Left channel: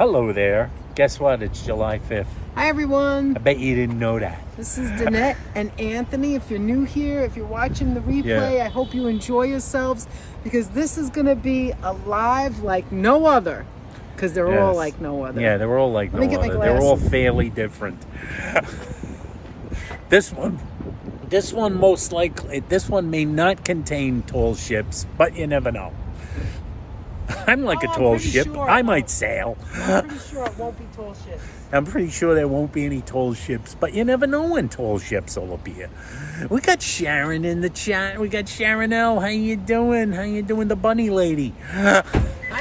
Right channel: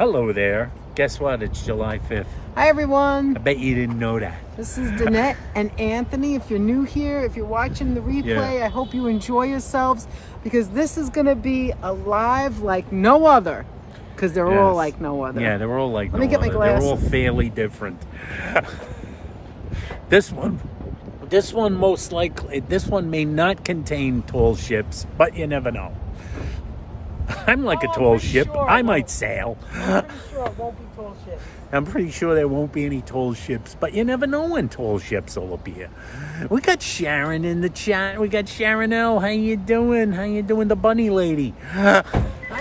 Hello there. Guess what? It's July 5th. Hi, everyone. I bet you didn't know that. This is Danette and Anthony. If you're new here, if you're watching the replay, I hope you enjoy yourselves because this is going to be a live like no other because they're all like no other. Yeah, they're all like no other. They're all fairly different. This one most likely, this one may not contain tall ships, but you never know. I'm like a tall ship. Sure I might sail. I'm pretty sure it won't be tall ships. I'm pretty sure there won't be any tall ships, but you never know when tall ships will appear. We got Sharon in the chat. We got Sharon L. How you doing? How you doing, the bunny lady? Hi,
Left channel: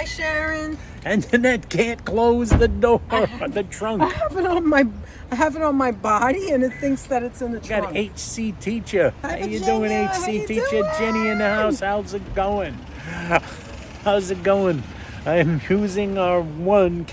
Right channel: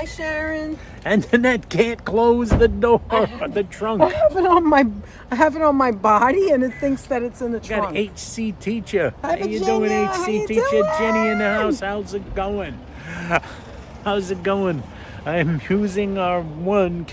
Sharon. And Danette can't close the door, the trunk. I have it on my body, and it thinks that it's in the trunk. Got HC teacher. How Hi, you Virginia. doing, How HC you teacher? doing? Jenny in the house. How's it going? How's it going? I'm using our one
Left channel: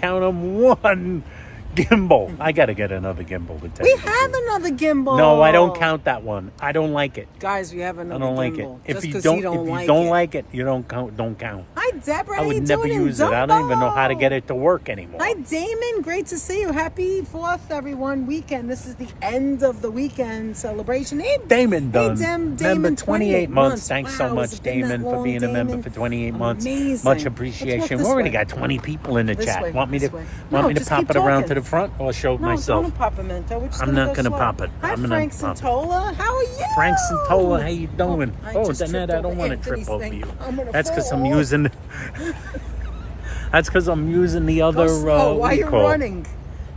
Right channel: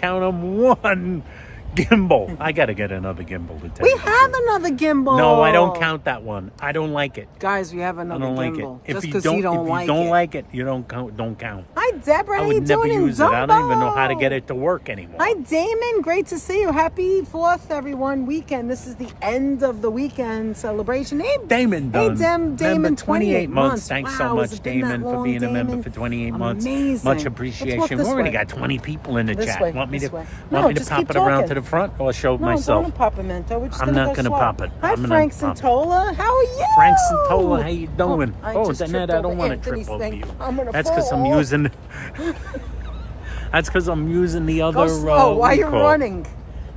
gimbal. I gotta get another gimbal to tell We you. have another gimbal. No, I don't count that one. I don't like it. Guys, we have another I don't like gimbal. it. If Just you 'cause don't like it, you don't count. Hi, Deborah. I would never use it. I don't even know how to get it to work anymore. Hi, Damon. Great to see you. Happy 4th, everyone. Weekend. This is the end of the weekend celebration. Hey, Damon done. Damon, Member 28 months. Thanks so Wow, much, has it been that Damon, for long, being a member Damon? for 28 months. Amazing. Much Let's appreciation. walk We this already way. got 20 people in the This chat. way, Want me this to way. want No, me to just pop keep it around talking. to the front or show No, myself? don't pop a Mento. We're just I'm not go gonna slow. pop it. Hi, I'm gonna Frank pop it. Santola. How are you? Frank Santola, how you doing? I Oh, just Danette, tripped I don't over want to Anthony's trip over thing. you. I'm gonna That's because fall I'm off. using. That's because I'm using the other. Go slow. Why are you what do you call? running?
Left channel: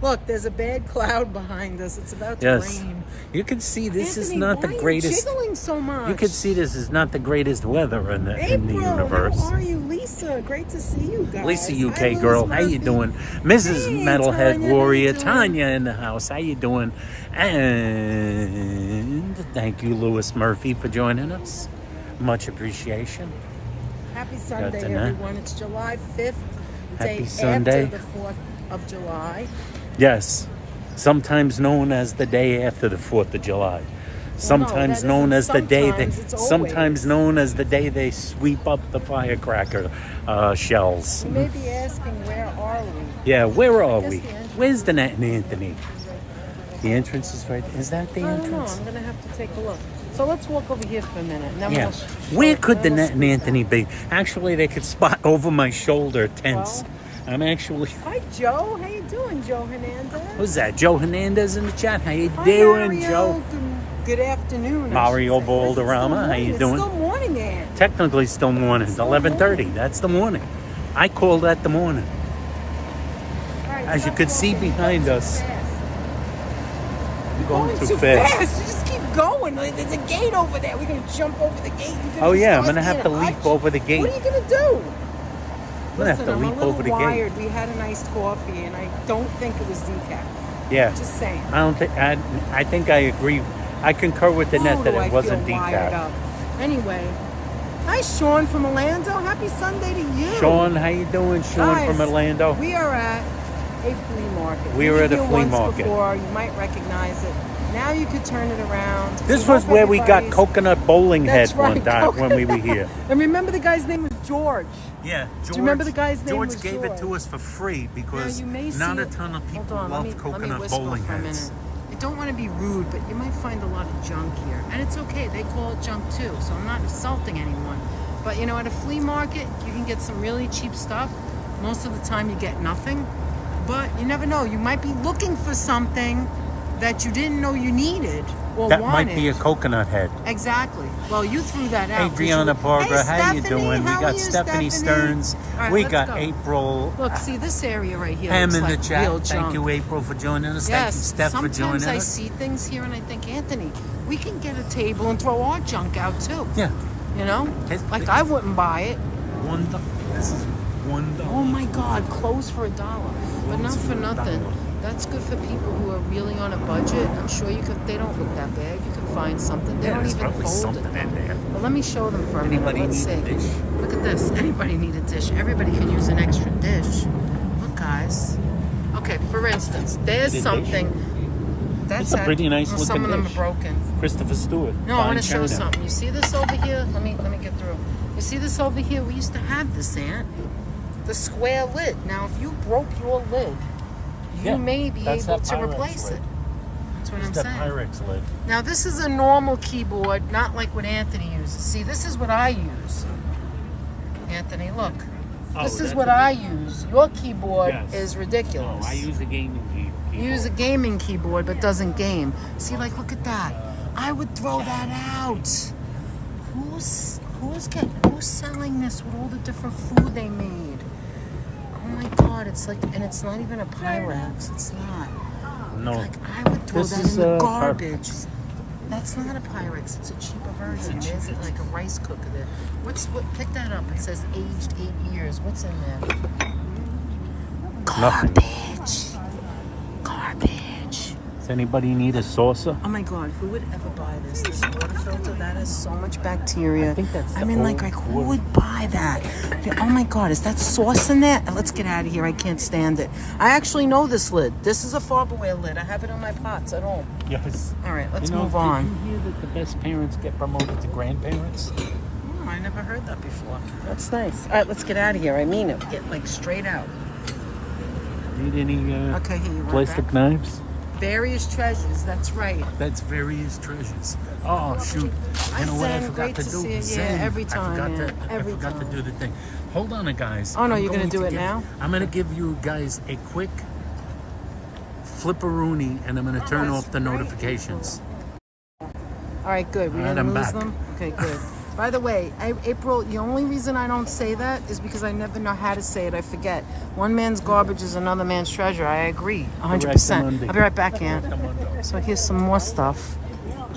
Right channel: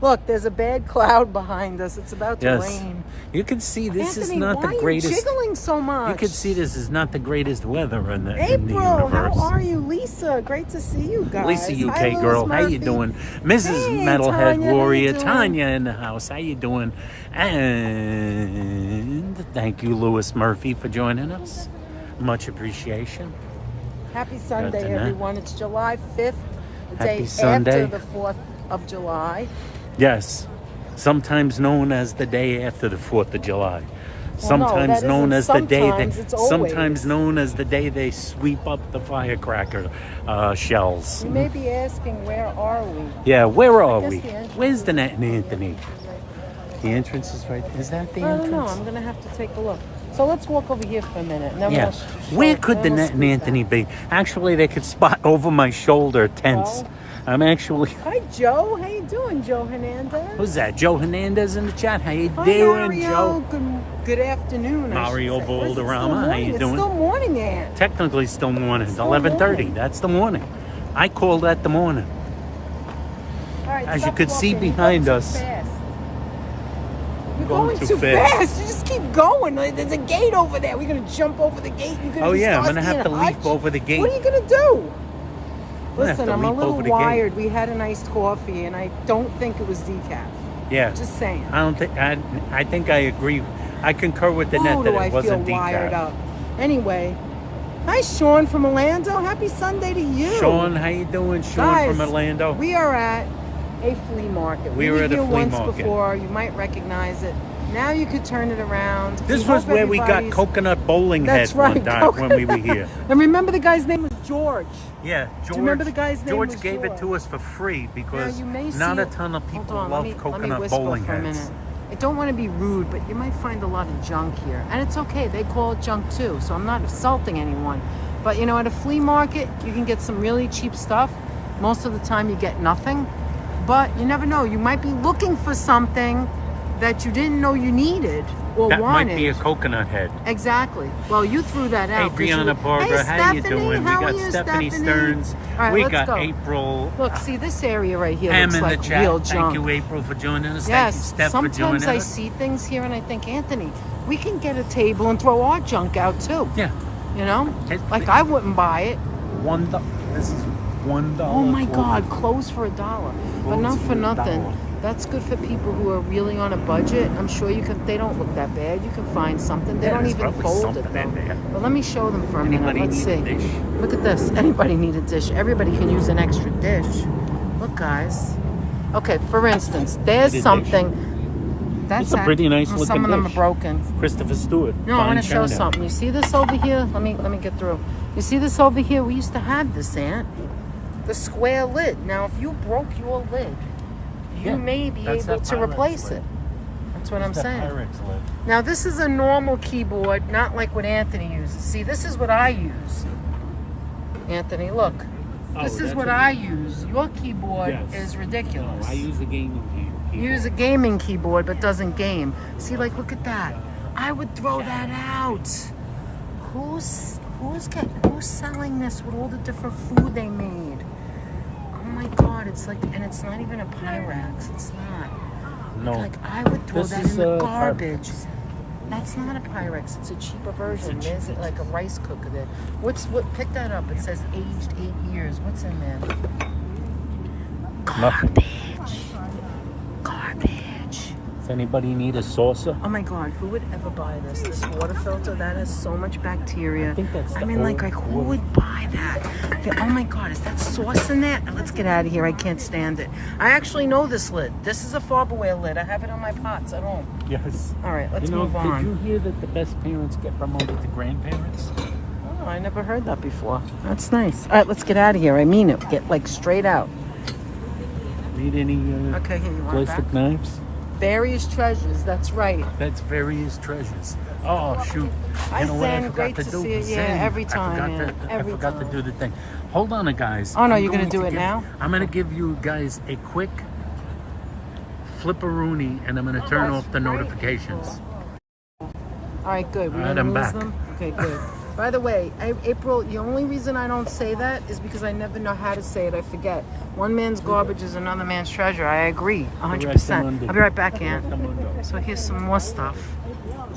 Look, there's a bad cloud behind us. It's about to Yes. rain. You can see this is Anthony, not the why are you greatest. jiggling so much? You can see this is not the greatest weather in the April, universe. how are you, Lisa? Great to see you guys. Lisa, UK Hi, Liz girl, how you Murphy. doing? Mrs. Hey, Metalhead Tanya, Warrior, how you doing? Tanya in the house. How you doing? And thank you, Lewis Murphy, for joining us. Much appreciation. Happy Sunday, Danette. everyone. It's July 5th, the Happy day Sunday. after the 4th of July. Yes, sometimes known as the day after the 4th of July. Sometimes that known as isn't the day sometimes, it's always. sometimes known as the day they sweep up the firecracker shells. You may be asking, where are we? Yeah, where are guess we? the entrance Where's is Danette and right Anthony? there. The entrance is right. Is that the I don't know. entrance? I'm going to have to take a look. So let's walk over here for a minute. And then Yeah. we'll Where could then we'll Danette and scoot Anthony be? Actually, they could spot over my shoulder tents. I'm actually. down. Hi, Joe. How you doing, Joe Hernandez? Who's that? Joe Hernandez in the chat. How you Hi, doing, Mario. Joe? Good afternoon. Mario Balderrama. How you doing? It's still morning there. Technically, still morning. It's 11:30. That's the morning. I call that the morning. All right, As you stop could see walking. behind You're us. too fast. I'm going too too fast. You just keep going. Like, there's a gate over there. We're gonna jump over the gate. You're gonna Oh be yeah, I'm stuck gonna have in to a leap hutch. over the gate. What are you gonna do? I'm gonna have to I'm leap a little over the gate. wired. We had an iced coffee, and I don't think it was decaf. Yeah. Just saying. I don't think. I think I agree. I concur with the net Who that do I it wasn't feel wired decaf. about? Anyway, hi Sean from Orlando. Happy Sunday to you. Sean, how you doing? Sean Guys, from Orlando. We are at a flea market. We were at a here flea once market. Before, you might recognize it. Now you could turn it around. This We was hope where we got everybody's- coconut bowling That's head one right, time when we were here. And remember the guy's name was George. Yeah, George. you remember the guy's name George was gave it to George? us for free because you may not see a it. ton of people Hold on, love let me coconut whisper bowling for a heads. minute. I don't want to be rude, but you might find a lot of junk here. And it's okay, they call it junk too, so I'm not insulting anyone. But you know, at a flea market, you can get some really cheap stuff. Most of the time you get nothing. But you never know, you might be looking for something that you didn't know you needed or That wanted. might be a coconut head. Exactly. Well, you threw that out. 'cause Adriana you... Barbara, hey, how Stephanie, you doing? How We are got you, Stephanie Stearns. All right, We let's got go. April. Look, see this area right here. Pam looks in the like chat. real Thank junk. you, April, for joining us. Thank you, Yes, Steph, for joining sometimes I us. see things here and I think, Anthony, we can get a table and throw our junk out too. Yeah. You know? It's- Like I wouldn't buy it. $1. This is $1. Oh my clothing. God, clothes for $1. But Clothes not for for nothing. $1. That's good for people who are really on a budget. I'm sure you could. They don't look that bad. You can find something. They Yeah, don't there's even probably fold something it. in there. But let me show them. For a Anybody minute. Let's need a see. dish? Look at this. Anybody need a dish? Everybody can use an extra dish. Look, guys. Okay, for instance, there's Need a something. That's It's a pretty nice looking Some of them are dish. broken. Christopher Stewart. No, I fine want to show china. something. You see this over here? Let me get through. You see this over here? We used to have this, Aunt. the square lid. Now, if you broke your lid, you may be able to replace it. That's what I'm saying. Now, this is a normal keyboard, not like what Anthony uses. See, this is what I use. Anthony, look. This is what I use. Your keyboard is ridiculous. I use a gaming keyboard. You use a gaming keyboard, but doesn't game. See, like, look at that. I would throw that out. Who's selling this with all the different food they made? Oh my God, it's like, and it's not even a Pyrex. It's not. No. Like, I would throw that in the garbage. That's not a Pyrex. It's a cheaper version. There's like a rice cooker there. Pick that up. It says aged 8 years. What's in there? Garbage. Garbage. Does anybody need a saucer? Oh my God, who would ever buy this? This water filter, that has so much bacteria. I mean, like who would buy that? Okay, oh my God, is that sauce in there? Let's get out of here. I can't stand it. I actually know this lid. This is a Farberware lid. I have it on my pots at home. Yes. All right, let's move on. Did you hear that the best parents get promoted to grandparents? Oh, I never heard that before. That's nice. All right, let's get out of here. I mean it. Get like straight out. Need any okay, here, you want plastic knives? Various treasures, that's right. That's various treasures. Oh shoot! You know what I forgot to do? Zen. I forgot to do the thing. Hold on, guys. Oh no, you're gonna do it now? I'm gonna give you guys a quick flipperoonie, and I'm gonna turn off the notifications. All right, good. All right, I'm back. Okay, good. By the way, April, the only reason I don't say that is because I never know how to say it. I forget. One man's garbage is another man's treasure. I agree, 100%. I'll be right back, Aunt. So here's some more stuff.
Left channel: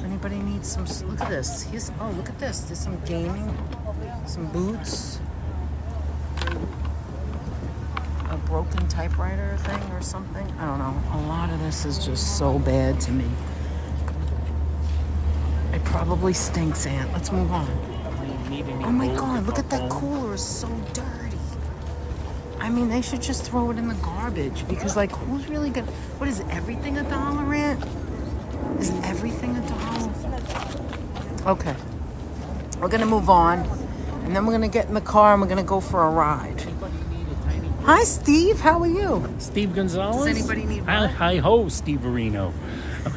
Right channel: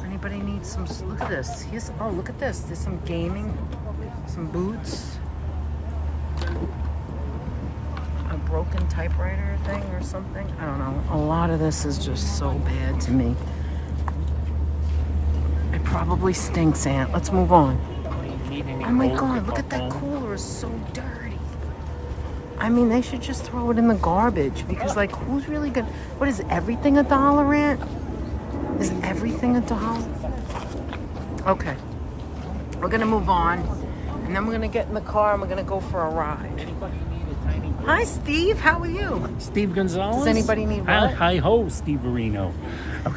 Anybody needs some? Look at this. Look at this. There's some gaming, some boots, a broken typewriter thing or something. I don't know. A lot of this is just so bad to me. It probably stinks, Aunt. Let's move on. Oh my God, look at that cooler. It's so dirty. I mean, they should just throw it in the garbage because, like, who's really gonna... What is everything $1, Aunt? Is everything $1? Okay. We're gonna move on, and then we're gonna get in the car and we're gonna go for a ride. Hi, Steve. How are you? Steve Gonzalez? Does anybody need what? Hi ho, Steve Areno.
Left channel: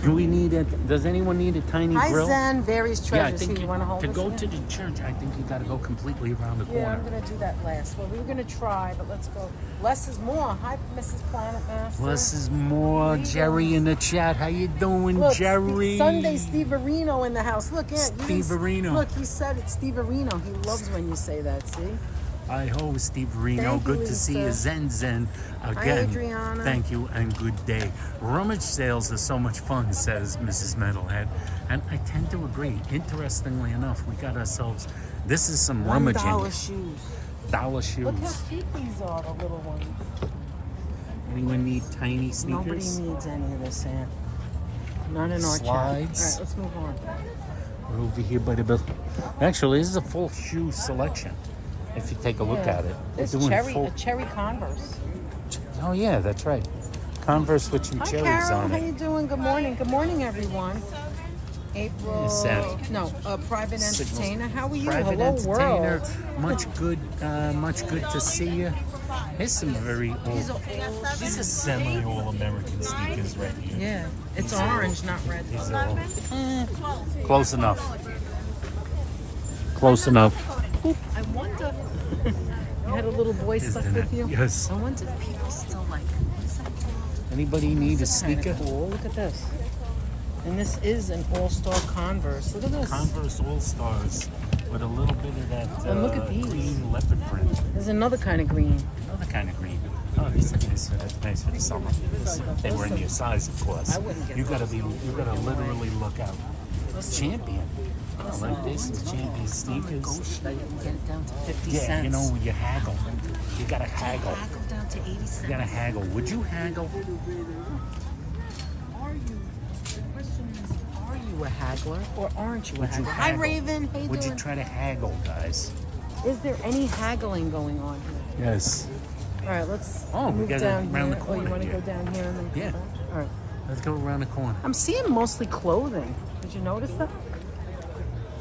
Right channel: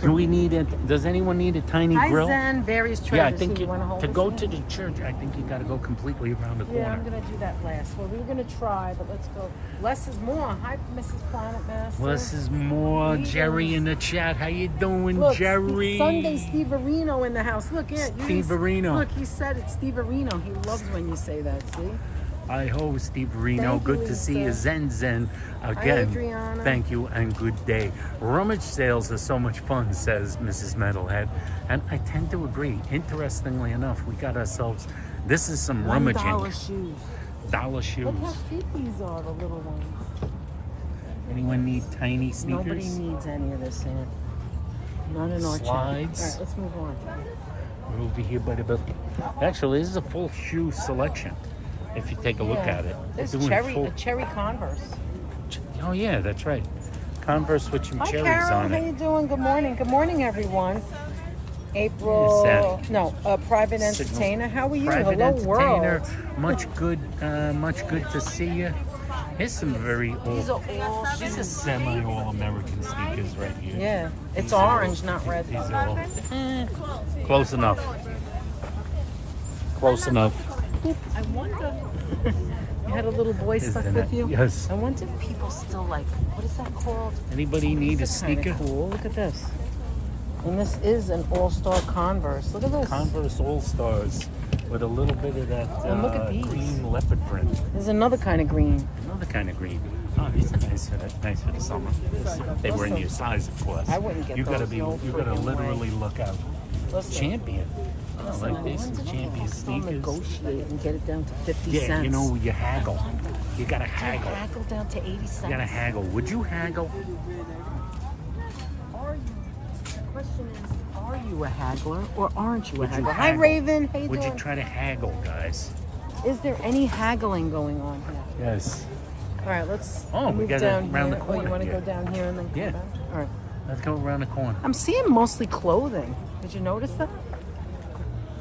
Do we need it? Does anyone need a tiny grill? Hi, Zen. Various treasures. Yeah, I think you want to hold to this go in? to the church, I think you got to go completely around the corner. Yeah, I'm going to do that last. Well, we were going to try, but let's go. Less is more. Hi, Mrs. Planet Master. Less is more. Jerry in the chat. How you doing, Look, Jerry? Sunday Steve Areno in the house. Look, Aunt. Steve Areno. Look, he said it's Steve Areno. He loves when you say that, see? Hi ho, Steve Areno. Good to see you, Zen again. Adriana. Thank you and good day. Rummage sales are so much fun, says Mrs. Metalhead, and I tend to agree. Interestingly enough, we got ourselves. This is some rummaging. $1 shoes. Dollar shoes. Look how cute these are, the little ones. Anyone need tiny sneakers? Nobody needs any of this, Aunt. None in our chat. All right, let's move on. We're over here by the building. Actually, this is a full shoe selection. If you take a look at it, it's doing a cherry Converse. Oh yeah, that's right. Converse with some cherries Carol, on it. How you doing? Good morning. Good morning, everyone. April. Yes, private entertainer. How are you? Private Hello, entertainer. world. Much good to see you. Here's some very old. These are semi-all-American sneakers right here. Yeah, it's orange, not red. These are all, close enough. Close enough. I wonder. You had a little boy stuck with you? Yes. I wonder if people still like, what is that called? Anybody need a sneaker? Cool. Look at this. And this is an all-star Converse. Look at this. Converse All-Stars with a little bit of that look at these. green leopard print. There's another kind of green. Another kind of green. Oh, these are nice for the summer. They were in your size, of course. I wouldn't get You gotta those. literally look out. Champion. Oh, like this is Champion sneakers. You can get it down to 50 cents. Yeah, you know, you haggle. You gotta haggle. Haggle down to 80 cents. You gotta haggle. Would you haggle? The question is, are you a haggler or aren't you a Would you haggler? Hi, haggle? Raven. How you Would doing? you try to haggle, guys? Is there any haggling going on here? Yes. All right, let's. Oh, we move got it down around here. the corner You want to here. go down here? And then, Yeah. All right. Let's go around the corner. I'm seeing mostly clothing. Did you notice that?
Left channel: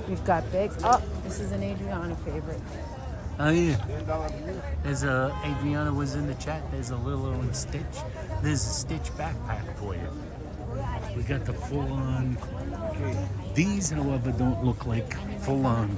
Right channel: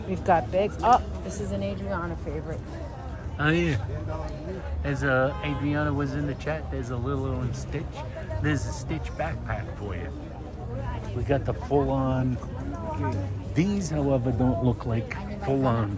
We've got bags. Oh, this is an Adriana favorite. Oh yeah. There's a Adriana was in the chat. There's a Lilo and Stitch. There's a Stitch backpack for you. We got the full-on. These, however, don't look like full-on.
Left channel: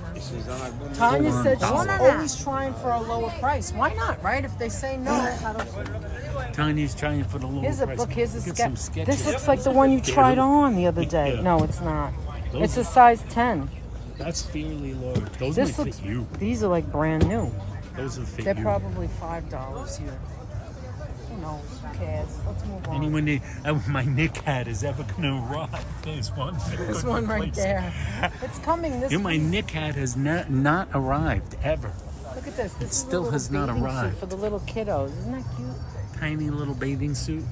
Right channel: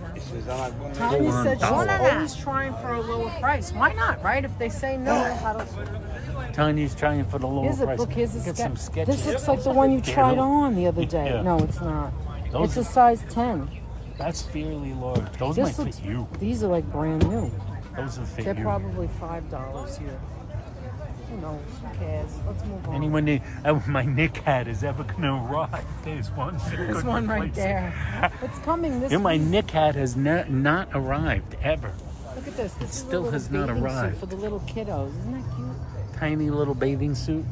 Tanya Full-on said dollar. she's always trying for a lower price. Why not, right? If they say no, I don't... Tanya's trying for the lower Here's a price. book. Here's a Get sketch. some sketches. This looks like the one you tried on the other day. Yeah. No, it's not. Those It's a size 10. That's fairly large. Those might fit you. These are like brand new. Those will fit They're you. probably $5 here. Who knows? Who cares? Let's move on. Anyone, my Nick hat is ever gonna arrive? There's one. There's one right there. It's coming this My week. Nick hat has not arrived ever. Look at this. This is still a little has not bathing suit arrived. for the little kiddos. Isn't that cute? Tiny little bathing suit.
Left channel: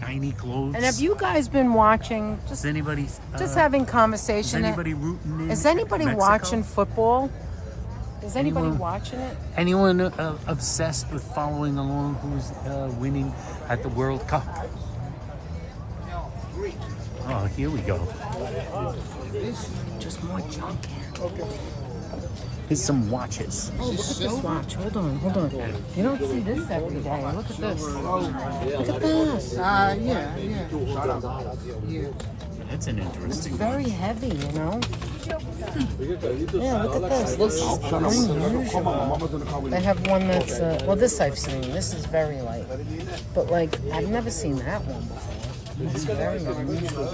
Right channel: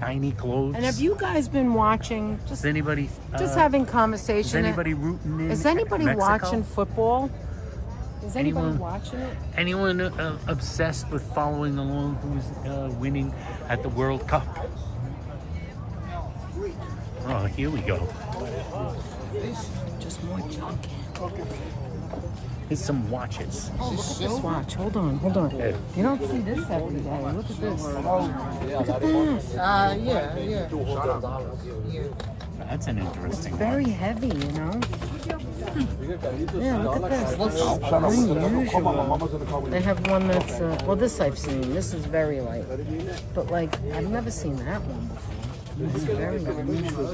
Tiny clothes. And have you guys been watching? Just Is anybody? having conversation. Is anybody rooting in? Is anybody Mexico? watching football? Is anybody Anyone? watching it? Anyone obsessed with following along who's winning at the World Cup? Oh, here we go. Just more junk. Here's some watches. Oh, look at this watch. Hold on. You don't see this every day. Look at this. Look at this. Yeah. That's an interesting one. Very heavy, you know? Yeah, look at this. This is unusual. They have one that's, well, this I've seen. This is very light. But, like, I've never seen that one. This is very unusual.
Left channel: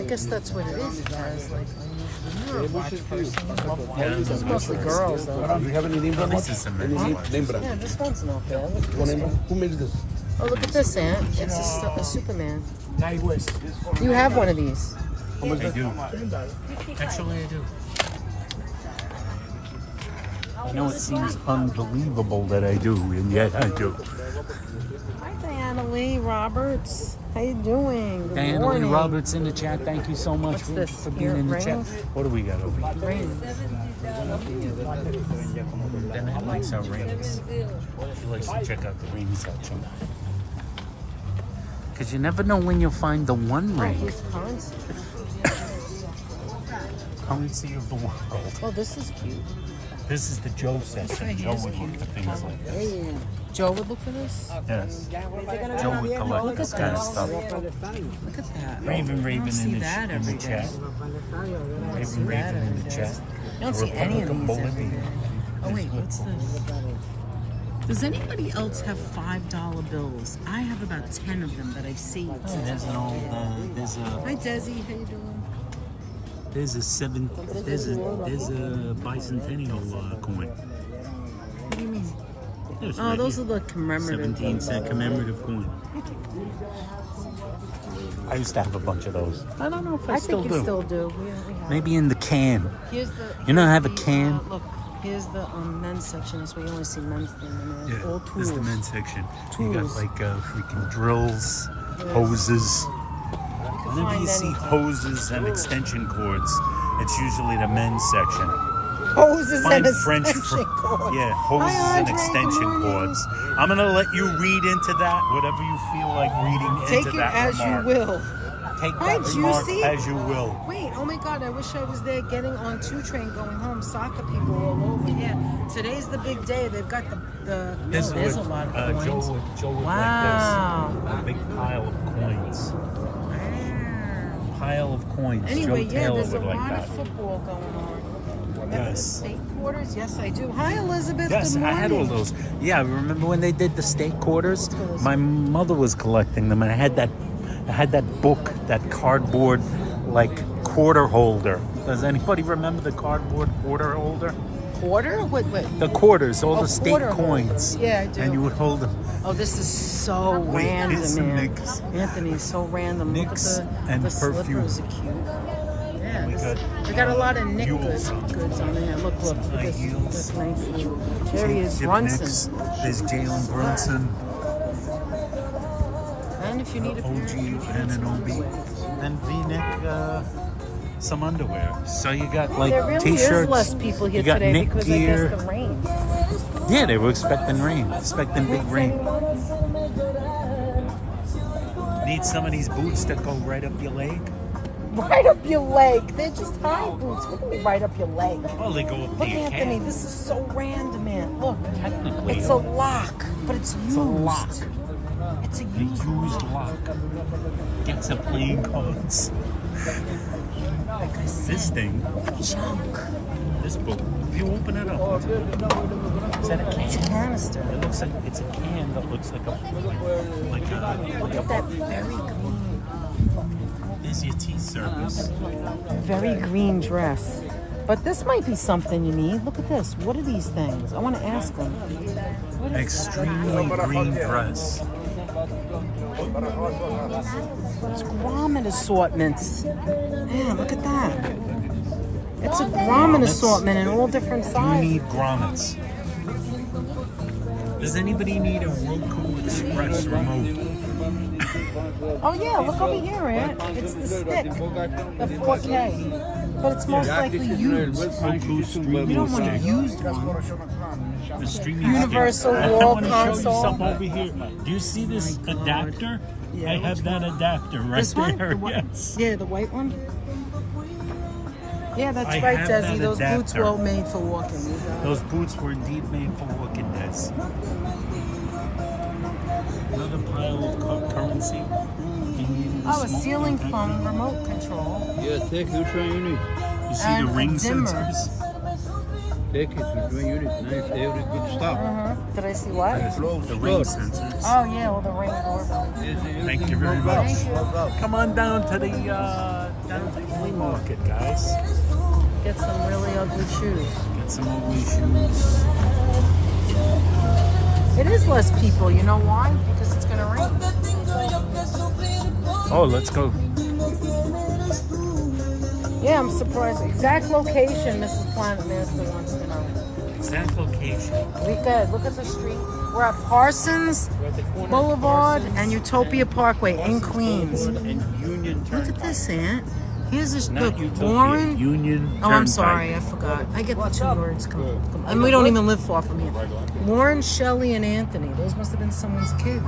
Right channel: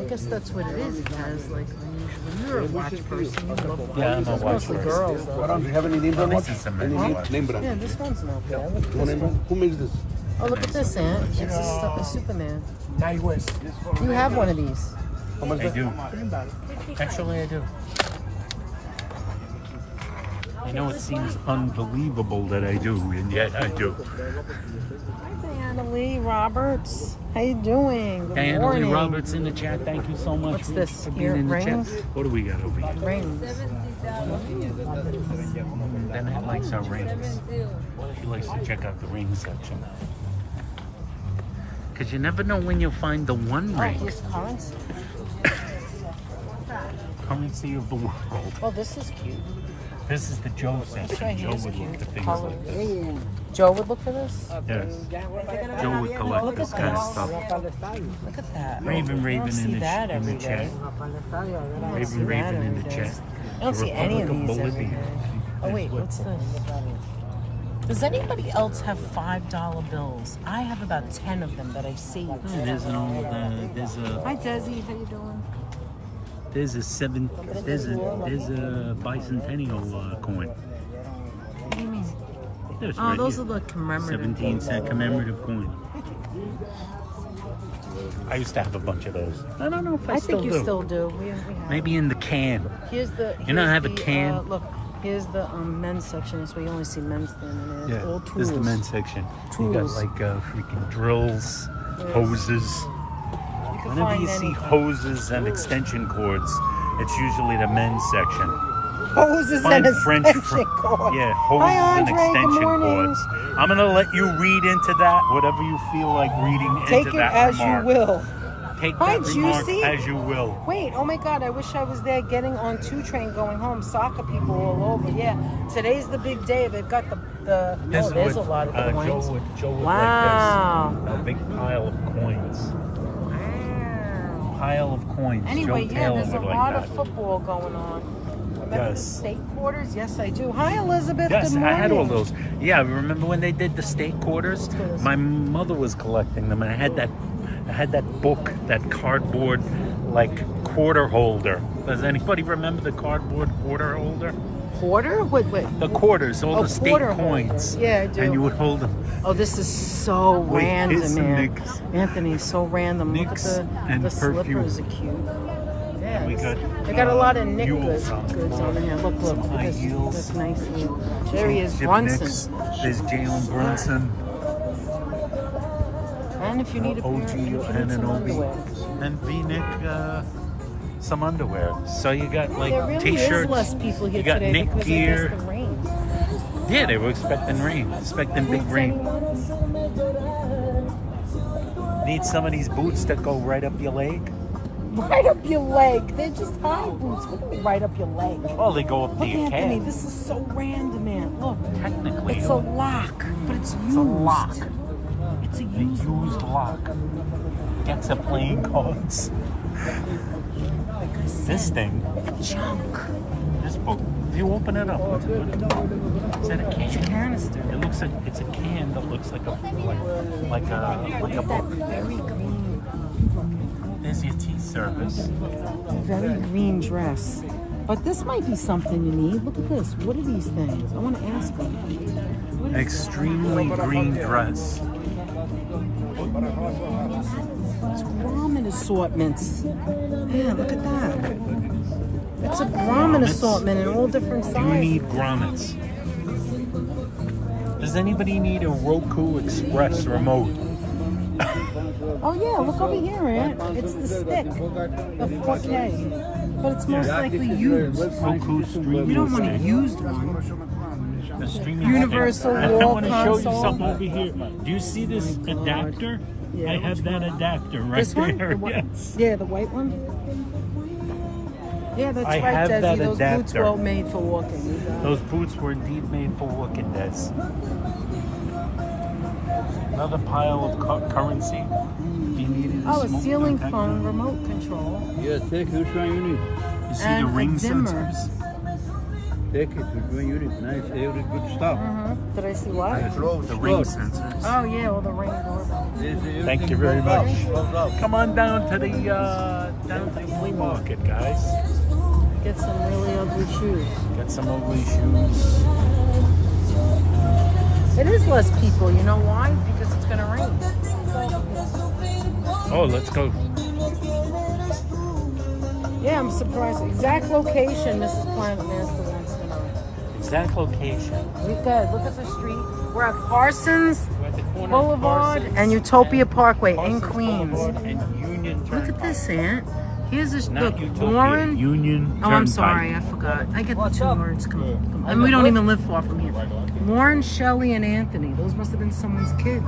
I guess that's what it is. It has, like, unusual. You're a watch person. You love watches. Yeah, I'm a It's watch mostly person. girls. Oh, this is some men's watch. Yeah, this one's no bad. Look at this one. Oh, look at this, Aunt. It's a Superman. You have one of these. I do. Actually, I do. I know it seems unbelievable that I do, and yet I do. Hi, Diana Lee Roberts. How you doing? Good Diana Lee morning. Roberts in the chat. Thank you so much What's this? for being in the chat. Earrings? What do we got over here? Rings. Danette likes our rings. She likes to check out the ring section. Because you never know when you'll find the one Oh, ring. here's currency. Currency of the world. Oh, this is cute. This is the Joe section. Joe would look for things like this. Joe would look for this? Yes. Joe would collect this kind of stuff. Look at that. Raven I don't see in that the every chat. day. Raven in the chat. I don't The see any Republic of of these. Bolivia. Oh, is wait, what- what's this? Does anybody else have $5 bills? I have about 10 of them that I see. Oh, there's an old. Hi, Desi. How you doing? There's a bicentennial coin. What do you mean? There's Oh, right those here. are the commemorative. 17-cent commemorative coin. I used to have a bunch of those. I don't know if I, still think do. you still do. We have. Maybe in the can. Here's the. You know, I have a the, can. Look, here's the men's section. That's where you only see men's things. Yeah, All this is the tools. men's section. You got Tools. like freaking drills, hoses. Whenever you see hoses and extension cords, it's usually the men's section. Hoses Find and French, extension cords. yeah, hoses Hi, and Andre, good extension morning. cords. I'm gonna let you read into that, whatever you feel like reading Take into it that as remark. you will. Take Hi, that remark Juicy. as you will. Wait, oh my God, I wish I was there getting on 2 train going home. Soccer people all over. Yeah, today's the big day. They've got the This oh, there's is a lot what of Joe coins. would Wow. like this. A big pile of coins. Pile of coins. Anyway, Joe yeah, Taylor there's a would like lot that. of football going on. Remember Yes. the state quarters? Yes, I do. Hi, Elizabeth. Yes, Good I had all morning. those. Yeah, remember when they did the state quarters? My mother was collecting them, and I had that book, that cardboard, like quarter holder. Does anybody remember the cardboard quarter holder? Quarter? Wait. The quarters, all Oh, the state quarter. coins. Yeah, I do. And you would hold them. Oh, this is so Wait, random. here's some man. nicks. Anthony, so random. Look at Nicks the, and the perfume. slippers are cute. Yeah, We got, they got a lot of Nick mules on the floor. Look, Some high heels. Nice. There he is, Jim Brunson. Nicks. There's Jalen Brunson. And if you need a pair, OG you can get some Ananobi. underwear. And V-neck, some underwear. So you got like There really t-shirts. is less people here you got today Nick because gear. I guess the rain. Yeah, they were expecting rain. Expecting big rain. Need some of these boots that go right up your leg. Right up your leg. They're just high boots. What do you mean right up your leg? Oh, they go up Look, to your Anthony, calf. this is so random, man. Look, Technically, it's a lock, but it's used. a lock. It's a A used. used lock. Gets a playing cards. Like I said, This thing, junk. this book. If you open it up, what's it? Is that a It's a can? canister. It looks like it's a can that looks like a book. Very green. There's your tea service. Very green dress. But this might be something you need. Look at this. What are these things? I want to ask them. Extremely green dress. It's grommet assortments. Yeah, look at that. It's a grommet assortment in all different You sizes. need grommets. Does anybody need a Roku Express remote? Oh yeah, look over here, Aunt. It's the stick, the 4K. But it's most likely used. Roku streaming You don't want a stick. used one. The streaming Universal stick. I wall want to show you console. something over here. Do you see this adapter? Yeah, I have that adapter right This one? there. The white- Yes. Yeah, the white one. Yeah, that's I right, have Desi. that Those boots adapter. were all made for walking. Those boots were indeed made for walking this. Another pile of currency. You needed Oh, a smoke ceiling detector. phone remote control. Yeah, take which one you need. You see And the a ring dimmer. sensors? Take it, which one you need. Nice, every good stuff. Did I see what? The ring sensors. Oh yeah, all the ring. Thank you very much. Thank you. Come on down to the flea market, guys. Get some really ugly shoes. Get some ugly shoes. It is less people. You know why? Because it's gonna rain. Oh, let's go. Yeah, I'm surprised. Exact location, Mrs. Planet Master wants to know. Exact location. We could look at the street. We're at Parsons Boulevard and Utopia Parkway in Queens. And Union Look at this, Aunt. Here's this. Not Look, Utopia, Warren. Union. Oh, I'm Turnpike. sorry, I forgot. I get the two words. Come. And we don't even live far from here. Warren, Shelley, and Anthony. Those must have been someone's kids.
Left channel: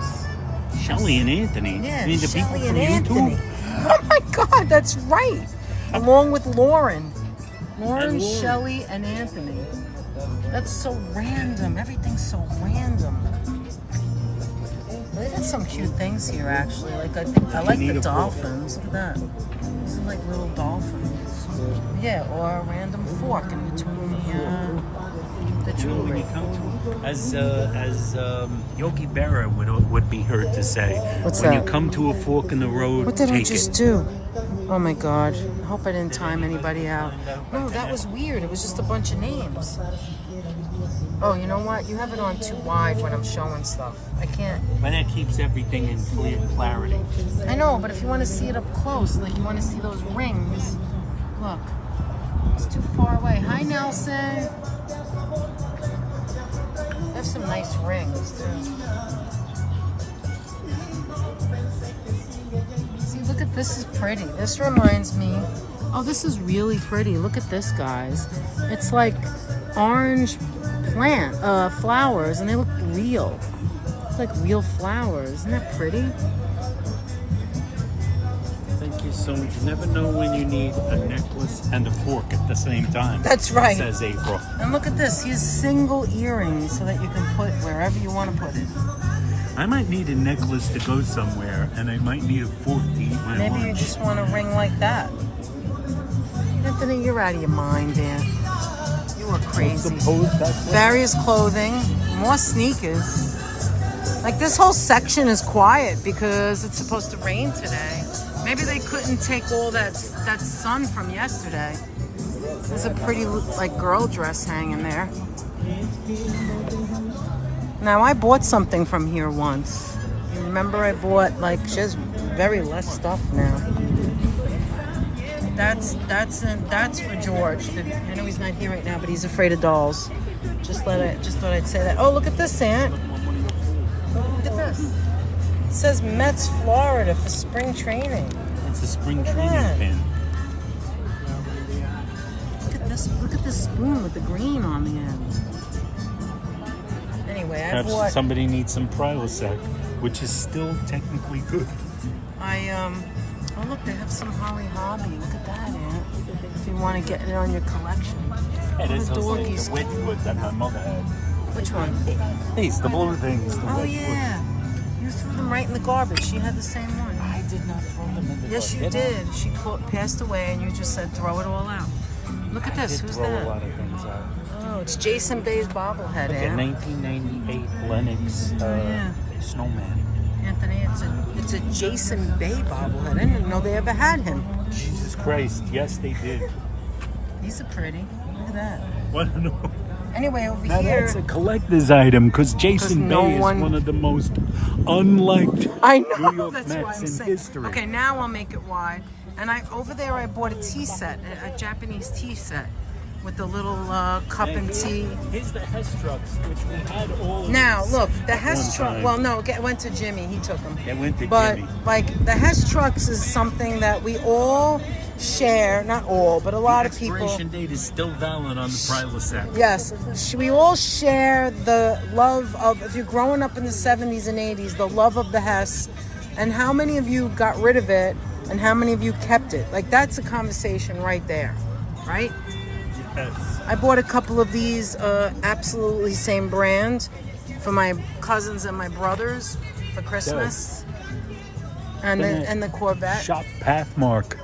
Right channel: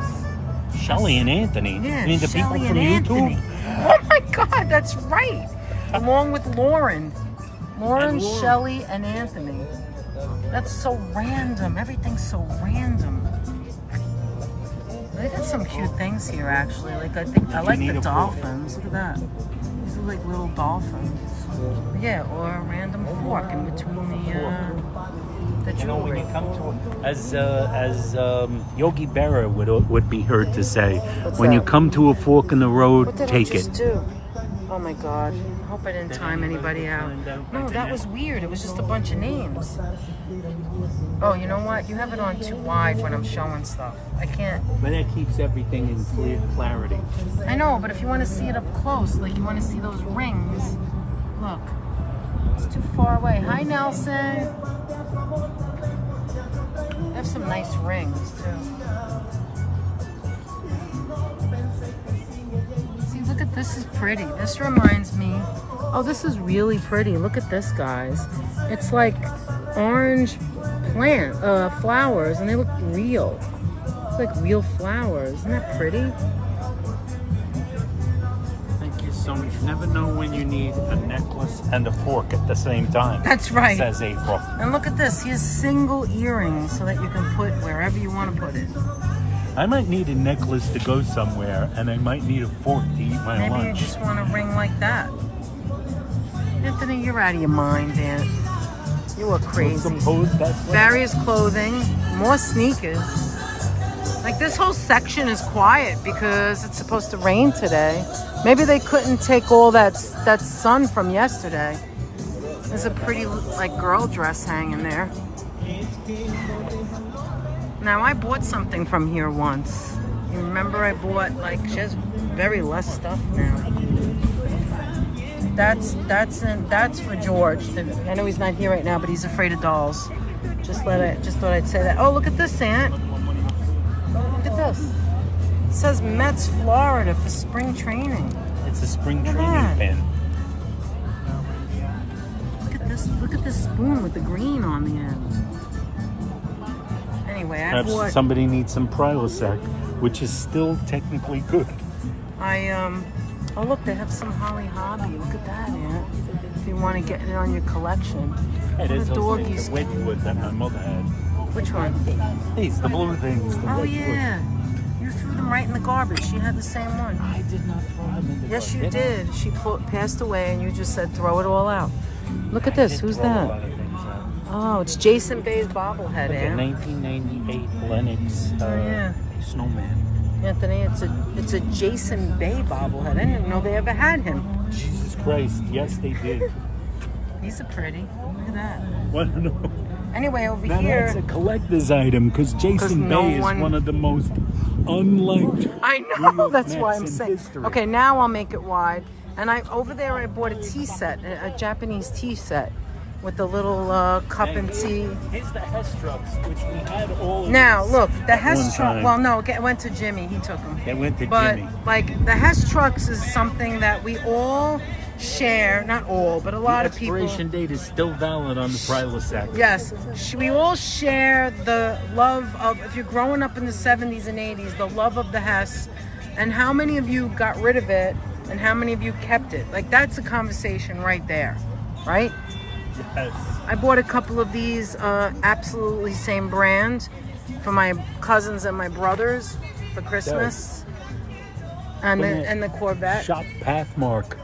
Shelley and Anthony. Yeah, You mean the Shelley people and from YouTube? Anthony. Oh my God, that's right. Along with Lauren. Lauren, And Lauren. Shelley, and Anthony. That's so random. Everything's so random. They got some cute things here, actually. Like I like the dolphins. Look at that. These are like little dolphins. Yeah, or a random fork in between the You know, when jewelry. you come to, as Yogi Berra would be heard to say, What's when that? you come to a fork in the road, What did we take just it. do? Oh my God. Hope I didn't time anybody out. No, that was weird. It was just a bunch of names. Oh, you know what? You have it on too wide when I'm showing stuff. I can't. But that keeps everything in clear clarity. I know, but if you want to see it up close, like you want to see those rings, look. It's too far away. Hi, Nelson. They have some nice rings, too. See, look at this. Is pretty. This reminds me. Oh, this is really pretty. Look at this, guys. It's like orange flowers, and they look real. It's like real flowers. Isn't that pretty? Thank you so much. You never know when you need a necklace and a fork at the same time. That's right. Says April. And look at this. He has single earrings so that you can put wherever you want to put it. I might need a necklace to go somewhere, and I might need a fork to eat my Maybe you lunch. just want a ring like that. Anthony, you're out of your mind, Aunt. You are crazy. Various clothing, more sneakers. Like this whole section is quiet because it's supposed to rain today. Maybe they couldn't take all that sun from yesterday. There's a pretty like girl dress hanging there. Now I bought something from here once. You remember I bought like she has very less stuff now. That's for George. I know he's not here right now, but he's afraid of dolls. Just thought I'd say that. Oh, look at this, Aunt. Look at this. It says Mets, Florida for spring training. It's a spring Look at training that. pin. Look at this spoon with the green on the end. Anyway, I bought. Somebody needs some Prilosec, which is still technically good. Oh, look, they have some Holly Hobby. Look at that, Aunt. If you want to get it on your collection. It Oh, is the also doggies. the Wedgwood that my mother had. Which one? These, the blue things. The Oh, Wedgwood. yeah. You threw them right in the garbage. She had the same one. I did not throw them in the Yes, you garbage. did. She passed away, and you just said throw it all out. Look at this. Who's Throw a that? lot of things out. Oh, it's Jason Bay's bobblehead, Look at Aunt. 1998 Lennox yeah. snowman. Anthony, it's a Jason Bay bobblehead. I didn't know they ever had him. Jesus Christ, yes they did. These are pretty. Look at that. What? No. Anyway, over Now here. that's a collector's item because Jason no Bay is one- one of the most unliked. I New know, York that's why Mets I'm in saying. history. Okay, now I'll make it wide. And over there I bought a tea set, a Japanese tea set with the little cup and tea. It's the Hess trucks, which we had all. Now, look, the Hess truck, time. well, no, it went to Jimmy. He took them. They went to But, Jimmy. like, the Hess trucks is something that we all share. Not all, but a lot of people. Expiration date is still valid on the Prilosec. Yes, we all share the love of, if you're growing up in the 70s and 80s, the love of the Hess. And how many of you got rid of it and how many of you kept it? Like, that's a conversation right there, right? Yes. I bought a couple of these, absolutely same brand, for my cousins and my brothers for Christmas. And the Corvette. Shop Pathmark.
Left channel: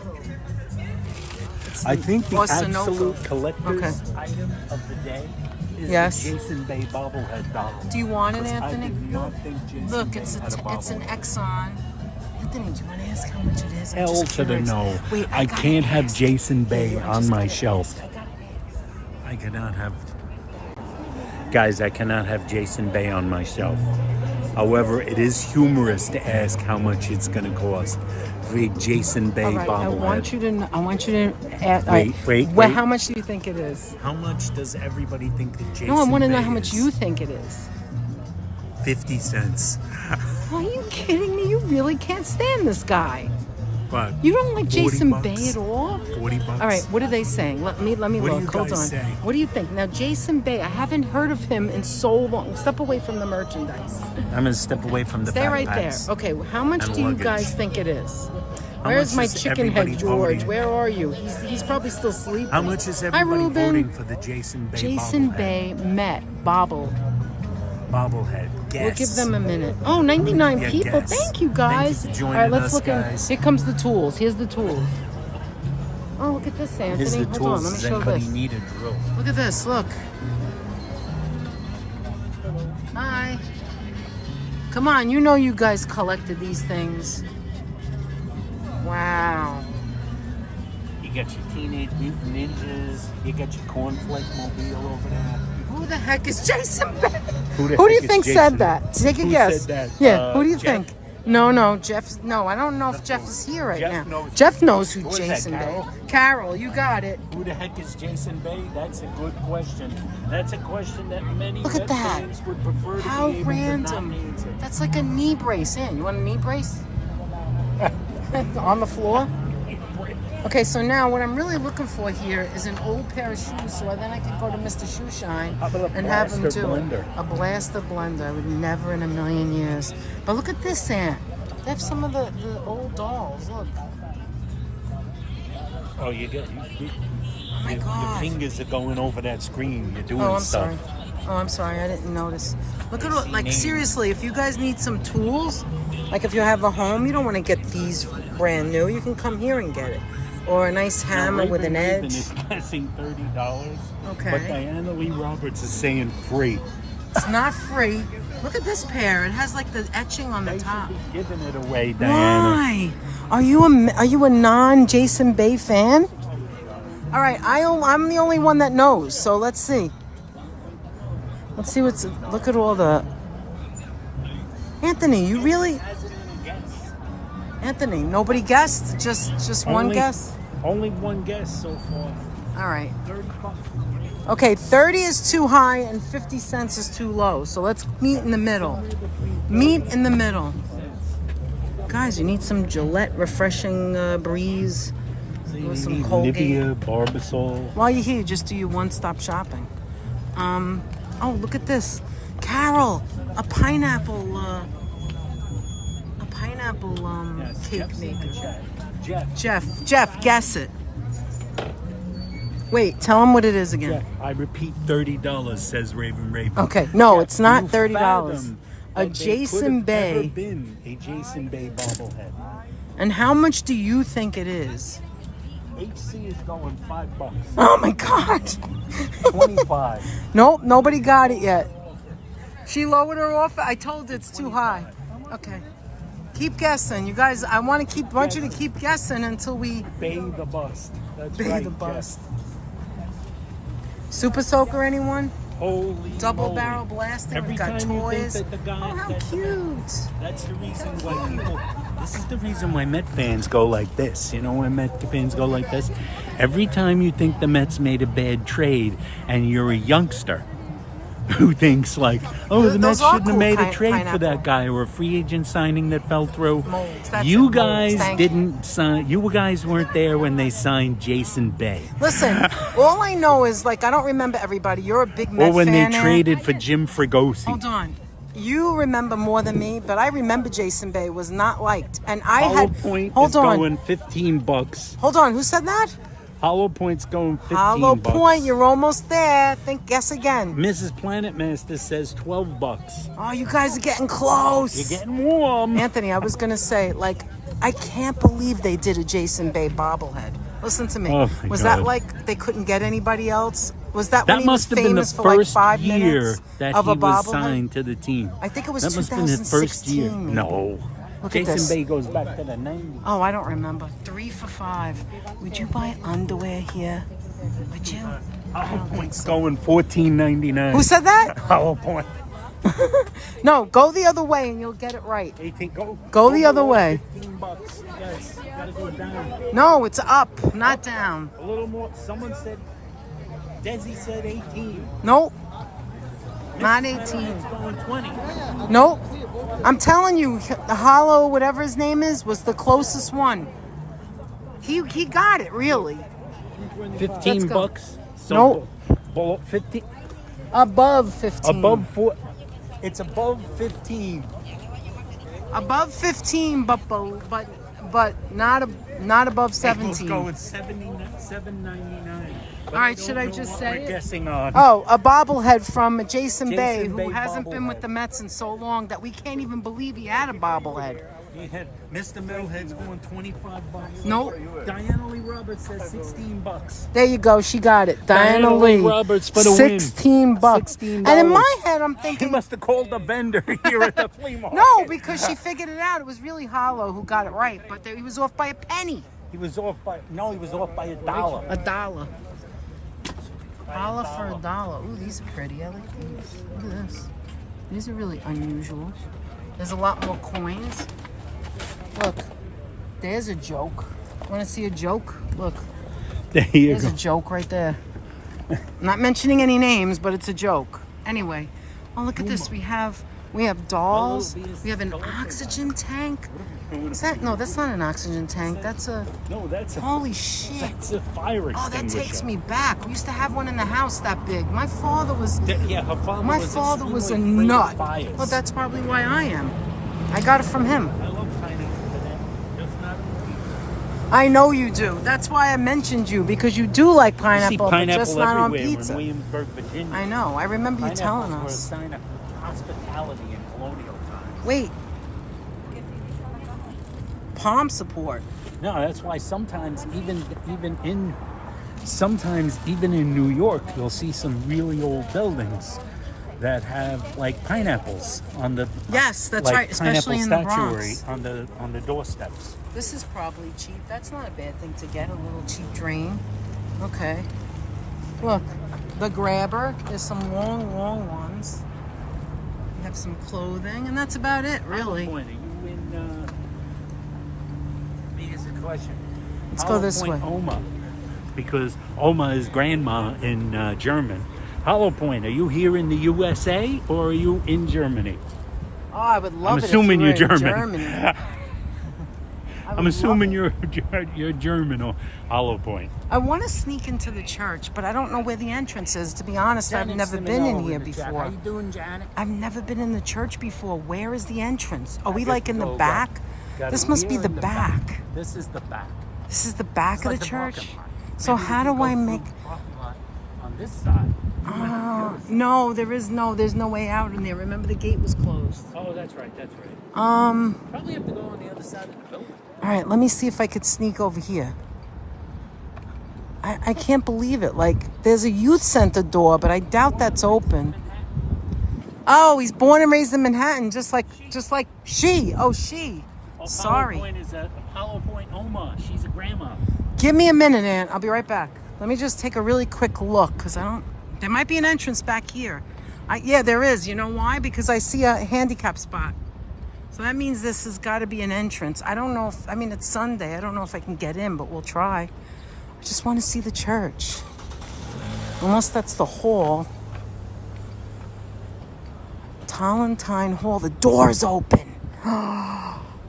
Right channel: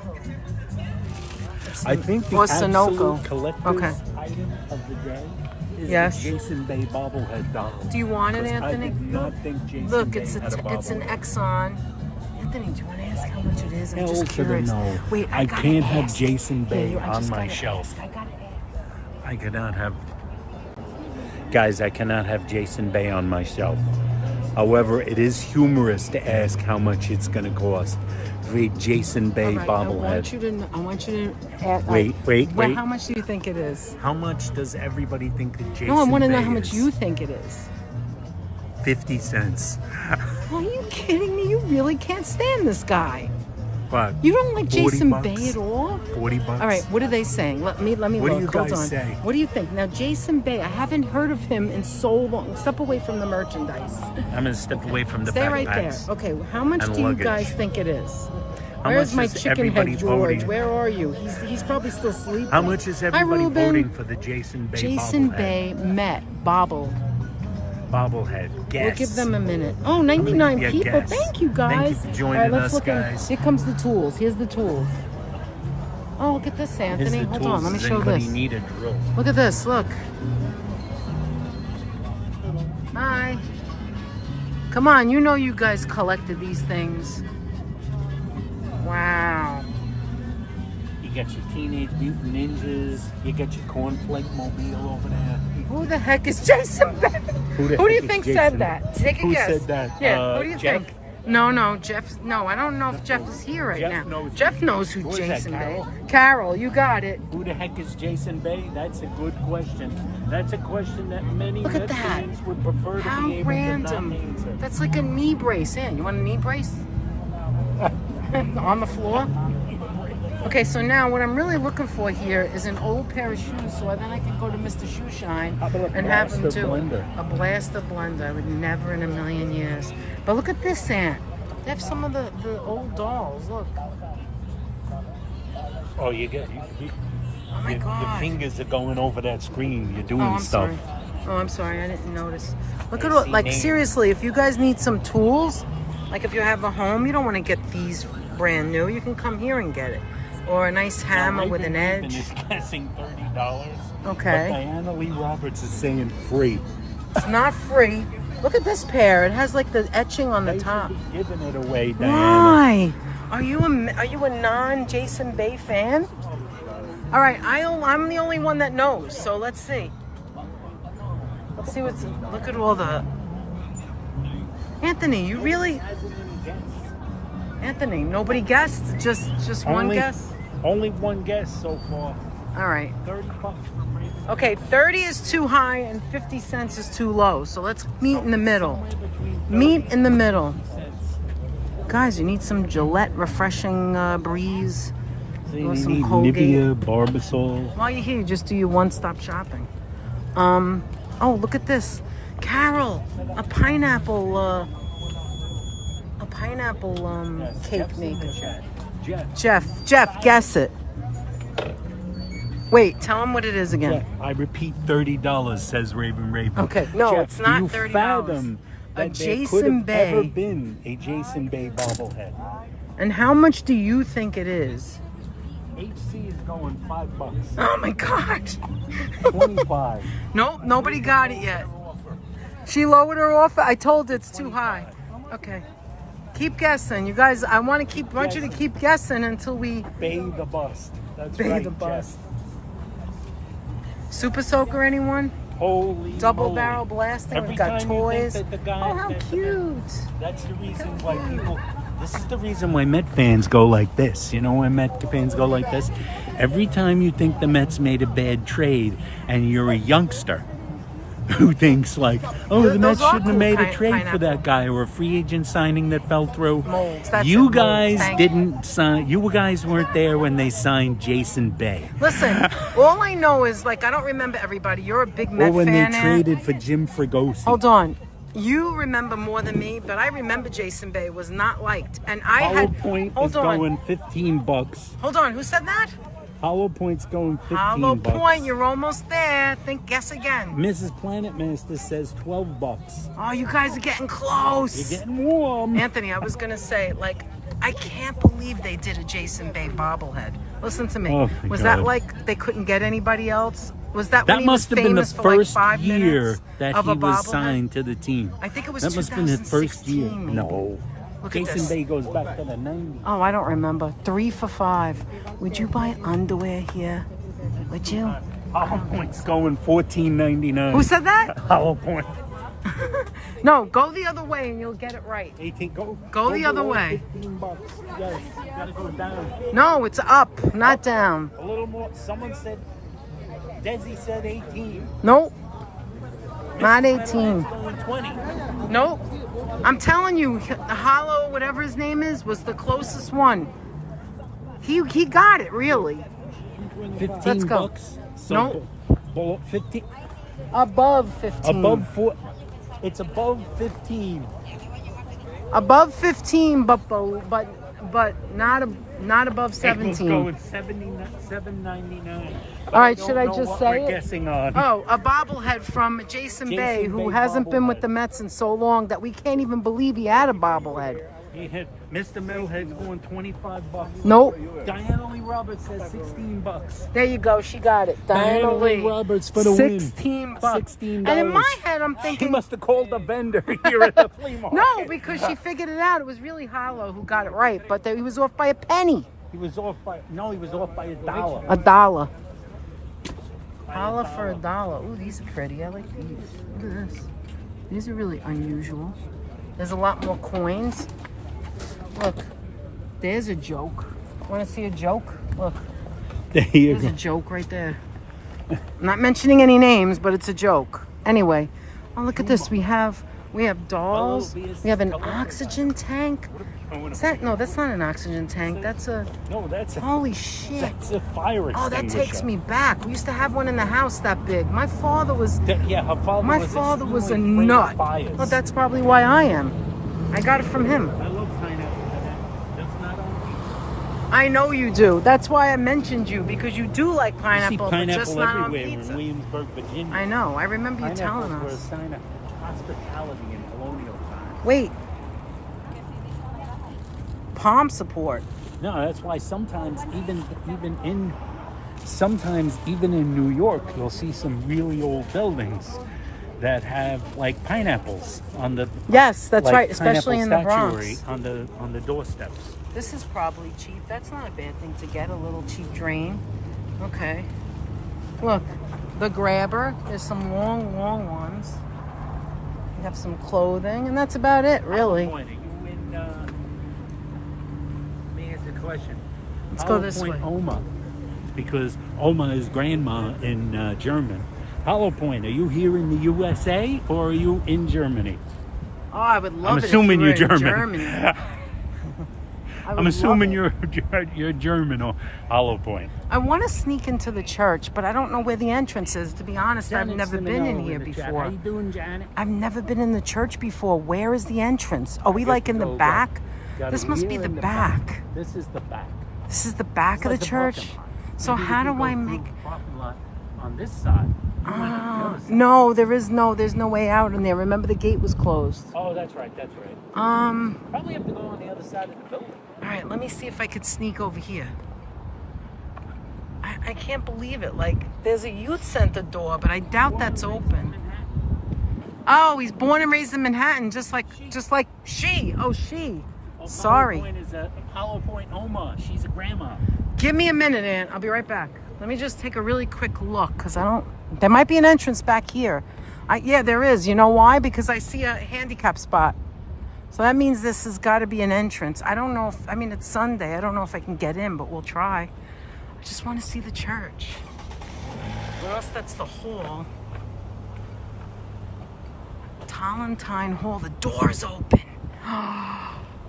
I think the Or absolute Sunoco. collector's Okay. item of the day is Yes. the Jason Bay bobblehead doll. Do you want it, 'Cause Anthony? I did not think Jason Look, Bay it's had a it's an bobblehead. Exxon. Anthony, do you want to ask how much it is? I'm Hell just to the curious. no. Wait, I gotta can't have ask. Jason Bay on my shelf. I cannot have. Guys, I cannot have Jason Bay on my shelf. However, it is humorous to ask how much it's going to cost for a Jason Bay All right, bobblehead. I want you to ask, Wait. How much do you think it is? How much does everybody think that Jason No, I want to know Bay how much is? you think it is. 50 cents. Are you kidding me? You really can't stand this guy. But You don't like 40 Jason bucks? Bay at all? 40 bucks. All right, what are they saying? Let me What do look. you Hold guys on. say? What do you think? Now, Jason Bay, I haven't heard of him in so long. Step away from the merchandise. I'm going to step away from the Stay right there. backpacks. Okay, how much and do you luggage. guys think it is? How Where's much my is chicken everybody head George? voting? Where are you? He's probably still sleeping. How much is Hi, everybody Ruben. voting for the Jason Bay Jason bobblehead? Bay Met bobblehead? Guess. We'll give them a minute. Oh, 99 Yeah, people. guess. Thank you, guys. Thank you for joining All right, let's us, look guys. Here comes the tools. Here's the tools. Oh, look at this, Anthony. Here's the Hold on, tools. let me Does show you anybody this. need a drill? Look at this. Look. Hi. Come on, you know you guys collected these things. Wow. You got your Teenage Mutant Ninjas. You got your Cornflake Mobile over there. Who the heck is Jason Bay? Who the Who do you heck is think Jason? said that? Take a Who guess. said that? Yeah, who do you Jeff? think? No, Jeff. No, I don't know if Jeff is here right Jeff now. knows. Jeff knows who Who is that, Jason Bay Carol? is. Carol, you got it. Who the heck is Jason Bay? That's a good question. That's a question that many Look at Red that. fans would prefer to How be able to not random. answer. That's like a knee brace. Yeah, you want a knee brace? On the floor? Okay, so now what I'm really looking for here is an old pair of shoes so then I can go to Mr. Shoe Shine How about a and have him blaster do blender? it. A blaster blender. I would never in a million years. But look at this, Aunt. They have some of the old dolls. Look. Oh, you get. Oh my God. The fingers are going over that screen. You're doing Oh, I'm stuff. sorry. Oh, I'm sorry. I didn't notice. Look at all, like, seriously, if you guys need some tools, like if you have a home, you don't want to get these brand new. You can come here and get it. Or a nice hammer with an Raven edge. is guessing $30. Okay. But Diana Lee Roberts is saying free. It's not free. Look at this pair. It has like the etching on the Why top. should be giving it away, Diana? Why? Are you a non-Jason Bay fan? All right, I'm the only one that knows. So let's see. Let's see what's. Look at all the. Anthony, you really? Anthony, nobody guessed. Just one guess. Only one guess so far. All right. 30 bucks. Okay, 30 is too high and 50 cents is too low. So let's meet in the middle. Meet in the middle. Guys, you need some Gillette refreshing breeze. Or some Colgate. Nivea, Barbasol. While you're here, just do your one-stop shopping. Oh, look at this. Carol, a pineapple Yes, cake Jeff's in the maker. chat. Jeff, guess it. Wait, tell him what it is again. I repeat, $30, says Raven Raven. Okay, no, it's not $30. A Jason Bay. Ever been a Jason Bay bobblehead. And how much do you think it is? HC is going $5. Oh my God. 25. Nope, nobody got it yet. She lowered her offer. I told her it's too high. Okay. Keep guessing. You guys, I want you to keep guessing until we Bay the bust. That's bay right, the Jeff. bust. Super Soaker, anyone? Holy Double moly. barrel blasting. Every We've got time you toys. think that the guy Oh, how that- cute. That's the reason why people. This is the reason why Met fans go like this. You know why Met fans go like this? Every time you think the Mets made a bad trade, and you're a youngster who thinks like, oh, the Those Mets are shouldn't have cool made a trade for pineapple. that guy, or a free agent signing that fell through. Molds. That's You it, molds. guys Thank you. didn't sign. You guys weren't there when they signed Jason Bay. Listen, all I know is, like, I don't remember everybody. You're a big Met Or when fan. they Ann. traded for Jim Fregosi. Hold on. You remember more than me, but I remember Jason Bay was not liked. And I Hollow had... Point Hold is on. going $15. Hold on. Who said that? Hollow Point's going $15. Hollow Point. You're almost there. Guess again. Mrs. Planet Master says $12. Oh, you guys are getting close. You're getting warm. Anthony, I was going to say, like, I can't believe they did a Jason Bay bobblehead. Listen to me. Oh, my was God. that like they couldn't get anybody else? Was that when That he must was have been the famous for like first 5 year minutes that of he a was bobblehead? signed to the team. I think it was That must have been his first year. 2016 maybe. No. Look at Jason this. Bay goes back to the 90s. Oh, I don't remember. 3 for $5. Would you buy underwear here? Would you? Hollow Point's going $14.99. Who said that? Hollow Point? No, go the other way and you'll get it right. 18. Go the other way. $15. Yes. You gotta go down. No, it's up, not down. A little more. Someone said. Desi said 18. Nope. Not 18. 20. Nope. I'm telling you, the Hollow, whatever his name is, was the closest one. He got it, really. 15 Let's go. bucks. Nope. Below 15. Above 15. Above 4. It's above 15. Above 15, but not above 17. It's going $7.99. All right, should I just say We're it? guessing on. Oh, a bobblehead from Jason Bay, who Bay hasn't been with bobblehead. the Mets in so long that we can't even believe he had a bobblehead. He hit Mr. Middlehead's going $25. Nope. Diana Lee Roberts says $16. There you go. She got it. Diana Lee Roberts for the win. $16. $16. And in my head, I'm She thinking, must have called the vendor here at the flea market. no, because she figured it out. It was really Hollow who got it right, but he was off by a penny. He was off by $1. $1. Holla for $1. Ooh, these are pretty. I like these. Look at this. These are really unusual. There's a lot more coins. Look, there's a joke. Want to see a joke? Look, There you there's go. a joke right there. I'm not mentioning any names, but it's a joke. Anyway, oh, look at this. We have dolls. We have an oxygen tank. Is that? No, that's not an oxygen tank. That's a... No, that's a, Holy shit. that's a fire Oh, that extinguisher. takes me back. We used to have one in the house that big. My father was... Yeah, her father My was father was a extremely afraid of nut. fires. Well, that's probably why I am. I got it from him. I love pineapple banana. Just not on I know you do. That's why I mentioned you, because you do like You see pineapple, but pineapple just not on everywhere in pizza. Williamsburg, Virginia. I know. I remember you telling Pineapples us. were a sign of hospitality in colonial times. Wait. Palm support. No, that's why sometimes even in New York, you'll see some really old buildings that have like pineapples on the Yes, that's like right, especially in the pineapple Bronx. statuary on the doorsteps. This is probably cheap. That's not a bad thing to get, a little cheap drain. Okay. Look, the grabber. There's some long, long ones. We have some clothing, and that's about it, really. Let me ask you a question. Let's go this way. Oma, because Oma is grandma in German. Hollow Point, are you here in the USA or are you in Germany? Oh, I would love I'm it assuming if you you're were in German. Germany. I would I'm assuming love it. you're German or Hollow Point. I want to sneak into the church, but I don't know where the entrance is. To be honest, I've never been in here before. How you doing, Janet? I've never been in the church before. Where is the entrance? Are we like in the back? Got This it must here be the in back. This is the back. This is the back It's of like the the church. parking lot. So Maybe how if you do go I through make? the parking lot on this side? You might have to go to the side. No, there's no way out in there. Remember the gate was closed. Oh, that's right. That's right. Probably have to go on the other side of the building. All right, let me see if I could sneak over here. I can't believe it. Like, there's a youth center door, but I doubt that's open. Oh, he's born and raised in Manhattan, just like she. Oh, she. Sorry. Apollo Point is a Apollo Point Oma. She's a grandma. Give me a minute, Aunt. I'll be right back. Let me just take a really quick look, because there might be an entrance back here. Yeah, there is. You know why? Because I see a handicap spot. So that means this has got to be an entrance. I don't know if, it's Sunday. I don't know if I can get in, but we'll try. I just want to see the church. Unless that's the hall. Tolentine Hall. The door's open.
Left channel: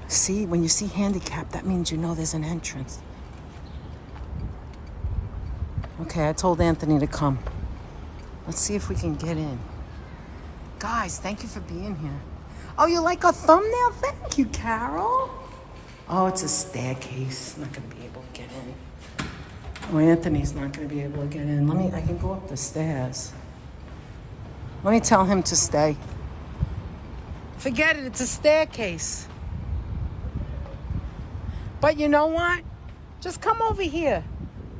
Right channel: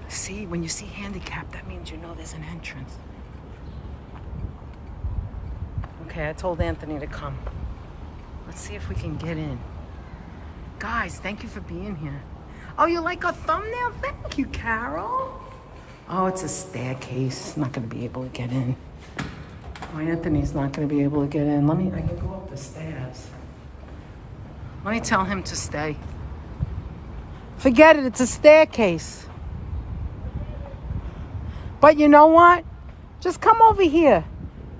See, when you see handicap, that means you know there's an entrance. Okay, I told Anthony to come. Let's see if we can get in. Guys, thank you for being here. Oh, you like a thumbnail? Thank you, Carol. Oh, it's a staircase. I'm not going to be able to get in. Oh, Anthony's not going to be able to get in. I can go up the stairs. Let me tell him to stay. Forget it, it's a staircase. But you know what? Just come over here.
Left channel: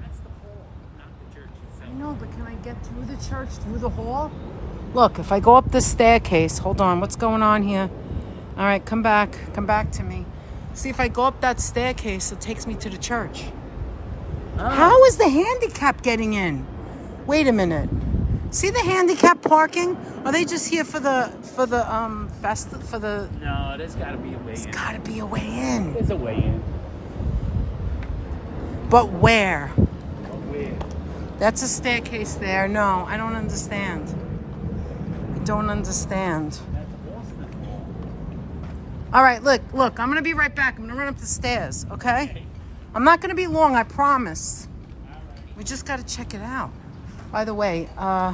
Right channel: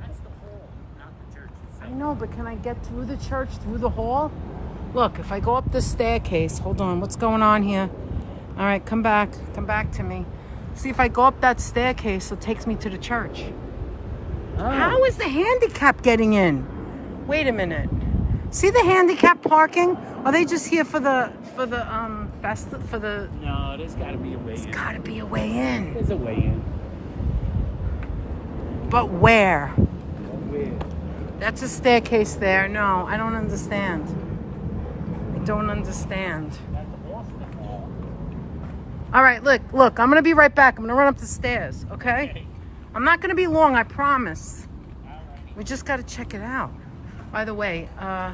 That's the hall, not the church itself. I know, but can I get through the church, through the hall? Look, if I go up this staircase, hold on, what's going on here? All right, come back to me. See, if I go up that staircase, it takes me to the church. Oh. How is the handicap getting in? Wait a minute. See the handicap parking? Are they just here for the No, there's got to be a way in. There's got to be a way in. There's a way in. But where? Where? That's a staircase there. No, I don't understand. I don't understand. All right, look, I'm going to be right back. I'm going to run up the stairs, okay? I'm not going to be long, I promise. We just got to check it out. By the way, I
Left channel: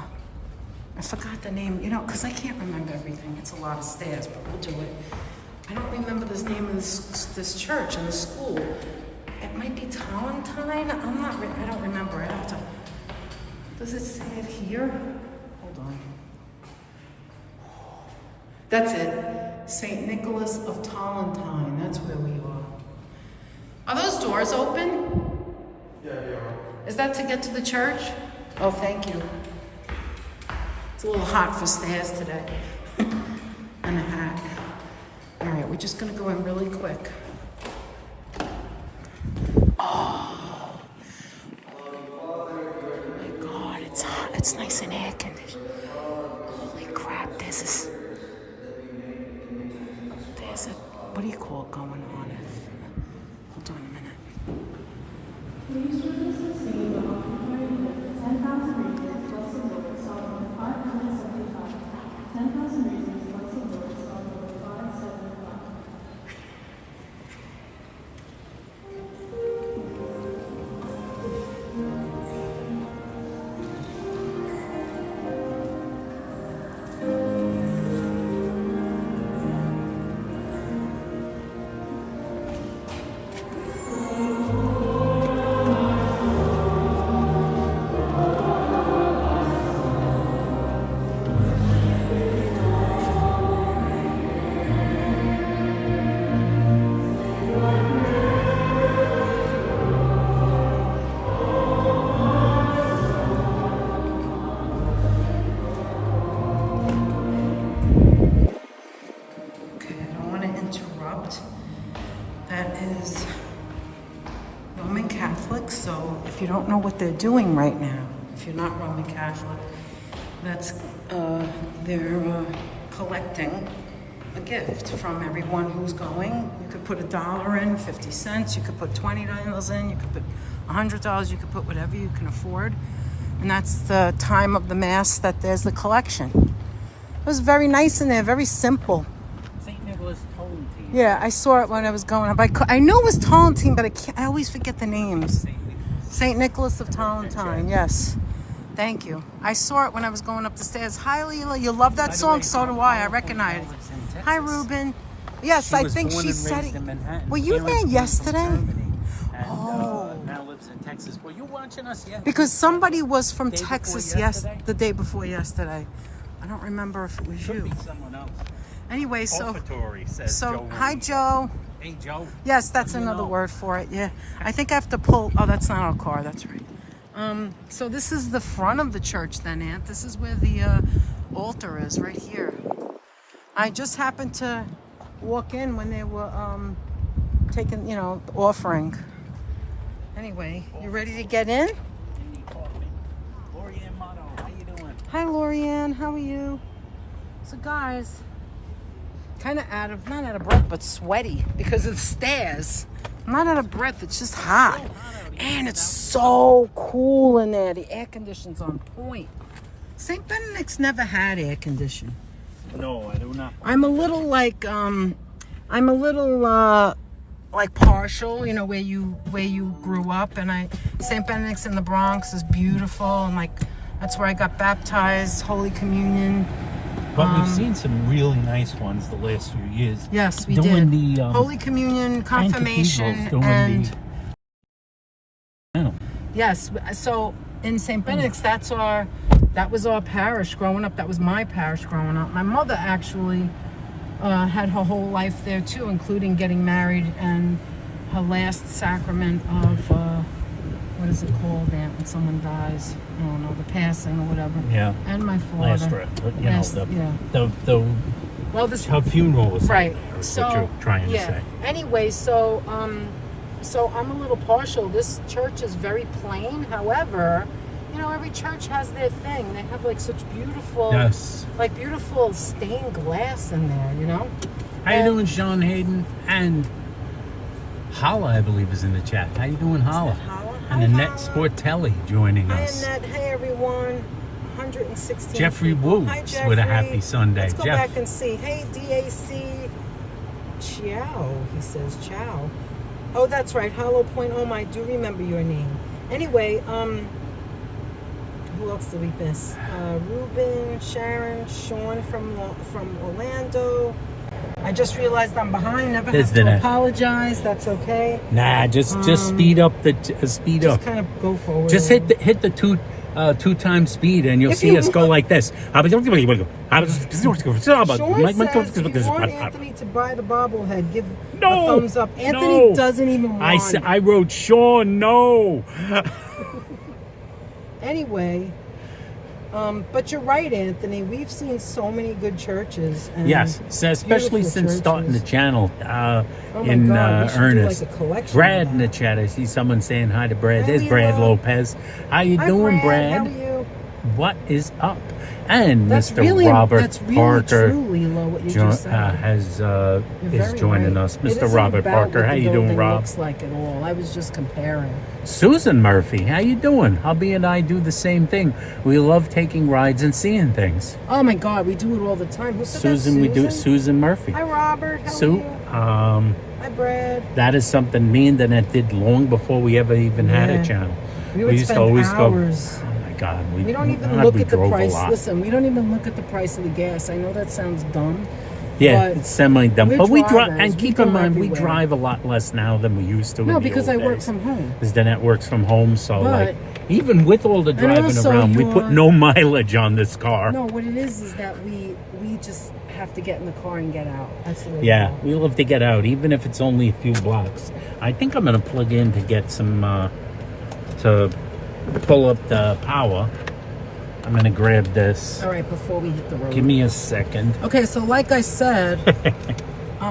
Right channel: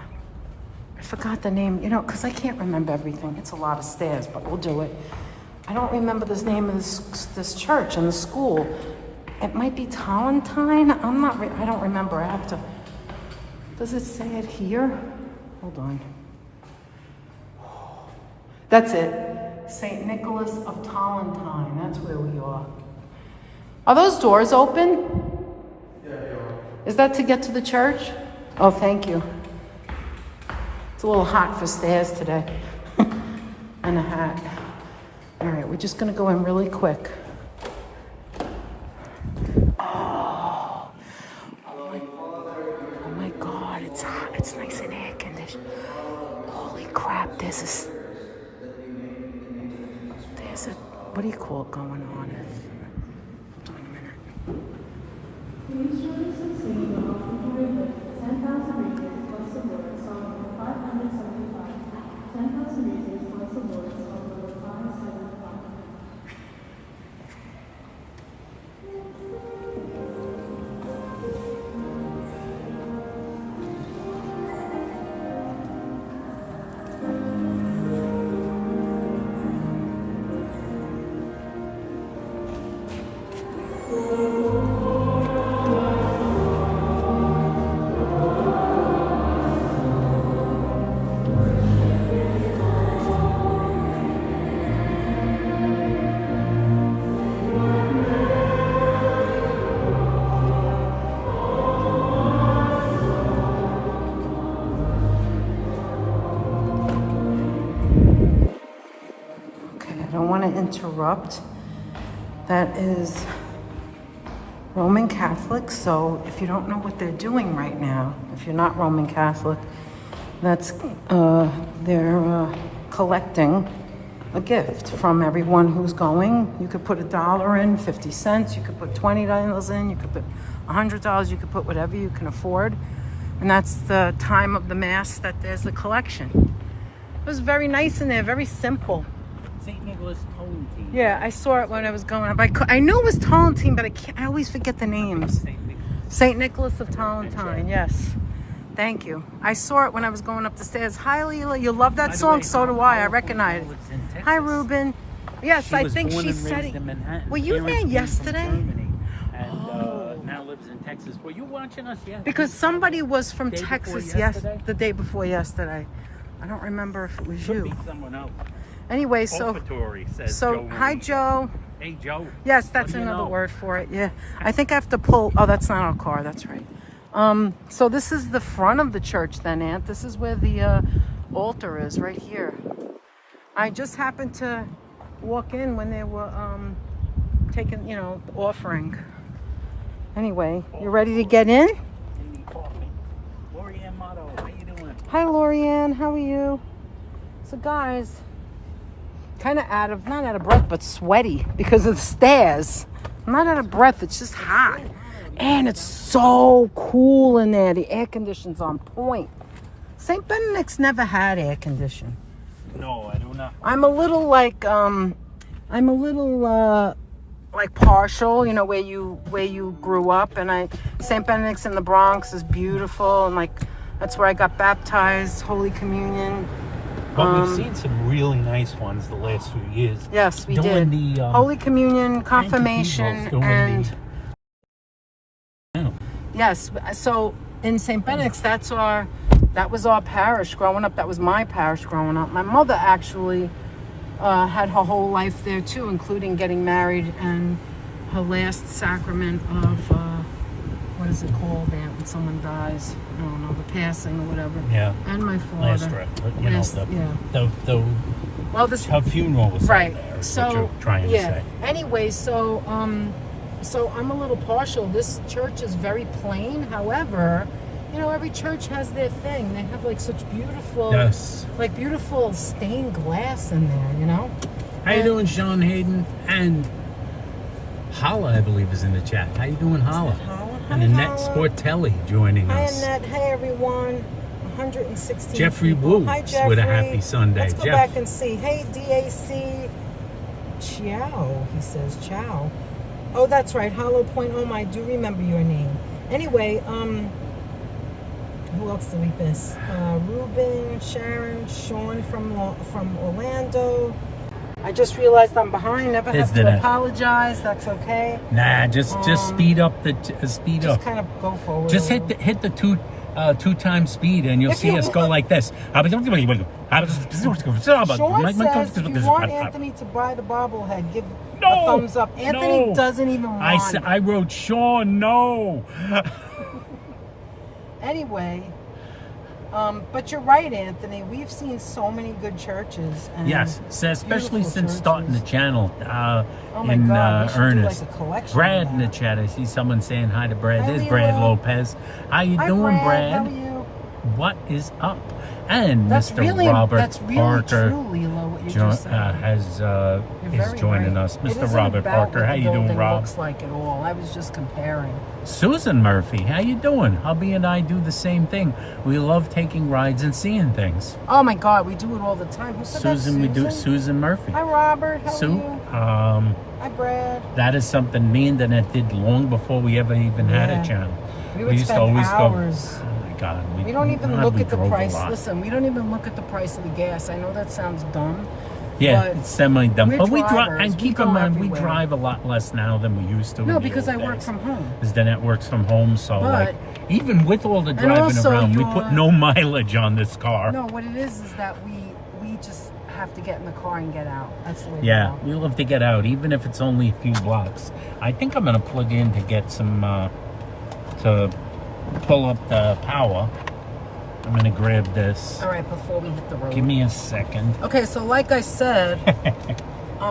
forgot the name, because I can't remember everything. It's a lot of stairs, but we'll do it. I don't remember the name of this church and the school. It might be Tolentine. I don't remember. I have to. Does it say it here? Hold on. That's it. St. Nicholas of Tolentine. That's where we are. Are those doors open? Yeah. Is that to get to the church? Oh, thank you. It's a little hot for stairs today. And a hat. All right, we're just gonna go in really quick. Oh my God, it's hot. It's nice and air conditioned. Holy crap, there's a, what do you call it going on? Hold on a minute. Please join us in singing the hospitality with 10,000 reasons plus the Lord, Psalm number 575. 10,000 reasons plus the Lord, Psalm number 575. Interrupt. That is Roman Catholic, so if you don't know what they're doing right now, if you're not Roman Catholic, that's they're collecting a gift from everyone who's going. You could put $1 in, 50 cents, you could put $20 in, you could put $100, you could put whatever you can afford. And that's the time of the Mass that there's the collection. It was very nice in there, very simple. St. Nicholas Tolentine. Yeah, I saw it when I was going up. I knew it was Tolentine, but I always forget the names. St. Nicholas of Tolentine, yes. Thank you. I saw it when I was going up the stairs. Hi, Leela. You love that song? So do I. I recognize it. Hi, Ruben. Yes, She I was think born she and said raised it. in Manhattan. Were you Parents there moved to yesterday? Germany, and, Oh. now lives in Texas. Were you watching us? Yeah. Because somebody was from Day before Texas yesterday? the day before yesterday. I don't remember if it was Could you. be someone else. Anyway, so Offertory, says so Joe hi Reed. Joe. Hey Joe. Yes, that's What do you another know? word for it. Yeah. I think I have to pull. Oh, that's not our car. That's right. So this is the front of the church then, Aunt. This is where the altar is, right here. I just happened to walk in when they were taking, the offering. Anyway, you ready to get in? Lorianne Motto, how you doing? Hi, Lorianne. How are you? So, guys, kind of not out of breath, but sweaty because of the stairs. I'm not out of breath. It's just hot. And it's so cool in there. The air conditioning's on point. St. Benedict's never had air conditioning. No, I do not. I'm a little like partial, where you grew up, and St. Benedict's in the Bronx is beautiful, and that's where I got baptized, Holy Communion. But we've seen some really nice ones the last few years. Yes, we doing did. The Holy Communion, confirmation, doing and Yeah. yes. So in St. Benedict's, that was our parish growing up. That was my parish growing up. My mother actually had her whole life there too, including getting married and her last sacrament of what is it called, Aunt, when someone dies? I don't know, the passing or whatever. Yeah. And my father. Last rep. Well, this her funeral was right. There, So what you're trying to say. Anyway, so I'm a little partial. This church is very plain. However, every church has their thing. They have such beautiful, beautiful stained glass in there. How you doing, Sean Hayden? And Holla, I believe, is in the chat. How you doing, Holla? And Annette Sportelli joining us. Hi, Annette. Hey, everyone. 116 Jeffrey people. Wu Hi, Jeffrey. with a happy Sunday. Let's go back and see. Hey, DAC. Ciao. He says ciao. Oh, that's right. Hollow Point. Oh, I do remember your name. Anyway, who else did we miss? Ruben, Sharon, Sean from Orlando. I just realized I'm behind. Never have to apologize. That's okay. Nah, just speed up speed up. Just kind of go forward. Just hit the two times speed, and you'll see us go like this. Sean says, if you want Anthony to buy the bobblehead, give a thumbs up. Anthony doesn't even want I wrote Sean, no. Anyway, but you're right, Anthony. We've seen so many good churches. And yes, especially since churches. starting the channel in earnest. Do Brad in the chat. I see someone saying hi to Brad. There's Brad Lopez. How you doing, Brad? How are you? What is up? And that's Mr. Really, Robert that's really Parker true, Lilo, what you just said. is joining us. Mr. Robert Parker, how you doing, Rob? Looks like at all. I was just comparing. Susan Murphy, how you doing? Hubby and I do the same thing. We love taking rides and seeing things. Oh my God, we do it all the time. Who said Susan, that? we do Susan Murphy. Hi, Robert. How are you? Hi, Brad. That is something me and Annette did long before we ever even had a channel. We used to always hours. Go. God, we don't even look at the price. Listen, we don't even look at the price of the gas. I know that sounds dumb. Yeah, it's semi-dumb. But we drive, and keep in mind, we everywhere. drive a lot less now than we used to. No, because I work from home. Because Danette works from home, so even with all the driving around, we put no mileage on this car. No, what it is that we just have to get in the car and get out. That's the way we love to get out, even if it's only a few blocks. I think I'm going to plug in to get some, to pull up the power. I'm going to grab this. All right, before we hit the road. Give me a second. Okay, so like I said,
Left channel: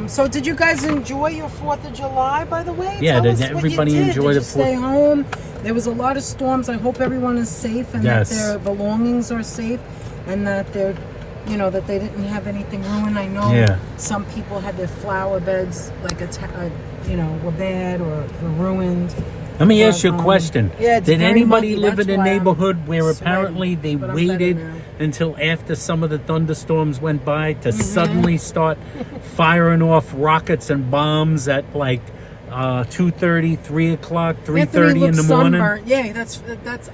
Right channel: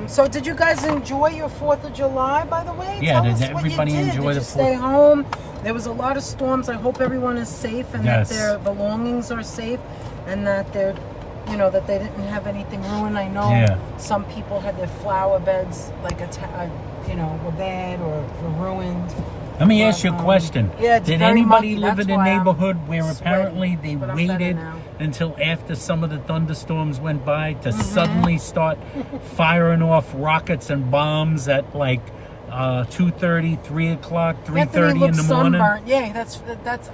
so did you guys enjoy your 4th of July, by the way? Yeah, did everybody enjoy the 4th? Stay home? There was a lot of storms. I hope everyone is safe and that their belongings are safe and that they're, that they didn't have anything ruined. I know some people had their flower beds were bad or were ruined. Let me ask you a question. Did anybody live in a neighborhood where apparently they waited until after some of the thunderstorms went by to suddenly start firing off rockets and bombs at 2:30, 3 o'clock, Anthony 3:30 in the looks morning. sunburnt. Yeah, that's.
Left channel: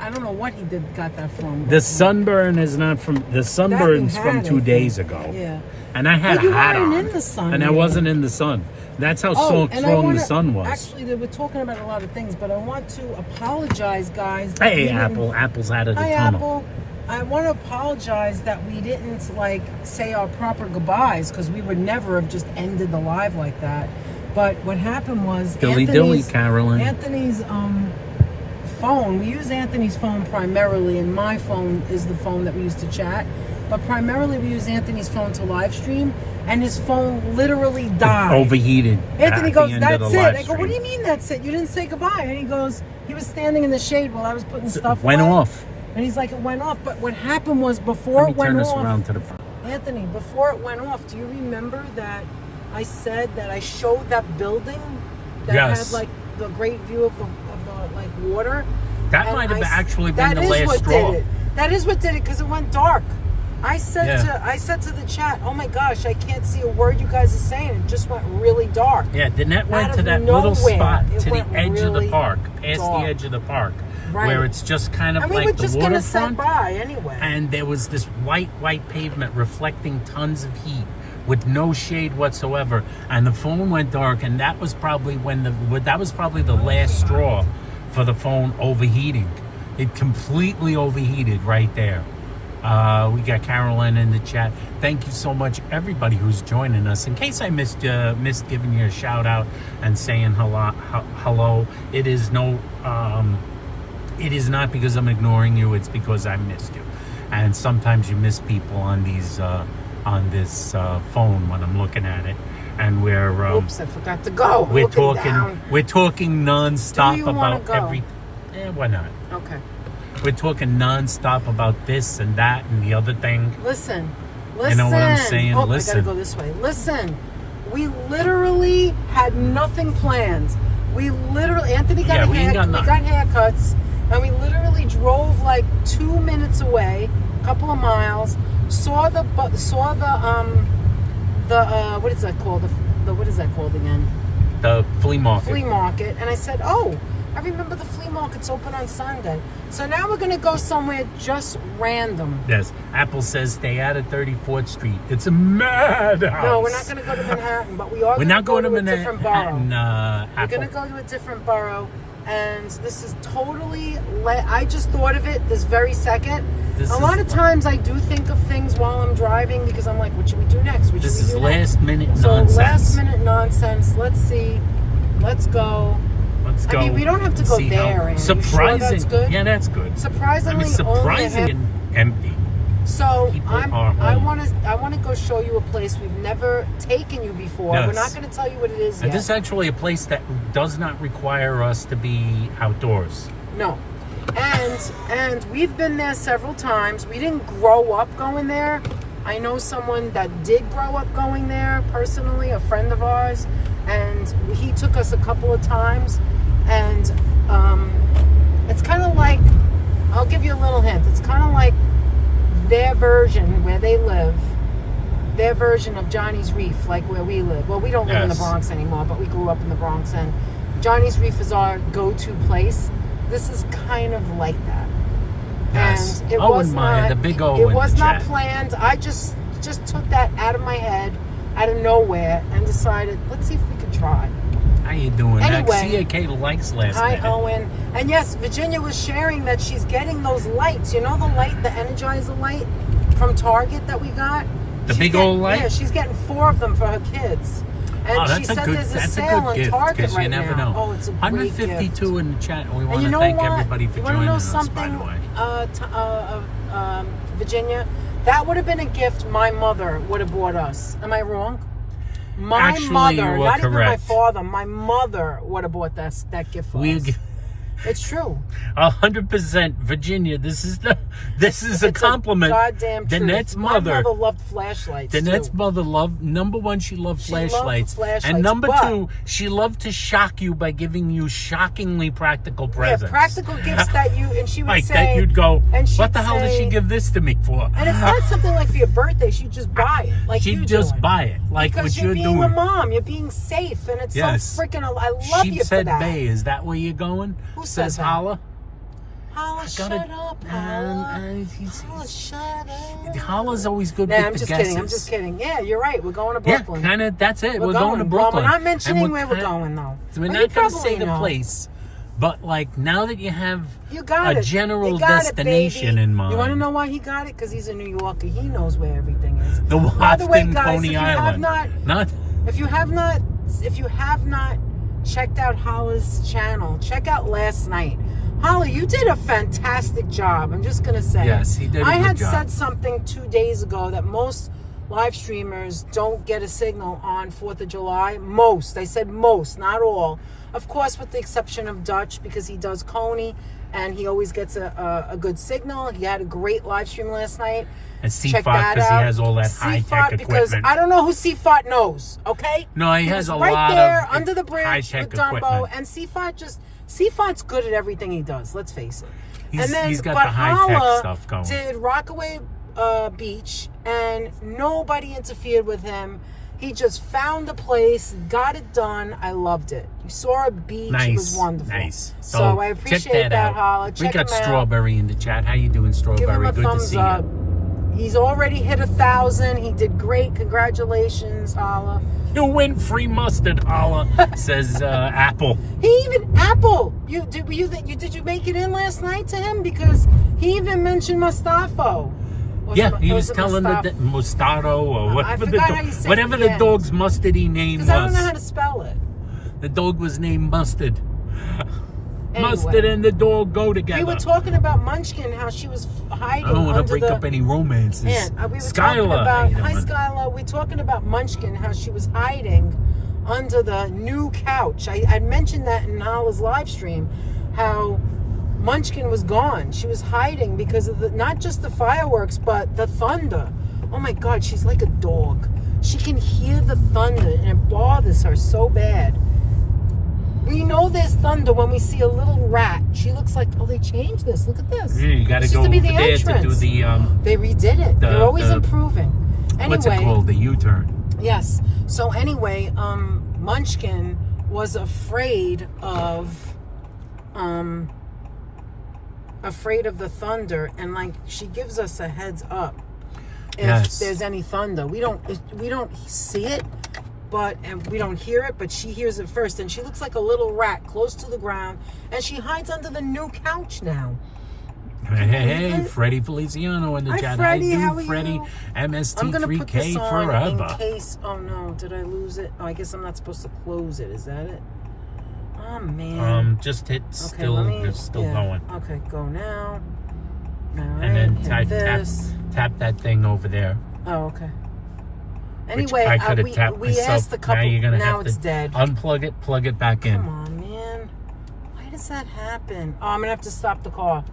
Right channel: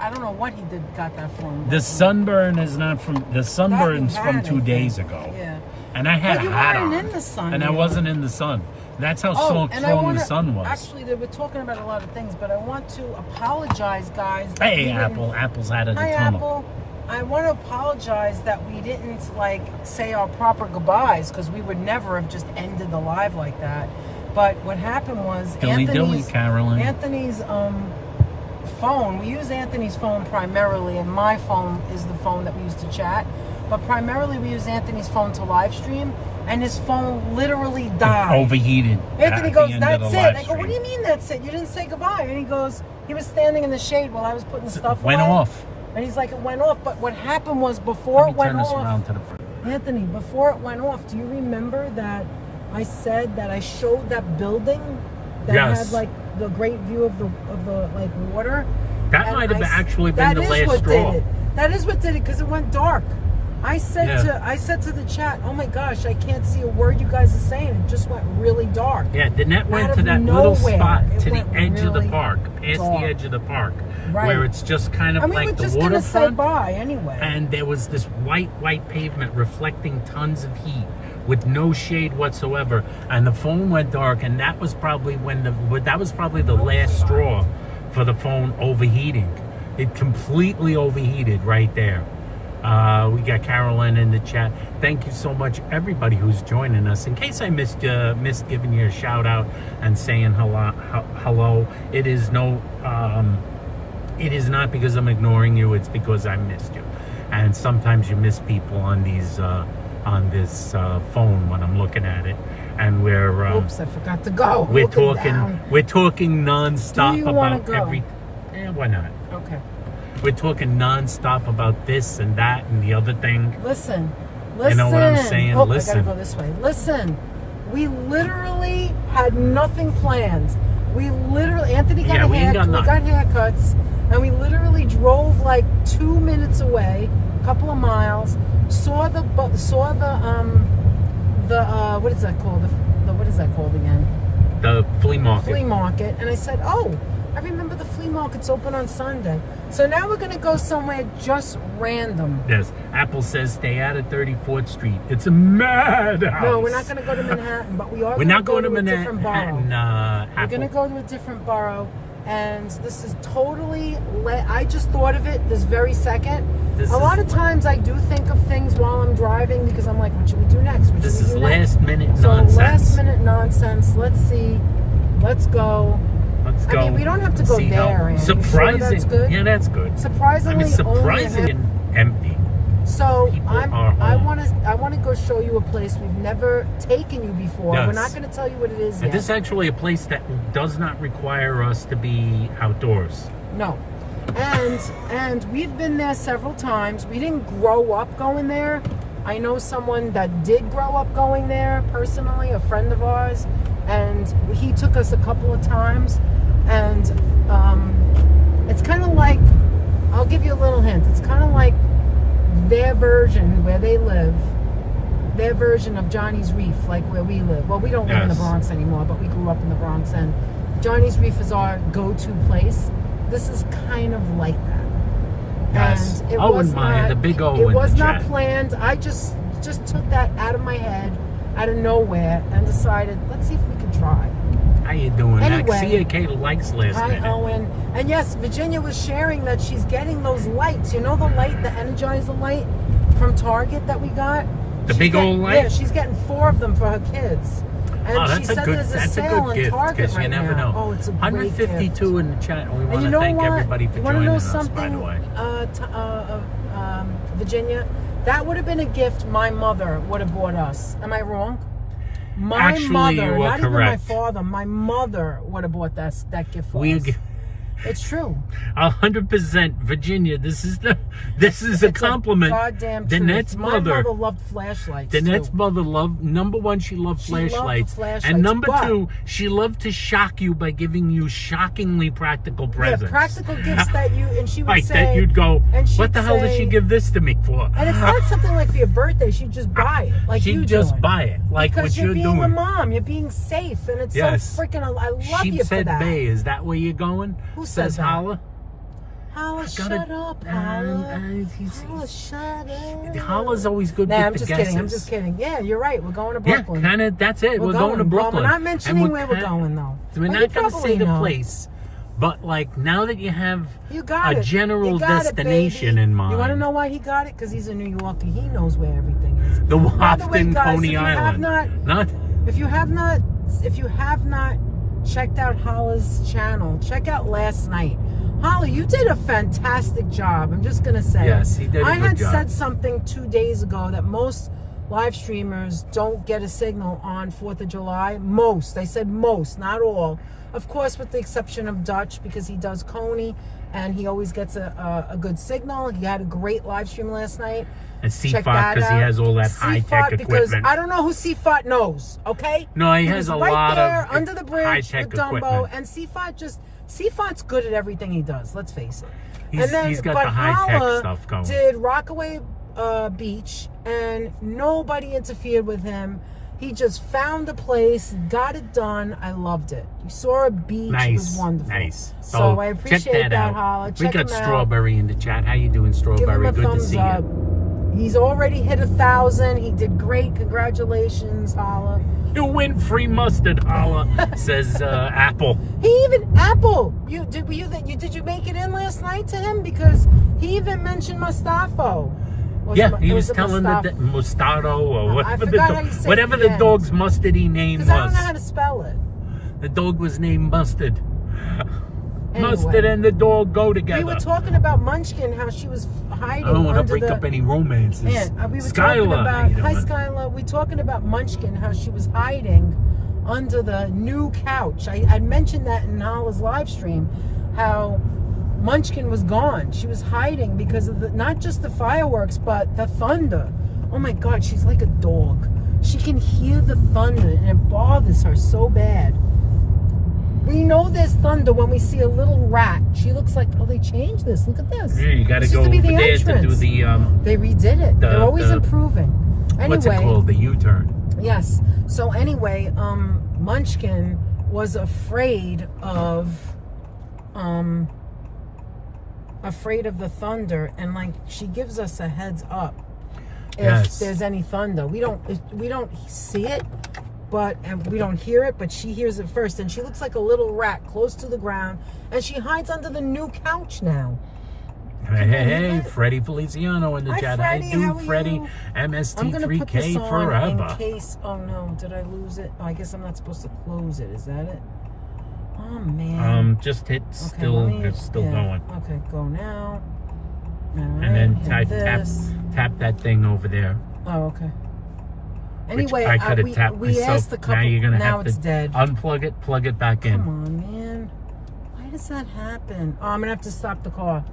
I don't know what he got that from. The sunburn is not from the sunburn's That you from had, 2 I days think. ago. Yeah. And I had But you a hat weren't on. in the sun, and I you wasn't in the sun. That's how strong the sun was. Actually, they were talking about a lot of things, but I want to apologize, guys. Hey, Apple. Apple's out of the Hi, tunnel. Apple. I want to apologize that we didn't say our proper goodbyes because we would never have just ended the live like that. But what happened was Dilly, Carolyn. Anthony's phone. We use Anthony's phone primarily, and my phone is the phone that we use to chat. But primarily, we use Anthony's phone to live stream, and his phone literally died. Overheated. Anthony at goes, the end of "That's the it." live I go, stream. "What do you mean that's it? You didn't say goodbye." And he goes, "He was standing in the shade while I was putting stuff." Went on. off. And he's like, "It went off." But what happened was before Let me it went turn this off, around to the front. Anthony, before it went off, do you remember that I said that I showed that building that Yes. had the great view of the water? That And might have I s- actually been that the is last what straw. did it. That is what did it because it went dark. I said Yeah. to the chat, "Oh my gosh, I can't see a word you guys are saying. It just went really dark." Yeah, the net went Out to of that little nowhere, spot it to the went edge of the really park, past dark. the edge of the park, Right. where it's just kind of And we were like the just gonna say waterfront. bye anyway. And there was this white pavement reflecting tons of heat with no shade whatsoever. And the phone went dark, and that was probably the last straw for the phone overheating. It completely overheated right there. We got Carolyn in the chat. Thank you so much, everybody who's joining us. In case I missed giving you a shout out and saying hello. It is not because I'm ignoring you. It's because I missed you. And sometimes you miss people on these on this phone when I'm looking at it. And we're Oops, I forgot to go. we're Looking talking down. we're talking nonstop Do you wanna about go? every. Why not? Okay. We're talking nonstop about this and that and the other thing. Listen. You know what I'm saying? Oh, Listen. I gotta go this way. Listen. We literally had nothing planned. Anthony got Yeah, we ain't got nothing. We got haircuts, and we literally drove 2 minutes away, a couple of miles. Saw the what is that called? What is that called again? The flea market. Flea market, and I said, "Oh, I remember the flea market's open on Sunday." So now we're gonna go somewhere just random. Yes. Apple says stay out of 34th Street. It's a madhouse. No, we're not gonna go to Manhattan, but we are. We're gonna not going go to a different Manhattan. borough. We're Apple. gonna go to a different borough, and this is totally. I just thought of it this very second. This A lot is of times I do think of things while I'm driving because I'm like, what should we do next? What This should we is do next? last minute So nonsense. last minute nonsense. Let's see. Let's go. Let's go. I mean, we don't have to go see there. how Ann. You surprising. sure that's good? Yeah, that's good. Surprisingly, I mean, surprising and empty. So People are I home. want to go show you a place we've never taken you before. Yes. We're not going to tell you what it is And yet. this is actually a place that does not require us to be outdoors. No. And we've been there several times. We didn't grow up going there. I know someone that did grow up going there personally, a friend of ours, and he took us a couple of times. And it's kind of like, I'll give you a little hint. It's kind of like their version where they live, their version of Johnny's Reef, like where we live. Well, we don't live in the Yes. Bronx anymore, but we grew up in the Bronx, and Johnny's Reef is our go-to place. This is kind of like that. Yes. And it Owen was Meyer, not, the big O it in the was not chat. planned. I just took that out of my head, out of nowhere, and decided, let's see if we could try. How you doing? Anyway, CAK likes last Hi, minute. Owen. And yes, Virginia was sharing that she's getting those lights. You know the light, the Energizer light from Target that we got? The big old light? Yeah, she's getting 4 of them for her kids. And Oh, she that's a said good. there's That's a sale good on gift Target because you right never now. know. Oh, it's a great 152 gift. in the chat. We And want you to know thank what? everybody for You wanna joining know us. By something, the way, Virginia, that would have been a gift my mother would have bought us. Am I wrong? My Actually, mother, you were not even my correct. father, my mother would have bought that gift for we us. It's true. 100%, Virginia. This is a compliment. Goddamn Danette's truth. mother. My mother loved flashlights. Danette's too. mother loved, number one, she loved flashlights. And number two, she loved to shock you by giving you shockingly practical presents. Practical gifts that you, and she would Like say. that you'd go, and she'd what the hell did she say- give this to me for? And it's not something like for your birthday. She'd just buy it. Like She'd you just doing. buy it, like Because what you're being a doing. mom, you're being safe, and it's Yes. so freaking. I love you for Sheepshead that. Bay, is that where you're going? Who Says said that? Holla. Holla, shut up, Holla. Holla, shut up. Holla's always good Nah, with I'm the just guesses. kidding. I'm just kidding. Yeah, you're right. We're going to Yeah, Brooklyn. kind of. That's it. We're going to Brooklyn. We're not mentioning And where we're going, though. We're But not you going to say probably the know. place, but like now that you have You got a it. general You got it, destination baby. in mind, You want to know why he got it? Because he's a New Yorker. He knows where everything is. the By the way, Wafton guys, Coney if you Island. have If you have not checked out Holla's channel, check out last night. Holla, you did a fantastic job. I'm just gonna say. Yes, he did a I good had job. said something 2 days ago that most live streamers don't get a signal on 4th of July. Most. I said most, not all. Of course, with the exception of Dutch, because he does Coney and he always gets a good signal. He had a great live stream last night. And Check CFOT, that because he out. has all that high-tech CFOT, because equipment. I don't know who CFOT knows, okay? No, he has was a right lot there of under the bridge high-tech with Dumbo, equipment. and CFOT's good at everything he does, let's face it. He's got the high-tech stuff going. Did Rockaway Beach, and nobody interfered with him. He just found the place, got it done. I loved it. You saw a beach. It was wonderful. Nice. So I check appreciate that, out. Holla. We Check got him out. Strawberry in the chat. How you doing, Give him Strawberry? a Good to thumbs see up. you. He's already hit 1,000. He did great. Congratulations, Holla. You win free mustard, Holla, says Apple. He even Apple. Did you make it in last night to him, because he even mentioned Mustafo. Yeah, he was telling the Mostardo or whatever forgot the dog's mustardy name Because I don't know how was. to spell it. The dog was named Mustard. Anyway. Mustard and the dog go together. We were talking about Munchkin, how she was hiding. I don't want to under break the, up any romances. Yeah, we were talking Skylar, about. how you Hi, doing? Skylar. We're talking about Munchkin, how she was hiding under the new couch. I mentioned that in Holla's live stream, how Munchkin was gone. She was hiding because of not just the fireworks, but the thunder. Oh my God, she's like a dog. She can hear the thunder, and it bothers her so bad. We know there's thunder when we see a little rat. She looks like, oh, they changed this. Look at this. Yeah, you got to This go used over be the there to do entrance. the They redid it. They're always improving. Anyway, what's it called? The U-turn. Yes. So anyway, Munchkin was afraid of the thunder, and like she gives us a heads up if there's any thunder. We don't see it, and we don't hear it, but she hears it first, and she looks like a little rat close to the ground, and she hides under the new couch now. Hey, Freddie Feliciano in the Hi, chat. Freddie, I do, how are Freddie. you? I'm gonna put this MST3K on forever. in case. Oh no, did I lose it? Oh, I guess I'm not supposed to close it. Is that it? Oh man. Just hit Okay, still. It's still going. Okay, go now. And then Alright, tap that thing over there. Oh, okay. Which Anyway, I could have tapped we myself. asked a couple. Now you're gonna now have it's to dead. unplug it, plug it back in. Come on, man. Why does that happen? Oh, I'm gonna have to stop the car.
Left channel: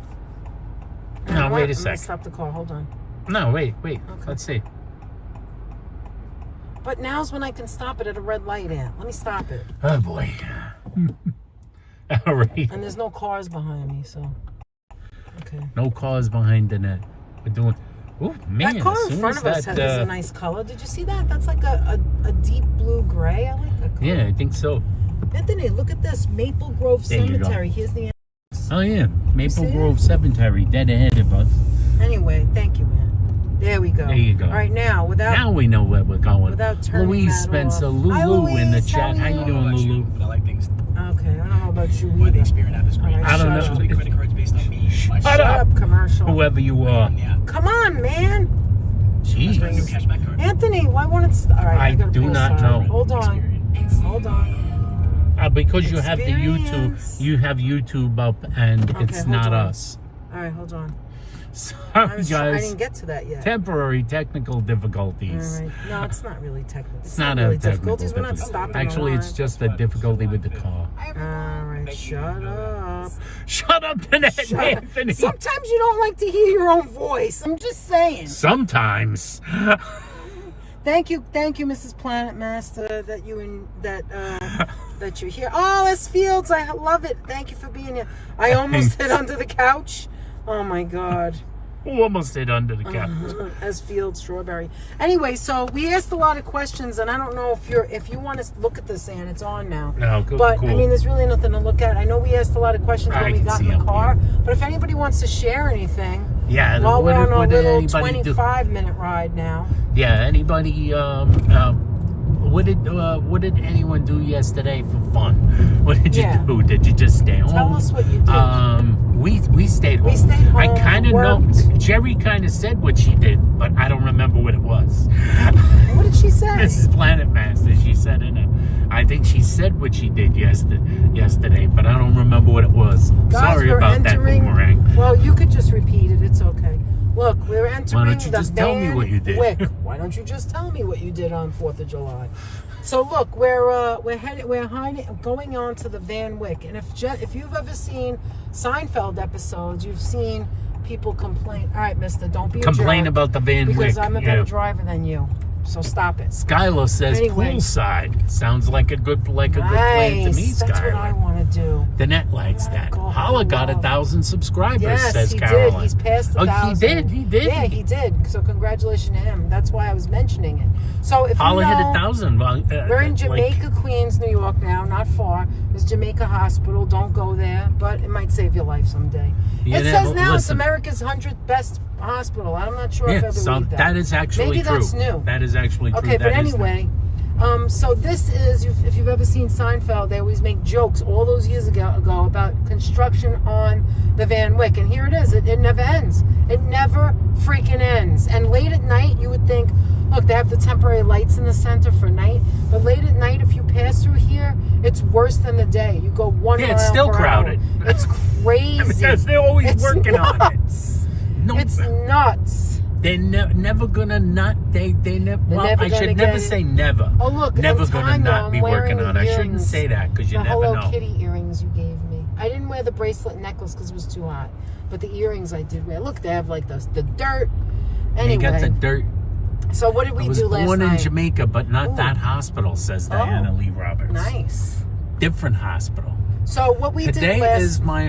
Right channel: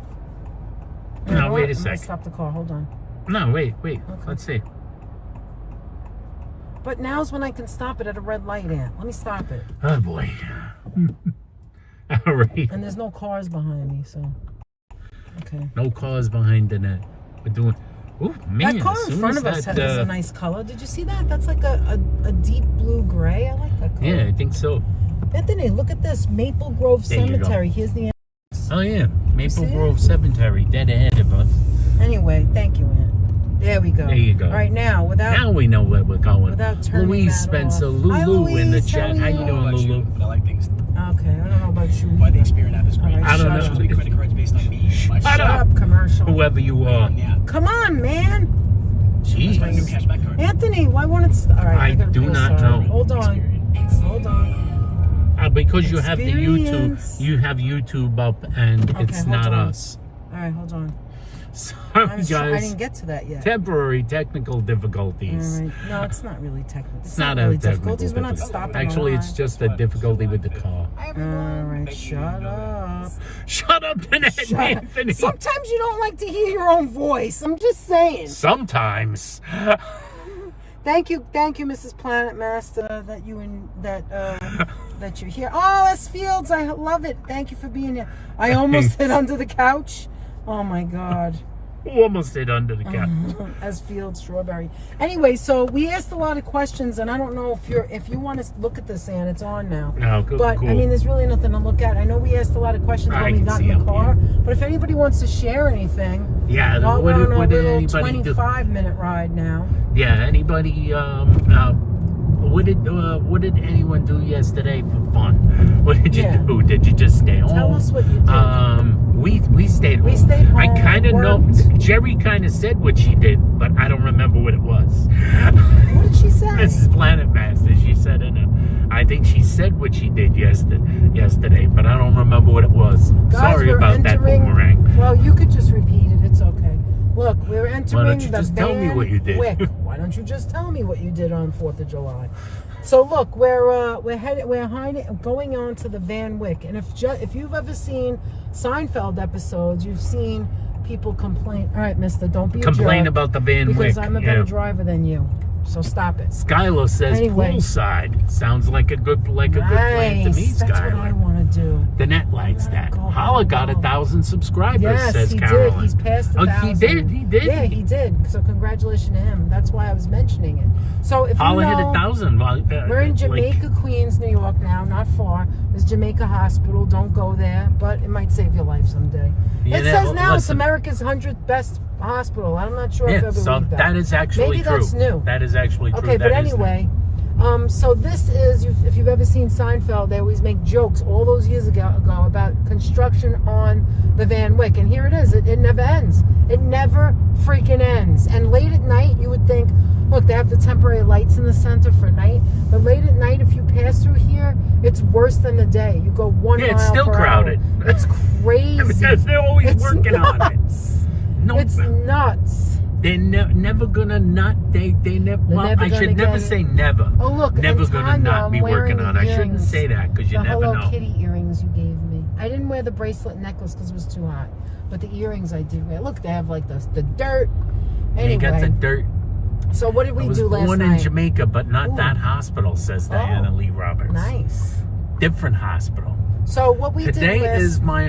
You know No, what? wait a I'm gonna sec. stop the car. Hold on. No, wait. Okay. Let's see. But now's when I can stop it at a red light. Let me stop it. Oh boy. All right. And there's no cars behind me, so. Okay. No cars behind the net. We're doing. Oh man! That car as in soon front as of us that, is a nice color. Did you see that? That's like a deep blue gray. I like that color. Yeah, I think so. Anthony, look at this. Maple Grove There you go. Cemetery. Here's the entrance. Oh yeah, Maple see Grove Cemetery, dead ahead of us. Anyway, thank you, Aunt. There we go. There you go. All right, now, Now we know where we're going. Without turning Louise that Spencer, off. Lulu Hi, in the Louise, chat. How you doing, Lulu? I like things. Okay, I don't know about you Why the either. Experian app is great. All right, I don't shut know. up. Credit cards based on me. Shut up. Commercial. Whoever you are. Yeah. Come on, man. That's my new Jeez. cashback card. Anthony, why won't it all right, I gotta do pull not sorry. know. Hold on. Hold on. Because you have the YouTube, Experience. you have YouTube up, and Okay, it's hold not on. us. All right, hold on. Sorry, I guys. didn't get to that yet. Temporary technical difficulties. All right. No, it's not really technical. It's not a really technical difficulties. We're not difficulty. stopping. Actually, it's just a difficulty with the car. All right, shut up. Shut up, Annette Shut up. Anthony. Sometimes you don't like to hear your own voice. I'm just saying. Sometimes. Thank you, Mrs. Planet Master, that you're here. Oh, S. Fields, I love it. Thank you for being here. I almost hid under the couch. Oh my God. Almost hit under the couch. As Field Strawberry. Anyway, so we asked a lot of questions, and I don't know if you want to look at this, Ann, it's on now. No, good, but cool. I mean, there's really nothing to look at. I know we asked a lot of questions when we got in the car, but if anybody wants to share anything, Yeah, while what we're on our did little anybody do? 25-minute ride now. Yeah, anybody? What did anyone do yesterday for fun? What did you do? Did you just stay home? Tell us what you did. We stayed home. We stayed home. I kind of know. worked. Jerry kind of said what she did, but I don't remember what it was. What did she say? Mrs. Planet Master. She said I think she said what she did yesterday, but I don't remember what it was. Guys, Sorry we're about that entering- boomerang. Well, you could just repeat it. It's okay. Look, we're entering Why don't you the just tell me Van what you did? Wyck. Why don't you just tell me what you did on 4th of July? So look, we're going on to the Van Wyck, and if you've ever seen Seinfeld episodes, you've seen people complain. All right, Mister, don't be Complain a jerk, about the Van Wyck. because I'm a better driver than you. So stop it. Skylar says Anyway. poolside. Sounds like a good plan to me, Nice. That's what I Skylar. want to do. The net likes that. Go Holla got home. 1,000 subscribers, Yes, says he Caroline. did. He's passed 1,000. He did. Yeah, he did. So congratulations to him. That's why I was mentioning it. So if Holla you know, hit 1,000. we're in Jamaica, Queens, New York now, not far. There's Jamaica Hospital. Don't go there, but it might save your life someday. Yeah, It says now it's listen. America's 100th best hospital. I'm not sure if I Yeah, so believe that. that is actually Maybe true. that's new. That is actually true. Okay, but That is anyway, so this is, if you've ever seen Seinfeld, they always make jokes all those years ago about construction on the Van Wyck, and here it is. It never ends. It never freaking ends. And late at night, you would think, look, they have the temporary lights in the center for night, but late at night, if you pass through here, it's worse than the day. You go 1 mile it's still per crowded. hour. It's crazy. because they're always It's working on it. nuts. No, It's nuts. they're never gonna not. They never. Well, never I gonna should never get it. say never. Oh, look, Never and gonna Tanya, not I'm be working wearing on it. I shouldn't earrings. say that because you The never Hello know. Kitty earrings you gave me. I didn't wear the bracelet necklace because it was too hot, but the earrings I did wear. Look, they have like the dirt. Anyway, They got the dirt. so what did I we was do last born night? in Jamaica, but not Ooh. that hospital, says Diana Lee Roberts. Nice. Different hospital. So what we Today did last is my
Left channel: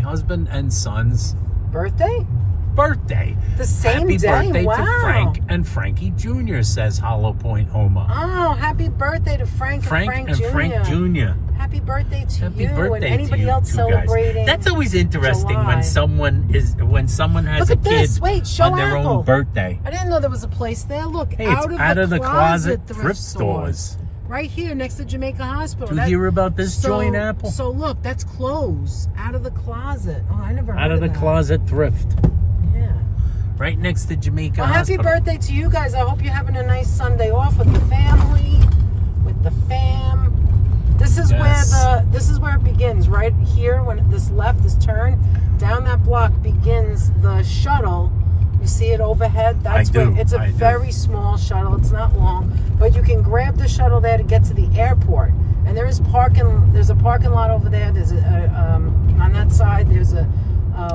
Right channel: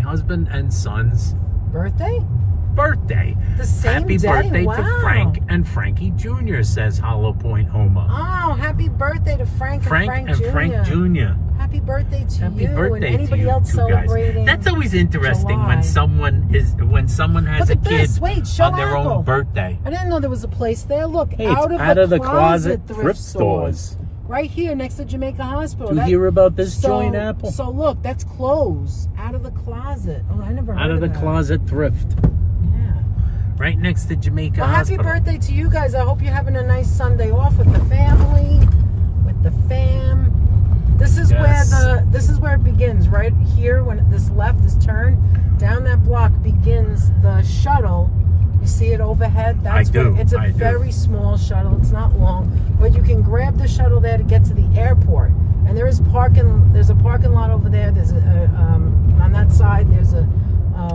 husband and son's birthday. birthday. The same Happy day. birthday Wow. to Frank and Frankie Jr., says Hollow Point Oma. Oh, happy birthday to Frank and Frank Jr. Jr. Happy birthday to Happy you birthday and anybody to you else two guys. celebrating. That's always interesting July. when someone has Look a at kid this. Wait, show on their Apple. own birthday. I didn't know there was a place there. Look, Hey, it's out of the closet thrift stores. stores. Right here next to Jamaica Hospital. Do you hear about this joint, Apple? So look, that's clothes out of the closet. Oh, I never heard Out of the that. closet thrift. Yeah. Right next to Jamaica Well, happy Hospital. birthday to you guys. I hope you're having a nice Sunday off with the family, with the fam. This is where it begins, right here when this turn down that block begins the shuttle. You see it overhead? That's I do, where it's a I do. very small shuttle. It's not long, but you can grab the shuttle there to get to the airport. And there's a parking lot over there. There's on that side there's a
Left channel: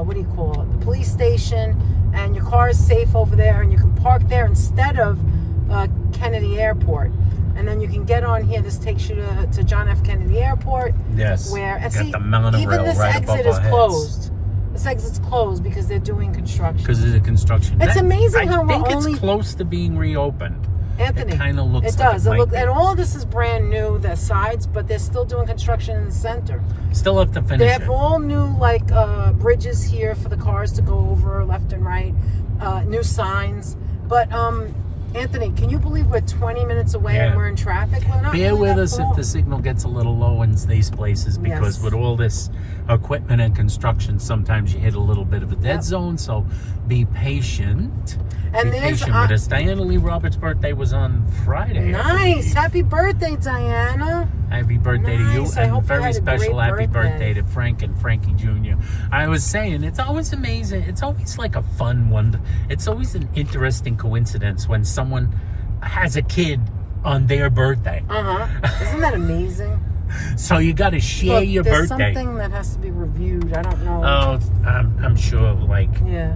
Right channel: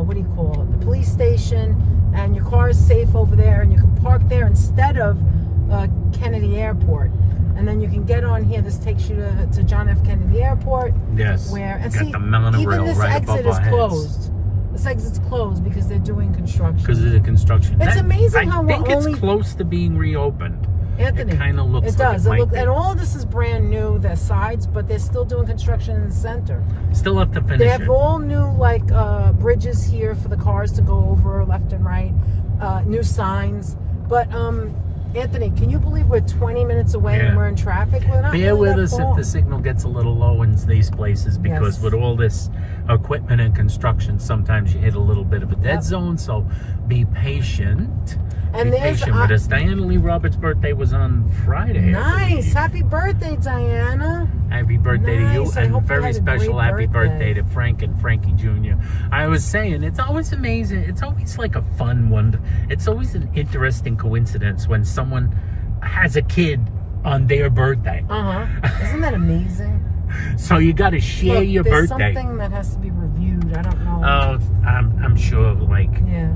what do you call it? The police station, and your car is safe over there, and you can park there instead of Kennedy Airport. And then you can get on here. This takes you to John F. Kennedy Airport. Yes. Where and Got see, the monorail even this right exit above is our heads. closed. This exit's closed because they're doing construction. Because of the construction. It's amazing how I we're think only- it's close to being reopened. Anthony, It kind of looks it like does. it might be. And all this is brand new, the sides, but they're still doing construction in the center. Still have to finish They have it. all new bridges here for the cars to go over left and right, new signs. But Anthony, can you believe we're 20 minutes away and Yeah. we're in traffic? We're not. bear really with that us if far. the signal gets a little low in these places, because Yes. with all this equipment and construction, sometimes you hit a little bit of a dead Yep. zone. So be patient. And be there's patient with us. Diana Lee Roberts' birthday was on Friday. I Nice. believe. Happy birthday, Diana. Happy birthday to you, Nice. I and hope you very had a special great happy birthday. birthday to Frank and Frankie Jr. I was saying, it's always amazing. It's always like a fun one. It's always an interesting coincidence when someone has a kid on their birthday. Isn't that amazing? So you got to share Look, your there's birthday. something that has to be reviewed. I don't know. Oh, I'm sure. Like, Yeah.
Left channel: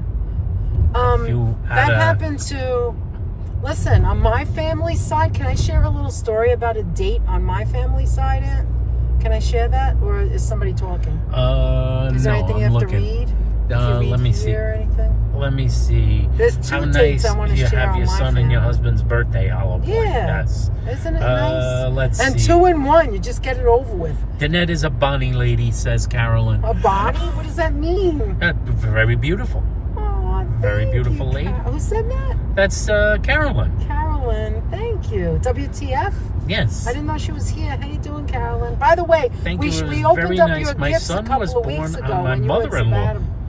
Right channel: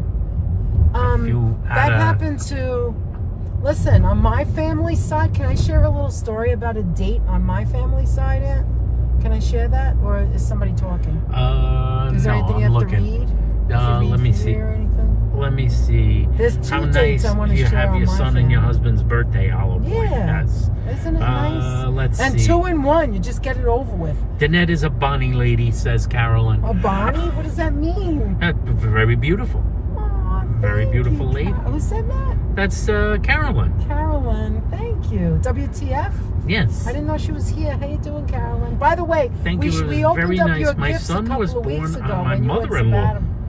you had That a- happened to. Listen, on my family side, can I share a little story about a date on my family side, Aunt? Can I share that, or is somebody talking? Is there no, anything I'm you have looking. to read? If you read Let me see. here or anything? Let me see. There's two How dates nice I wanna you share have on your my son and your family. husband's birthday hollow point. Yeah. Yes. Isn't it nice? Let's and see. 2 in 1, you just get it over with. Danette is a Bonnie lady, says Carolyn. A Bonnie? What does that mean? Very beautiful. Aw, Very thank beautiful you, lady. Who said that? That's Carolyn. Carolyn, thank you. WTF? Yes. I didn't know she was here. How you doing, Carolyn? By the way, Thank we, you. It we was opened very up nice. your My gifts son a couple was of weeks born ago on my when you went to mother-in-law.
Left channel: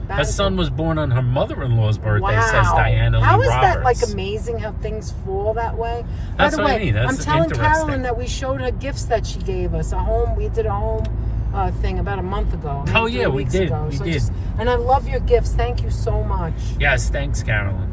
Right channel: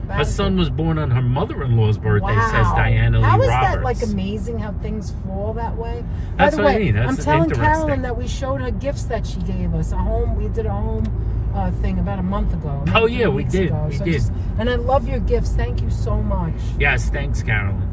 Her sabbatical. son was born on her mother-in-law's birthday, Wow. says Diana Lee How is Roberts. that like amazing how things fall that way? That's By the what I way, mean. That's I'm telling interesting. Carolyn that we showed her gifts that she gave us. We did a home thing about a month ago. Oh, maybe yeah, 3 we weeks did. ago. We So did. and I love your gifts. Thank you so much. Yes, thanks, Carolyn.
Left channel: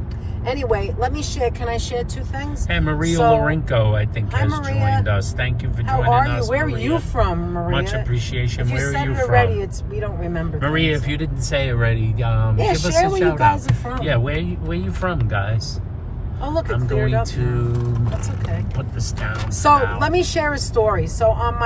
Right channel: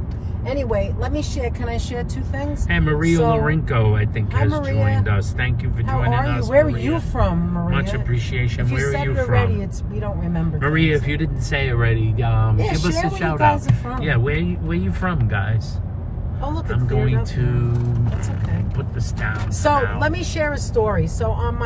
Anyway, let me share. Can I share 2 things? And Maria So- Lorenko, I think, Hi, has Maria. joined us. Thank you for How joining are us, you? Where Maria. are you from, Maria? Much appreciation. If you Where said are you it from? already, we don't remember. Maria, things. if you didn't say already, give us share a where you shout guys out. are from. Yeah, where you from, guys? Oh, look, it's I'm cleared going up. to That's okay. put this down. So now. let me share a story. So on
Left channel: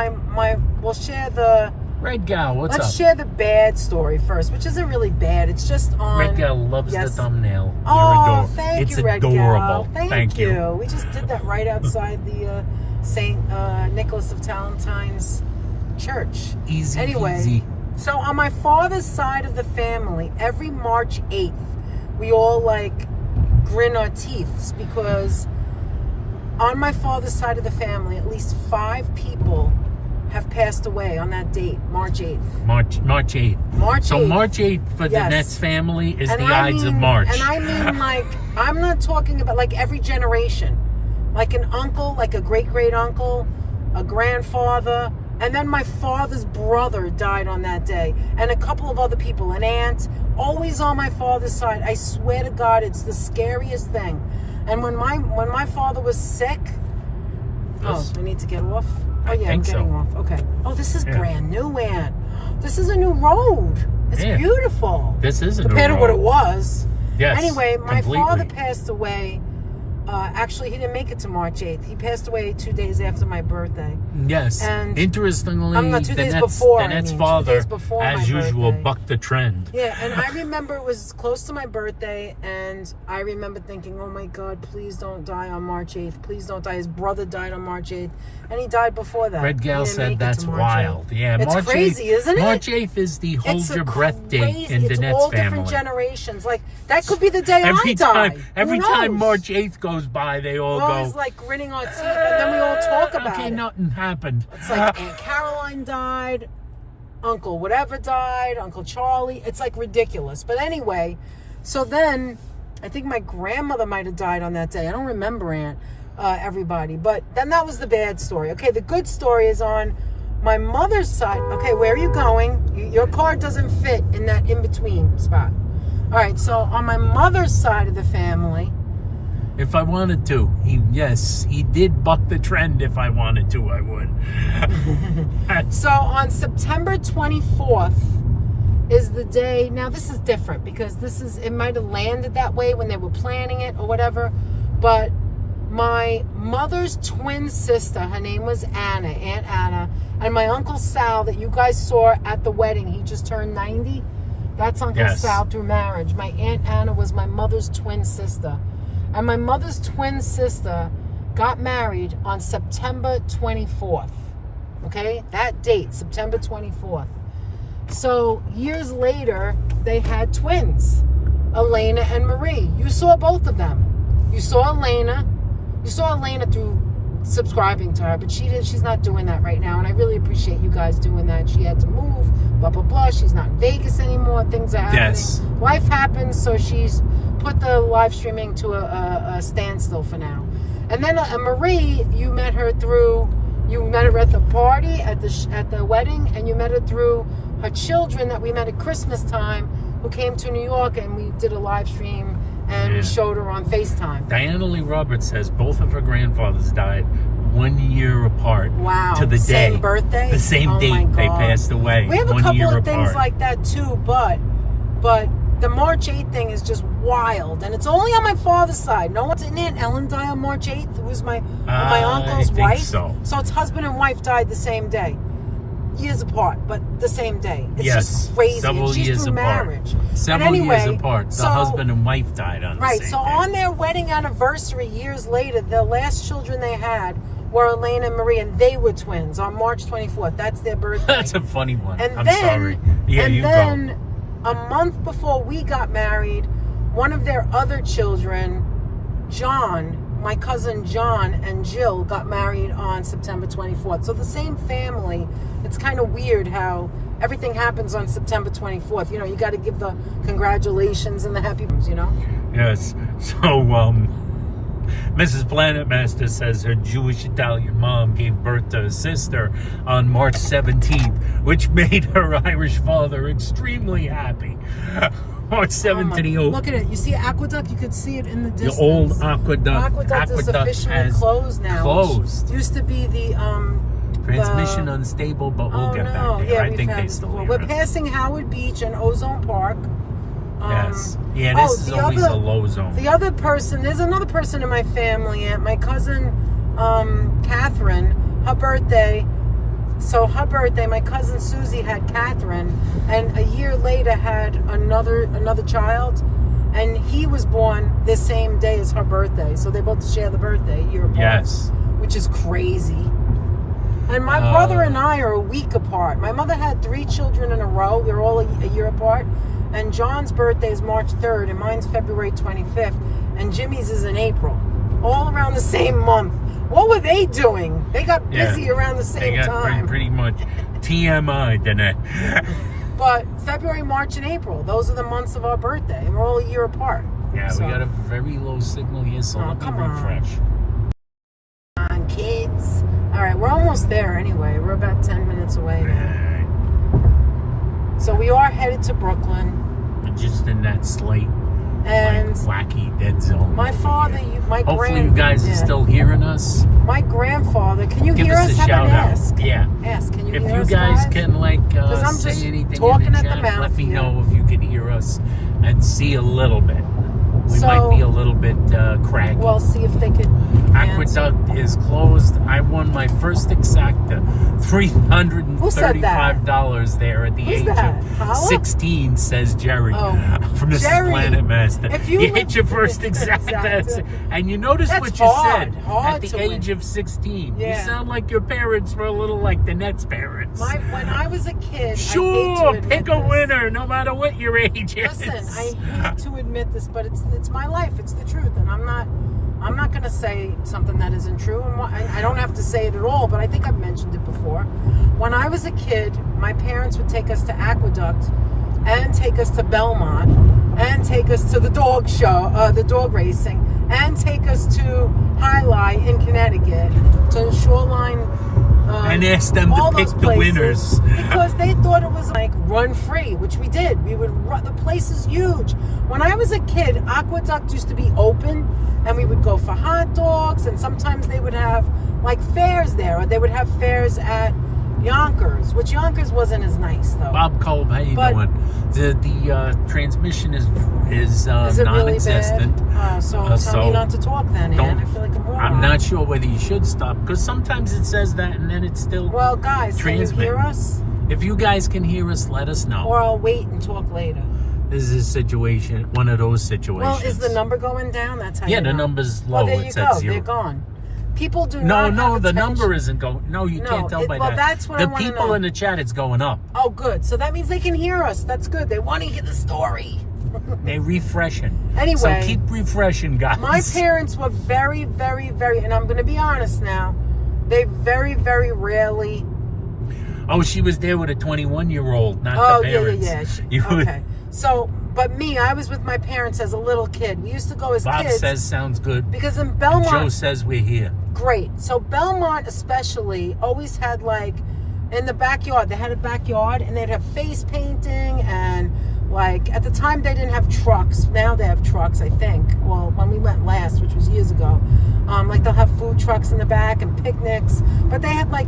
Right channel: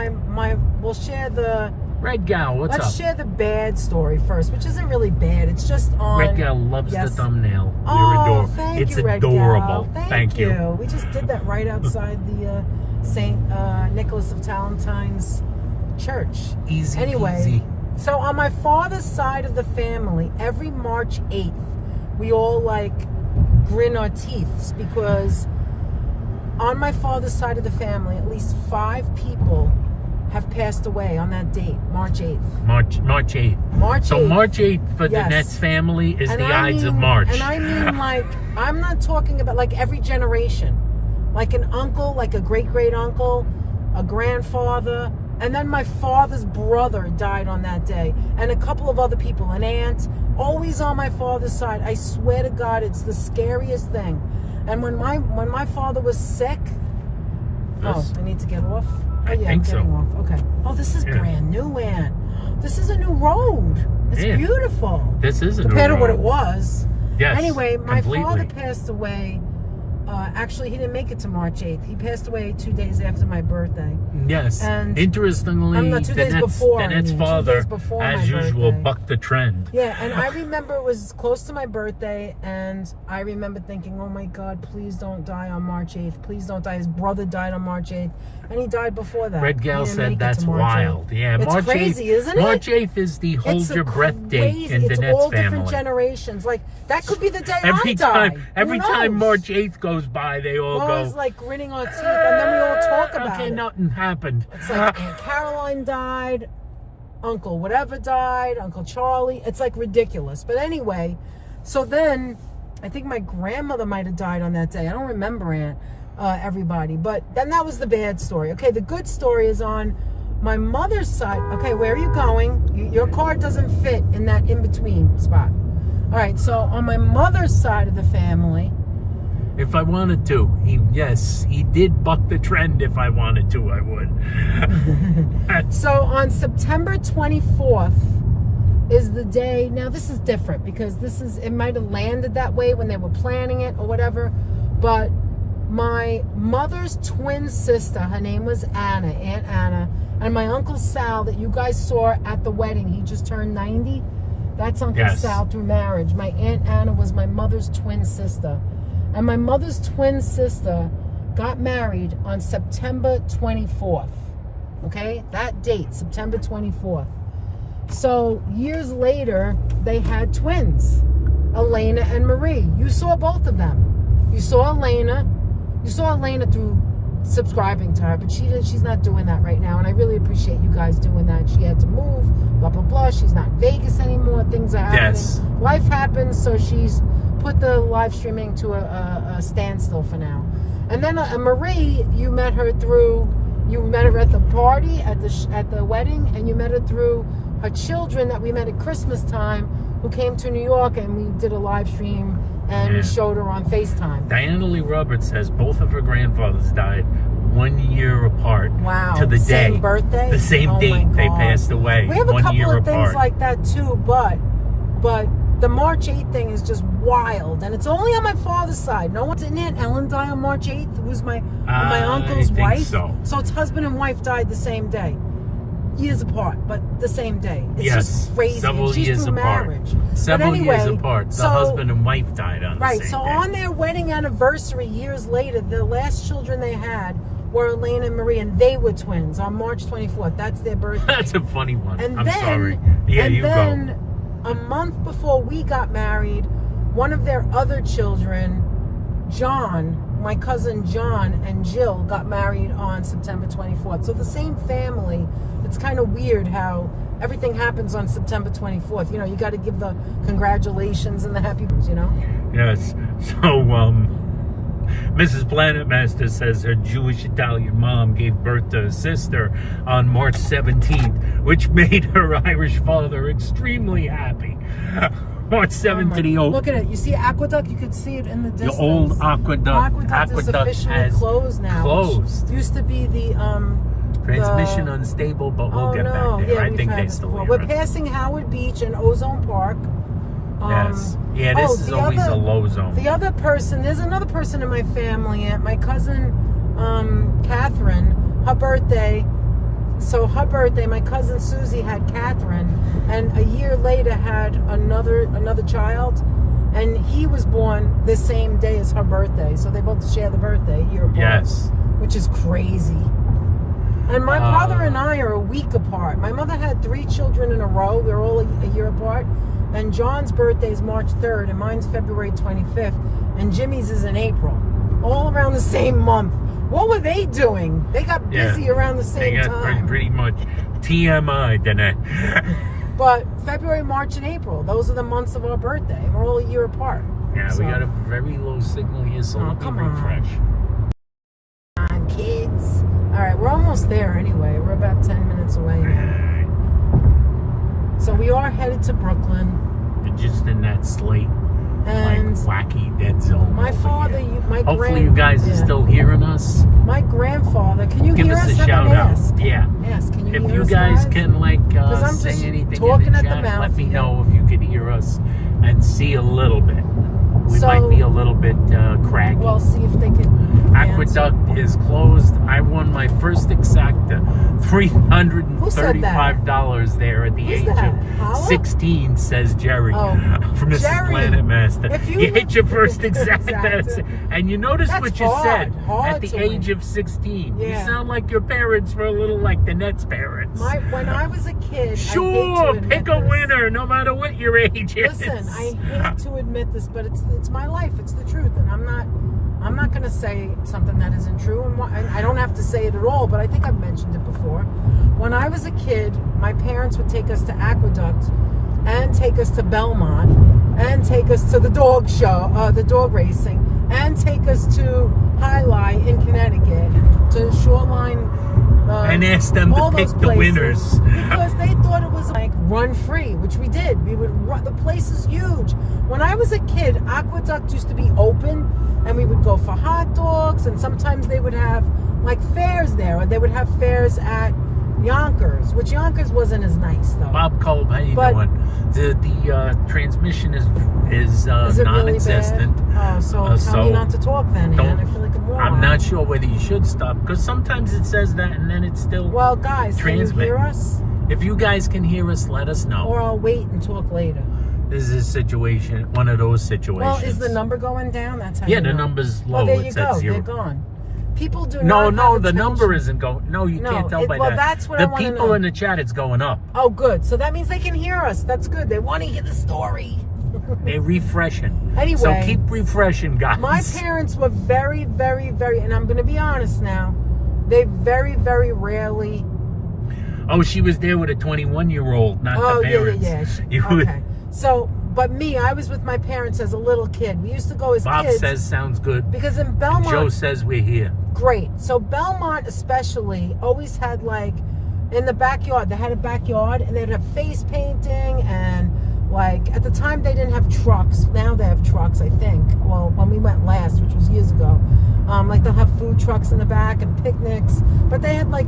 we'll share the. Red Gal, what's Let's up? share the bad story first, which isn't really bad. It's just on. Red Gal loves Yes. the thumbnail. Oh, You're adorable. thank It's you, Red adorable. Gal. Thank you. We just did that right outside the St. Nicholas of Tolentine's church. Easy Anyway, peasy. so on my father's side of the family, every March 8th, we all like grin our teeth because on my father's side of the family, at least 5 people have passed away on that date, March 8th. March 8th. March So 8th. March 8th for Yes. Danette's family is And the I Ides of mean- March. And I mean, like, I'm not talking about like every generation. Like an uncle, like a great uncle, a grandfather, and then my father's brother died on that day, and a couple of other people, an aunt, always on my father's side. I swear to God, it's the scariest thing. And when my father was sick, This? I need to get off. Oh I yeah, think I'm getting so. off. Okay. Oh, this is Yeah. brand new, Aunt. This is a new road. It's Yeah. beautiful. This is a new Depending on what it road. was. Yes, Anyway, my completely. father passed away. Actually, he didn't make it to March 8th. He passed away 2 days after my birthday. Yes. And- Interestingly, I'm not 2 days Danette's, before, I Danette's mean, 2 father, days before as my usual, birthday. bucked the trend. Yeah, and I remember it was close to my birthday, and I remember thinking, oh my God, please don't die on March 8th. Please don't die. His brother died on March 8th, and he died before that. Red Gal He didn't said make it that's to March wild. 8th. Yeah, It's March crazy, 8th, isn't it? March 8th is the hold It's your a breath date crazy- in it's Danette's all different family. generations. Like, that could be the day Every I time, die. every Who time knows? March 8th goes by, they all We're go. always like gritting our teeth, and then we all talk about okay, it. nothing happened. It's like Aunt Caroline died, Uncle whatever died, Uncle Charlie. It's like ridiculous. But anyway, so then I think my grandmother might have died on that day. I don't remember everybody. But then that was the bad story. Okay, the good story is on my mother's side. Okay, where are you going? Your car doesn't fit in that in-between spot. All right, so on my mother's side of the family, If I wanted to, he did buck the trend. If I wanted to, I would. so on September 24th is the day. Now this is different because it might have landed that way when they were planning it or whatever. But my mother's twin sister, her name was Anna, Aunt Anna, and my Uncle Sal that you guys saw at the wedding, he just turned 90. That's Uncle Yes. Sal through marriage. My Aunt Anna was my mother's twin sister. And my mother's twin sister got married on September 24th. Okay? That date, September 24th. So years later, they had twins, Elena and Marie. You saw both of them. You saw Elena through subscribing to her, but she's not doing that right now, and I really appreciate you guys doing that. She had to move, blah blah blah. She's not in Vegas anymore. Things are happening. Yes. Life happens, so she's put the live streaming to a standstill for now. And then Marie, you met her at the party at the wedding, and you met her through her children that we met at Christmas time, who came to New York, and we did a live stream. And we showed her on FaceTime. Diana Lee Roberts says both of her grandfathers died 1 year apart. Wow. To the day. Same birthday? The same date they passed away. We have a 1 couple year of things apart. like that too, but the March 8th thing is just wild. And it's only on my father's side. No one's in it. Ellen died on March 8th, who's my uncle's wife. So it's husband and wife died the same day. Years apart, but the same day. It's yes, just crazy. several She's years through apart. marriage. Several years apart. The husband and wife died on the same day. Right, so on their wedding anniversary years later, the last children they had were Elaine and Marie, and they were twins on March 24th. That's their birthday. That's a funny one. And I'm then, sorry. Yeah, and you then, go. A month before we got married, one of their other children, John, my cousin John and Jill, got married on September 24th. So the same family. It's kind of weird how everything happens on September 24th. You know, you got to give the congratulations and the happy, you know? Yes. So, Mrs. Planet Master says her Jewish Italian mom gave birth to a sister on March 17th, which made her Irish father extremely happy. March 17th. Look at it. You see Aqueduct? You could see it in the distance. The old Aqueduct. Aqueduct is officially closed now. Closed. Used to be the transmission unstable, but we'll get back there. Yeah, I think they still We're passing Howard Beach and Ozone Park. Yes. Yeah, this is always a low zone. The other person, there's another person in my family, my cousin Catherine, her birthday. So her birthday, my cousin Susie had Catherine, and a year later had another child, and he was born the same day as her birthday. So they both share the birthday, a year apart. Yes. Which is crazy. And my brother and I are a week apart. My mother had 3 children in a row. They're all a year apart. And John's birthday is March 3rd, and mine's February 25th. And Jimmy's is in April. All around the same month. What were they doing? They got busy around the same time. They got pretty much TMI, didn't it? But February, March, and April, those are the months of our birthday. And we're all a year apart. Yeah, so. We got a very low signal here, so let me refresh. Come on, kids. All right, we're almost there anyway. We're about 10 minutes away now. So we are headed to Brooklyn. We're just in that slate, and wacky dead zone. My father, hopefully you guys are still hearing us. My grandfather, can you give hear us us? a shout out? Ask. Yeah. Ask. Can you if hear you us, guys can say anything in the chat, let me know if you can hear us and see a little bit. We might be a little bit craggy. We'll see if they can. Aqueduct is closed. I won my first exacta, $335 there at the age of 16, says Jerry from Mrs. Planet Master. You hit your first exacta, and you notice what you said at the age of 16. You sound like your parents were a little like the Nets' parents. When I was a kid, sure, pick a winner, no matter what your age is. Listen, I hate to admit this, but it's my life. It's the truth, and I'm not going to say something that isn't true, and I don't have to say it at all, but I think I've mentioned it before. When I was a kid, my parents would take us to Aqueduct and take us to Belmont and take us to the dog show, the dog racing, and take us to Highlight in Connecticut, to Shoreline, and ask them to pick the winners. Because they thought it was like run free, which we did. We would run, the place is huge. When I was a kid, Aqueduct used to be open, and we would go for hot dogs, and sometimes they would have like fairs there, or they would have fairs at Yonkers, which Yonkers wasn't as nice though. Bob Kolb, how you doing? The transmission is non-existent. Really bad? So tell me not to talk then, Ann. I feel like a moron. I'm not sure whether you should stop, because sometimes it says that and then it's still guys, can you hear us? If you guys can hear us, let us know. Or I'll wait and talk later. This is a situation, one of those situations. Well, is the number going down? That's how the number's low. Well, there it's you at go. 0. They're gone. People do no, not the number isn't going. No, you can't tell by that. That's what the I want to know. people in the chat, it's going up. Oh, good. So that means they can hear us. That's good. They want to hear the story. They're refreshing. Anyway, so keep refreshing, guys. My parents were very, very, very, and I'm going to be honest now, they very, very rarely. Oh, she was there with a 21-year-old, not the parents. Yeah. Okay. So, but me, I was with my parents as a little kid. We used to go as Bob kids. says sounds good. Because in Belmont. And Joe says we're here. Great. So Belmont especially always had like, in the backyard, they had a backyard and they'd have face painting and like, at the time they didn't have trucks. Now they have trucks, I think. Well, when we went last, which was years ago. Like they'll have food trucks in the back and picnics, but they had like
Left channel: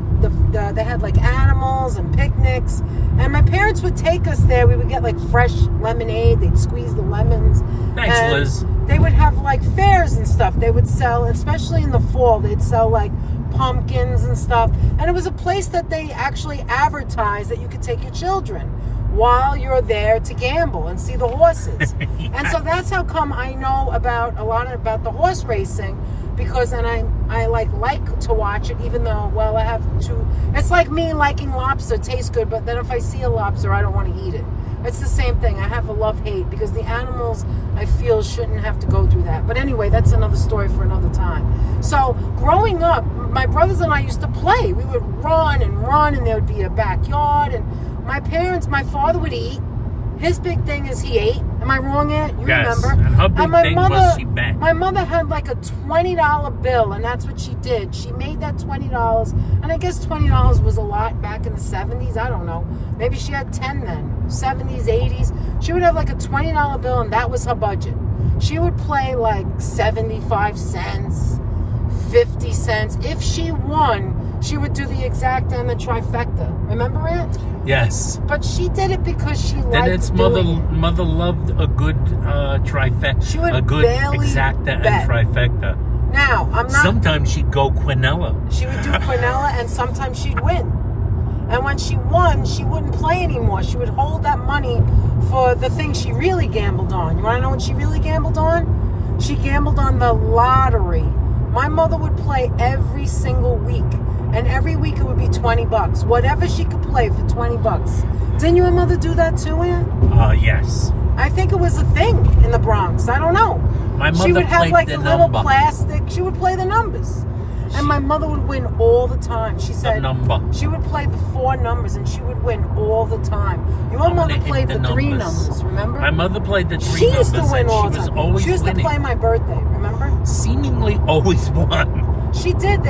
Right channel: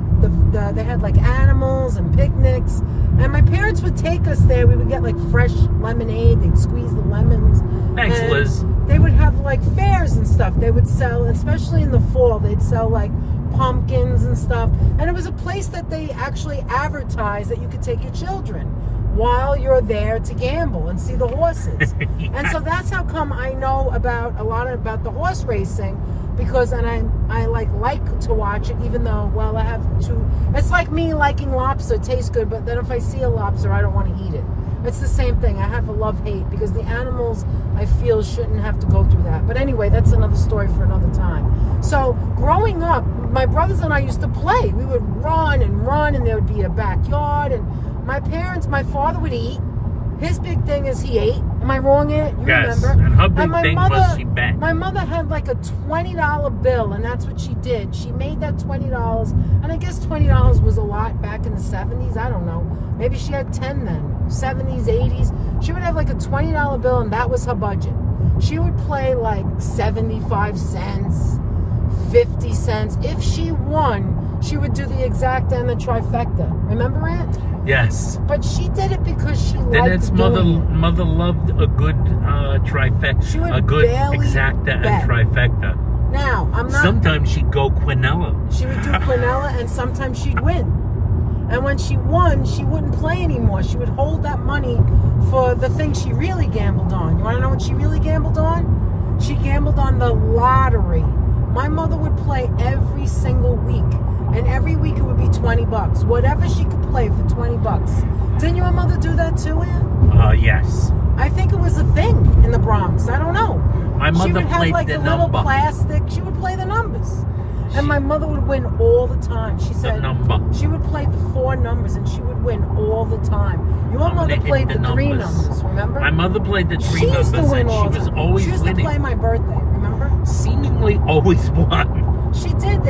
they had like animals and picnics, and my parents would take us there. We would get like fresh lemonade. They'd squeeze the lemons. Thanks, and Liz. They would have like fairs and stuff. They would sell, especially in the fall, they'd sell like pumpkins and stuff. And it was a place that they actually advertised that you could take your children while you're there to gamble and see the horses. Yeah. And so that's how come I know about a lot about the horse racing, because I like to watch it, even though, well, I have to. It's like me liking lobster. It tastes good, but then if I see a lobster, I don't want to eat it. It's the same thing. I have a love-hate because the animals, I feel, shouldn't have to go through that. But anyway, that's another story for another time. So growing up, my brothers and I used to play. We would run, and there would be a backyard, and my father would eat. His big thing is he ate. Am I wrong, Aunt? You yes, remember? and her big thing was she bet. My mother had like a $20 bill, and that's what she did. She made that $20, and I guess $20 was a lot back in the 70s. I don't know. Maybe she had 10 then. 70s, 80s. She would have like a $20 bill, and that was her budget. She would play like 75 cents, 50 cents. If she won, she would do the exact and the trifecta. Remember it? Yes. But she did it because she liked Then it's mother loved a good trifecta, a good exacta bet. and trifecta. Now, I'm not. Sometimes she'd go quinella. She would do quinella, and sometimes she'd win. And when she won, she wouldn't play anymore. She would hold that money for the thing she really gambled on. You want to know what she really gambled on? She gambled on the lottery. My mother would play every single week. And every week it would be $20. Whatever she could play for $20. Didn't your mother do that too, Ann? Yes. I think it was a thing in the Bronx. I don't know. My mother she would have played like the a little number. plastic. She would play the numbers. And my mother would win all the time. She said the number. She would play the 4 numbers and she would win all the time. Your mother played the 3 numbers, remember? My mother played the 3 she numbers, used to win and all she the was time. always She used winning. to play my birthday, remember? Seemingly always won. She did.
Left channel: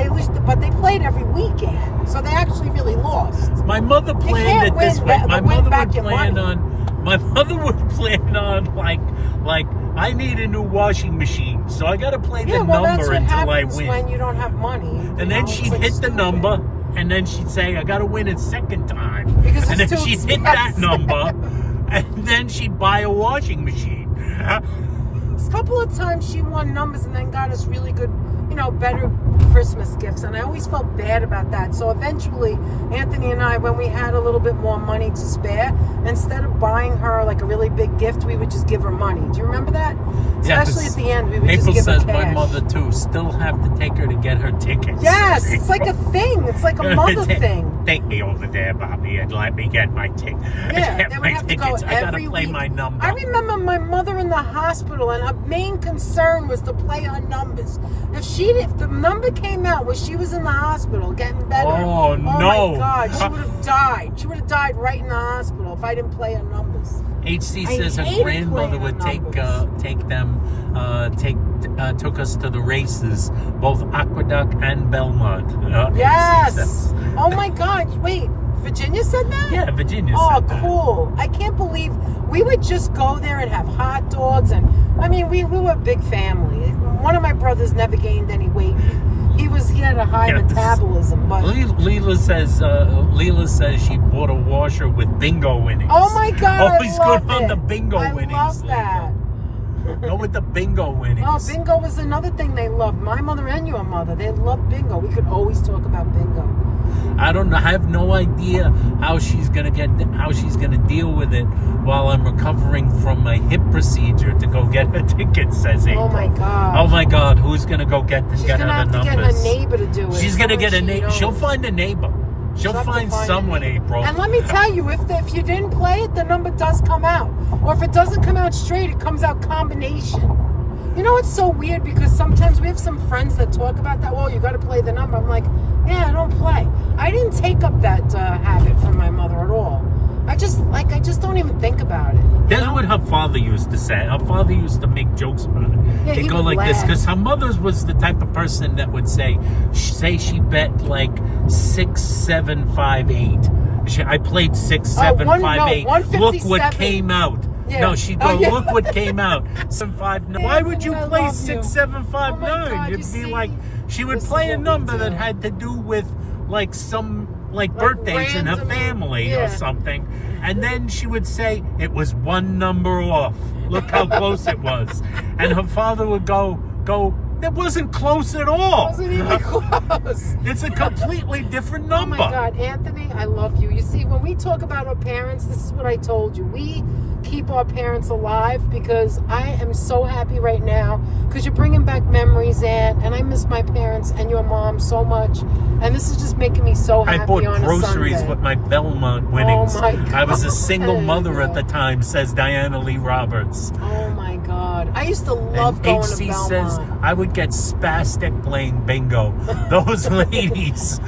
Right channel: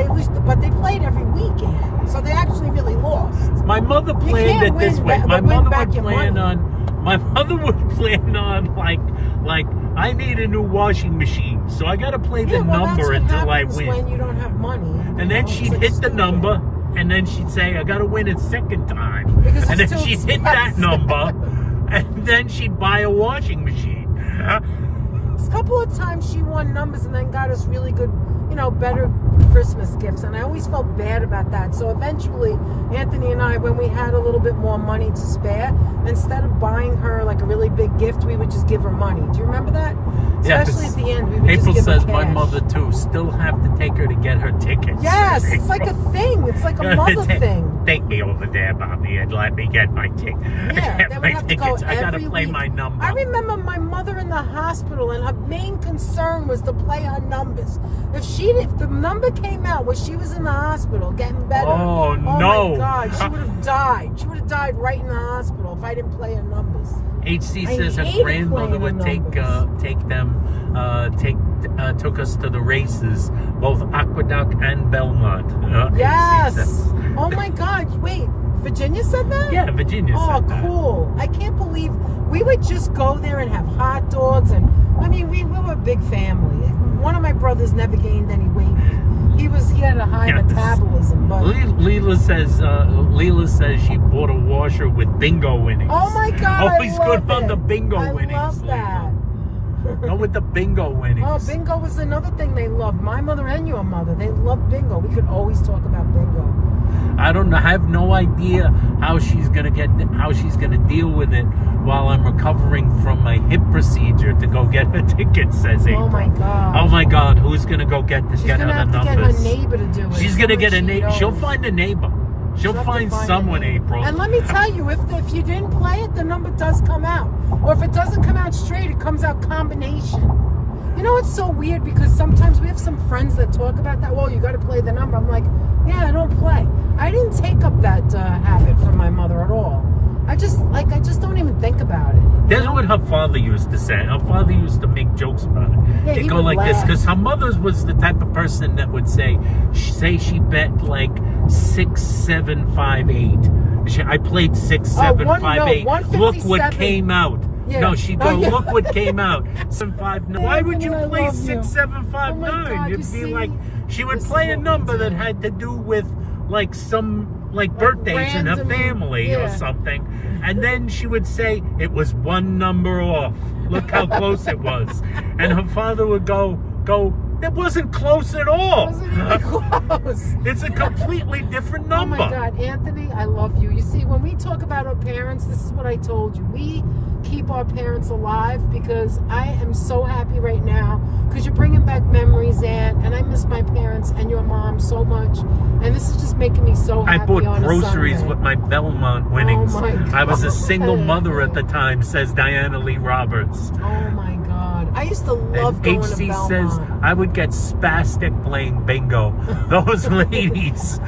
But they played every weekend, so they actually really lost. My mother planned it this way. My mother would plan on. My mother would plan on like I need a new washing machine, so I got to play the number until I win. When you don't have money, and then she'd hit the number, and then she'd say, "I got to win a second time," Because and it's then too she'd hit that expensive. number, and then she'd buy a washing machine. A couple of times she won numbers and then got us really good, better Christmas gifts, and I always felt bad about that. So eventually, Anthony and I, when we had a little bit more money to spare, instead of buying her like a really big gift, we would just give her money. Do you remember that? Especially at the end, we would April just give says her my cash. mother too. Still have to take her to get her tickets. Yes, it's like a thing. It's like a mother thing. Take me over there, Bobby, and let me get my ticket. Yeah, Get they would my have to go tickets. I gotta every play week. my number. I remember my mother in the hospital, and her main concern was to play her numbers. If the number came out when she was in the hospital getting better, Oh, no. my God, she would have died. She would have died right in the hospital if I didn't play her numbers. HC I says her hated grandmother playing would the took us to the races, both Aqueduct and Belmont. HC Yes. says. Oh my God. Wait, Virginia said that? Yeah, Virginia Oh, said that. cool. I can't believe we would just go there and have hot dogs. And I mean, we were a big family. One of my brothers never gained any weight. He had a high Yes. metabolism. But Leela says she bought a washer with bingo winnings. oh my God, Always I love good on it. the bingo I winnings. love that. Go with the bingo winnings. Oh, bingo was another thing they loved. My mother and your mother, they loved bingo. We could always talk about bingo. I don't know. I have no idea how she's gonna deal with it while I'm recovering from my hip procedure to go get her ticket. Says April. Oh my God. Oh my God. Who's gonna go get She's get gonna her have the to numbers? get her neighbor to do it. She's gonna Someone get a she neighbor. knows. She'll find a neighbor. She'll have to find find someone, it. April. And let me tell you, if you didn't play it, the number does come out. Or if it doesn't come out straight, it comes out combination. You know, it's so weird because sometimes we have some friends that talk about that. Well, you got to play the number. I'm like, yeah, I don't play. I didn't take up that habit from my mother at all. I just don't even think about it. That's what her father used to say. Her father used to make jokes about it. Yeah, He'd he go would like this, laugh. because her mother was the type of person that would say she bet like 6, 7, 5, 8. I played 6, 7, 5, 8. Look what 157. came out. Yeah. No, she'd go, yeah. look what came out. 7, 5, 9. Why would you I play love 6, you. 7, 5, Oh my 9? God, You'd you be see? like, she would This is play a what we number that do. had to do with like some birthdays in her random- family or yeah. something. And then she would say it was one number off. Look how close it was. And her father would go, that wasn't close at all. It wasn't even close. It's a completely different Oh number. my God, Anthony, I love you. You see, when we talk about our parents, this is what I told you. We keep our parents alive because I am so happy right now because you're bringing back memories, Aunt, and I miss my parents and your mom so much. And this is just making me so happy. I bought on a groceries Sunday. with my Belmont winnings. Oh my God. I was a single mother at the time, says Diana Lee Roberts. Oh my God. I used to love And going HC to says Belmont. I would get spastic playing bingo. Those ladies.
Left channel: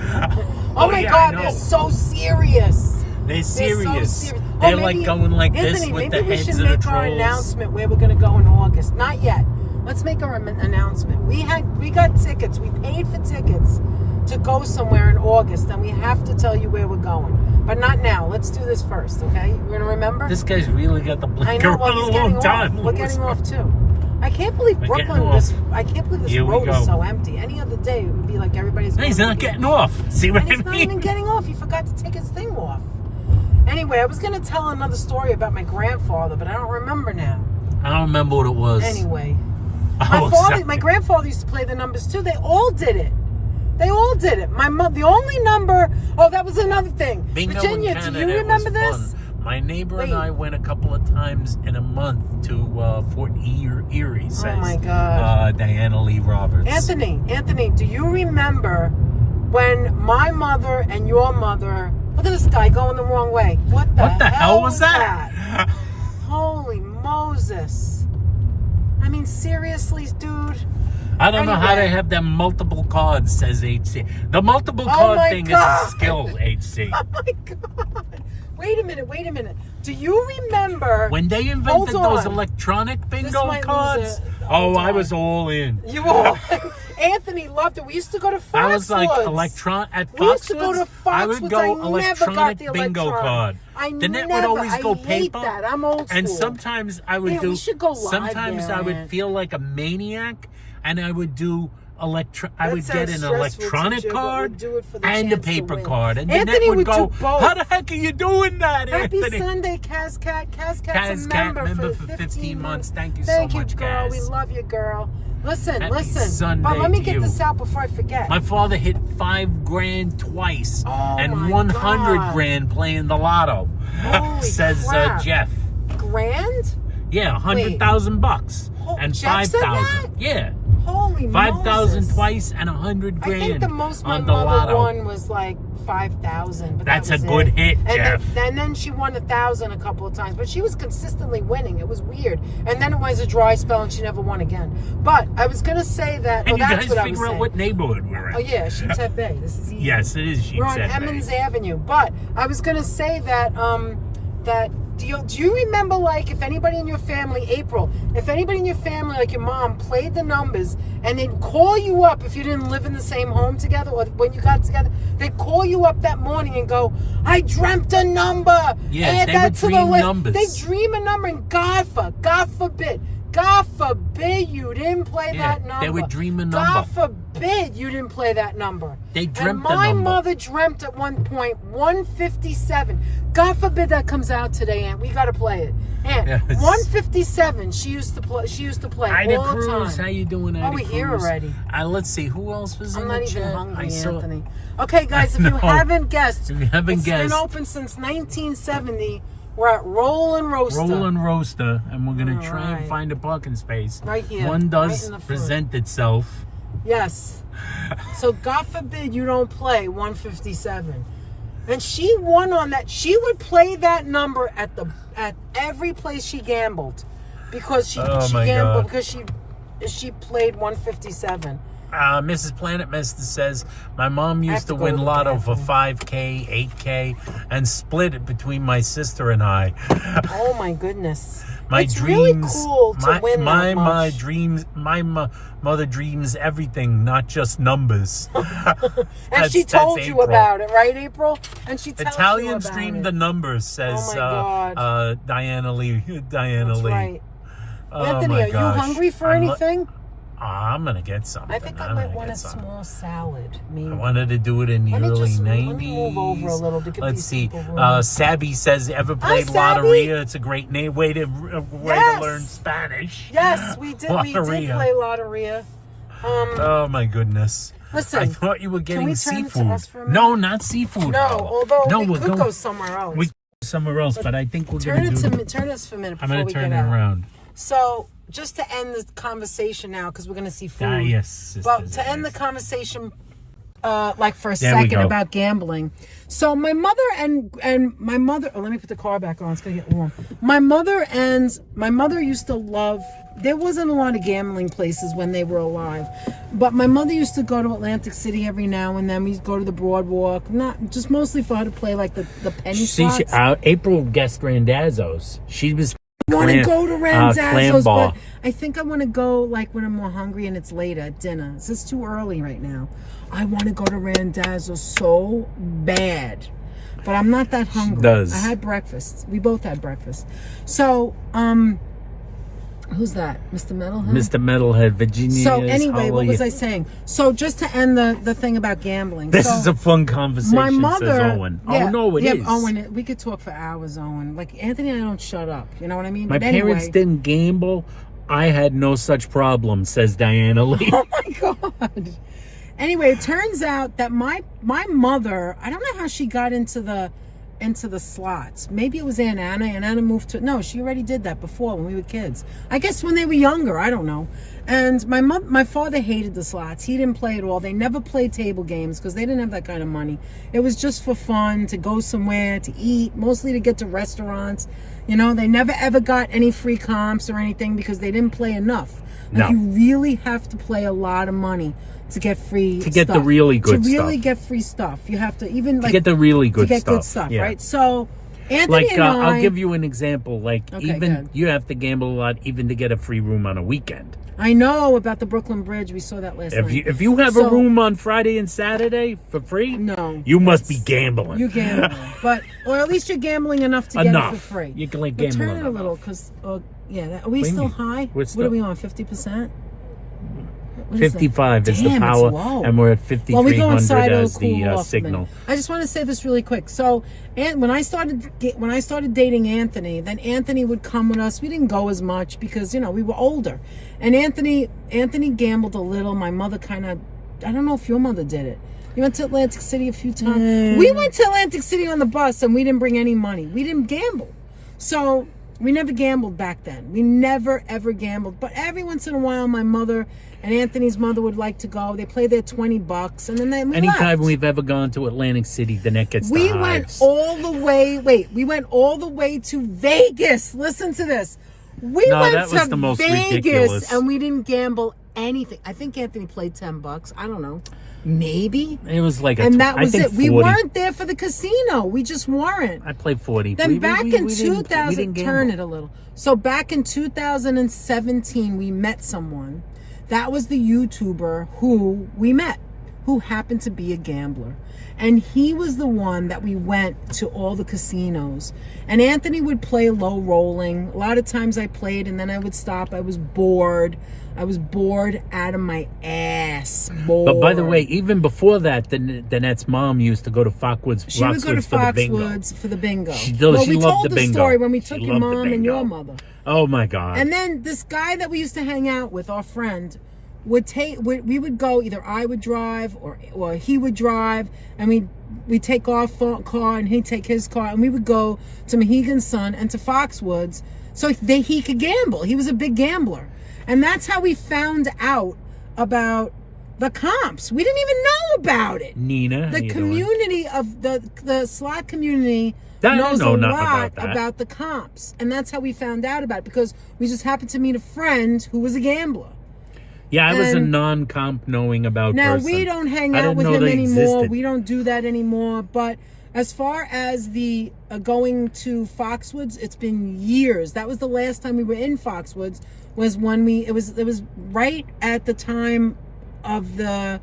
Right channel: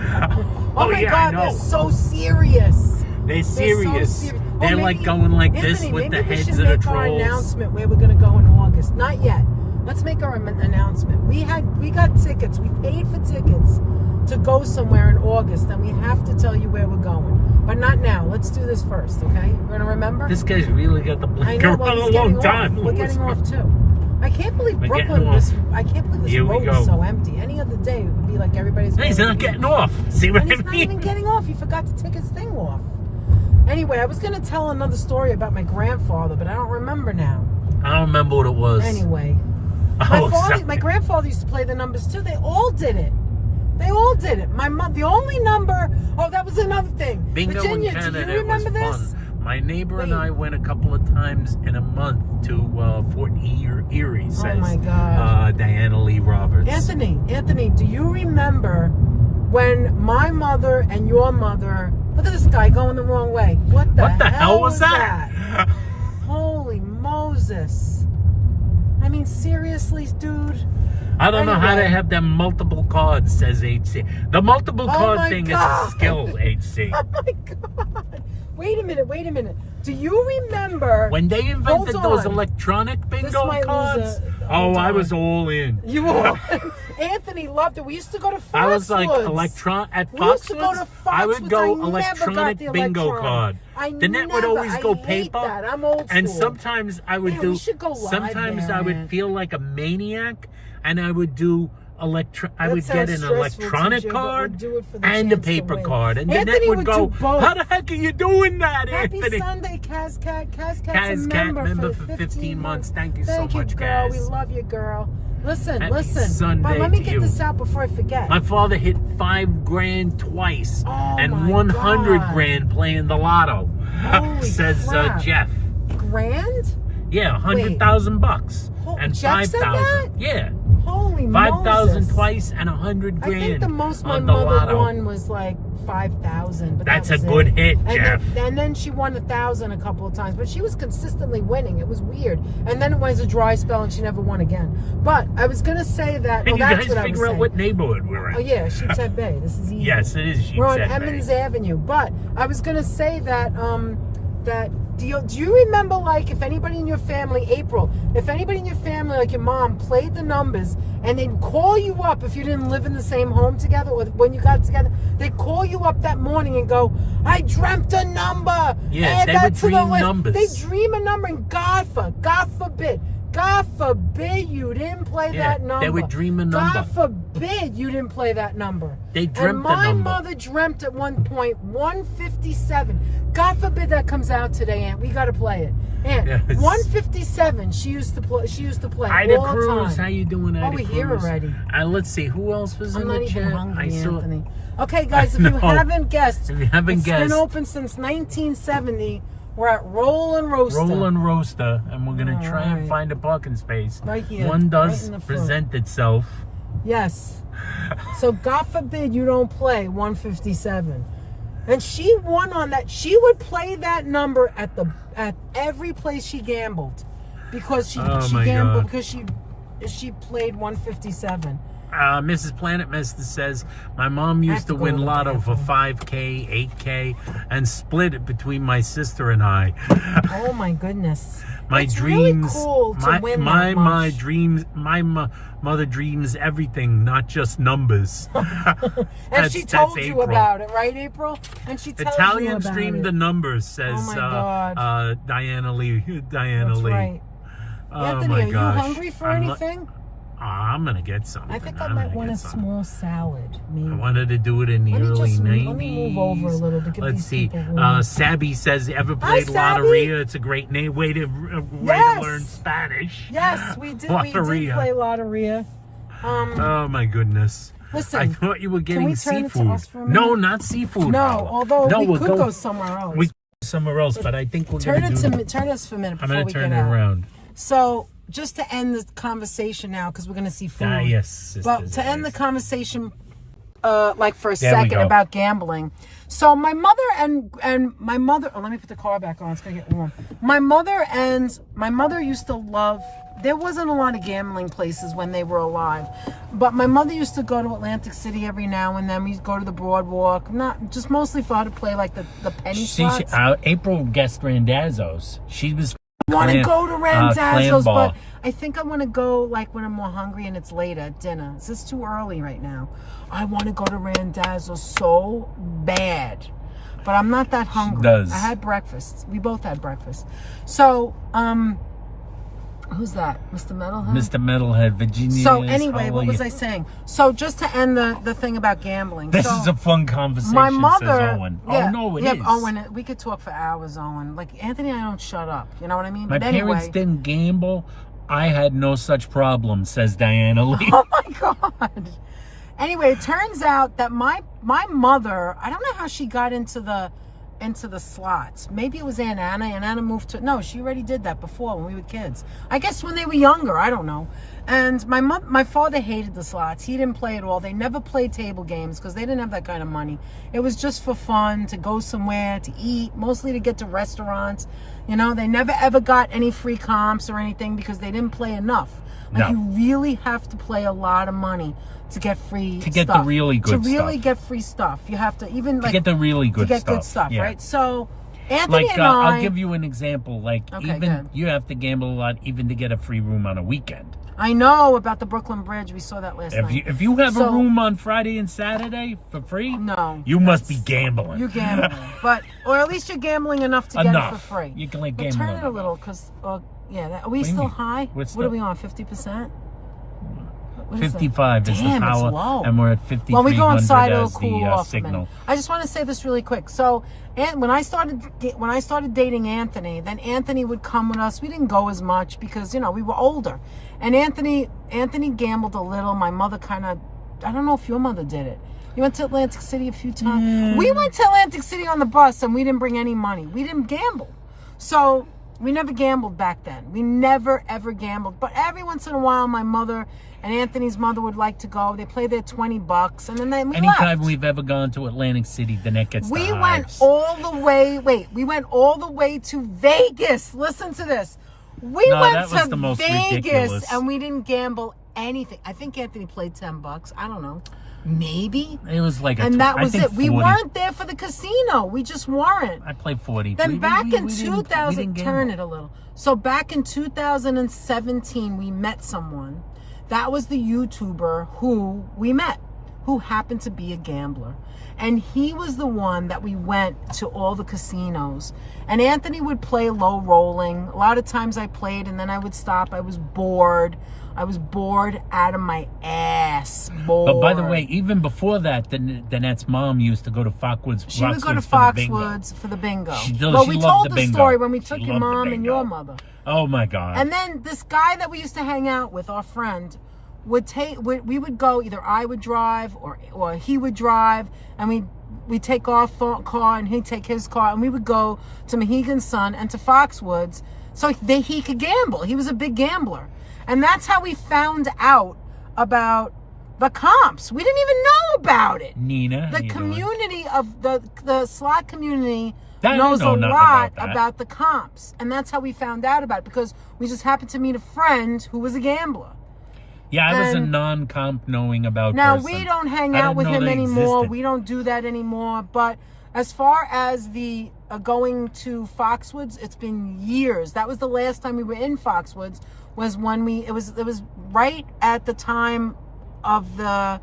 Oh my yeah, God, I they're know. so serious. They're So serious. serious. They're Well, like maybe- going like Anthony, this with the maybe we heads should of the make our trolls. announcement where we're going to go in August. Not yet. Let's make our announcement. We got tickets. We paid for tickets to go somewhere in August, and we have to tell you where we're going. But not now. Let's do this first, okay? We're going to remember? This guy's really got the I blink know. around Well, a he's long getting time. off. We're getting off too. I can't believe We're getting Brooklyn. off. I can't believe this Here we road go. is so empty. Any other day, it would be like everybody's. He's going not to- getting off. See what And I he's not even mean? getting off. He forgot to take his thing off. Anyway, I was going to tell another story about my grandfather, but I don't remember now. I don't remember what it was. Anyway, Oh, my grandfather used to play the numbers too. They all did it. They all did it. My mom, the only number. Oh, that was another thing. Bingo Virginia, in Canada, do you remember it was this? fun. My neighbor and Wait. I went a couple of times in a month to Fort Erie, says Oh my God. Diana Lee Roberts. Anthony, do you remember when my mother and your mother? Look at this guy going the wrong way. What the hell was that? Holy Moses! I mean, seriously, dude. I don't know how Anyway. they have them multiple cards, says HC. The multiple card my thing God. is a skill, HC. Oh my God! Wait a minute. Do you remember When they invented Hold those on. electronic bingo might lose cards, it. oh, Hold I on. was all in. you all? Anthony loved it. We used to go to Foxwoods. I was like at We used to go Foxwoods. to I would Foxwoods. go I never got electronic the bingo electronic. card. I The net would never- always I go hate paper. that. I'm old And school. sometimes I would Man, do. we should go live Sometimes there, I would man. feel like a maniac, and I would do I That would get sounds an stressful, electronic TJ, but card we'd do it for the and a chance to paper win. card, and the Anthony net would would go. do both. How the heck are you doing that, Happy Anthony? Sunday, Kaz Cat. Kaz Cat's Kaz a Cat member member for for 15 months. Thank you so Thank much, you, girl. Kaz. We love you, girl. Listen. Happy But Sunday let me to get you. this out before I forget. My father hit $5,000 twice Oh and my 100 God. grand playing the lotto. Holy Says crap. Jeff. Grand? Yeah, $100,000 Oh, and Jeff said 5,000. that? Yeah, Holy 5,000 Moses. twice and 100 I think grand the most my on the mother lotto. won was like 5,000. But That's that was a good it. hit, and Jeff. Then she won 1,000 a couple of times, but she was consistently winning. It was weird. And then it was a dry spell, and she never won again. But I was gonna say that. And Oh, you that's guys what I was figure out saying. what neighborhood we're in. Oh yeah, Sheepshead Bay. This is easy. Yes, it is We're on Sheepshead Bay. Emmons Avenue. But I was gonna say that that do you remember, like, if anybody in your family, April, if anybody in your family, like your mom, played the numbers and they'd call you up if you didn't live in the same home together or when you got together, they'd call you up that morning and go, I dreamt a number. Yeah, Add they that would to the dream list." numbers. They dream a number, and God forbid you didn't play Yeah, that number. they would dream a number. God forbid you didn't play that number. They dreamt and the my number. mother dreamt at one point 157. God forbid that comes out today, Aunt. We got to play it. Aunt, Yes. 157. She used to play Ida all the Cruz, time. how you doing, Ida Oh, we're Cruz? here already. Let's see, who else was I'm in not the even chat? hungry, I saw. Anthony. Okay, guys, if No. you haven't guessed, If you haven't it's guessed. been open since 1970. We're at Roll and Roaster. Roll and Roaster, and we're gonna try and Alright. find a parking space. Right here, One right does in the front. present itself. Yes. So God forbid you don't play 157. And she won on that. She would play that number at every place she gambled because she gambled because she played 157. Mrs. Planet Mister says, my mom used to win lotto for 5K, 8K, and split it between my sister and I. Oh my goodness. My it's dreams, really cool to win that much. my mother dreams everything, not just numbers. And she told you about it, right, April? And she tells Italian you about stream it. the numbers, says Diana Lee. That's right. Oh Anthony, my are gosh. you hungry for anything? I'm gonna get something. I think I might want a small salad. Maybe. I wanted to do it in the early 90s. Let me move over a little to give Let's these see. people room. Sabby says, ever played Sabby. Lotteria? It's a great way to learn Spanish. Yes, we did. We did play Lotteria. Oh my goodness. Listen, I thought you were getting can we turn it to seafood. us for a minute? No, not seafood. No, Paula. although we we'll could go somewhere else. We could go somewhere else, but I think we're turn going to do turn us for a minute I'm before going we to turn get it out. around. So, just to end the conversation now, because we're going to see food. Yes, sisters, but to end the conversation, like for a There we second go. about gambling. So my mother and my mother. Oh, let me put the car back on. It's gonna get warm. My mother used to love. There wasn't a lot of gambling places when they were alive, but my mother used to go to Atlantic City every now and then. We'd go to the Boardwalk, not just mostly for her to play like the penny slots. April guessed Randazzo's. She was. I want to go to Randazzo's, bar. but I think I want to go like when I'm more hungry and it's late at dinner. Is this too early right now? I want to go to Randazzo's so bad, but I'm not that hungry. I had breakfast. We both had breakfast. So, who's that? Mr. Metalhead? Mr. Metalhead, Virginia. So anyway, what was I saying? So just to end the thing about gambling. This is a fun conversation, my mother, says Owen. Yeah, oh, no, it is. Owen, we could talk for hours, Owen. Like, Anthony and I don't shut up. You know what I mean? My but parents anyway, didn't gamble. I had no such problem, says Diana Lee. Oh, my God. Anyway, it turns out that my mother, I don't know how she got into the slots. Maybe it was Aunt Anna. Aunt Anna moved to... No, she already did that before when we were kids. I guess when they were younger. I don't know. And my father hated the slots. He didn't play at all. They never played table games because they didn't have that kind of money. It was just for fun, to go somewhere, to eat, mostly to get to restaurants. You know, they never ever got any free comps or anything because they didn't play enough. Like, you really have to play a lot of money to get free stuff. To get the really good stuff. To really get free stuff. You have to even like... To get the really good stuff. stuff. To get good stuff, yeah. right? So, Anthony like, and I... I'll give you an example. Like, even you have to gamble a lot even to get a free room on a weekend. I know about the Brooklyn Bridge. We saw that last night. If you have a room on Friday and Saturday for free, no, you must be gambling. You're gambling, or at least you're gambling enough to get it for free. You can like gamble. Turn it a little, because are we still high? What are we on? 50%? 55 is the power, and we're at 5300 as the signal. I just want to say this really quick. So, when I started dating Anthony, then Anthony would come with us. We didn't go as much because we were older, and Anthony gambled a little. My mother kind of, I don't know if your mother did it. You went to Atlantic City a few times. We went to Atlantic City on the bus, and we didn't bring any money. We didn't gamble, so we never gambled back then. We never ever gambled, but every once in a while, my mother and Anthony's mother would like to go. They play their $20, and then we Anytime left. We've ever gone to Atlantic City, the neck gets We the hives. went all the way. Wait, we went all the way to Vegas. Listen to this. We went that was to the most Vegas, ridiculous. and we didn't gamble anything. I think Anthony played $10. I don't know, maybe. It was like, that was it. 40. We weren't there for the casino. We just weren't. I played 40. Then back in 2000, turn it a little. So back in 2017, we met someone. That was the YouTuber who we met, who happened to be a gambler. And he was the one that we went to all the casinos. And Anthony would play low rolling. A lot of times I played and then I would stop. I was bored. I was bored out of my ass. Bored. But by the way, even before that, Danette's mom used to go to Foxwoods. She would go to Foxwoods for the bingo. She we loved told the the bingo. story when we took your mom and your mother. Oh my God. And then this guy that we used to hang out with, our friend, we would go, either I would drive or he would drive, and we'd take our car and he'd take his car, and we would go to Mohegan Sun and to Foxwoods so he could gamble. He was a big gambler. And that's how we found out about the comps. We didn't even know about it. Nina, how The you community of the slot community doing? knows a know nothing lot about that. about the comps, and that's how we found out about it, because we just happened to meet a friend who was a gambler. Yeah, I was a and- non-comp knowing about Now person. we don't hang I out didn't with know him they anymore. existed. We don't do that anymore. But as far as the going to Foxwoods, it's been years. That was the last time we were in Foxwoods. Was when it was right at the time of the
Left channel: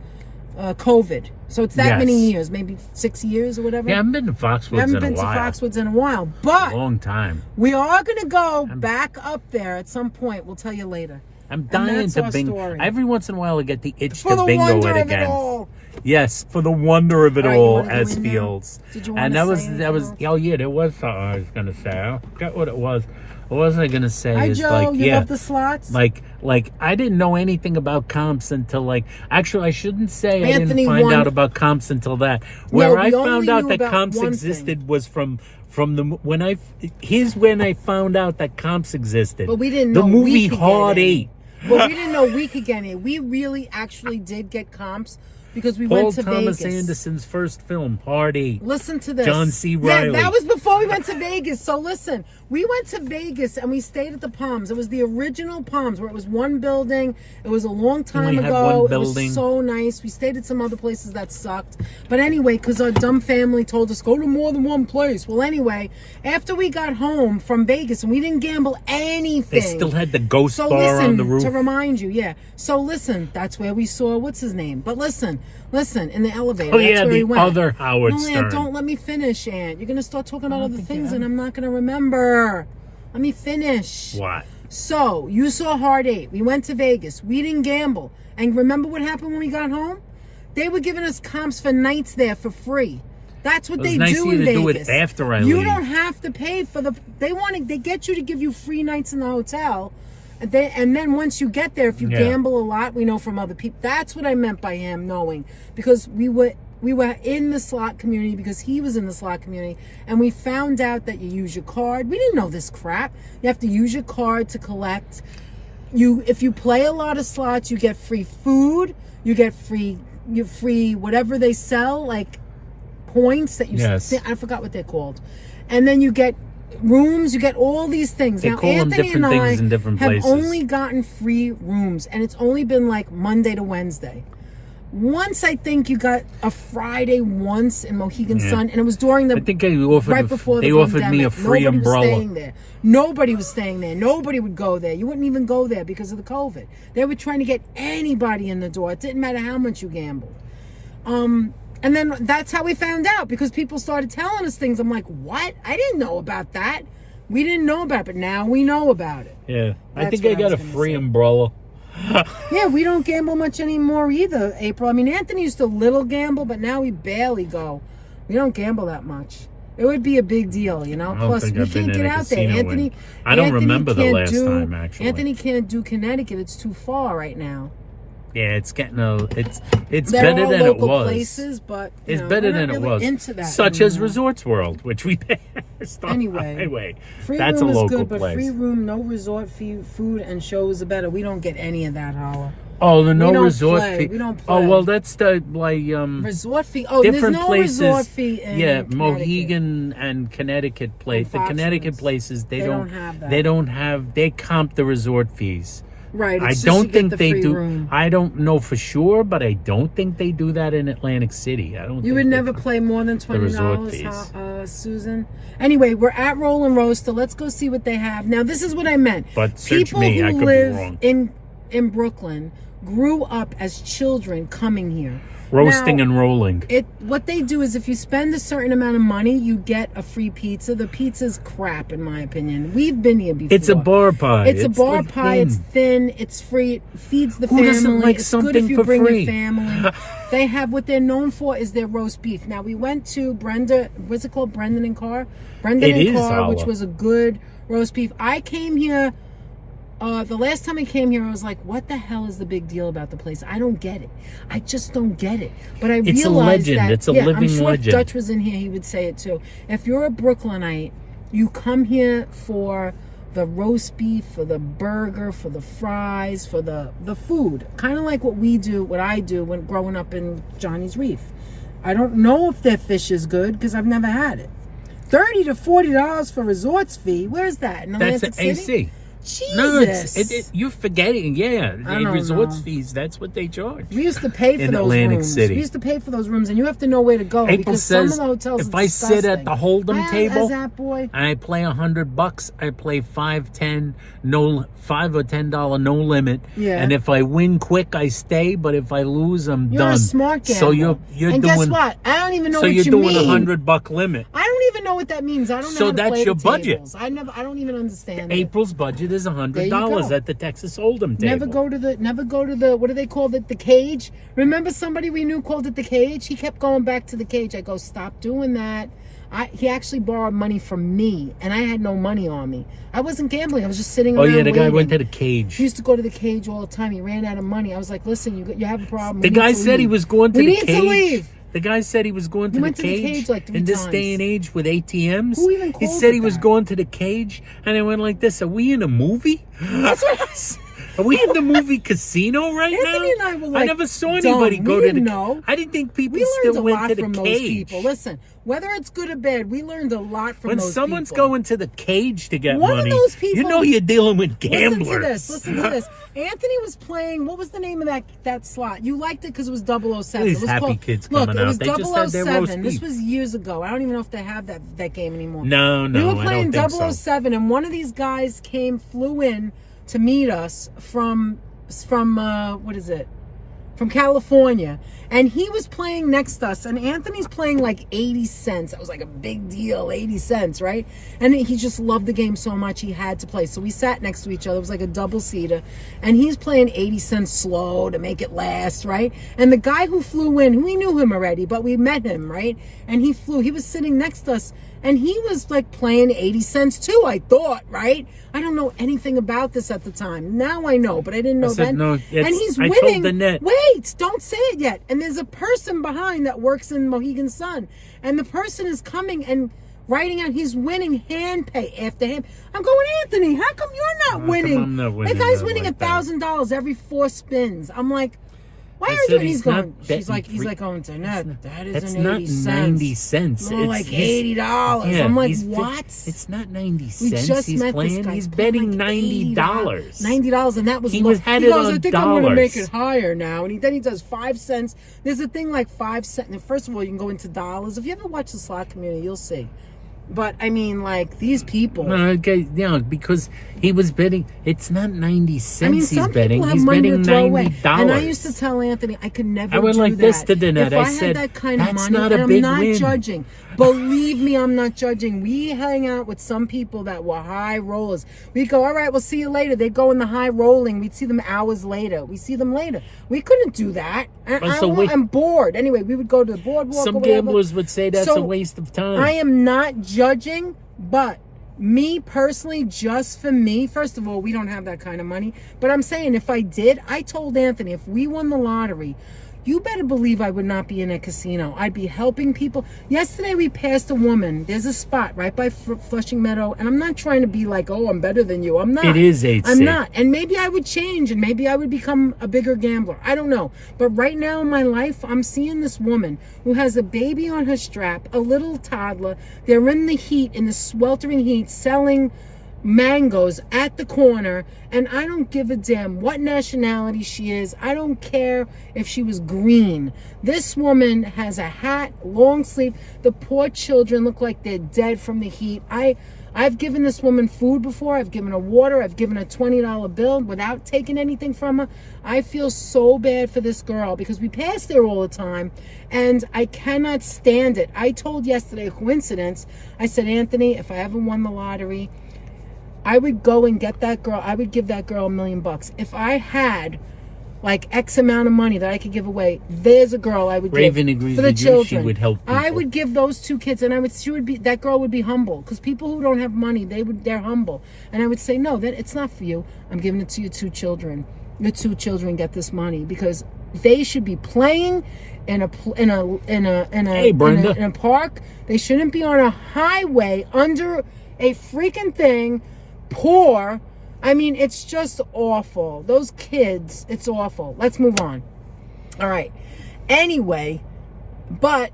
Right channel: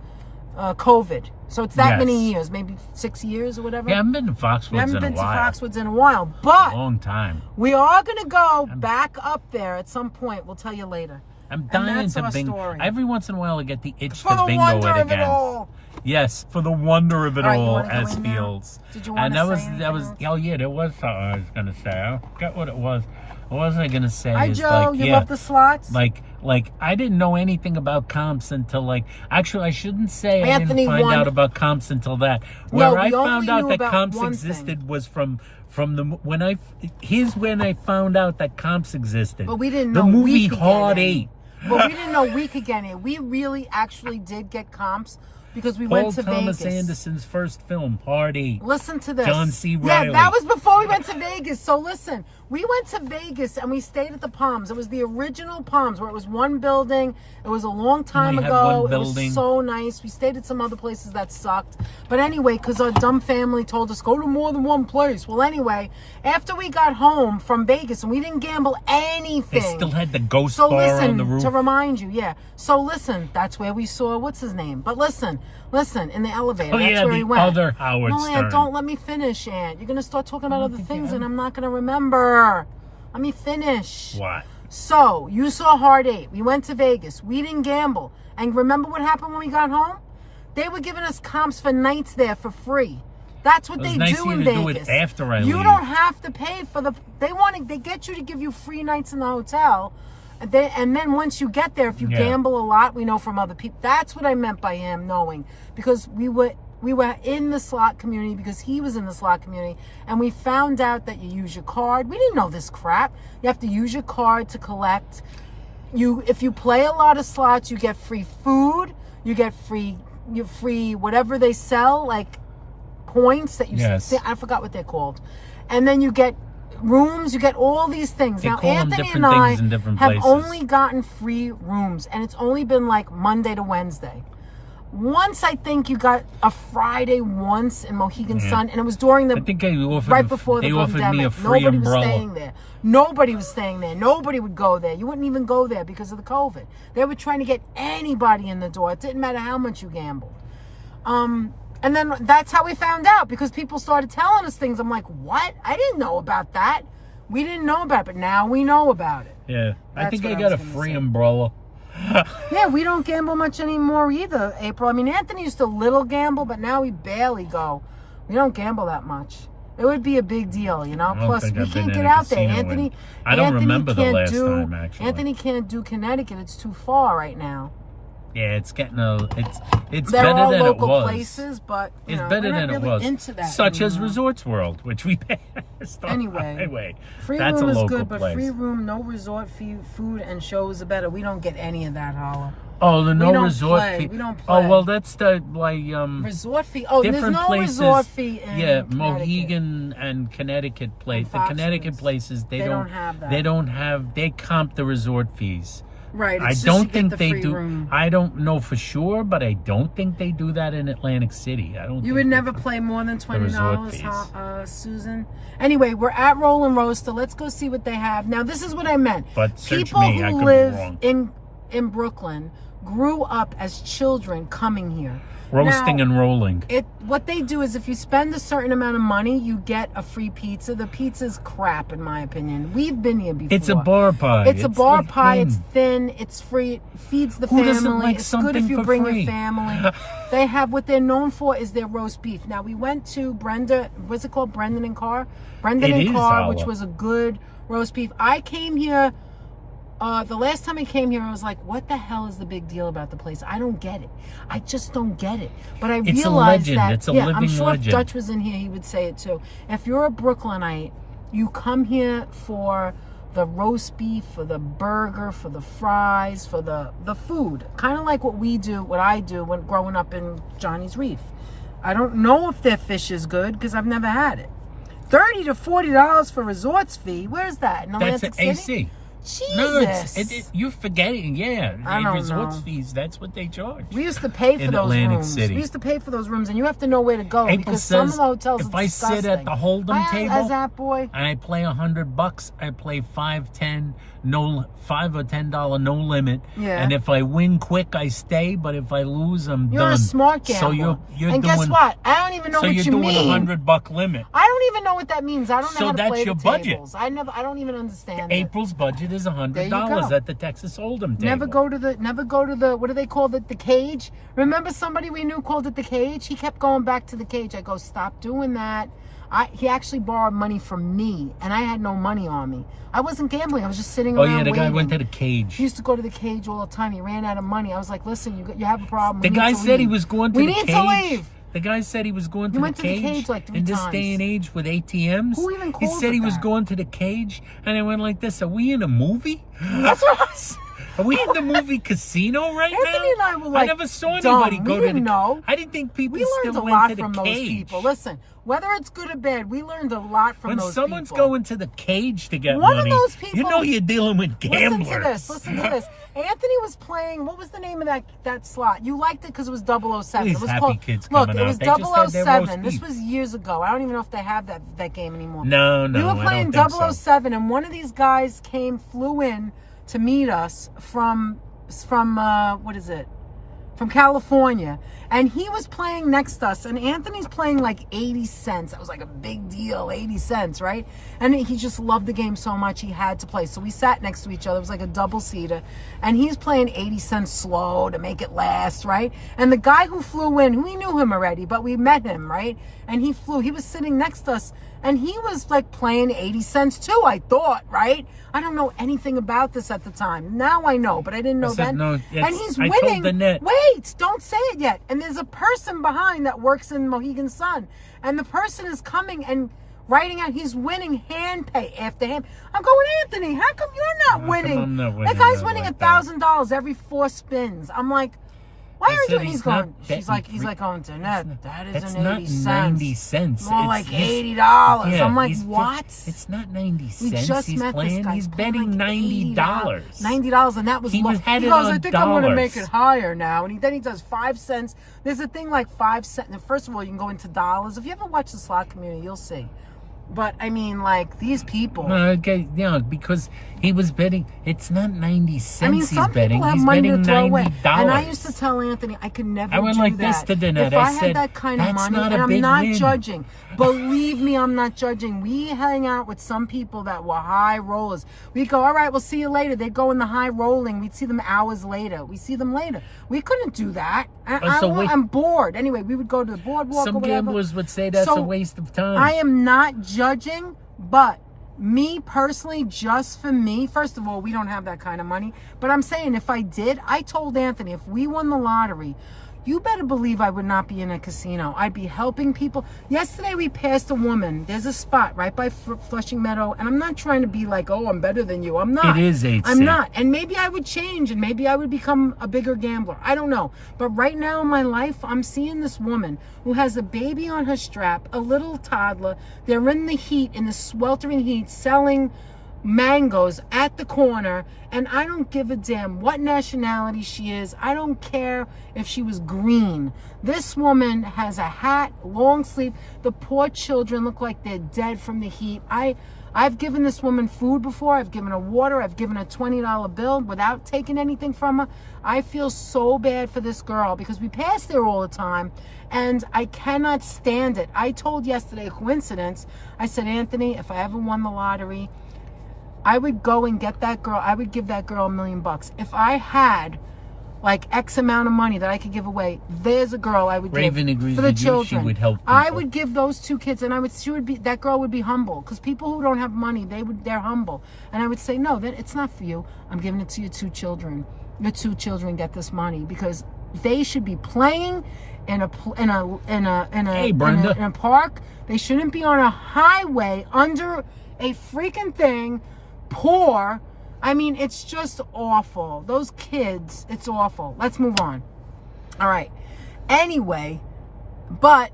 COVID. So it's that Yes. many years, maybe 6 years or whatever. Yeah, I haven't been to We Foxwoods haven't in been a to while. Foxwoods in a while, but Long time. we are going to go back up there at some point. We'll tell you later. I'm dying that's to our bingo. story. Every once in a while, I get the itch For to the bingo wonder it of again. it all. Yes, for the wonder of it All right, you all, wanna go as in now? Fields. Did you wanna And that say was anything that was. else? Oh yeah, there was something I was gonna say. I forgot what it was. What was I gonna say? Hi, is Joe. like You yeah, love the slots? like I didn't know anything about comps until like actually I shouldn't say I Anthony didn't find won- out about comps until that. Where I we only found out knew that about comps one existed was from the when I found out that comps existed. But we didn't the know movie we could get Hard any. Eight. But we didn't know we could get it. We really actually did get comps because we Paul went to Thomas Vegas. Anderson's first film, Hard Eight. Listen to this. John C. Reilly. Yeah, that was before we went to Vegas. So listen, we went to Vegas and we stayed at the Palms. It was the original Palms where it was one building. It was a long time Only had ago. one It building. was so nice. We stayed at some other places that sucked. But anyway, because our dumb family told us go to more than one place. Well, anyway, after we got home from Vegas and we didn't gamble anything. They still had the ghost So bar listen, on the roof. to remind you, yeah. So listen, that's where we saw, what's his name? But listen, in the elevator. Oh, that's yeah, where the we went. other Howard No, Aunt, Stern. don't let me finish, Aunt. You're going to start talking about other think things you- and I'm not going to remember. Let me finish. What? So, you saw Hard Eight. We went to Vegas. We didn't gamble. And remember what happened when we got home? They were giving us comps for nights there for free. That's what It was they nice do of in you to do Vegas. it after I You leave. don't have to pay for they get you to give you free nights in the hotel. And then once you get there, if you Yeah. gamble a lot, we know from other people. That's what I meant by him knowing, because we were in the slot community because he was in the slot community, and we found out that you use your card. We didn't know this crap. You have to use your card to collect. If you play a lot of slots, you get free food. You get free whatever they sell, like points that you. Yes. I forgot what they're called, and then you get rooms. You get all these things. They Now, call them Anthony different and I things in different have places. only gotten free rooms, and it's only been like Monday to Wednesday. Once I think you got a Friday once in Mohegan Yeah. Sun, and it was during the I think they offered, right before the they offered pandemic. me a free Nobody umbrella. was staying there. Nobody was staying there. Nobody would go there. You wouldn't even go there because of the COVID. They were trying to get anybody in the door. It didn't matter how much you gambled. And then that's how we found out, because people started telling us things. I'm like, what? I didn't know about that. We didn't know about it, but now we know about it. Yeah, I That's think what I I got was a gonna free say. umbrella. Yeah, we don't gamble much anymore either, April. I mean, Anthony used to little gamble, but now we barely go. We don't gamble that much. It would be a big deal, you know. I don't Plus, think we I've been can't in get a out there. casino Anthony, in- I don't Anthony remember the can't last do, time, actually. Anthony can't do Connecticut. It's too far right now. Yeah, it's getting it's There better are than it local was. places, but you It's know, better we're than not it really was. Into that Such as anymore. Resorts World, which we passed on the Anyway, highway. Free That's room a is local good, but place. free room, no resort fee, food and shows are better. We don't get any of that, Holla. Oh, the no we don't resort play. fee. We don't Oh play. well, that's the like Resort fee. Oh, different there's no places. resort fee in Yeah, Connecticut. Mohegan and Connecticut place. The And Connecticut Foxwoods. places They don't have that. They don't have. They comp the resort fees. Right. I it's just don't you get think the they free do. room. I don't know for sure, but I don't think they do that in Atlantic City. I don't. You think would they never do. play more than resort $20, fees. Susan. Anyway, we're at Roll and Roaster. Let's go see what they have. Now, this is what I meant. But search People me, I who could be live wrong. in Brooklyn grew up as children coming here. Roasting Now, and rolling. what they do is if you spend a certain amount of money, you get a free pizza. The pizza's crap, in my opinion. We've been here before. It's a bar pie. It's a bar like pie. thin. It's thin. It's free. It feeds the Who family. doesn't like It's good something if you for bring free? your family. They have what they're known for is their roast beef. Now we went to Brenda. What's it called? Brendan and Carr. Brendan It and is, Carr, Hala. which was a good roast beef. I came here. The last time I came here, I was like, "What the hell is the big deal about the place? I don't get it. I just don't get it." But I It's a realized legend. that It's a I'm living sure legend. if Dutch was in here, he would say it too. If you're a Brooklynite, you come here for the roast beef, for the burger, for the fries, for the food. Kind of like what I do when growing up in Johnny's Reef. I don't know if their fish is good because I've never had it. $30 to $40 for resorts fee. Where's that? In That's Atlantic an City? AC. Jesus. No, you're forgetting. Yeah, I the don't resorts know. fees. That's what they charge. We used to pay for in those Atlantic rooms. City. We used to pay for those rooms, and you have to know where to go April because some of says the hotels if are I sit at disgusting. the Hold'em table that boy. and I play $100, I play $5 or $10 no limit. Yeah. And if I win quick, I stay. But if I lose, I'm You're done. a smart gambler. So you're and doing. guess what? I don't even know So what you're you doing mean. $100 limit. I don't even know what that means. I don't know So how to that's play your the budget. tables. I don't even understand it. April's budget is There you $100 go. at the Texas Hold'em table. Never go to the what do they call it? The cage. Remember somebody we knew called it the cage? He kept going back to the cage. I go, stop doing that. He actually borrowed money from me, and I had no money on me. I wasn't gambling. I was just sitting around. Oh yeah, the guy waiting. went to the cage. He used to go to the cage all the time. He ran out of money. I was like, listen, you have a problem. The We need guy to said he leave. was going to We the need cage. to leave. The guy said he was going to, He the, went to the cage cage like 3 in this times. day and age with ATMs. Who even He calls said it he was that? going to the cage, and I went like this: Are we in a movie? That's what I said. Are we in the movie Casino right Anthony now? and I were like, never saw dumb. anybody go We to the. didn't know. I didn't think people We learned still a went lot to the from those cage. people. Listen, whether it's good or bad, we learned a lot from When those someone's people. going to the cage to get One of money, those people- you know you're dealing with gamblers. Listen to this. Anthony was playing, what was the name of that slot? You liked it because it was 007. These it was happy kids look, coming it was out. They just had their 007. roast This beef. was years ago. I don't even know if they have that game anymore. No, We were I playing don't think so. 007, and one of these guys flew in to meet us from what is it? From California. And he was playing next to us, and Anthony's playing like 80 cents. That was like a big deal, 80 cents, right? And he just loved the game so much he had to play. So we sat next to each other. It was like a double-seater. And he's playing 80 cents slow to make it last, right? And the guy who flew in, we knew him already, but we met him, right? And he was sitting next to us, and he was like playing 80 cents too, I thought, right? I don't know anything about this at the time. Now I know, but I didn't know I said, then. no, And he's I winning. told the net. Wait, don't say it yet. And there's a person behind that works in Mohegan Sun. And the person is coming and writing out, he's winning hand pay after hand. I'm going, Anthony, how come you're not How come winning? I'm not winning That guy's it winning like that? $1,000 every 4 spins. I'm like, why I are you said doing? He's he's not going. He's like betting going to net. That It's isn't not 80 cents. 90 cents. More It's like his- $80. Yeah, I'm like, he's- what? It's not 90 We cents. just He's met playing. this guy. He's playing betting like $90. $90, and that was He low. had He it goes, on I think I'm going to make dollars. it higher now. And then he does 5 cents. There's a thing like 5 cents. And first of all, you can go into dollars. If you ever watch the slot community, you'll see. But I mean, like these people. No, okay, because he was betting. It's not 90 cents. I mean, he's some betting. people have He's money betting to throw away. $90. And I used to tell Anthony, I could never I went do like this that. to the net. If I I said, had that kind of "That's money, not a and I'm big not win." judging. Believe me, I'm not judging. We hang out with some people that were high rollers. We go, all right, we'll see you later. They go in the high rolling. We'd see them hours later. We see them later. We couldn't do that. I'm bored. Anyway, we would go to the boardwalk Some or whatever. gamblers would say that's So, a waste of time. I am not judging, but me personally, just for me, first of all, we don't have that kind of money. But I'm saying if I did, I told Anthony, if we won the lottery, you better believe I would not be in a casino. I'd be helping people. Yesterday we passed a woman. There's a spot right by Flushing Meadow. And I'm not trying to be like, oh, I'm better than you. I'm not. It is 8 I'm not. And maybe I would change and maybe I would become a bigger gambler. I don't know. But right now in my life, I'm seeing this woman who has a baby on her strap, a little toddler. They're in the heat, in the sweltering heat, selling mangoes at the corner, and I don't give a damn what nationality she is. I don't care if she was green. This woman has a hat, long sleeve. The poor children look like they're dead from the heat. I've given this woman food before. I've given her water. I've given her a $20 bill without taking anything from her. I feel so bad for this girl because we pass there all the time and I cannot stand it. I told yesterday, a coincidence, I said, Anthony, if I ever won the lottery, I would go and get that girl. I would give that girl $1 million. If I had like X amount of money that I could give away, there's a girl I would Raven give agrees for the with you. children. She would help I people. would give those 2 kids, and that girl would be humble because people who don't have money, they're humble. And I would say, no, it's not for you. I'm giving it to your 2 children. Your 2 children get this money because they should be playing in a park. They shouldn't be on a highway under a freaking thing, poor. I mean, it's just awful. Those kids, it's awful. Let's move on. All right. Anyway, but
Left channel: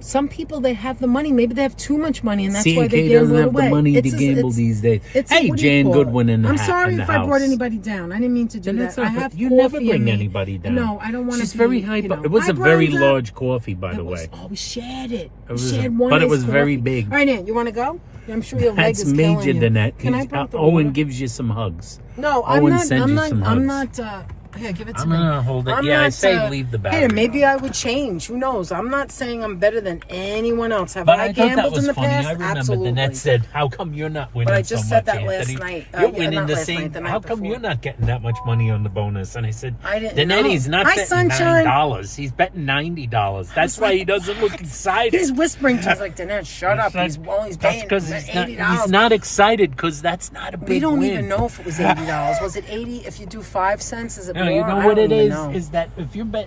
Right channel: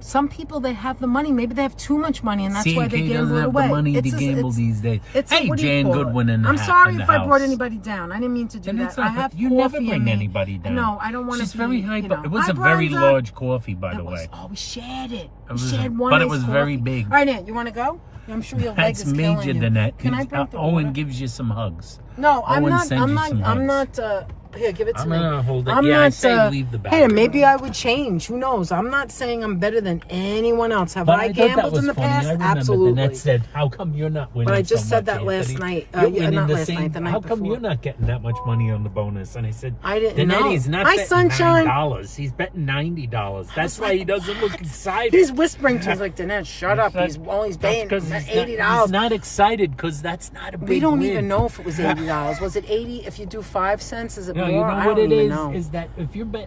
some people, they have the money. Maybe they have too much money, and that's why they C&K gamble doesn't it have away. the money to gamble these days. Hey, what do you Jane call it? Goodwin in the I'm house. sorry if I brought anybody down. I didn't mean to do And that. that's I not- have you never coffee in bring me. anybody down. No, I don't want to. She's very hyper. It was a very large coffee, by the way. Oh, we shared it. It We was shared one. but it iced was very coffee. big. All right, Aunt, you want to go? I'm sure your leg That's is killing major, you. Danette. Can I bring the Owen water? gives you some hugs. No, Owen sends you some I'm hugs. not. Here, give it to I'm me. gonna hold it. I'm Yeah, I not, say leave the Hey, battery. maybe I would change. Who knows? I'm not saying I'm better than anyone else. Have But I thought that gambled was in the funny. past? I remember Absolutely. Danette said, "How come you're not winning?" But I just so said much, that last Anthony? night. You're winning Not the last same- night, the night How come before. you're not getting that much money on the bonus? And I said, I didn't know. Danette, he's not Hi, betting sunshine. $9. He's betting $90. That's why he doesn't look excited. He's whispering to me like, Danette, shut up. He's paying because $80. he's not excited because that's not a big We don't win. even know if it was $80. Was it 80? If you do 5 cents, is it No, more? you know I what don't it even is? know. Is that if you bet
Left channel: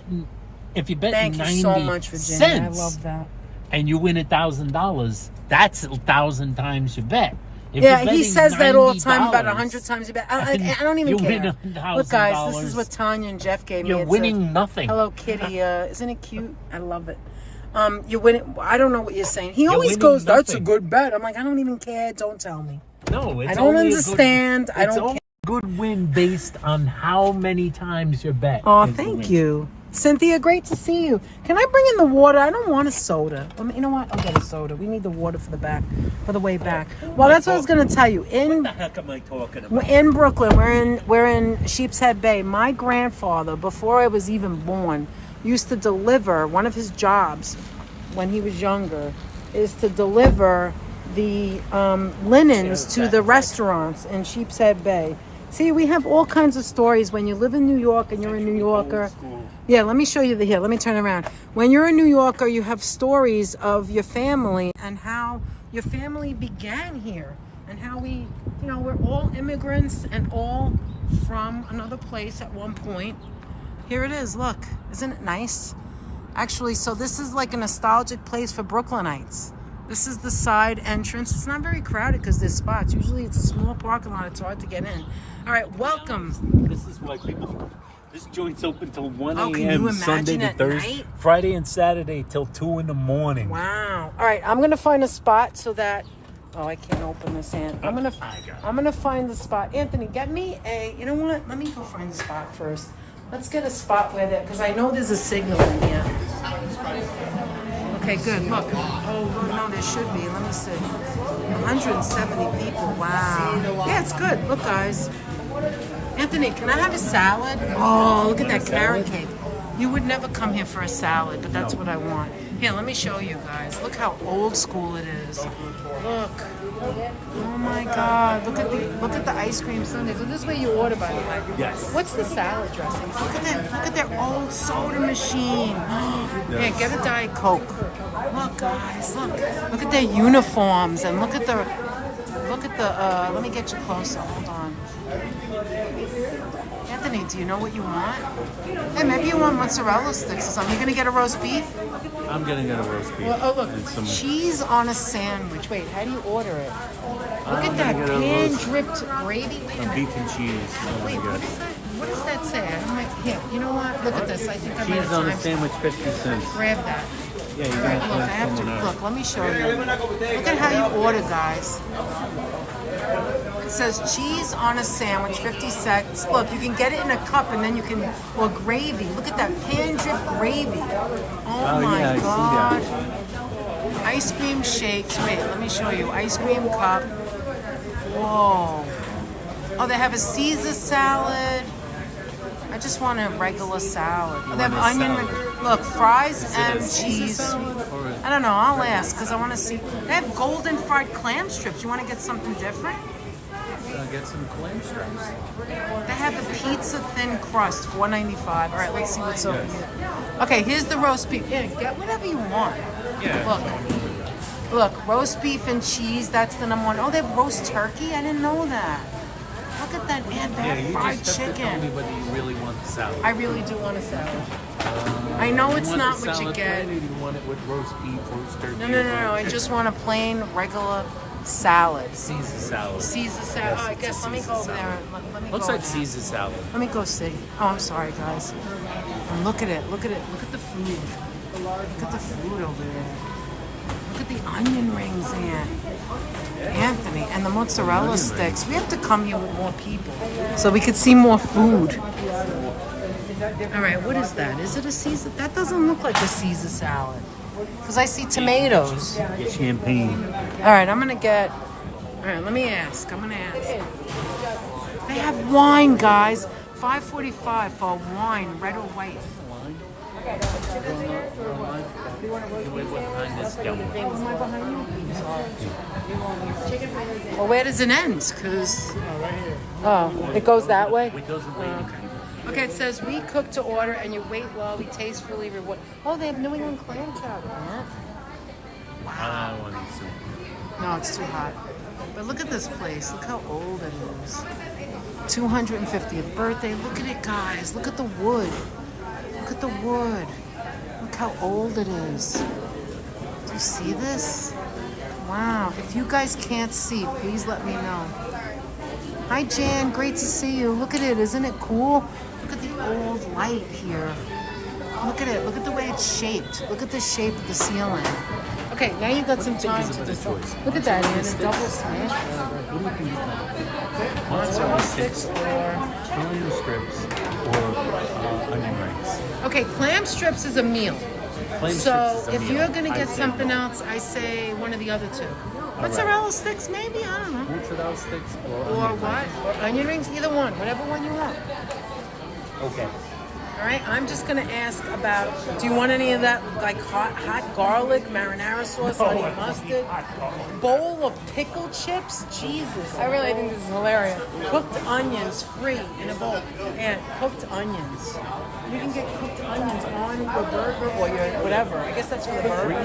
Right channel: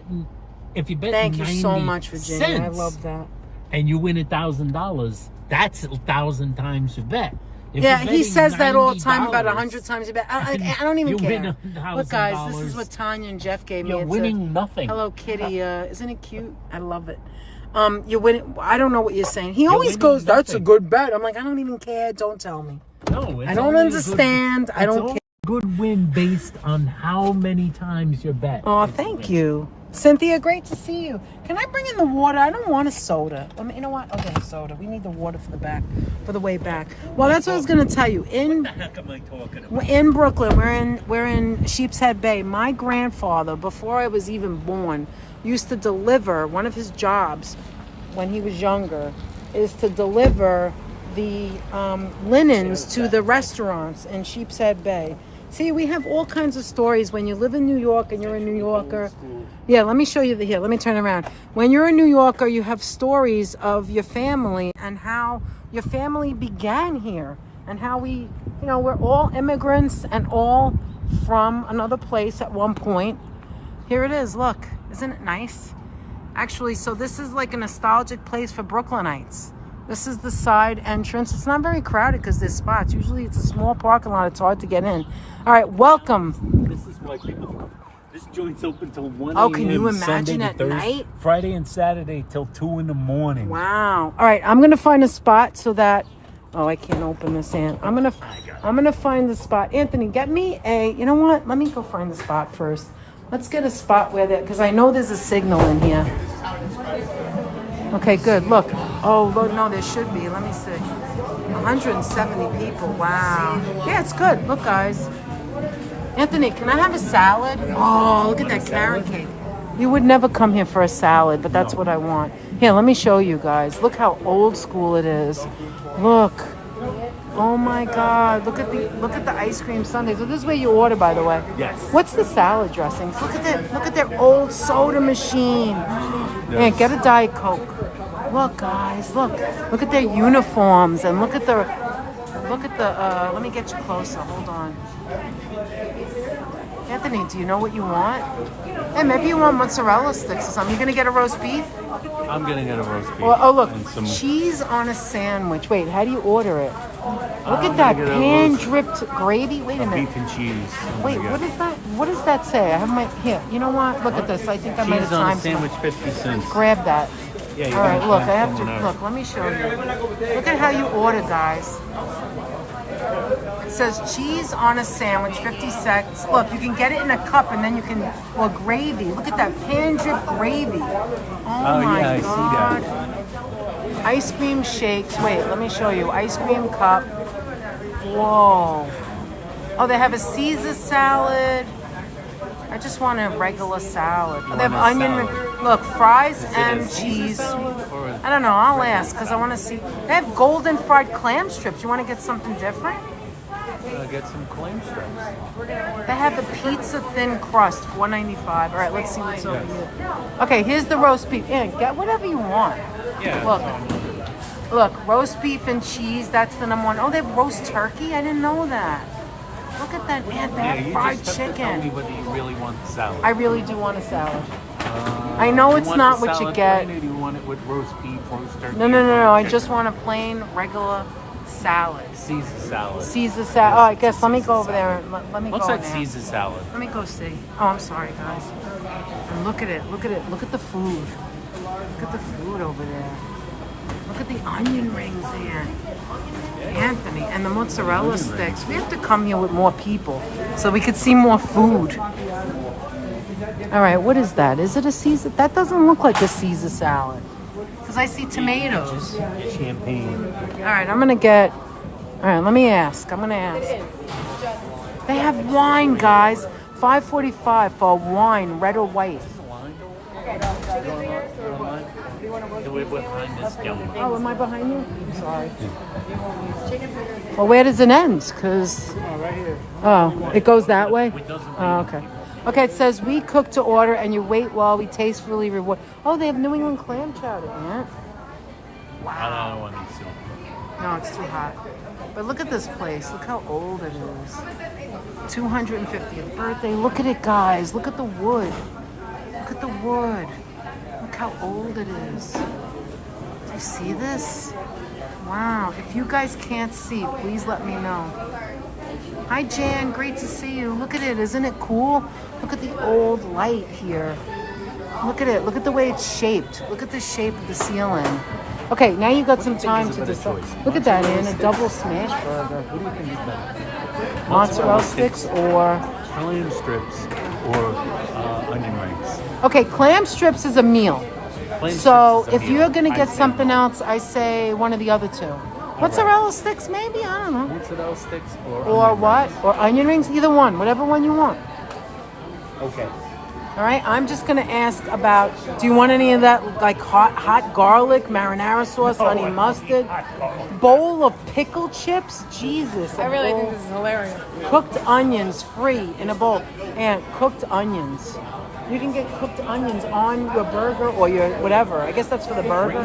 90 Thank you so much, Virginia. I cents love that. and you win $1,000, that's 1,000 times your bet. If Yeah, you're he betting says that all the time, $90, about 100 times. I don't even you care. win Look, guys, this is $1,000. what Tanya and Jeff gave me. You're It's winning nothing. Hello Kitty. Isn't it cute? I love it. You win it. I don't know what you're saying. He You're always winning goes, "That's a nothing. good bet." I'm like, I don't even care. Don't tell me. No, it's I don't only a understand. I good- don't it's care. only a good win based on how many times you bet. Oh, It's a thank win. you, Cynthia. Great to see you. Can I bring in the water? I don't want a soda. You know what? I'll get a soda. We need the water for the way back. Well, that's what I was going to tell you. What the heck am I talking about? In Brooklyn, we're in Sheepshead Bay. My grandfather, before I was even born, used to deliver. One of his jobs when he was younger is to deliver the linens to the restaurants in Sheepshead Bay. See, we have all kinds of stories when you live in New York and you're a New Yorker. Yeah, let me show you here. Let me turn around. When you're a New Yorker, you have stories of your family and how your family began here and how we're all immigrants and all from another place at one point. Here it is. Look, isn't it nice? Actually, so this is like a nostalgic place for Brooklynites. This is the side entrance. It's not very crowded because there's spots. Usually it's a small parking lot. It's hard to get in. All right, welcome. This is why people. This joint's open till 1 Oh, can you a.m. Sunday imagine to at Thursday, night? Friday and Saturday till 2 in the morning. Wow. All right, I'm gonna find a spot so that. Oh, I can't open this in. I'm gonna find the spot. Anthony, get me a. You know what? Let me go find the spot first. Let's get a spot where there, because I know there's a signal in here. Okay, good. Look. Oh, look, no, there should be. Let me see. 170 people. Wow. Yeah, it's good. Look, guys. Anthony, can I have a salad? Oh, look at that carrot cake. You would never come here for a salad, but that's what I want. Here, let me show you guys. Look how old school it is. Look. Oh my God! Look at the ice cream sundaes. Look, this is where you order, by the way. Yes. What's the salad dressings? Look at their old soda machine. Yeah, get a Diet Coke. Look, guys, look at their uniforms and look at the. Let me get you closer. Hold on. Anthony, do you know what you want? Hey, maybe you want mozzarella sticks or something. You gonna get a roast beef? I'm gonna get a roast beef. Well, oh look, and some- cheese on a sandwich. Wait, how do you order it? Look at that pan-dripped gravy. Wait a minute. beef and cheese. Wait, what is that? What does that say? I have my here. You know what? Look at this. I think I might Cheese have on a timed sandwich, 50 cents. Grab that. Yeah, you All right, gotta look. I grab have to some, look. Let me show you. Look at how you order, guys. It says cheese on a sandwich, 50 cents. Look, you can get it in a cup and then you can, or gravy. Look at that pan-drip gravy. Oh my yeah, I see God. Ice cream shakes. Wait, let me show you. Ice cream cup. Whoa. Oh, they have a Caesar salad. I just want a regular salad. Oh, they have onion ring. Look, fries and cheese. I don't know. I'll ask because I want to see. They have golden fried clam strips. You want to get something different? Get some clam strips. They have the pizza thin crust, $4.95. All right, let's see what's over here. Okay, here's the roast beef. Yeah, get whatever you want. Look, roast beef and cheese. That's the number one. Oh, they have roast turkey. I didn't know that. Look at that, and they have fried chicken. But you really want the salad. I really do want a salad. I know it's not what you get. You want it with roast beef, roast turkey. No. I just want a plain, regular salad. Caesar salad. Caesar salad. Oh, I guess let me go over there. Let me What's go that there. Caesar salad? Let me go see. Oh, I'm sorry, guys. And look at it. Look at it. Look at the food. Look at the food over there. Look at the onion rings, Anthony, and the mozzarella sticks. We have to come here with more people so we could see more food. All right, what is that? Is it a Caesar? That doesn't look like a Caesar salad because I see tomatoes. Champagne. All right, I'm gonna get. All right, let me ask. I'm gonna ask. They have wine, guys. $5.45 for wine, red or white. Well, where does it end? Because right here. oh, it goes that way. Oh, okay. Okay, it says we cook to order and you wait while we tastefully reward. Oh, they have New England clam chowder. Wow. No, it's too hot. But look at this place. Look how old it is. 250th birthday. Look at it, guys. Look at the wood. Look at the wood. Look how old it is. Do you see this? Wow. If you guys can't see, please let me know. Hi, Jan. Great to see you. Look at it. Isn't it cool? Look at the old light here. Look at it. Look at the way it's shaped. Look at the shape of the ceiling. Okay, now you've got some time to just look at that. It's a double smash burger. Mozzarella sticks or Clam strips or onion rings. okay, clam strips is a meal. So if you're gonna get something else, I say one of the other two. Mozzarella sticks, maybe, I don't know. Mozzarella sticks Or what? Or onion rings, either one, whatever one you want. Okay. All right, I'm just gonna ask about. Do you want any of that, like hot garlic, marinara sauce, honey mustard, bowl of pickled chips? Jesus, I really think this is hilarious. Cooked onions, free in a bowl. And cooked onions. You can get cooked onions on your burger or your whatever. I guess that's for the burger.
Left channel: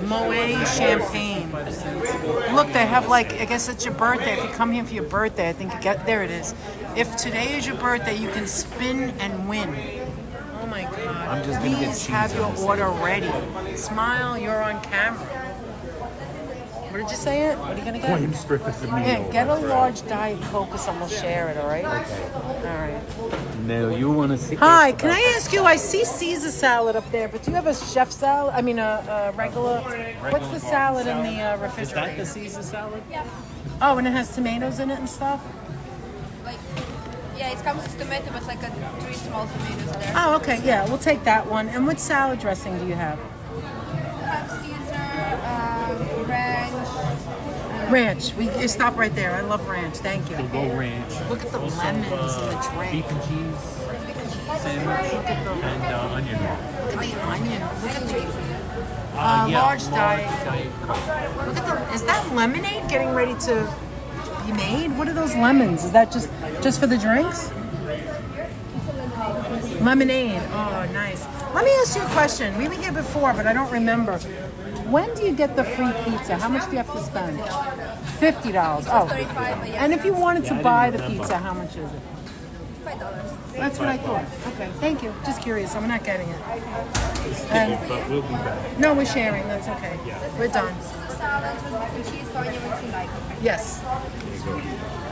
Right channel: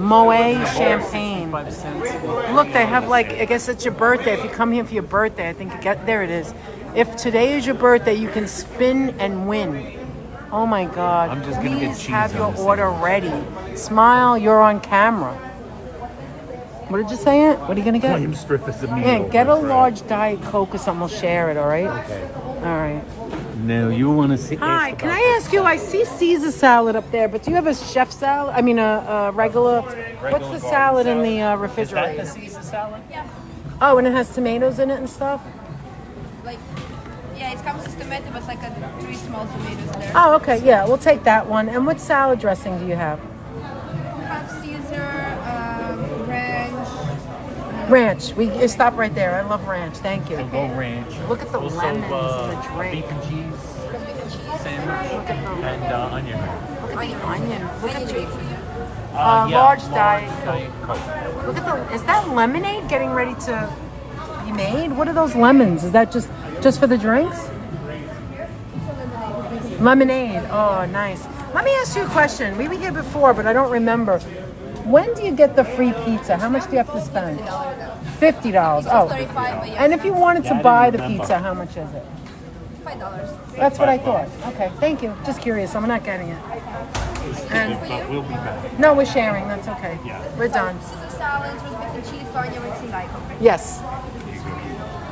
Moet champagne. Look, they have like. I guess it's your birthday. If you come here for your birthday, I think you get there. It is. If today is your birthday, you can spin and win. Oh my God. Please have your order ready. Smile, you're on camera. What did you say, Aunt? What are you going to get? Clam strip is a meal. Yeah, get a large Diet Coke or something. We'll share it, all right? Okay. All right. Now you want to see? Hi, can I ask you, I see Caesar salad up there, but do you have a chef salad? I mean, a regular. What's the salad in the Is that refrigerator? the Caesar salad? Yeah, Oh, and it has tomatoes in it and stuff? like, yeah, it comes with tomato, but like 3 small tomatoes there. Oh, okay, yeah, we'll take that one. And what salad dressing do you have? We have Caesar, ranch. Ranch. We stop right there. I love ranch. Thank you. Low ranch. Look at the Also, lemons in the drink. Beef and cheese sandwich Look at the and onion. look at the onion. Look at the Yeah. large Diet Coke. Look at the. Is that lemonade getting ready to be made? What are those lemons? Is that just for the drinks? Lemonade. Oh, nice. Let me ask you a question. We were here before, but I don't remember. When do you get the free pizza? How much do you have to spend? $50. Oh. And if you wanted to buy the pizza, how much is it? $5. That's what I thought. Okay, thank you. Just curious. I'm not getting it. And But we'll be back. no, we're sharing. That's okay. We're done. Caesar salad with beef and cheese, onion rings, and daikon. Yes.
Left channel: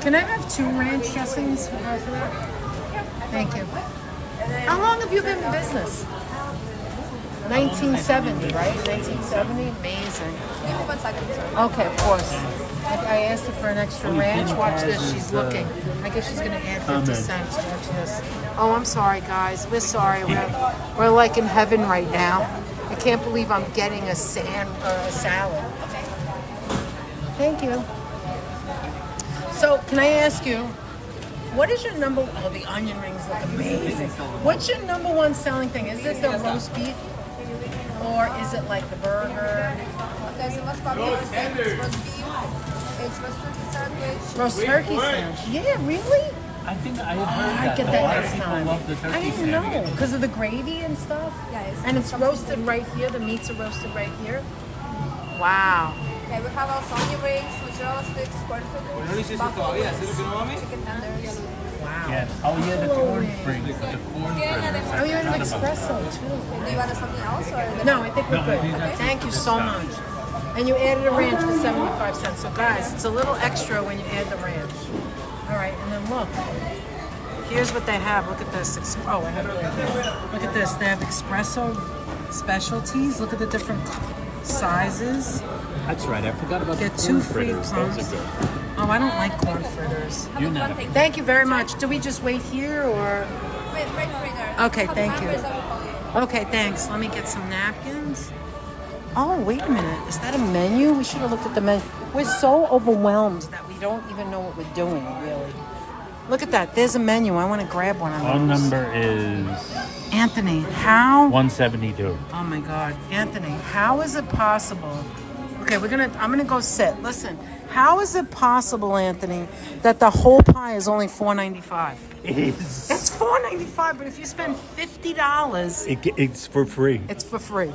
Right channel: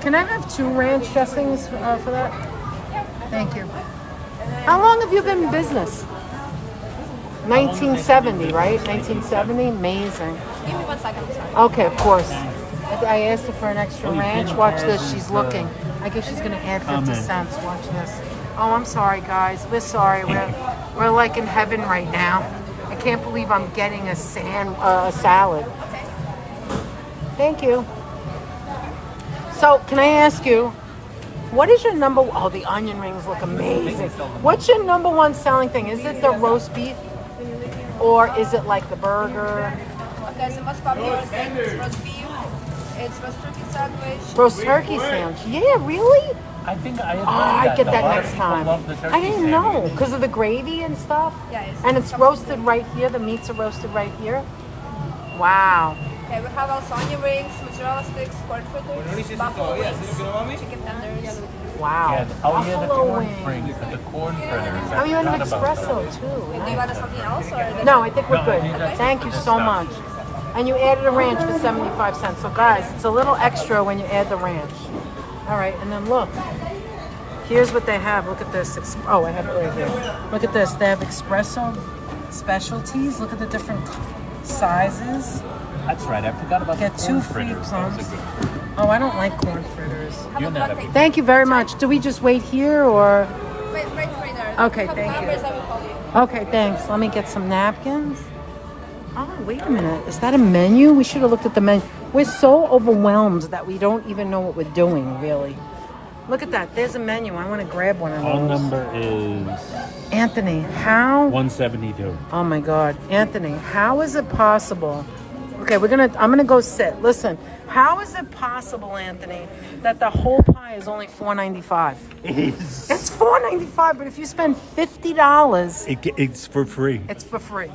Can I have 2 ranch dressings for that? Thank you. How long have you been in business? 1970, right? 1970? Amazing. Give me 1 second. Okay, of course. I asked her for an extra ranch. Watch this. She's looking. I guess she's going to add 50 cents. Watch this. Oh, I'm sorry, guys. We're sorry. We're like in heaven right now. I can't believe I'm getting a salad. Okay. Thank you. So, can I ask you, what is your number? Oh, the onion rings look amazing. What's your number 1 selling thing? Is it the roast beef, or is it like the burger? Okay, so what's called roast beef. It's roast turkey sandwich. Roast turkey sandwich. Yeah, really? I think I have Oh, heard I'd get A that lot of next people time. love the turkey I didn't know sandwich. because of the gravy and stuff. Yeah, it's And it's roasted right here. The meats are roasted right here. Wow. Okay, we have also onion rings, mozzarella sticks, corn fritters, chicken tenders. Wow. Yeah, oh, yeah, the Buffalo corn wings. fritters, the corn fritters. Oh, you have an espresso too. Do you want something else? Or No, I think we're good. Thank you so much. And you added a ranch for 75 cents. So guys, it's a little extra when you add the ranch. All right, and then look. Here's what they have. Look at this. Oh, look at this. They have espresso specialties. Look at the different sizes. That's right. I forgot about Get the 2 corn free fritters. pumps. Those are Oh, I don't like corn fritters. Have a plantain. Thank you very much. Do we just wait here or? Wait, right there. Okay, Have thank you. numbers, I will call you. Okay, thanks. Let me get some napkins. Oh, wait a minute. Is that a menu? We should have looked at the menu. We're so overwhelmed that we don't even know what we're doing, really. Look at that. There's a menu. I want to grab one of Phone those. number is Anthony, how? 172. Oh my God, Anthony, how is it possible? Okay, I'm gonna go sit. Listen, how is it possible, Anthony, that the whole pie is only $4.95? It's $4.95, but if you spend $50, It's for free. it's for free.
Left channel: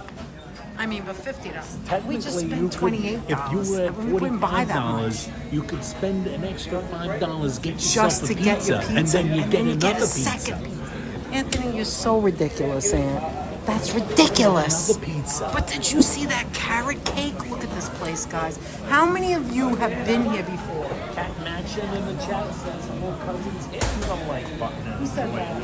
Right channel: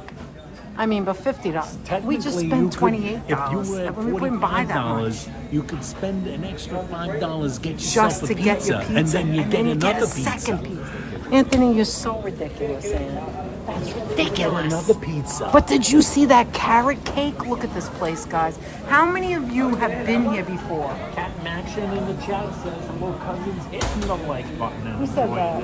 I mean, but $50. We just Technically, spent you could- $28. If you were at we wouldn't buy that much. $45, you could spend an extra $5, get yourself Just a to pizza, get your pizza, and then you get another a pizza. second pizza. Anthony, you're so ridiculous, Ann. That's ridiculous. Another pizza. But did you see that carrot cake? Look at this place, guys. How many of you have been here before? Action in the chat says more cousins hit the like button. Who said that?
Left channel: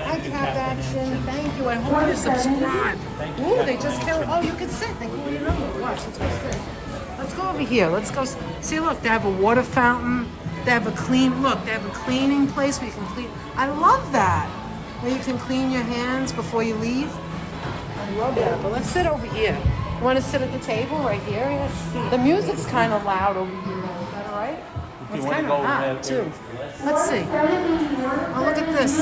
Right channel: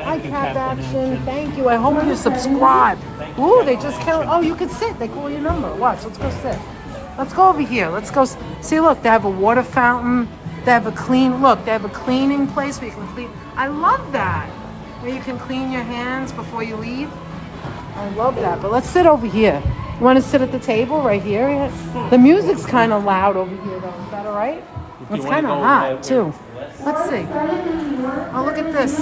Hi, Cap Action. Thank you. I hope you subscribe. Ooh, they just count. Oh, you can sit. They call your number. Watch. Let's go sit. Let's go over here. Let's go. See, look. They have a water fountain. They have a They have a cleaning place where you can clean. I love that. Where you can clean your hands before you leave. I love that. But let's sit over here. You want to sit at the table right here? The music's kind of loud over here. Is that all right? It's kind of hot too. Let's see. Oh, look at this.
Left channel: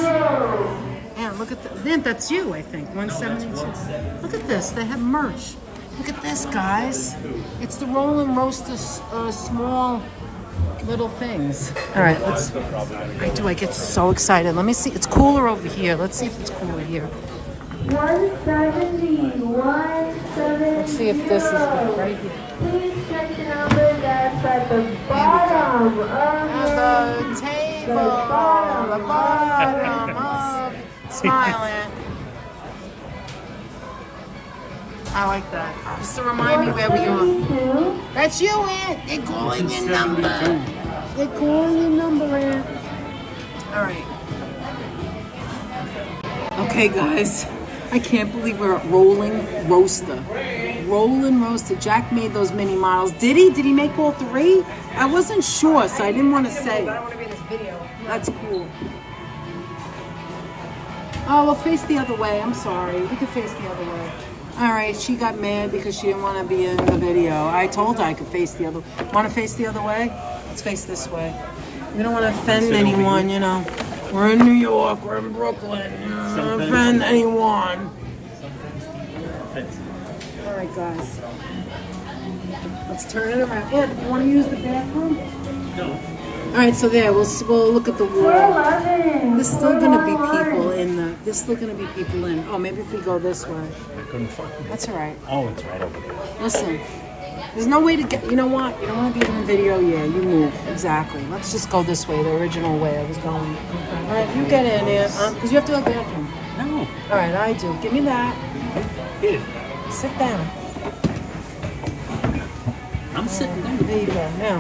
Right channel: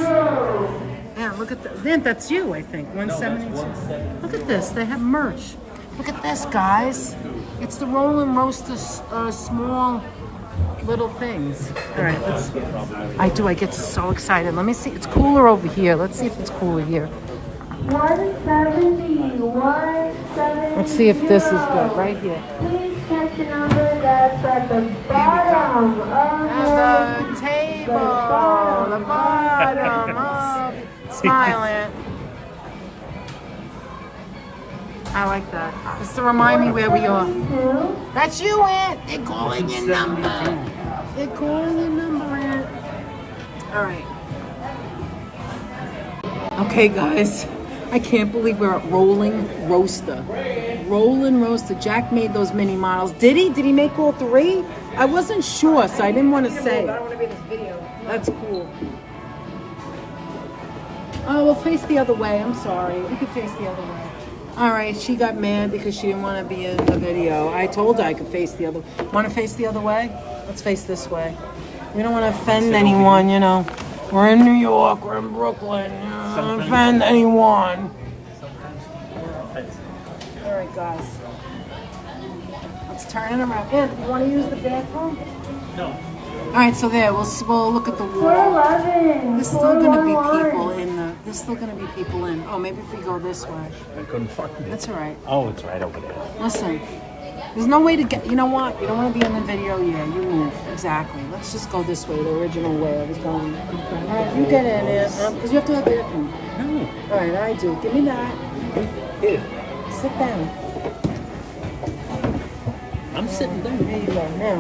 Yeah, look at that. Man, that's you, I think. 172. Look at this. They have merch. Look at this, guys. It's the Rollin' Roaster small little things. All right, I get so excited. Let me see. It's cooler over here. Let's see if it's cooler here. 170, 170. Let's see if this is good right here. Please check the number that's at the bottom of At the table, the bottom of Smiling. I like that. Just to remind me where we are. That's you, Aunt. They're calling your number. They're calling your number, Aunt. All right. Okay, guys. I can't believe we're at Rolling Roaster. Rolling Roaster. Jack made those mini miles. Did he? Did he make all 3? I wasn't sure, so I didn't want to say. I don't want to be this video. That's cool. Oh, we'll face the other way. I'm sorry. We could face the other way. All right, she got mad because she didn't want to be in the video. I told her I could face the other way. Want to face the other way? Let's face this way. We don't want to offend anyone, you know. We're in New York. We're in Brooklyn. You don't want to offend anyone. All right, guys. Let's turn it around. Yeah, want to use the bathroom? No. All right, so there. We'll look at the wall. 411. There's still gonna be people in the. There's still gonna be people in. Oh, maybe if we go this way. That's all right. Oh, it's right over here. Listen, there's no way to get. You know what? You don't want to be in the video. Yeah, you move. Exactly. Let's just go this way, the original way I was going. You get in there, because you have to go to the bathroom. No. All right, I do. Give me that. Here. Sit down. I'm sitting down. There you go. Now.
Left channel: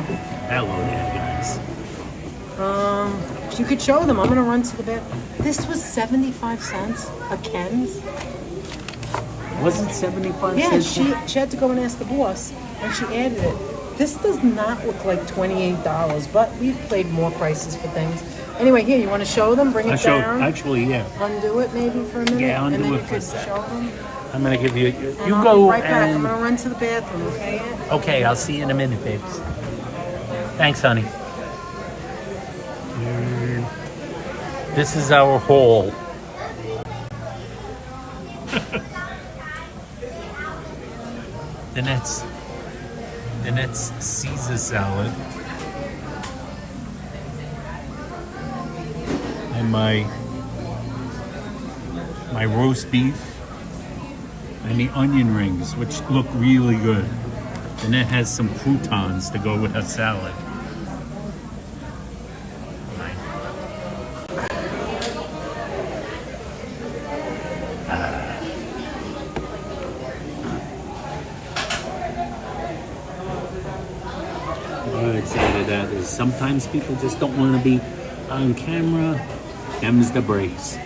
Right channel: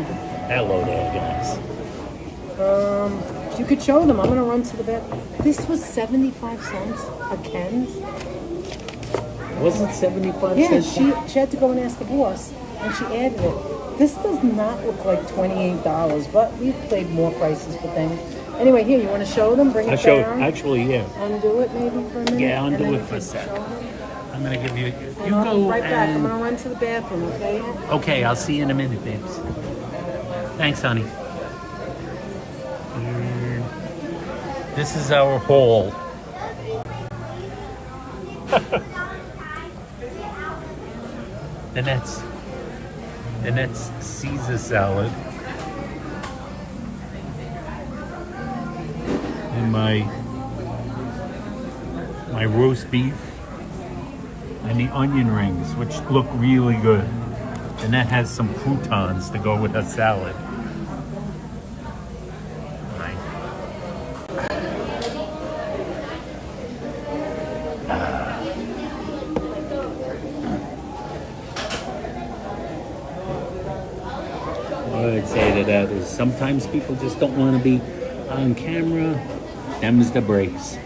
Hello there, guys. You could show them. I'm gonna run to the bathroom. This was 75 cents a Ken's. Was it 75 Yeah, cents? she had to go and ask the boss, and she added it. This does not look like $28, but we've played more prices for things. Anyway, here, you want to show them? Bring it I showed, down. actually, yeah. Undo it maybe for a minute. Yeah, and undo then it you for a can sec. show them. I'm going to give you, And you I'll go be right back. I'm and, gonna run to the bathroom, okay? okay, I'll see you in a minute, babes. Thanks, honey. This is our haul. The next Caesar salad. And my roast beef and the onion rings, which look really good. And that has some croutons to go with her salad. Nice. I would say to that is sometimes people just don't want to be on camera. Them's the breaks.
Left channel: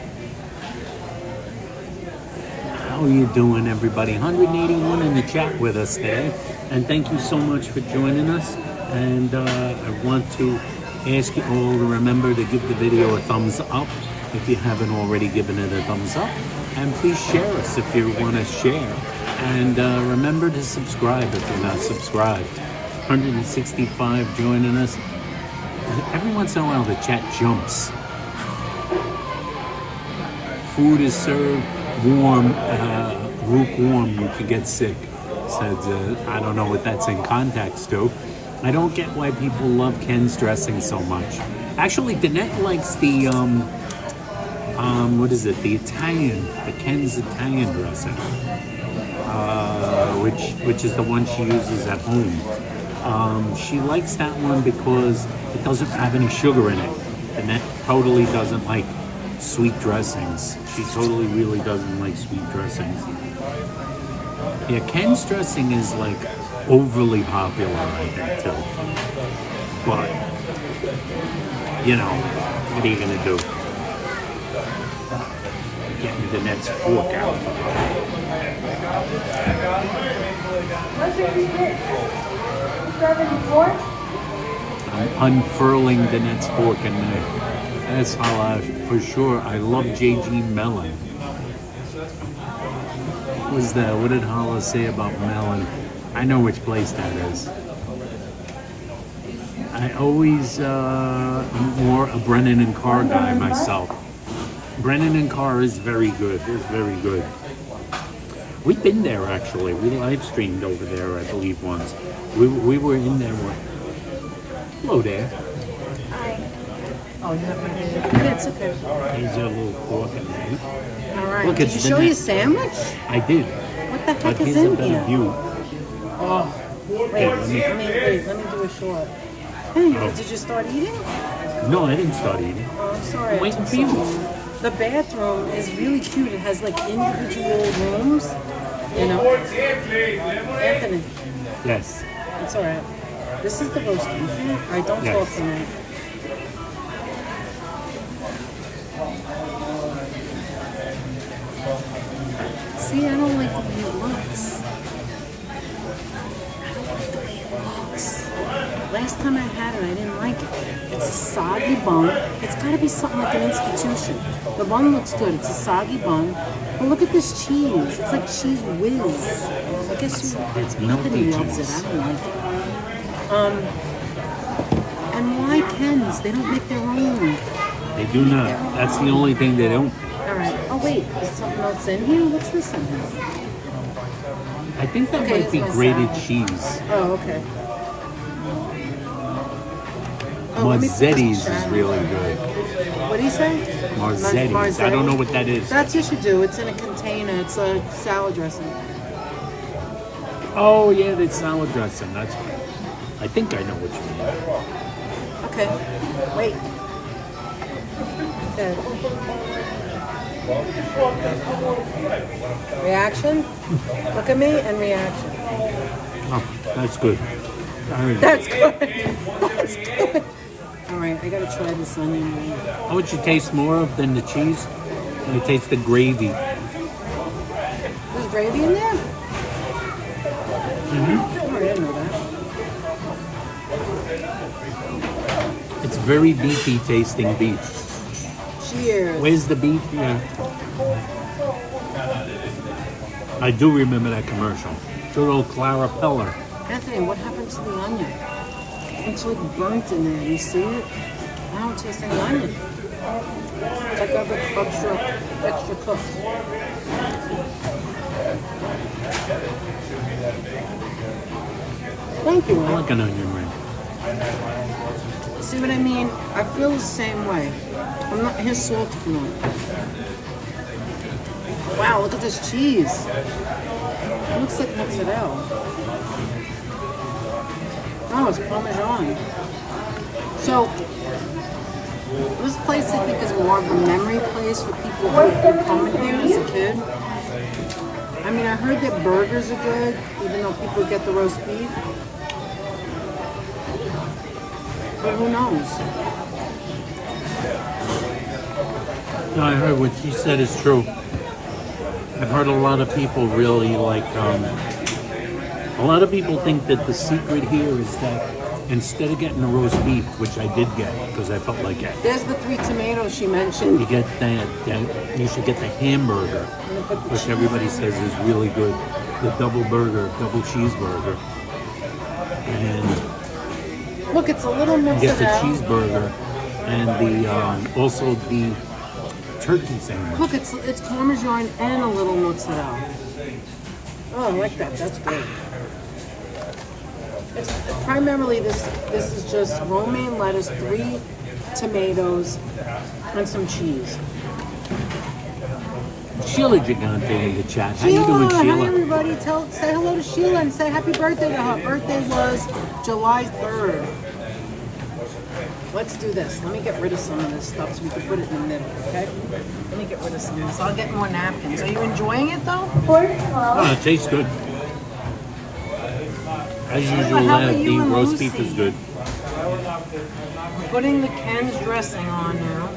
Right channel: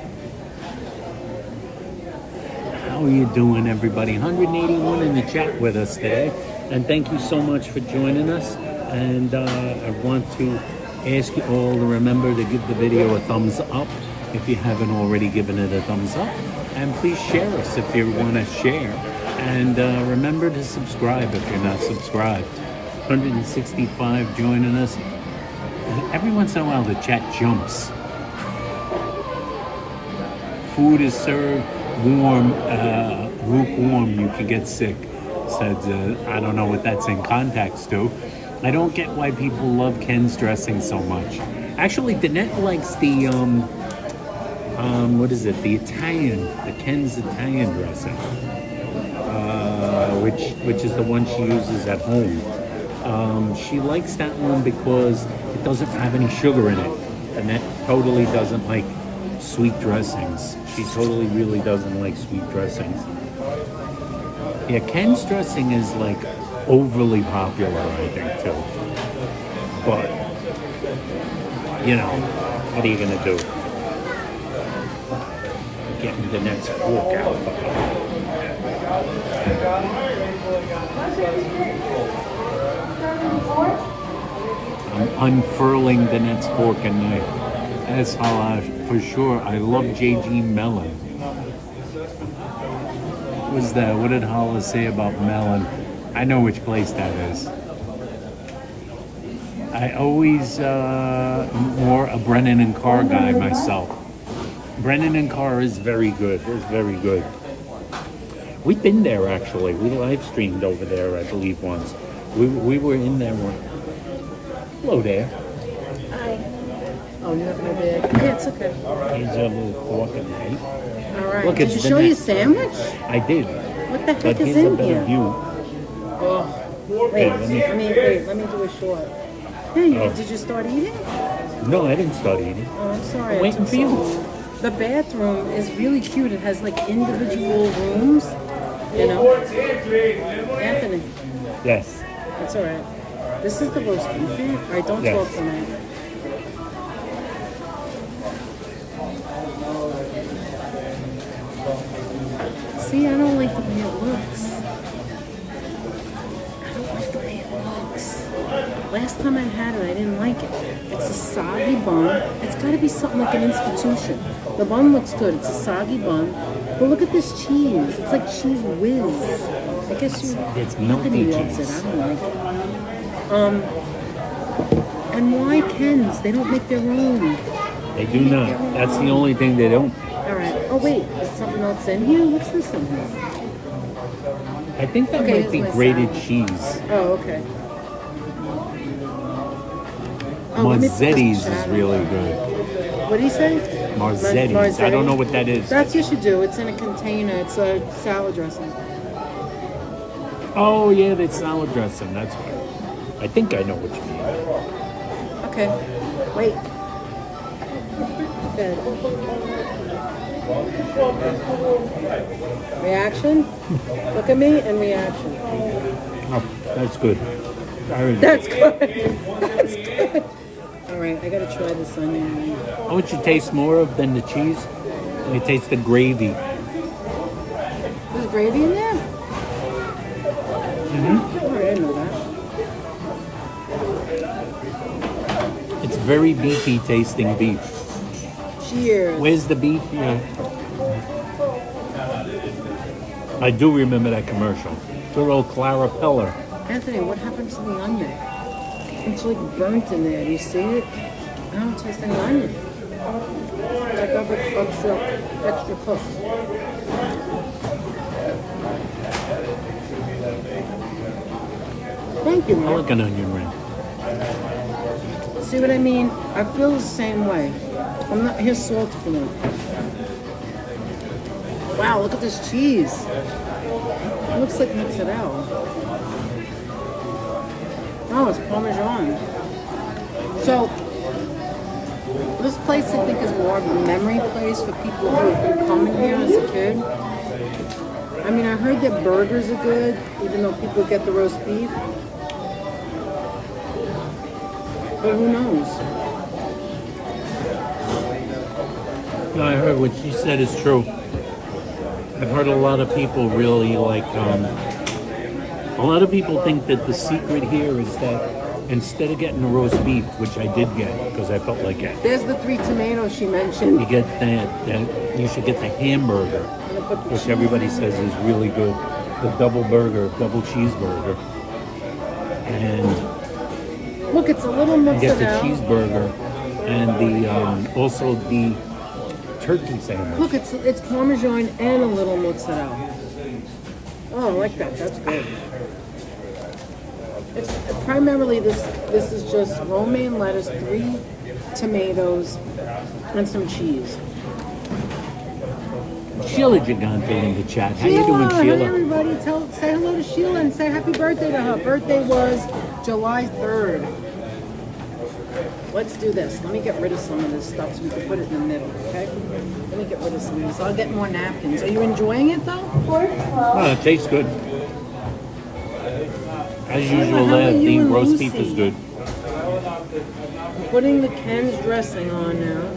How are you doing, everybody? 181 in the chat with us today. And thank you so much for joining us. And I want to ask you all to remember to give the video a thumbs up if you haven't already given it a thumbs up. And please share us if you want to share. And remember to subscribe if you're not subscribed. 165 joining us. Every once in a while the chat jumps. Food is served warm, lukewarm, you can get sick. Said, I don't know what that's in context to. I don't get why people love Ken's dressing so much. Actually, Danette likes the, what is it? The Italian, the Ken's Italian dressing. Which is the one she uses at home. She likes that one because it doesn't have any sugar in it. And that totally doesn't like sweet dressings. She totally really doesn't like sweet dressings. Yeah, Ken's dressing is like overly popular, I think, too. But, you know, what are you going to do? Getting the next fork out. I'm unfurling the next fork and knife. That's how for sure. I love JG Melon. What was that? What did Hala say about Melon? I know which place that is. I always more a Brennan and Carr guy myself. Brennan and Carr is very good. It's very good. We've been there actually. We live streamed over there, I believe, once. We were in there once. Hello there. Oh, you're not ready. Yeah, it's okay. Here's your little fork and knife. All right. Look, did you show your sandwich? I did. What the heck But is here's a in better here? view. Oh, wait. Here, let Let me do a short. Hey, Oh. did you start eating? No, I didn't start eating. Oh, I'm sorry. I'm I waiting took for you. so long. The bathroom is really cute. It has like individual rooms. You know, Anthony. Yes. That's all right. This is the roast beef. All right, don't Yes. talk tonight. See, I don't like the way it looks. I don't like the way it looks. Last time I had it, I didn't like it. It's a soggy bun. It's got to be something like an institution. The bun looks good. It's a soggy bun. But look at this cheese. It's like cheese whiz. I guess It's Anthony melted loves cheese. it. I don't like it. And why Ken's? They don't make their own. They do not. That's the only thing they don't. All right. Oh wait, is something else in here? What's this in here? I think that Okay, might here's be my grated salad. cheese. Oh, okay. Oh, let me put this Marzetti's is down. really good. What do you say? Marzetti's. I don't know what that is. That's what you do. It's in a container. It's a salad dressing. Oh, yeah, that's salad dressing. That's good. I think I know what you mean. Okay. Wait. There. Reaction? Look at me and reaction. Oh, that's good. That's good. That's good. All right, I gotta try this onion ring. How much you taste more of than the cheese? You taste the gravy. There's gravy in there? Mm-hmm. Oh, I didn't know that. It's very beefy tasting beef. Cheers. Where's the beef? Yeah. I do remember that commercial. Good old Clara Peller. Anthony, what happened to the onion? It's like burnt in there. Do you see it? I don't taste any onion. It's like extra cooked. Thank you, I man. like an onion ring. See what I mean? I feel the same way. I'm not here salt if you want. Wow, look at this cheese. It looks like mozzarella. Oh, it's Parmesan. So, this place I think is more of a memory place for people who have come in here as a kid. I mean, I heard that burgers are good, even though people get the roast beef. But who knows? No, I heard what she said is true. I've heard a lot of people really like, a lot of people think that the secret here is that instead of getting the roast beef, which I did get because I felt like it, There's the 3 tomatoes she mentioned. you get you should get the hamburger, which everybody says is really good. The double cheeseburger. And Look, it's a little you get the mozzarella. cheeseburger and the also the turkey sandwich. Look, it's Parmesan and a little mozzarella. Oh, I like that. That's good. It's primarily this is just romaine lettuce, 3 tomatoes, and some cheese. Sheila Gigante in the chat. How you doing, Hi Sheila? everybody. Say hello to Sheila and say happy birthday to her. Birthday was July 3rd. Let's do this. Let me get rid of some of this stuff so we can put it in the middle, okay? Let me get rid of some of this. I'll get more napkins. Are you enjoying it though? No, it tastes good. As usual, how are the you and roast beef Lucy? is good. We're putting the Ken's dressing on now.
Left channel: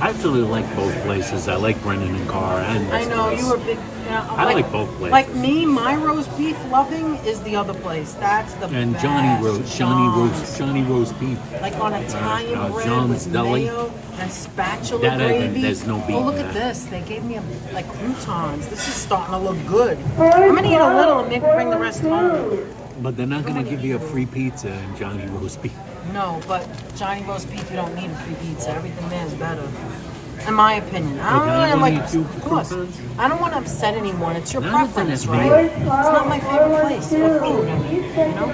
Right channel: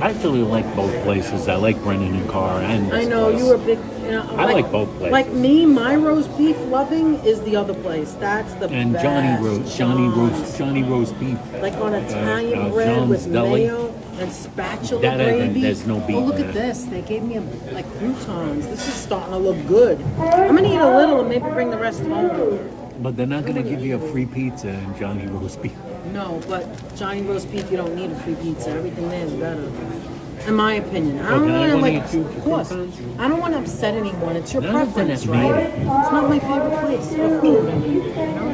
I actually like both places. I like Brennan and Carr and this I know place. you were big. I like both places. Like me, my roast beef loving is the other place. That's the And best. Johnny roast beef. Like on Italian bread John's with Deli. mayo and spatula That I think gravy. there's no beating Oh, look that. at this. They gave me like croutons. This is starting to look good. I'm gonna eat a little and maybe bring the rest home. But they're not going to give you a free pizza in Johnny roast beef. No, but Johnny roast beef, you don't need a free pizza. Everything there is better. In my opinion. I don't can I mean it go like, eat you of course. croutons? I don't want to upset anyone. It's your No, preference, that's right? me. It's not my favorite place for food, you know?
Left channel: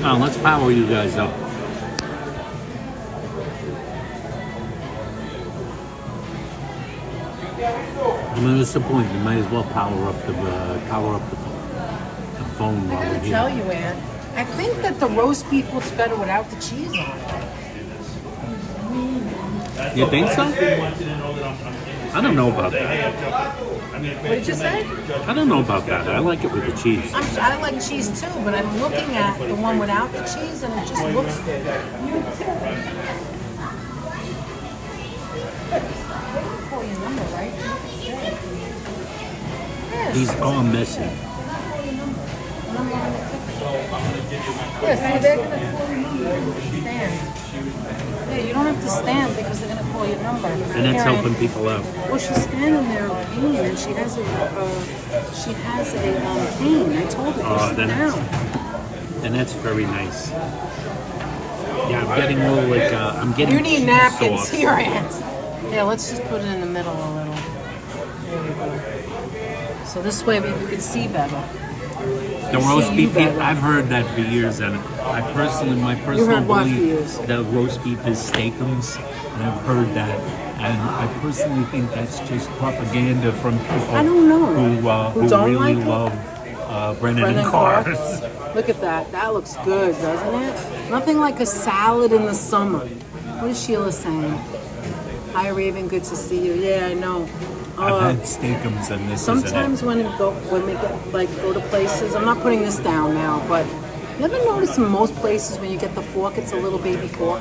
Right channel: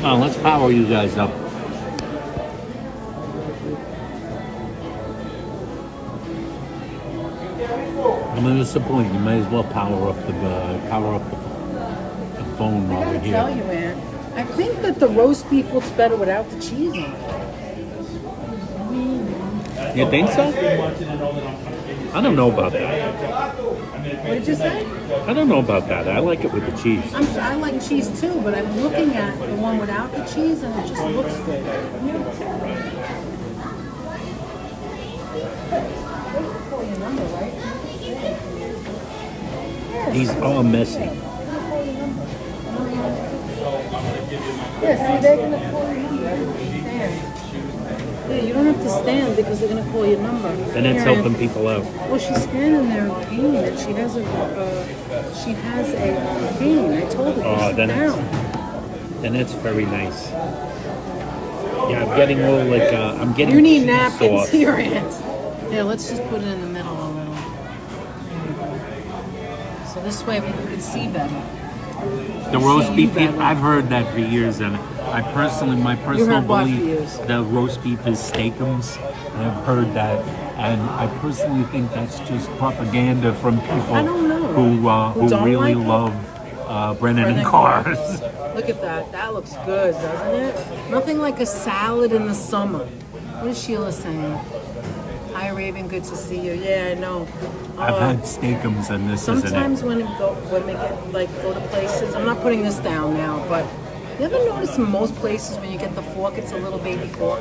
Now, let's power you guys up. I'm going to disappoint you. Might as well power up the phone while we're I tell here. you, man. I think that the roast beef looks better without the cheese on it. You think so? I don't know about that. What did you say? I don't know about that. I like it with the cheese. I like cheese too, but I'm looking at the one without the cheese and it just looks good. These are messy. Yeah, see, they're going to call your number. Stand. Yeah, you don't have to stand because they're going to call your number. And that's Here I am. helping people out. Well, she's standing there in pain, and she has a cane. I told her to sit down. And that's very nice. Yeah, I'm getting a little like I'm getting. You need cheese napkins sauce. here, Aunt. Here, let's just put it in the middle a little. So this way we can see better. The roast See beef. you better. I've heard that for years, and my personal heard what for belief, years? the roast beef is steakums, and I've heard that, and I personally think that's just propaganda from people I don't know. who don't really like it? love Brennan and Cars. Look at that. That looks good, doesn't it? Nothing like a salad in the summer. What is Sheila saying? Hi, Raven. Good to see you. Yeah, I know. I've had steakums, and this Sometimes isn't it. when we go to places, I'm not putting this down now, but you ever notice in most places when you get the fork, it's a little baby fork?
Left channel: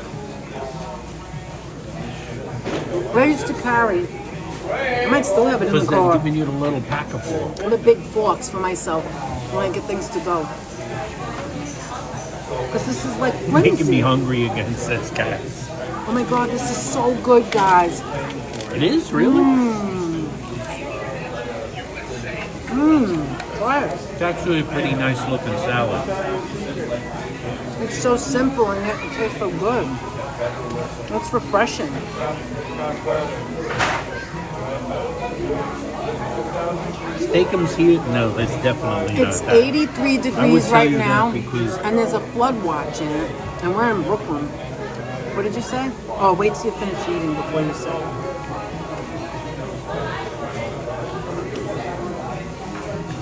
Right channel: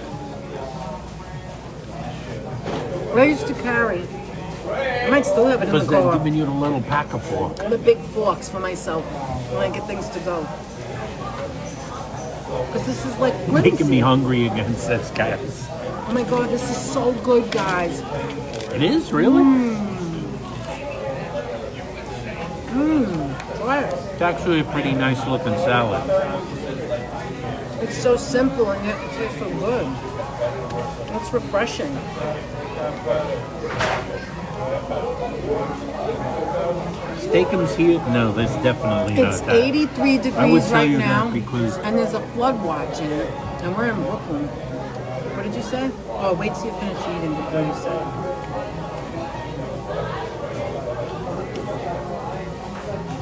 I used to carry. I might still have it in the Because they're car. giving you the little pack of fork. The big forks for myself when I get things to go. Because this is like Making me flimsy. hungry against this, guys. Oh my god, this is so good, guys. It is really. What? It's actually a pretty nice looking salad. It's so simple and yet it tastes so good. It's refreshing. Steakums here? No, that's definitely not It's that. 83 I would degrees tell right you that now, because- and there's a flood watch in it, and we're in Brooklyn. What did you say? Oh, wait till you finish eating before you say.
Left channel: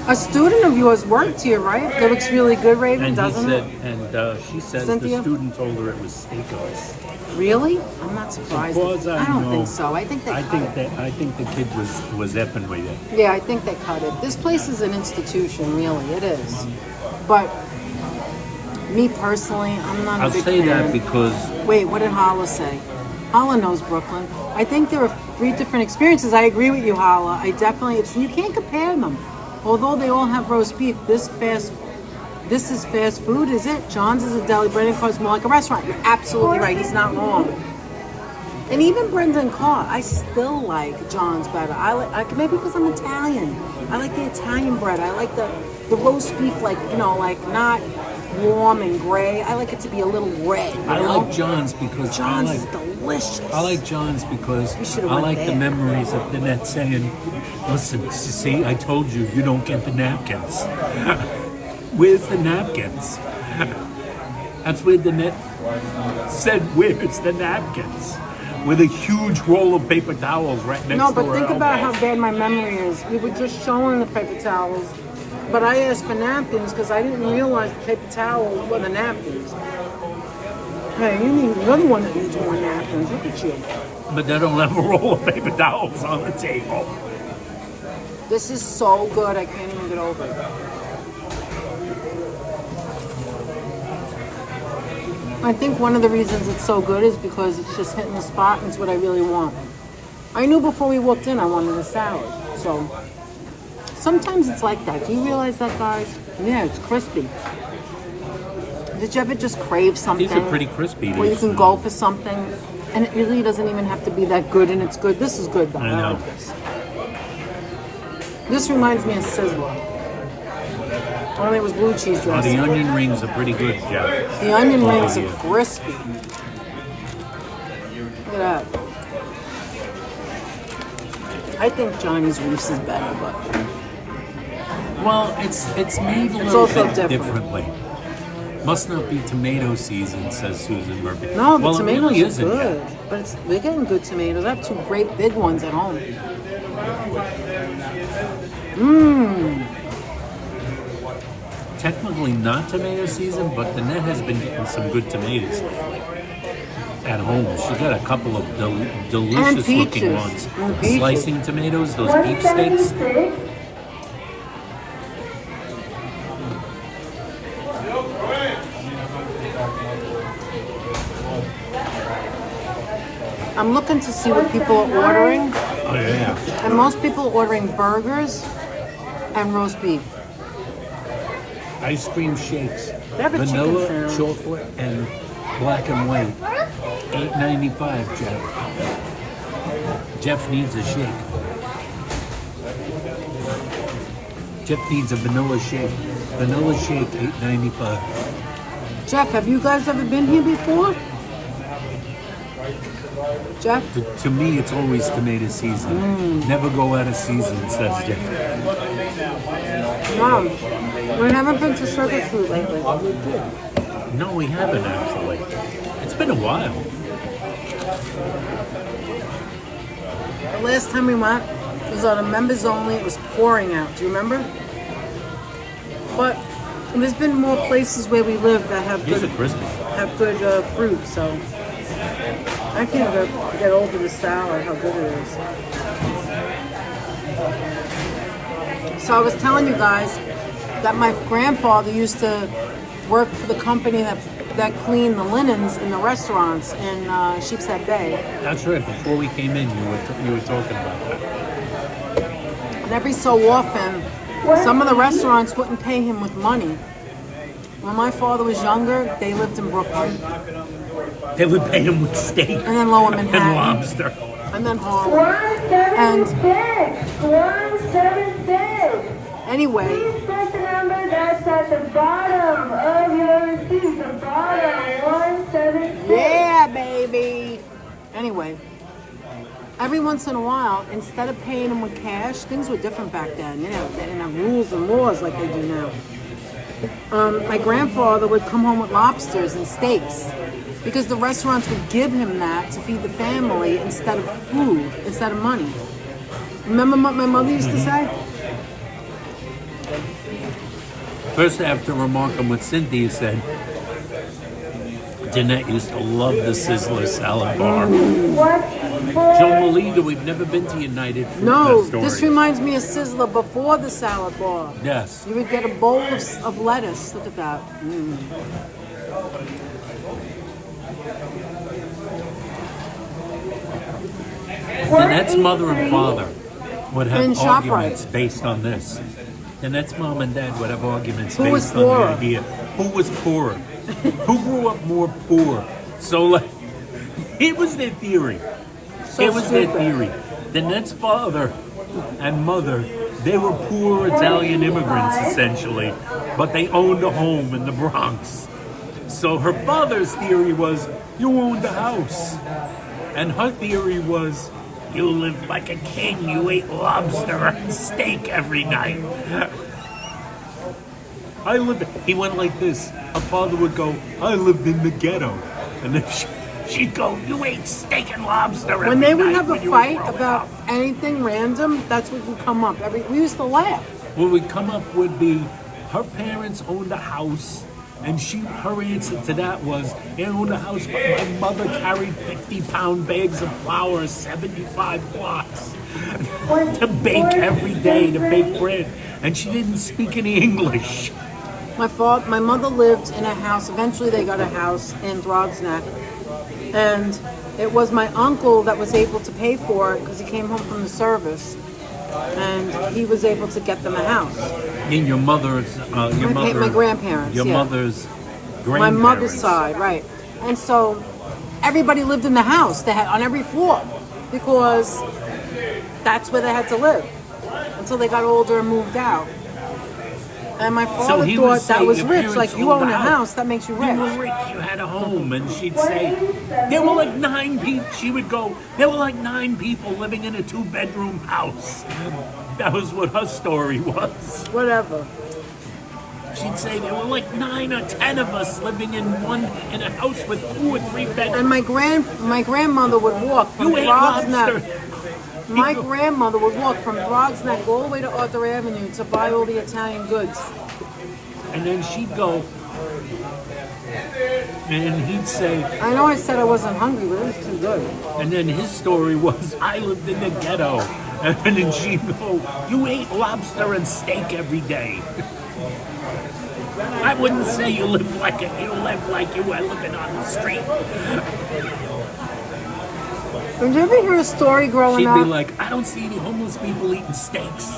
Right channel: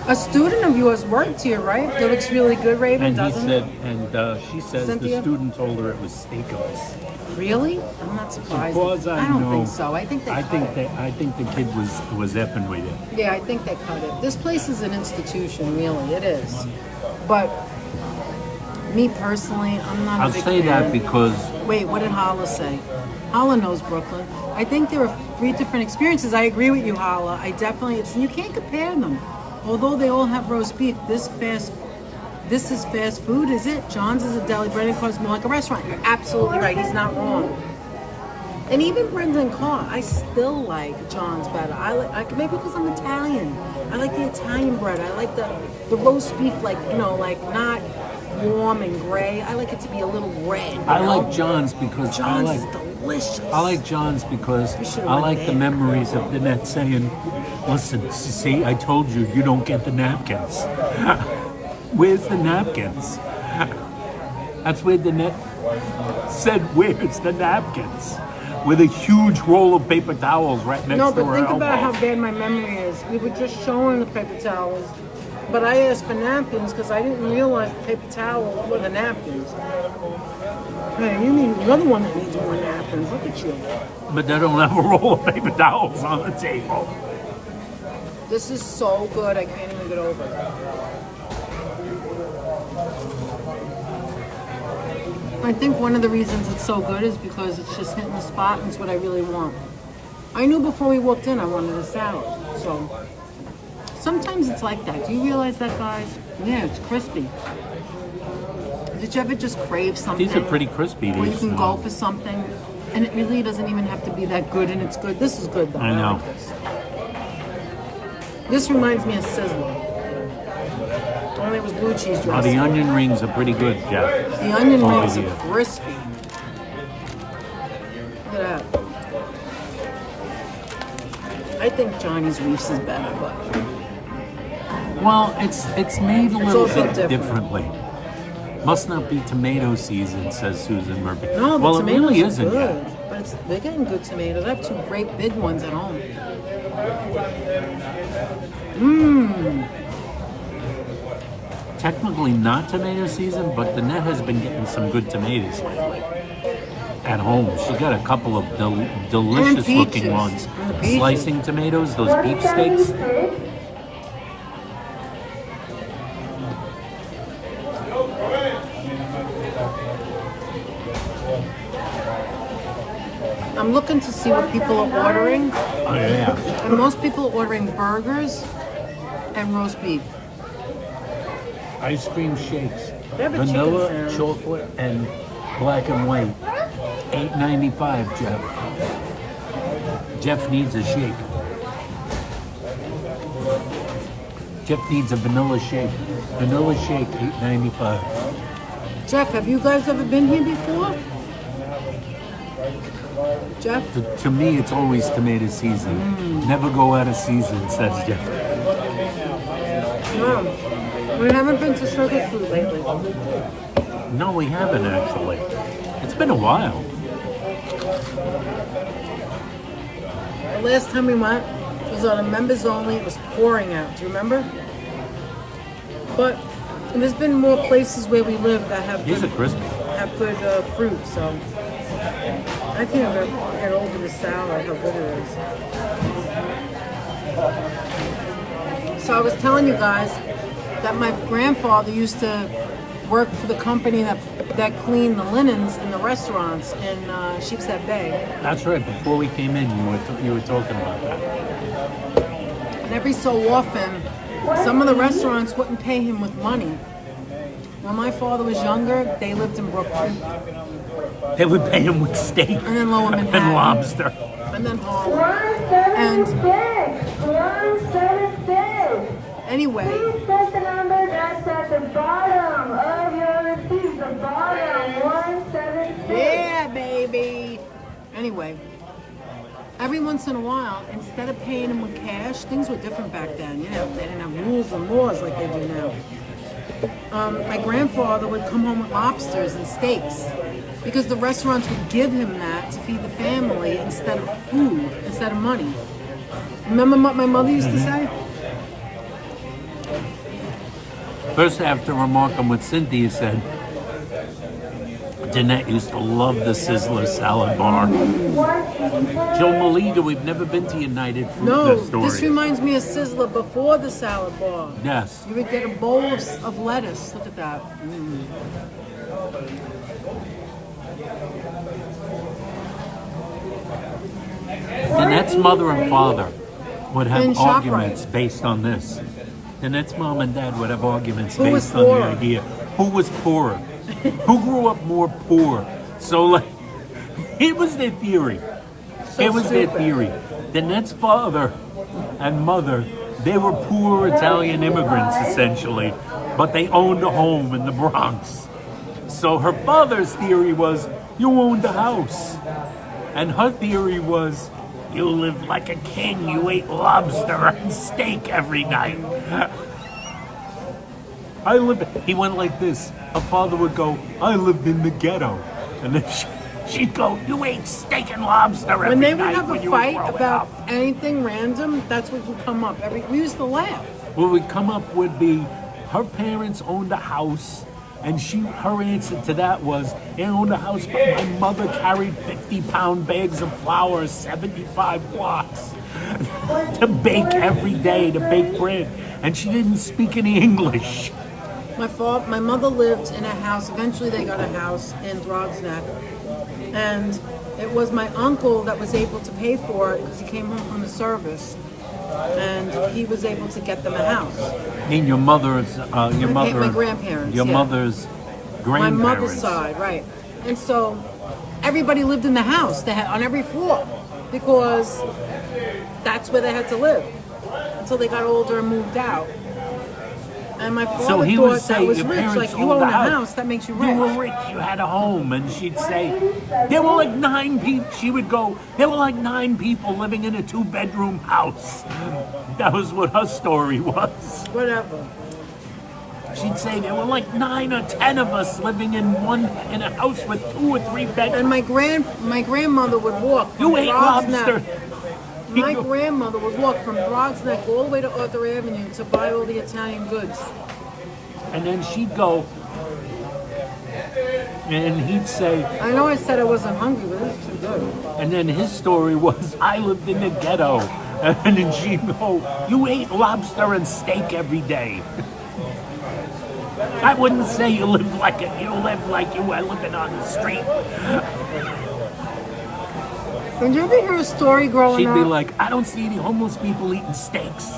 A student of yours worked here, right? That looks really good, Raven, And he doesn't said, it? and she says Cynthia? the student told her it was steakums. Really? I'm not surprised. As far as I don't know, think so. I think they cut it. I think the kid was effing with you. Yeah, I think they cut it. This place is an institution, really. It is. But me personally, I'm not a I'll big say fan. that because Wait, what did Hala say? Hala knows Brooklyn. I think there are 3 different experiences. I agree with you, Hala. I definitely, you can't compare them. Although they all have roast beef, this is fast food, is it? John's is a deli. Brendan Carr's more like a restaurant. You're absolutely right. He's not wrong. And even Brendan Carr, I still like John's better. I like maybe because I'm Italian. I like the Italian bread. I like the roast beef, like not warm and gray. I like it to be a little red. I like John's because John's is delicious. I like John's because should've I went like there. the memories of Danette saying, "Listen, see, I told you, you don't get the napkins. Where's the napkins?" That's where Danette said, "Where's the napkins?" With a huge roll of paper towels right next to her No, but think about elbow. how bad my memory is. We were just showing the paper towels, but I asked for napkins because I didn't realize the paper towels were the napkins. Hey, you need another one that needs more napkins. Look at you. But they don't have a roll of paper towels on the table. This is so good, I can't even get over it. I think one of the reasons it's so good is because it's just hitting the spot and it's what I really want. I knew before we walked in I wanted a salad, so sometimes it's like that. Do you realize that, guys? Yeah, it's crispy. Did you ever just crave something? These are pretty crispy. Where you these, can go for something and it really doesn't even have to be that good and it's good. This is good though. I know. like this. This reminds me of Sizzler. Only it was blue cheese Oh, dressing. the onion rings are pretty good, Jeff. The onion Over rings are here. crispy. Look at that. I think Johnny's Reefs is better, but Well, it's made a It's little also bit different. differently. Must not be tomato season, says Susan Murphy. no, the well, tomatoes it really are isn't good. yet. But they're getting good tomatoes. I have 2 great big ones at home. Mmm. Technically not tomato season, but the net has been getting some good tomatoes lately. At home, she got a couple of delicious looking peaches. ones. And peaches. Slicing tomatoes, those beef steaks. I'm looking to see what people are ordering. Oh yeah. And most people are ordering burgers and roast beef. Ice cream shakes. They have a chicken Vanilla, sandwich. chocolate, and black and white. $8.95, Jeff. Jeff needs a shake. Jeff needs a vanilla shake. Vanilla shake, $8.95. Jeff, have you guys ever been here before? Jeff? To me, it's always tomato season. Never go out of season, says Jeff. No. We haven't been to Circus Fruit lately. No, we haven't actually. It's been a while. The last time we went was on a members only. It was pouring out. Do you remember? But there's been more places where we live that have These are good, crispy. fruit. So I can't get over the salad, how good it is. So I was telling you guys that my grandfather used to work for the company that cleaned the linens in the restaurants in Sheepshead Bay. That's right. Before we came in, you were talking about that. And every so often, some of the restaurants wouldn't pay him with money. When my father was younger, they lived in Brooklyn. They would pay him with steak And then Lower Manhattan. and lobster. And then Harlem. 176. 176. Anyway, Please check the number that's at the bottom of your receipt. The bottom 176. yeah, baby. Anyway, every once in a while, instead of paying him with cash, things were different back then. You know, they didn't have rules and laws like they do now. My grandfather would come home with lobsters and steaks because the restaurants would give him that to feed the family instead of food, instead of money. Remember what my mother used to say? First, I have to remark on what Cynthia said. Jeanette used to love the Sizzler salad bar. Joe Maliga, we've never been to United Fruit No, Store. this reminds me of Sizzler before the salad bar. Yes. You would get a bowl of lettuce. Look at that. Danette's mother and father would In have ShopRite. arguments based on this. Danette's mom and dad would have arguments Who was based on the poorer? idea. Who was poorer? Who grew up more poor? So, like, it was their theory. So it was their stupid. theory. Danette's father and mother, they were poor Italian immigrants, essentially, but they owned a home in the Bronx. So her father's theory was, you owned a house. And her theory was, you lived like a king. You ate lobster and steak every night. He went like this. Her father would go, I lived in the ghetto. And then she'd go, you ate steak and lobster every night. When they would have a when you were fight growing about up." anything random, that's what would come up. We used to laugh. What would come up would be, her parents owned a house. And her answer to that was, they owned a house, but my mother carried 50-pound bags of flour, 75 blocks, to bake every day, to bake bread. And she didn't speak any English. My mother lived in a house. Eventually, they got a house in Drogsneck, and it was my uncle that was able to pay for it because he came home from the service, and he was able to get them a house. I mean, my grandparents. Your yeah. mother's grandparents. My mother's side, right? And so everybody lived in the house. They had on every floor because that's where they had to live until they got older and moved out. And my father he would thought that say, was "Your rich. parents Like, you owned own a a house. house, that makes you You rich. were rich, you had a home." And she'd say, there were like 9 people. She would go, there were like 9 people living in a 2-bedroom house. That was what her story was. Whatever. She'd say there were like 9 or 10 of us living in a house with 2 or 3 bedrooms. And my grandmother would walk from You ate lobster. Drogsneck. My grandmother would walk from Drogsneck all the way to Arthur Avenue to buy all the Italian goods. And then she'd go, and he'd say, I know I said I wasn't hungry, but it was too good. and then his story was, I lived in the ghetto. And then she'd go, you ate lobster and steak every day. I wouldn't say you lived like it. You lived like you were living on the street. Did you ever hear a story growing She'd up? be like, I don't see any homeless people eating steaks.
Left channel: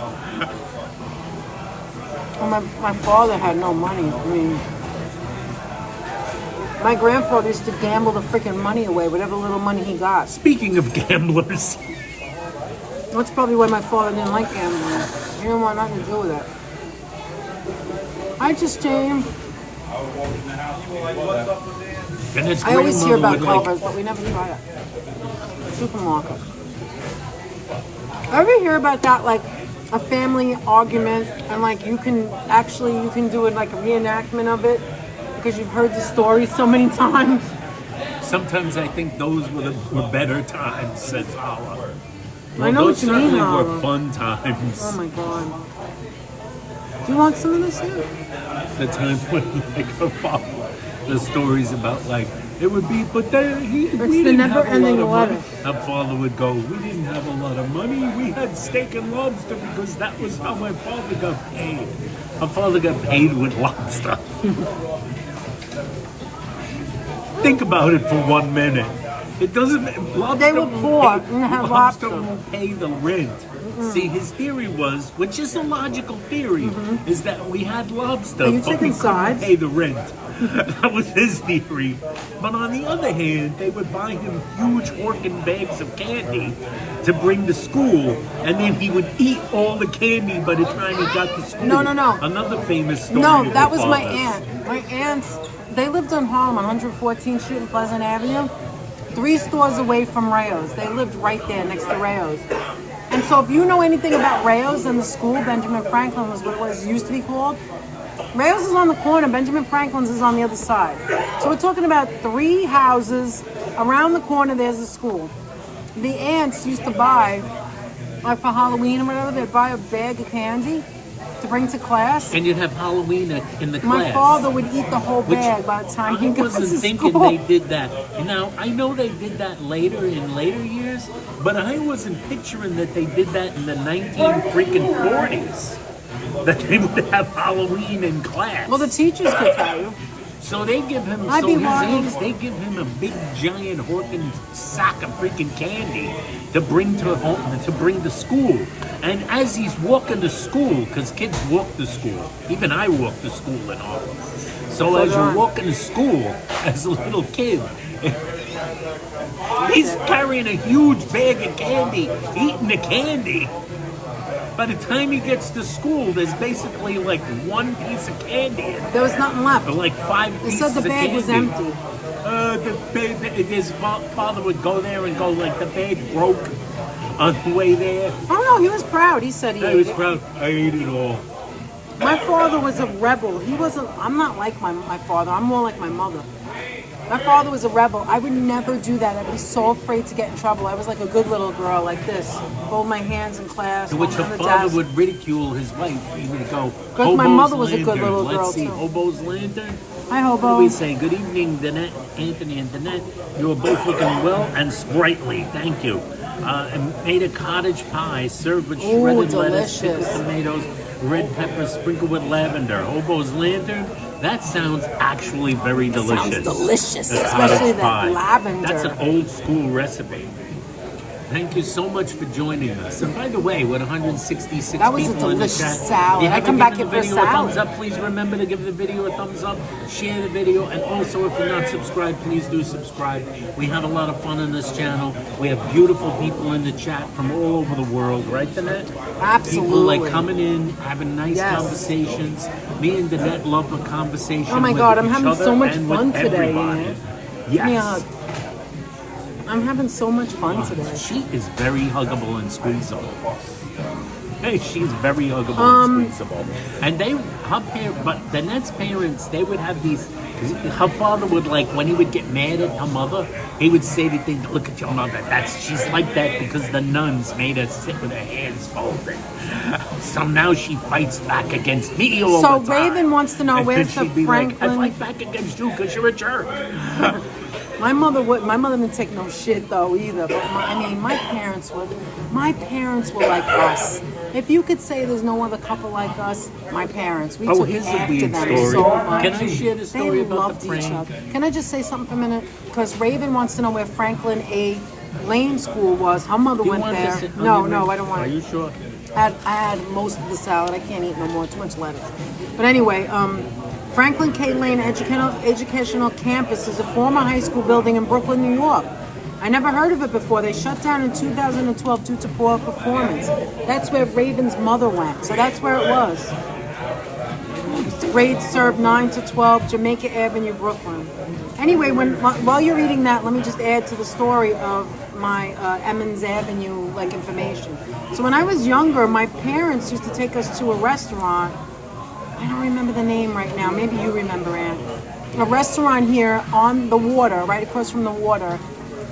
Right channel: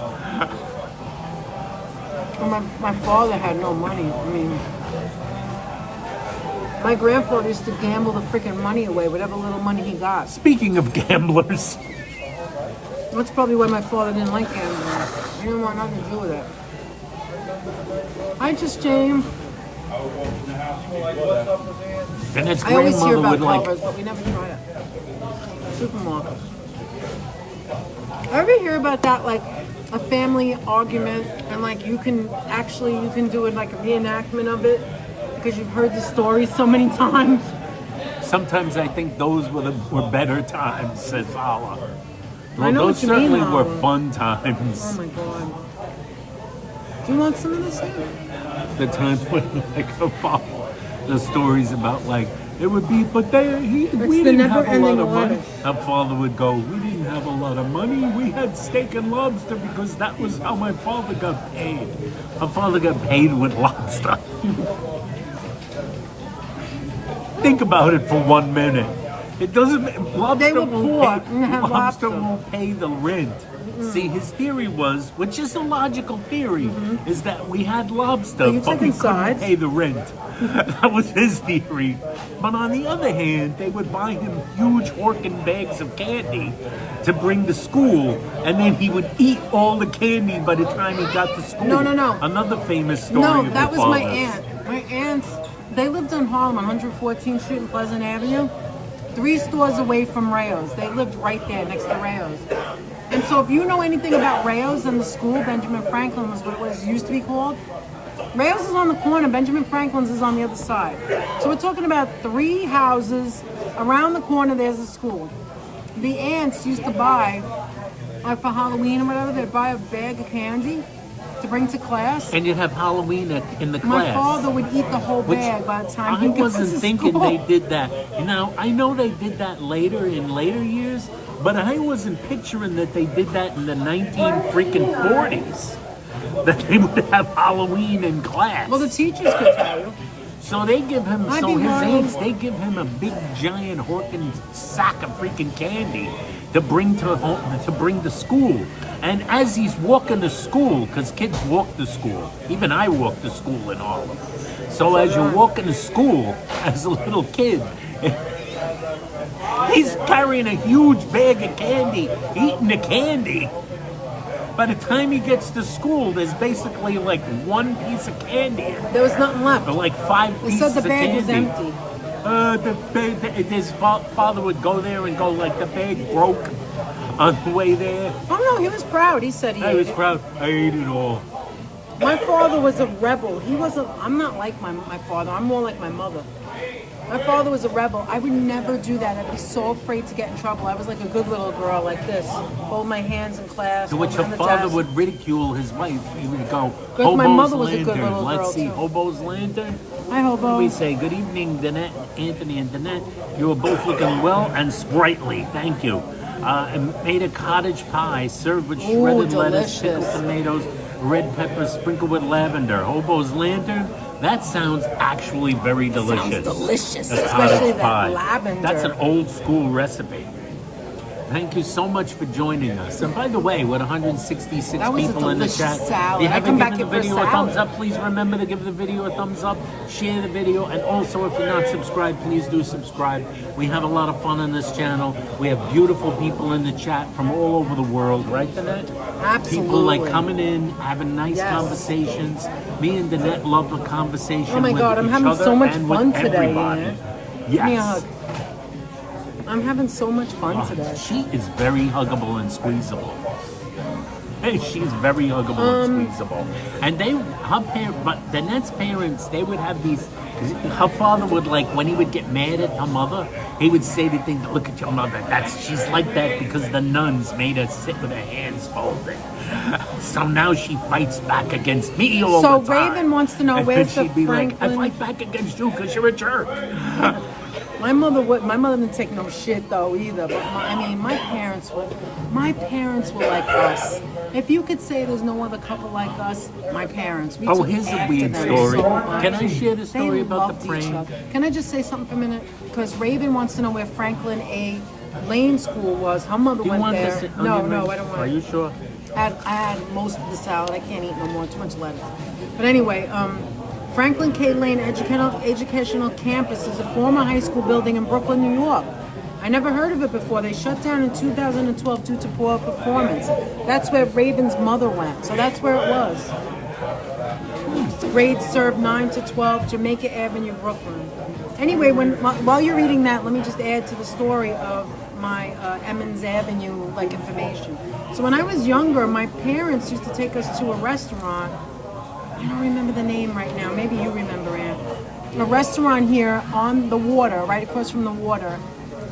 Well, my father had no money. I mean, my grandfather used to gamble the freaking money away, whatever little money he got. Speaking of gamblers, That's probably why my father didn't like gambling. He didn't want nothing to do with it. Hi, just James. and his I always hear grandmother about would Culver's, but we never try it. Supermarket. Ever hear about that, like a family argument, and like you can do it like a reenactment of it because you've heard the story so many times. sometimes I think those were better times, says Allah. Well, I know those what you mean, certainly Hala. were fun times. Oh my god. Do you want some of this here? The time when, like, her father, the stories about, like, it would be, but we the didn't have a lot never-ending of money. lettuce. Her father would go, we didn't have a lot of money. We had steak and lobster because that was how my father got paid. Her father got paid with lobster. Think about it for 1 minute. It doesn't. Lobster They were won't poor pay- and have lobster lobster. won't pay the rent. See, his theory was, which is a logical theory, is that we had lobster, Are you but we taking couldn't sides? pay the rent. That was his theory. But on the other hand, they would buy him huge Horkin bags of candy to bring to school, and then he would eat all the candy by the time he got to school. No. Another famous story. No, of that the was my fathers. aunt. My aunt, they lived on Harlem, 114th Street and Pleasant Avenue, 3 stores away from Rayo's. They lived right there next to Rayo's. And so if you know anything about Rayo's and the school, Benjamin Franklin was what it was used to be called. Rayo's is on the corner, Benjamin Franklin's is on the other side. So we're talking about 3 houses. Around the corner there's a school. The aunts used to buy, like for Halloween or whatever, they'd buy a bag of candy to bring to class. And you'd have Halloween in the class. My father would eat the whole bag by the time he I got to wasn't thinking school. they did that. Now, I know they did that later in later years, but I wasn't picturing that they did that in the 1940s. That they would have Halloween in class. Well, the teachers could tell you. So they give him, I'd so be his one of aunts, those- they give him a big giant Horkin sack of freaking candy to bring to school. And as he's walking to school, because kids walk to school, even I walk to school in Harlem. So as you're walking to school as a little kid, he's carrying a huge bag of candy, eating the candy. By the time he gets to school, there's basically like one piece of candy. There was nothing left. Or like 5 They pieces said the of bag was candy. empty. His father would go there and go like, the bag broke on the way there. Oh no, he was proud. He said he I ate was it. proud. I ate it all. My father was a rebel. He wasn't. I'm not like my father. I'm more like my mother. My father was a rebel. I would never do that. I'd be so afraid to get in trouble. I was like a good little girl, like this. Hold my hands in class. To which hold her them on the father desk. would ridicule his wife. He would go, Because my "Hobo's mother was a good lantern." little Let's girl, see, too. Hobo's lantern. Hi, Hobo. We say, good evening, Danette, Anthony and Danette. You are both looking well and sprightly. Thank you. And made a cottage pie served with Ooh, shredded lettuce, delicious. pickled tomatoes, red peppers sprinkled with lavender. Hobo's lantern. That sounds actually very delicious. Sounds delicious, A especially cottage that pie. lavender. That's an old school recipe. Thank you so much for joining us. And by the way, with 166 That was a people in the delicious chat, salad. if you I haven't come back given here the for a video a salad. thumbs up, please remember to give the video a thumbs up, share the video, and also if you're not subscribed, please do subscribe. We have a lot of fun on this channel. We have beautiful people in the chat from all over the world, right, Danette? Absolutely. People like coming in, having nice Yes. conversations. Me and Danette love the conversation. Oh my with God, I'm each having other so much and with fun today, everybody. Ian. Yes. Give me a hug. I'm having so much fun today. She is very huggable and squeezable. Hey, she's very huggable and squeezable. And but Danette's parents, they would have these, her father would like, when he would get mad at her mother, he would say to things, look at your mother, she's like that because the nuns made her sit with her hands folded. So now she fights back against me all So the time. Raven wants to know, And where's the she'd be like, I Franklin? fight back against you because you're a jerk. My mother didn't take no shit though either. But my parents were like us. If you could say there's no other couple like us, my parents. We took Here's a after weird them story. so much. Can I share the story They about loved the each prank? other. Can I just say something for a minute? Because Raven wants to know where Franklin A. Lane School was. Her mother You went want there. to sit on No, your no, ring? I don't want Are it. you sure? I had most of the salad. I can't eat no more. Too much lettuce. But anyway, Franklin K. Lane Educational Campus is a former high school building in Brooklyn, New York. I never heard of it before. They shut down in 2012 due to poor performance. That's where Raven's mother went. So that's where it was. Grades served 9 to 12, Jamaica Avenue, Brooklyn. Anyway, while you're reading that, let me just add to the story of my Emmons Avenue information. So when I was younger, my parents used to take us to a restaurant. I don't remember the name right now. Maybe you remember, Ann. A restaurant here on the water, right across from the water.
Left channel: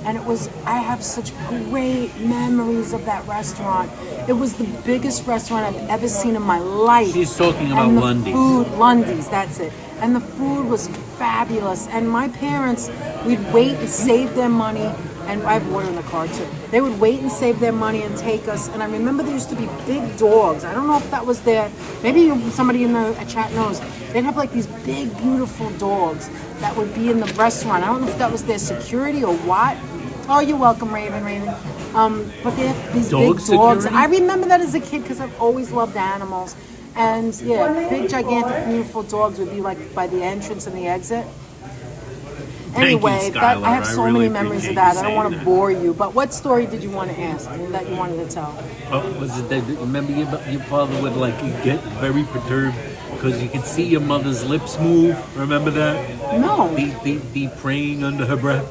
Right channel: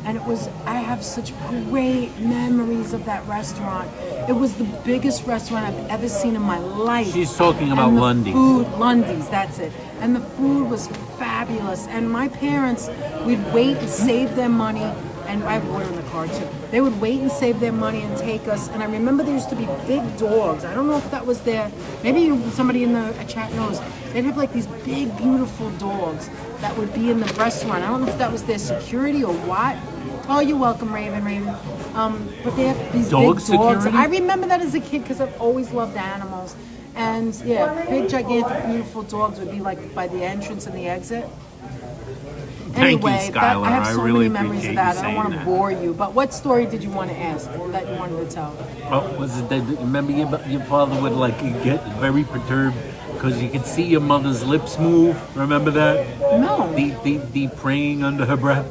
And I have such great memories of that restaurant. It was the biggest restaurant I've ever seen in my life. She's talking about And the Lundy's. Lundy's, that's it. And the food was fabulous. And my parents, we'd wait and save their money. And I have water in the car too. They would wait and save their money and take us. And I remember there used to be big dogs. I don't know if that was there. Maybe somebody in the chat knows. They'd have these big, beautiful dogs that would be in the restaurant. I don't know if that was their security or what. Oh, you're welcome, Raven. But they have these big dogs. Security? I remember that as a kid because I've always loved animals. And yeah, big, gigantic, beautiful dogs would be by the entrance and the exit. Anyway, you, Skylar. I have so really many memories of appreciate that. I you don't want to saying bore you. But what story did you want to ask that you wanted to tell? Well, was it that remember your father would get very perturbed because you could see your mother's lips move? Remember that? No. Be praying under her breath.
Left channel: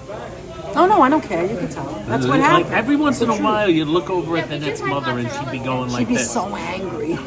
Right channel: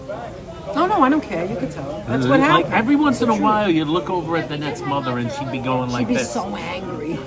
Oh, no, I don't care. You could tell. That's what happened. Every once in a It's the while, you'd look over at the next mother and she'd be going like She'd be this. so angry.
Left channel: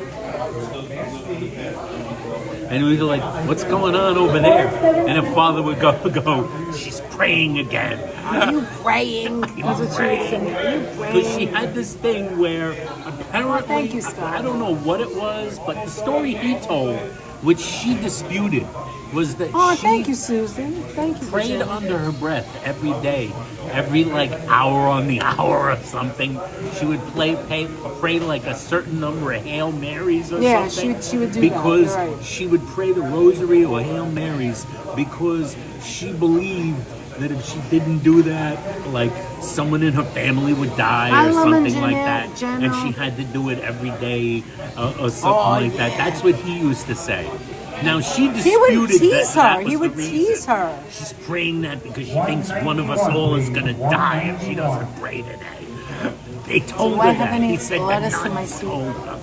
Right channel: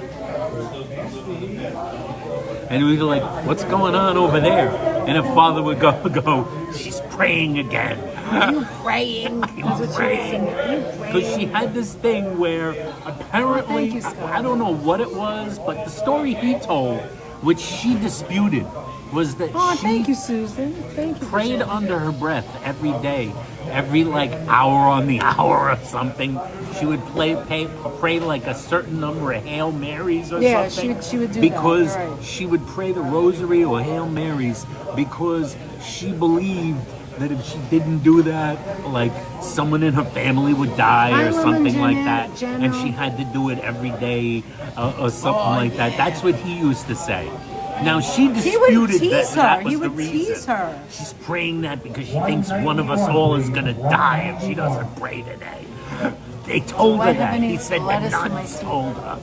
And we'd be like, what's going on over there? And her father would go, she's praying again. Are you praying? That's what she would say. Are you praying? Because she had this thing where apparently, thank you, Scott. I don't know what it was, but the story he told, which she disputed, was that she thank you, Susan. Thank you. prayed Virginia. under her breath every day, every hour on the hour or something. She would pray like a certain number of Hail Marys or something. Yeah, she would do because that. You're right. she would pray the Rosary or Hail Marys because she believed that if she didn't do that, someone in her family would die or something like that, Jenna. and she had to do it every day or something like that. That's what he used to say. Now she disputed He would tease that her. was He would the tease reason. her. She's praying that because she thinks one of us all is going to die if she doesn't pray today. They told I her have that. any He said the lettuce in my nuns soup? told her.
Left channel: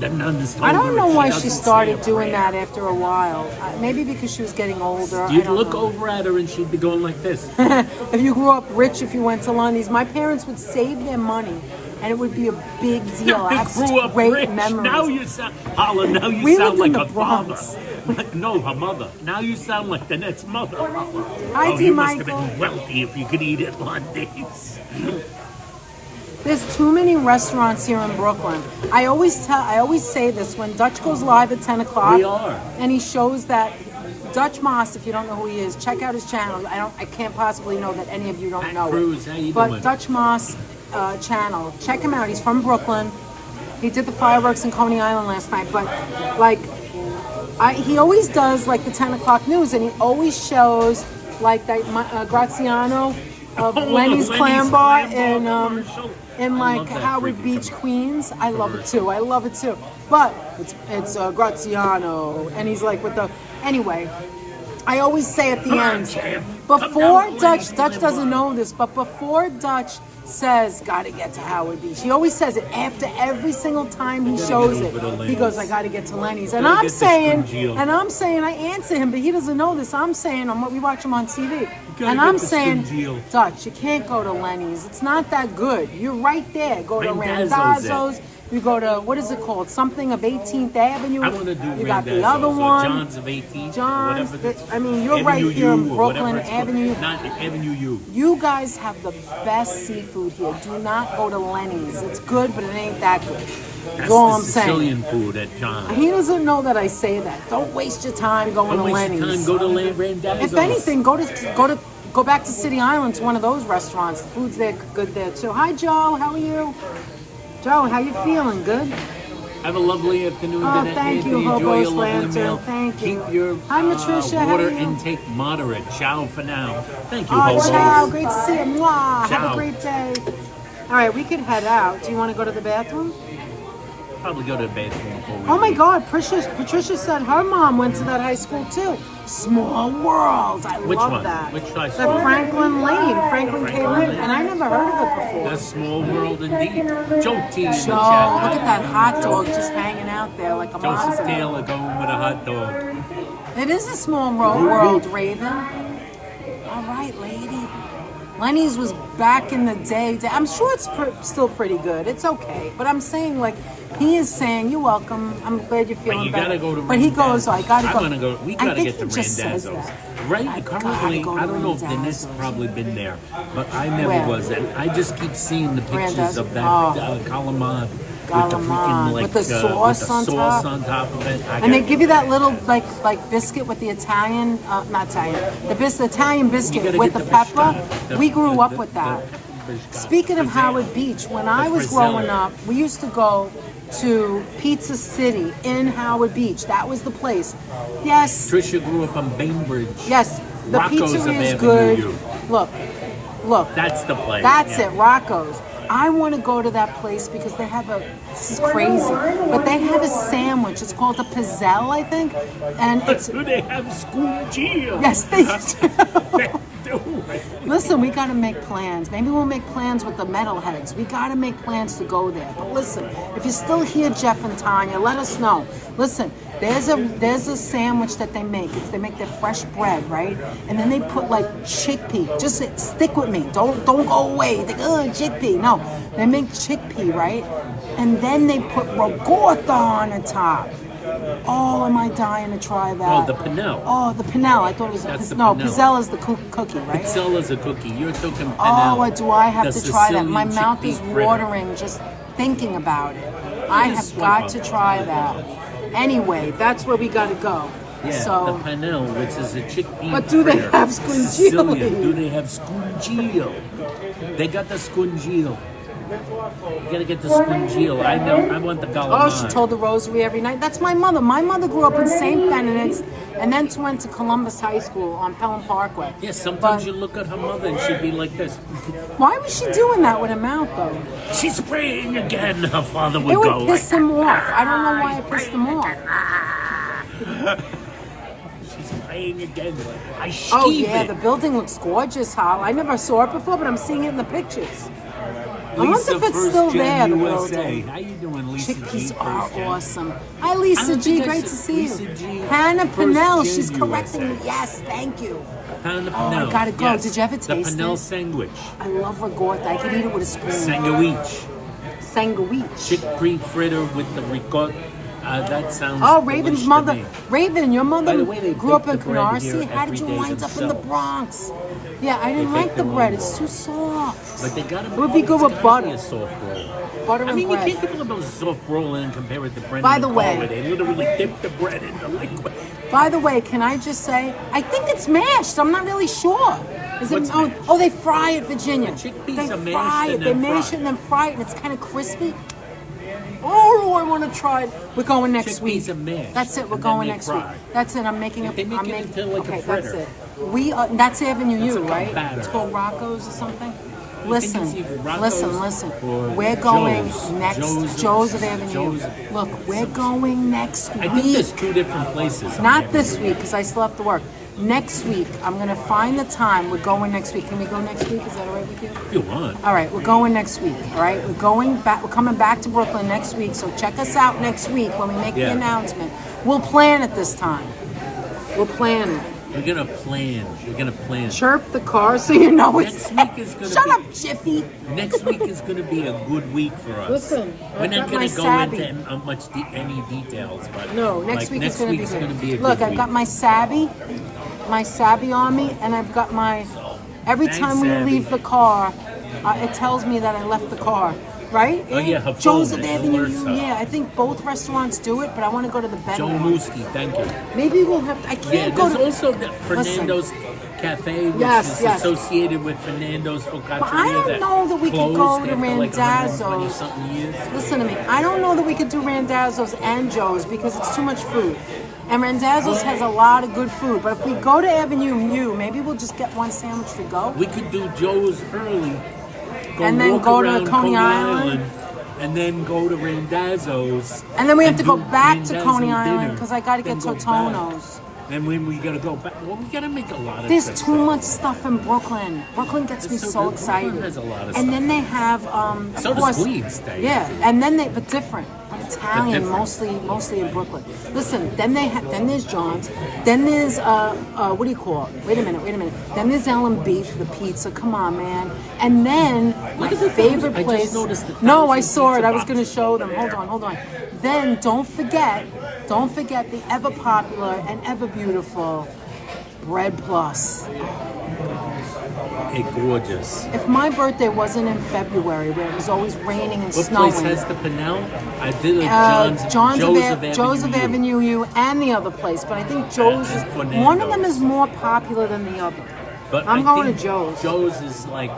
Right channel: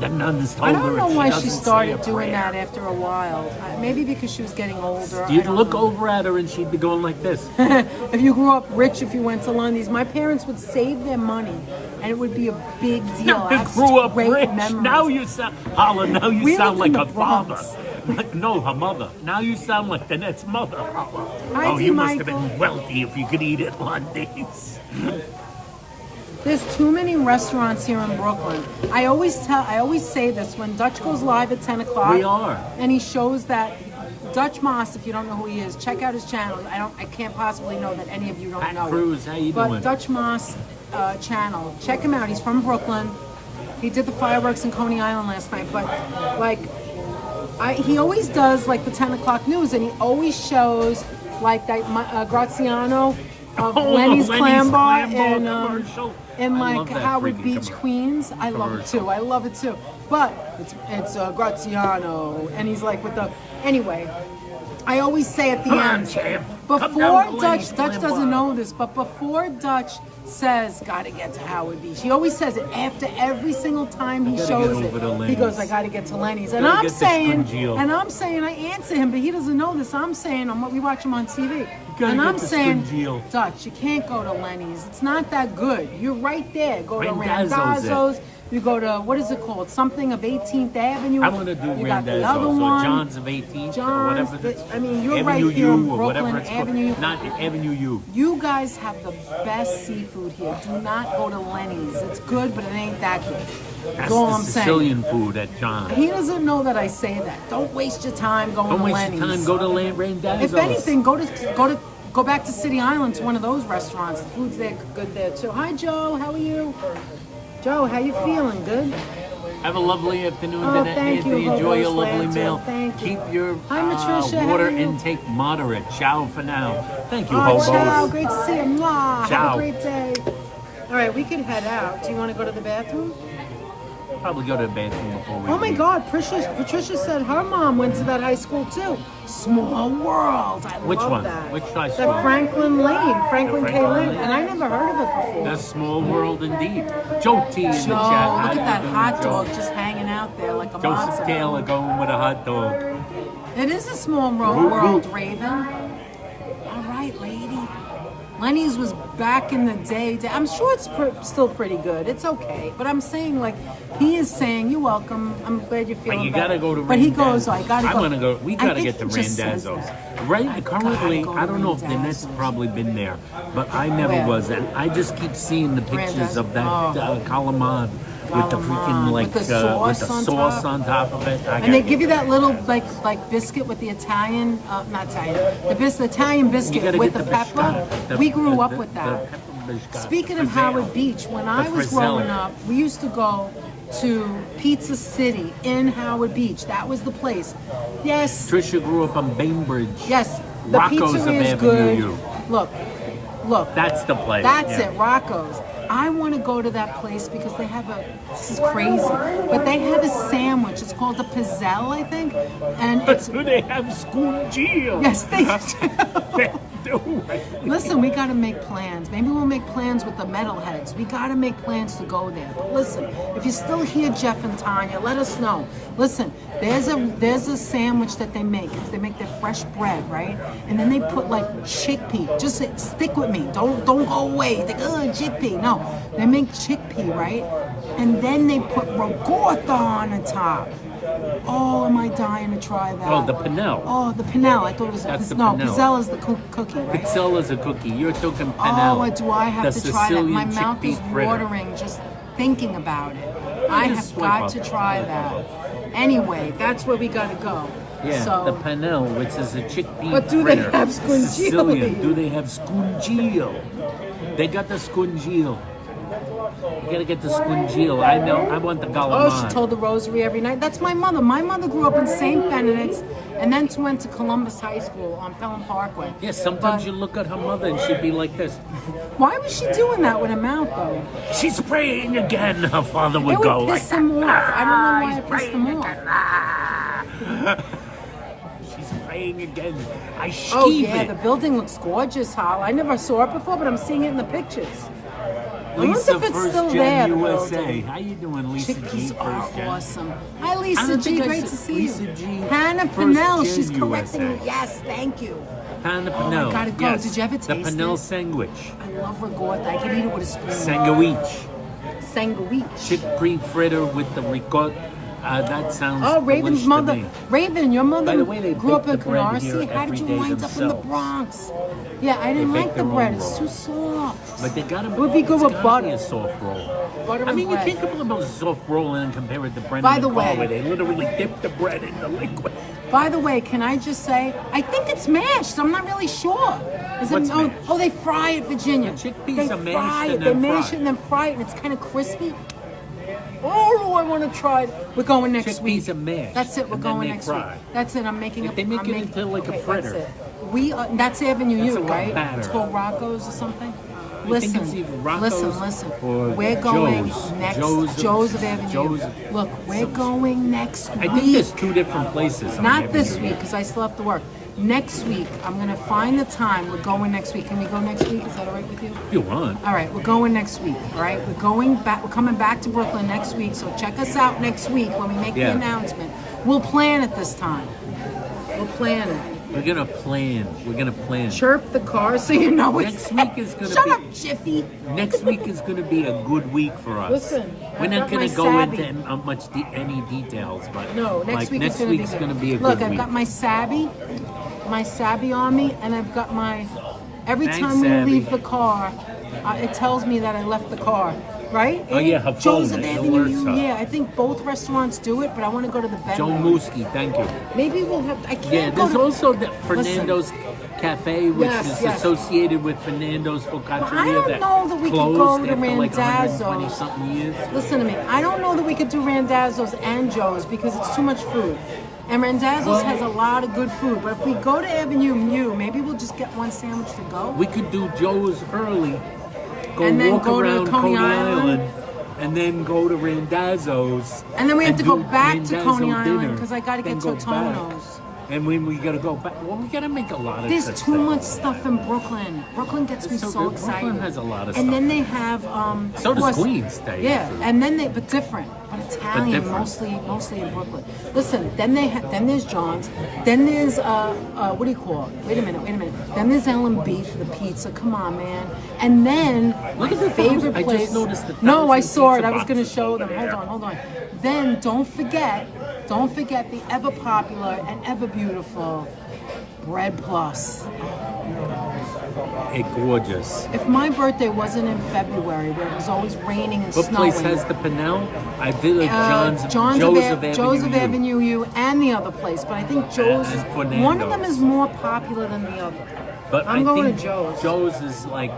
The nuns told I her. don't know if why doesn't she say started a doing prayer. that after a while. Maybe because she was getting older. You'd I don't look know. over at her and she'd be going like this. If you grew up rich, if you went to Lundy's, my parents would save their money, and it would be a big deal. I I have grew up great rich. memories. Now you sound, Holla, now you We sound lived in like the a Bronx. father. No, her mother. Now you sound like the next mother. Holla. Hi, oh, D. you must Michael. have been wealthy if you could eat at Lundy's. There's too many restaurants here in Brooklyn. I always say this when Dutch goes live at 10 o'clock. We are. And he shows that Dutch Moss, if you don't know who he is, check out his channel. I can't possibly know that any of you don't Pat know Cruz, it. how you But doing? Dutch Moss channel, check him out. He's from Brooklyn. He did the fireworks in Coney Island last night. But he always does the 10 o'clock news, and he always shows that Graziano of Lenny's Clam Bar commercial. in I love that Howard freaking Beach, commercial. Queens. I love it too. I love it too. But it's Graziano, and he's with the anyway. I always say at the Come on, end, champ. before Come down to Lenny's Dutch Clam doesn't Bar. know this, but before Dutch says, gotta get to Howard Beach. He always says it after every single time he gotta shows get it. over to He Lenny's. goes, I gotta get to Lenny's. And Gotta I'm get the saying, Scungio. I answer him, but he doesn't know this. I'm saying, we watch him on TV. gotta And get I'm the saying, Scungio. Dutch, you can't go to Lenny's. It's not that good. You're right there. Go to Randazzo's Randazzo's. You go to, what is it called? Something of 18th Avenue. I want to do You got the Randazzo's other or one. John's of 18th or John's, whatever. that's- you're Avenue right here U in or Brooklyn, whatever it's called. Avenue. Not Avenue U. You guys have the best seafood here. Do not go to Lenny's. It's good, but it ain't that good. That's That's all the I'm saying. Sicilian food at John's. He doesn't know that I say that. Don't waste your time going Don't to waste Lenny's. your time. Go to Randazzo's. If anything, go back to City Island to one of those restaurants. The food's there good there too. Hi Joe, how are you? Joe, how you feeling? Good? Have a lovely afternoon. Oh, Then, thank Anthony. you, Enjoy Hobo's your lovely Lantern. meal. Thank you. Keep your Hi, Matricia, how water are you? intake moderate. Ciao for now. Thank you, Oh, Hobos. ciao. Great to see you. Mwah. Have Ciao. a great day. All right, we could head out. Do you want to go to the bathroom? Probably go to the bathroom before we Oh my leave. God, Patricia said her mom went to that high school too. Small world. I Which love one? that. Which high The school? Franklin K. Lane. And I never heard of it before. That's small world indeed. Joe T. Joe, look at that hot dog just hanging out there like a Joseph monster. Taylor going with a hot dog. It is a small world, Raven. All right, lady. Lenny's was back in the day. I'm sure it's still pretty good. It's okay. But I'm saying, he is saying, you're welcome. I'm glad you're feeling But you better. gotta go to But he Randazzo's. goes, I gotta go. I'm gonna go. We I gotta think get to he just says Randazzo's. that. Right, I currently, gotta go to I don't know if Dennis Randazzo's. has probably been there, but I never Where? was. And I just keep seeing the pictures Randazzo. of that Oh. calamari with the Calamari. freaking With the sauce on top. on top of it. And they give you that little like biscuit with the Italian, not Italian, the Italian biscuit with the pepper. We grew up with that. Speaking of Howard Beach, when I was growing up, we used to go to Pizza City in Howard Beach. That was the place. Yes, Trisha grew up on Bainbridge. yes, the Rocco's of pizzeria is Avenue good. U. Look, That's the place. that's yeah. it, Rocco's. I want to go to that place because they have this is crazy, but they have a sandwich. It's called a pizzelle, I think, and it's Do they have Scungio? yes, they do. do. Listen, we got to make plans. Maybe we'll make plans with the metalheads. We got to make plans to go there. But listen, if you're still here, Jeff and Tanya, let us know. Listen, there's a sandwich that they make. They make their fresh bread, right? And then they put chickpea. Just stick with me. Don't go away. Think, chickpea. No, they make chickpea, right? And then they put rogorta on the top. Oh, am I dying to try that? Oh, the Pinnell. Oh, the Pinnell. I thought it was That's the no. Pinnell. Pizzelle is the cookie, right? Pizzella's a cookie. You're talking Pinnell. Oh, do I have the to try that? My Sicilian mouth is chickpea fritter. watering just thinking about it. I have swipe got up. to try that. Anyway, that's where we got to go. Yeah, So, the Pinnell, which is a chickpea But do they fritter. have scungilli? Sicilian. Do they have scungillo? They got the scungillo. You gotta get the scungillo. I know. I want the galamai. oh, she told the rosary every night. That's my mother. My mother grew up in St. Benedict's and then went to Columbus High School on Pelham Parkway. Yeah, sometimes But- you look at her mother and she'd be like this. Why was she doing that with her mouth, though? She's praying again. Her father would It would go piss like him off. I don't know why it pissed him off. She's praying again. I Oh, skeeve yeah, it. the building looks gorgeous, Hal. I never saw it before, but I'm seeing it in the pictures. I wonder Lisa, if it's First still Gen there, the USA. building. How you doing, Lisa G? Chickpeas are First Gen? awesome. Hi, I Lisa don't G. think I Great said to see Lisa you. G. Hannah First Pinnell, Gen she's USA. correcting me. Yes, thank you. Pound of Oh, I Pinnell. gotta go. Yes. Did you ever The taste Pinnell it? sandwich. I love ricotta. I could eat it with a spoon. Sandwich. Sandwich. Chickpea fritter with the ricotta. That sounds Oh, Raven's delish to mother. me. Raven, your By mother the way, they grew up bake in the bread here Canarsie. How did every you day wind up in the themselves. Bronx? Yeah, I didn't They like bake the their bread. own It's roll. too soft. But they gotta. It would be good it's with gotta butter. Be a soft roll. Butter I and mean, bread. you can't put about a soft roll and compare it to bread. By in the car way- where they literally dip the bread in the liquid. By the way, can I just say, I think it's mashed. I'm not really sure. Is it? What's Oh, mashed? oh, they fry it, Virginia. The chickpeas they are mashed fry it. and They then mash fried. it and then fry it, and it's kind of crispy. Oh, I want to try it. We're going next Chickpeas week. are mashed, That's it. We're and then going they next fry. week. That's it. I'm making a. They make I'm it making, into like a okay, fritter. that's it. That's Avenue It's U, like a right? batter. It's called Rocco's or something. think Listen, it's either Rocco's listen. or We're going Joe's. next. Joe's Joe's of- of Avenue. Joe's- Look, we're going next I think week. there's two different places. on Not Avenue. this week because I still have to work. Next week, I'm gonna find the time. We're going next week. Can we go next week? Is that all right with you? If you want. All right, we're going next week. All right, we're going back. We're coming back to Brooklyn next week. So check us out next week when we make the Yeah. announcement. We'll plan it this time. We'll plan it. We're gonna plan. We're gonna plan. Chirp the car so you know it's. Next week is gonna Shut be- up, Jiffy. Next week is going to be a good week for us. Listen, we're I've not got going my to go Sabby. into any details, but No, next week is going to be good. Gonna be a Look, good I've week. got my Sabby on me, and I've got my. Every Hey, time we Sabby. leave the car, it tells me that I left the car. Right? Oh, yeah, her Joseph phone, it Avenue. alerts her. Yeah, I think both restaurants do it, but I want to go to the better Joe one. Mooski, thank you. Maybe we'll have. I can't Yeah, go there's to. also the Fernando's Cafe, which Yes, is yes. associated with Fernando's Focaccia. But I don't know that we could go to Randazzo's. Something years. Listen to me. I don't know that we could do Randazzo's and Joe's because it's too much food. And Randazzo's has a lot of good food. But if we go to Avenue U, maybe we'll just get one sandwich to go. We could do Joe's early. And then walk go to around Coney Island. and then go to Randazzo's. And then we have to go do back to Randazzo Coney dinner, Island because I got to then get go back. Totono's. And when we gotta go back, well, we gotta make a lot of There's trips too there. much stuff in Brooklyn. Brooklyn gets me It's so so good. excited. Brooklyn has a lot of and then stuff. they have, of So does course, Queens, yeah. actually. And then but different, but Italian, different. mostly in Brooklyn. Listen, then there's John's, then there's what do you call it? Wait a minute. Then there's L&B for the pizza. Come on, man. And then my Look at the favorite I just place. noticed the No, I 1,000 saw it. pizza I was going to boxes. show them. Hold on. Then don't forget the ever popular and ever beautiful Bread Plus. Hey, gorgeous. If my birthday wasn't in February, where it was always raining and What snowing, place has the Pinnell? I did a Joe's of Avenue U, and the other place, but I think Joe's is And one of them Fernando's. is more popular than the other. But I'm I going think to Joe's. Joe's is like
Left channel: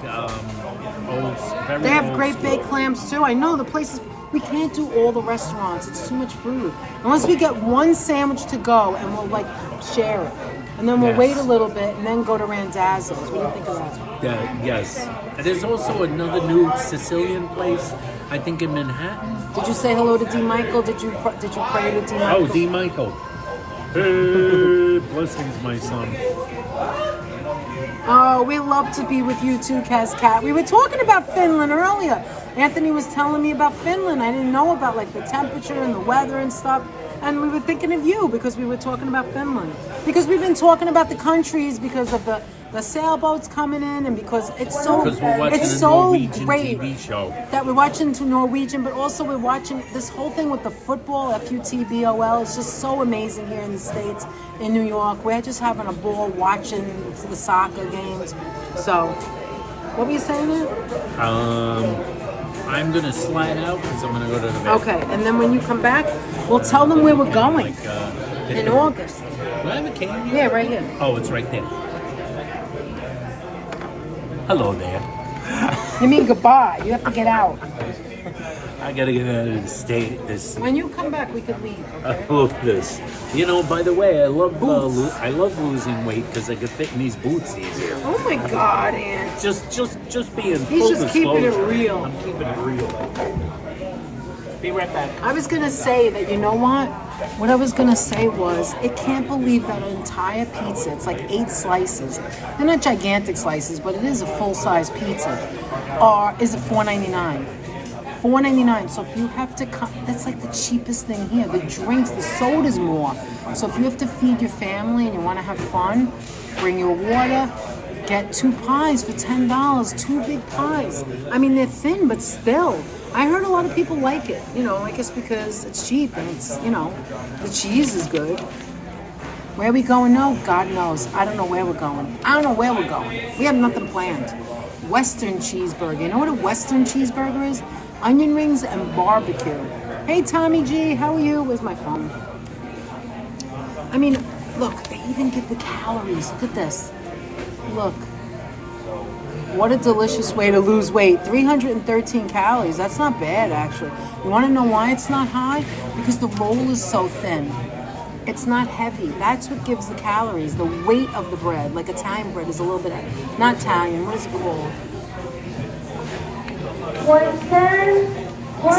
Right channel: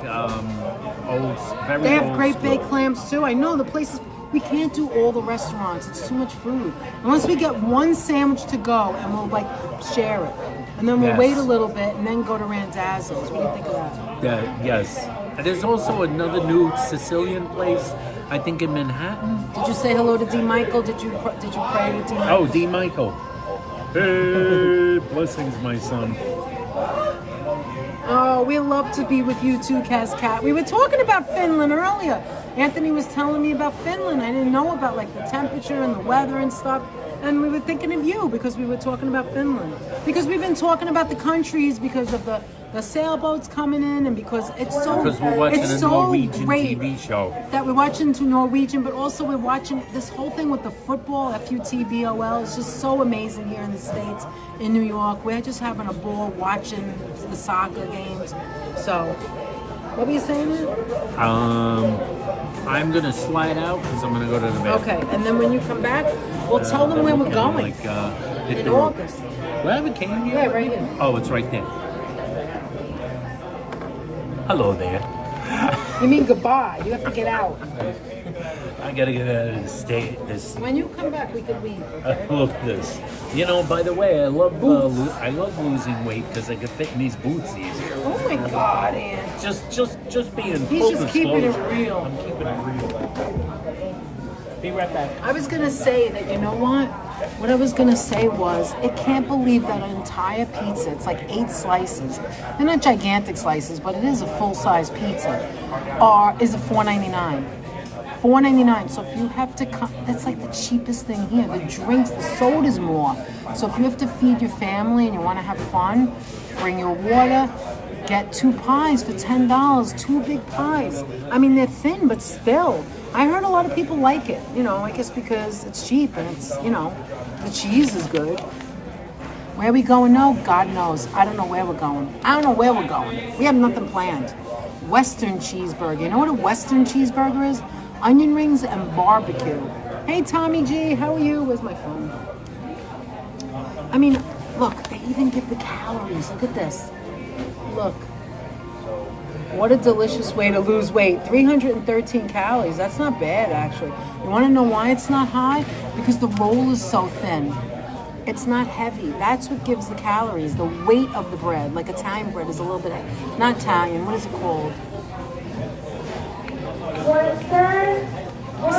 old, very They have old great school. baked clams too. I know the places. We can't do all the restaurants. It's too much food. Unless we get one sandwich to go and we'll like share it. And then we'll Yes. wait a little bit and then go to Randazzo's. What do you think of that? Yeah, yes. And there's also another new Sicilian place, I think in Manhattan. Did you say hello to D. Michael? Did you pray to D. Michael? Oh, D. Michael. Hey, blessings, my son. Oh, we love to be with you too, Cat. We were talking about Finland earlier. Anthony was telling me about Finland. I didn't know about like the temperature and the weather and stuff. And we were thinking of you because we were talking about Finland. Because we've been talking about the countries because of the sailboats coming in and because it's so Because we're watching it's a so Norwegian great TV show. that we're watching to Norwegian, but also we're watching this whole thing with the football, FUTBOL. It's just so amazing here in the States, in New York. We're just having a ball watching the soccer games. So, what were you saying there? I'm gonna slide out because I'm gonna go to the bathroom. Okay, and then when you come back, we'll tell them where we're going. Hit In the road. August. Do I have a cane? Yeah, right here. Oh, it's right there. Hello there. You mean goodbye. You have to get out. I gotta get out of the state. This. When you come back, we can leave. I love this. You know, by the way, I love I love losing weight because I can fit in these boots easier. Oh my God, Ann. Just being He's full just keeping it disclosure. real. I'm keeping it real. Be right back. I was gonna say that, you know what? What I was gonna say was, I can't believe that an entire pizza, it's like 8 slices. They're not gigantic slices, but it is a full-size pizza. Is it $4.99? $4.99. So if you have to come, that's like the cheapest thing here. The drinks, the soda's more. So if you have to feed your family and you want to have fun, bring your water. Get 2 pies for $10. 2 big pies. I mean, they're thin, but still. I heard a lot of people like it. You know, I guess because it's cheap and it's, you know, the cheese is good. Where are we going? No, God knows. I don't know where we're going. I don't know where we're going. We have nothing planned. Western cheeseburger. You know what a Western cheeseburger is? Onion rings and barbecue. Hey, Tommy G, how are you? Where's my phone? I mean, look, they even give the calories. Look at this. Look. What a delicious way to lose weight. 313 calories. That's not bad, actually. You want to know why it's not high? Because the roll is so thin. It's not heavy. That's what gives the calories. The weight of the bread, like Italian bread, is a little bit heavy. Not Italian. What is it called?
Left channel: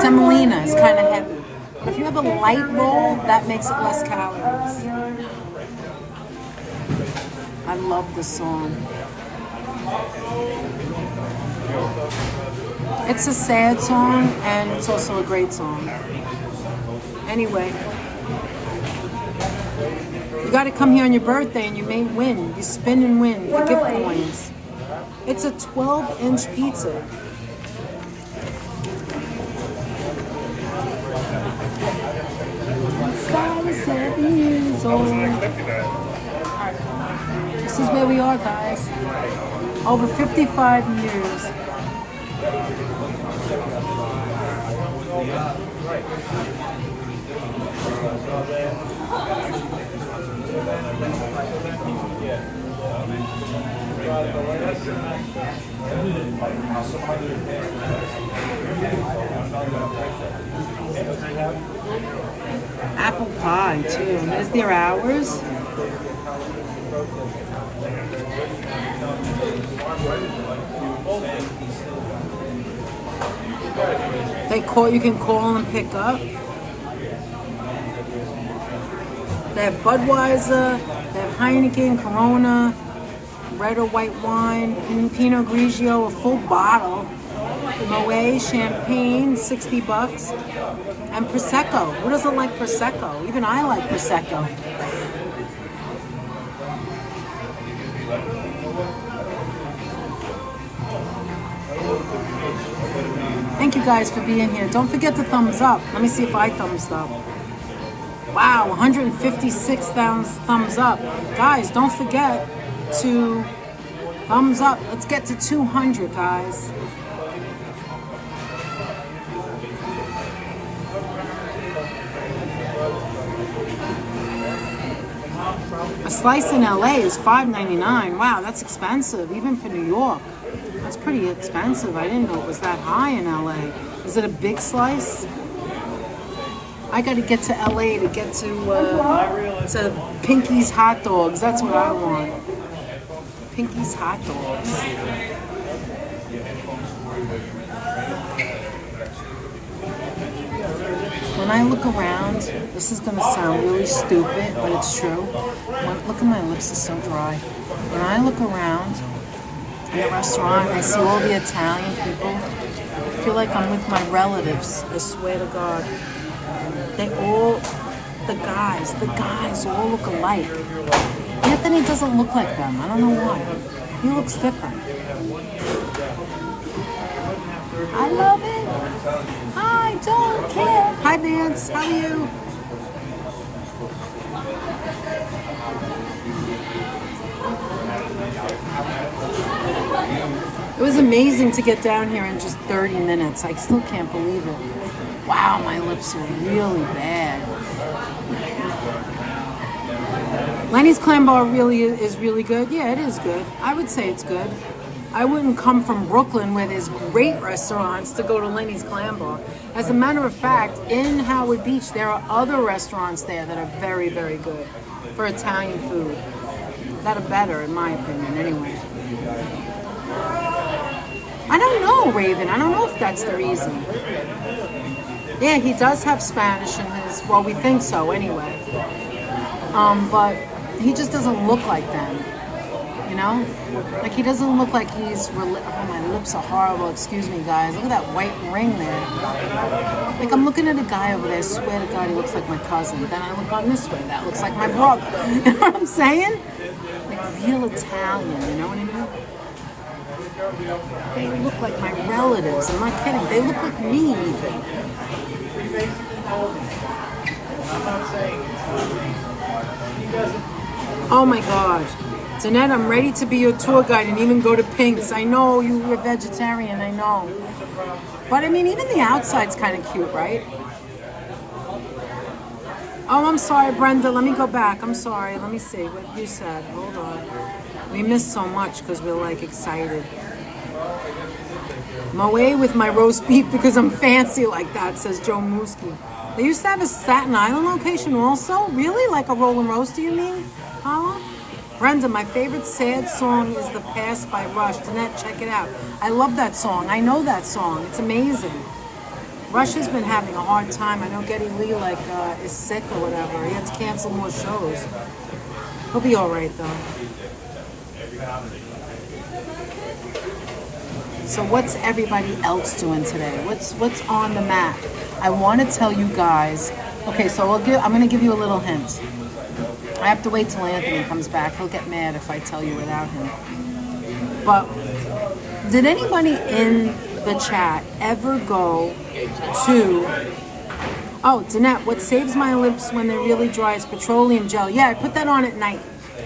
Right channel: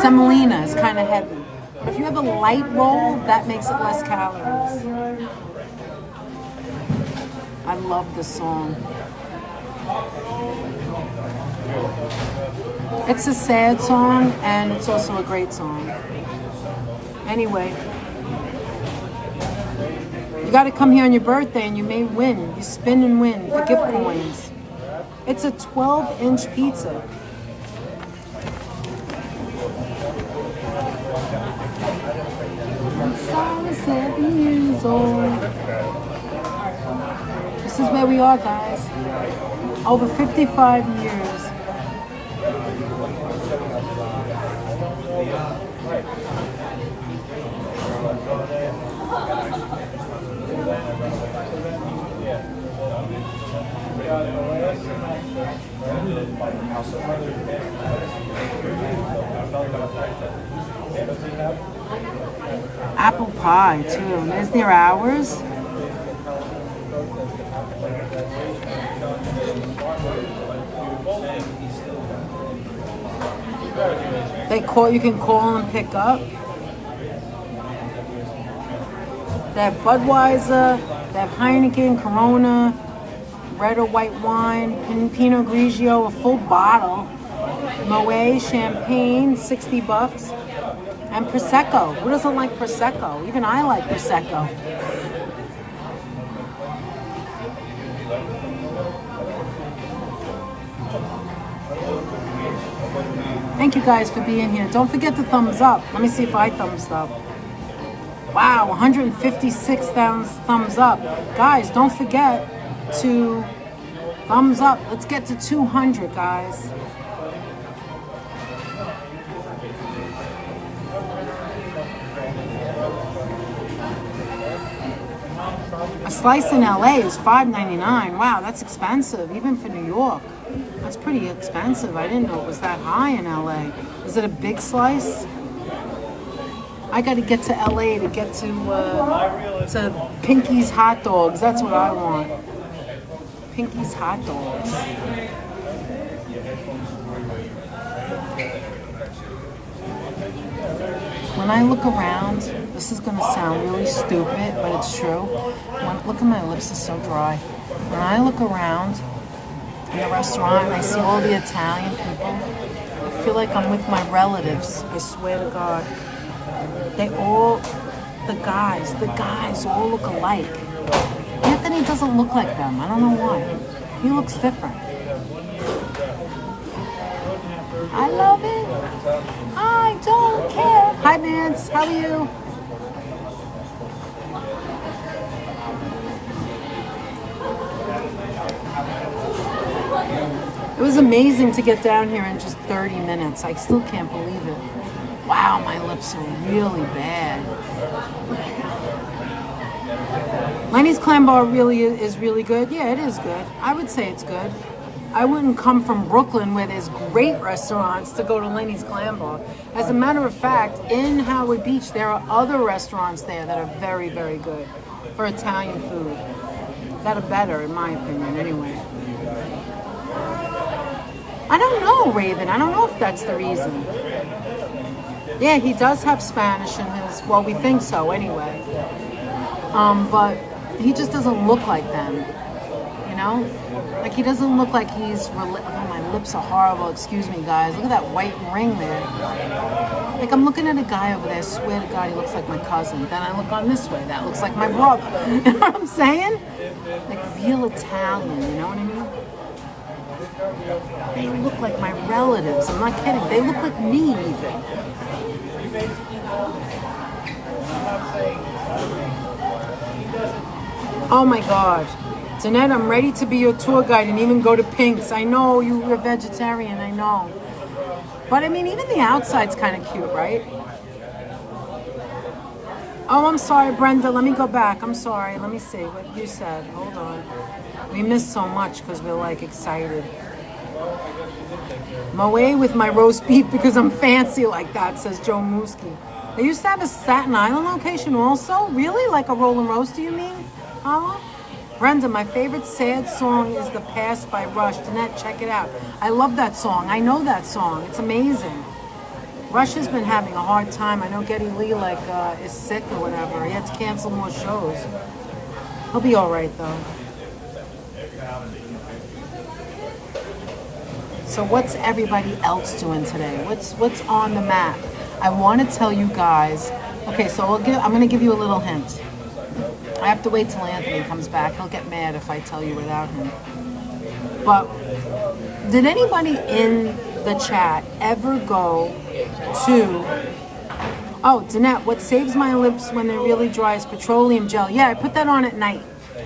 Semolina is kind of heavy. But if you have a light roll, that makes it less calories. I love this song. It's a sad song, and it's also a great song. Anyway, you got to come here on your birthday, and you may win. You spin and win for gift coins. It's a 12-inch pizza. I'm 7 years old. This is where we are, guys. Over 55 years. Apple pie, too. There's their hours. You can call and pick up. They have Budweiser, they have Heineken, Corona, red or white wine, Pinot Grigio, a full bottle, Moet, champagne, $60, and Prosecco. Who doesn't like Prosecco? Even I like Prosecco. Thank you guys for being here. Don't forget to thumbs up. Let me see if I thumbs up. Wow, 156,000 thumbs up. Guys, don't forget to thumbs up. Let's get to 200, guys. A slice in LA is $5.99. Wow, that's expensive, even for New York. That's pretty expensive. I didn't know it was that high in LA. Is it a big slice? I got to get to LA to get to Pinky's Hot Dogs. That's what I want. Pinky's Hot Dogs. When I look around, this is going to sound really stupid, but it's true. Look at my lips, are so dry. When I look around in the restaurant and I see all the Italian people, I feel like I'm with my relatives. I swear to God. They all the guys. The guys all look alike. Anthony doesn't look like them. I don't know why. He looks different. I love it. I don't care. Hi, Vance. How are you? It was amazing to get down here in just 30 minutes. I still can't believe it. Wow, my lips are really bad. Lenny's Clam Bar really is really good. Yeah, it is good. I would say it's good. I wouldn't come from Brooklyn where there's great restaurants to go to Lenny's Clam Bar. As a matter of fact, in Howard Beach, there are other restaurants there that are very, very good for Italian food. That are better, in my opinion, anyway. I don't know, Raven. I don't know if that's the reason. Yeah, he does have Spanish in his, well, we think so anyway. But he just doesn't look like them, you know? Like, he doesn't look like he's, oh, my lips are horrible. Excuse me, guys. Look at that white ring there. Like, I'm looking at a guy over there. I swear to God, he looks like my cousin. Then I look on this way. That looks like my brother. You know what I'm saying? Like, real Italian, you know what I mean? They look like my relatives. I'm not kidding. They look like me, even. Oh my God. Danette, I'm ready to be your tour guide and even go to Pink's. I know you're a vegetarian, I know. But I mean, even the outside's kind of cute, right? Oh, I'm sorry, Brenda. Let me go back. I'm sorry. Let me see what you said. Hold on. We missed so much because we're like excited. Moe with my roast beef because I'm fancy like that, says Joe Mooski. They used to have a Staten Island location also? Really? Like a roll and roast, do you mean? Huh? Brenda, my favorite sad song is The Past by Rush. Danette, check it out. I love that song. I know that song. It's amazing. Rush has been having a hard time. I know Geddy Lee is sick or whatever. He had to cancel more shows. He'll be all right though. So what's everybody else doing today? What's on the map? I want to tell you guys. Okay, so I'm going to give you a little hint. I have to wait till Anthony comes back. He'll get mad if I tell you without him. But did anybody in the chat ever go to... Oh, Danette, what saves my lips when they're really dry is petroleum gel. Yeah, I put that on at night.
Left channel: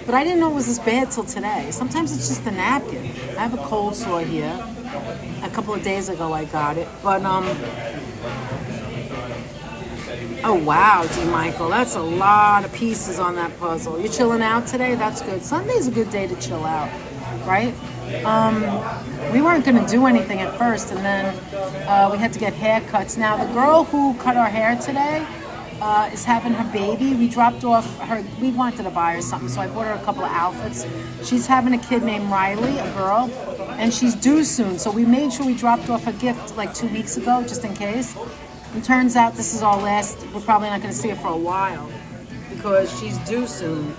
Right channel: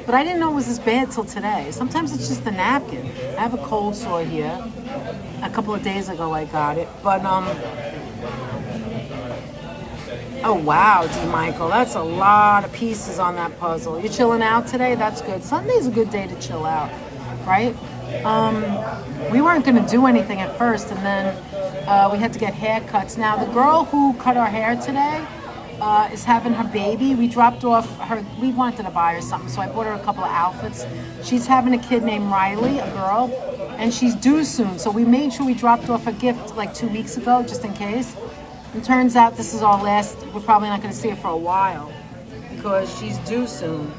But I didn't know it was this bad till today. Sometimes it's just the napkin. I have a cold sore here. A couple of days ago I got it. But, oh, wow, D. Michael. That's a lot of pieces on that puzzle. You chilling out today? That's good. Sunday's a good day to chill out, right? We weren't going to do anything at first, and then we had to get haircuts. Now, the girl who cut our hair today is having her baby. We dropped off her, we wanted to buy her something, so I bought her a couple of outfits. She's having a kid named Riley, a girl, and she's due soon. So we made sure we dropped off a gift like 2 weeks ago, just in case. And turns out this is our last, we're probably not going to see her for a while because she's due soon.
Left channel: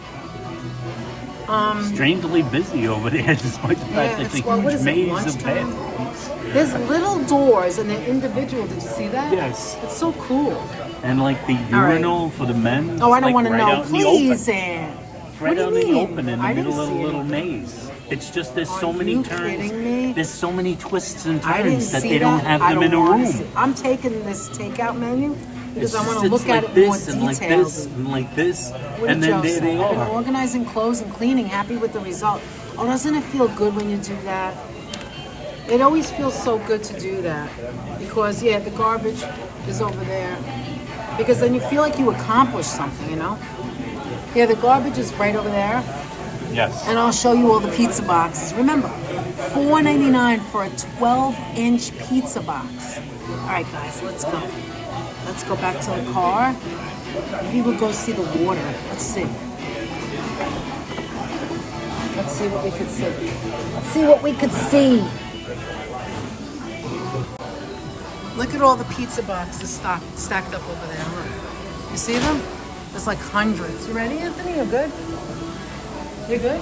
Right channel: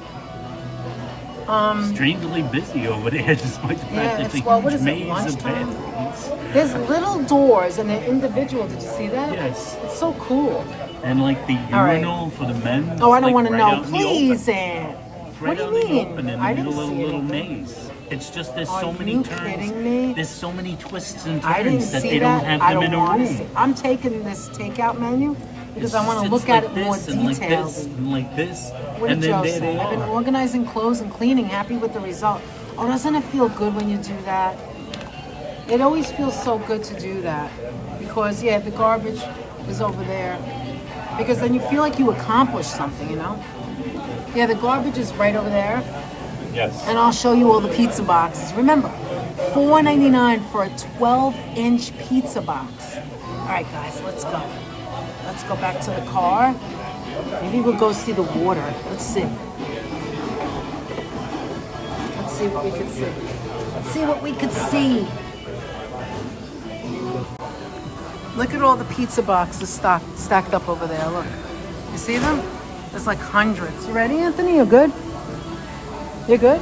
Strangely busy over there, despite the fact that it's what is it, maze of lunchtime? bathrooms. There's little doors and they're individual. Did you see that? Yes. It's so cool. And like the urinal for the men. Oh, I don't like want to right know. out in the Please, open. Ann. Right What out do you in the mean? open in the I middle didn't of see a little anything. maze. It's just there's Are so many you turns. kidding me? There's so many twists and I didn't turns that see they that. don't have I them in don't a want to room. see. I'm taking this takeout menu because I want to It's look at like it more this and like detailed. this and like this. What And did then Joe there say? they I've been are. organizing clothes and cleaning. Happy with the result. Oh, doesn't it feel good when you do that? It always feels so good to do that because, yeah, the garbage is over there. Because then you feel like you accomplished something, you know? Yeah, the garbage is right over there. Yes. And I'll show you all the pizza boxes. Remember, $4.99 for a 12-inch pizza box. All right, guys, let's go. Let's go back to the car. Maybe we'll go see the water. Let's see. Let's see what we could see. Let's see what we could see. Look at all the pizza boxes stacked up over there. Look. You see them? There's like hundreds. You ready, Anthony? You good? You're good?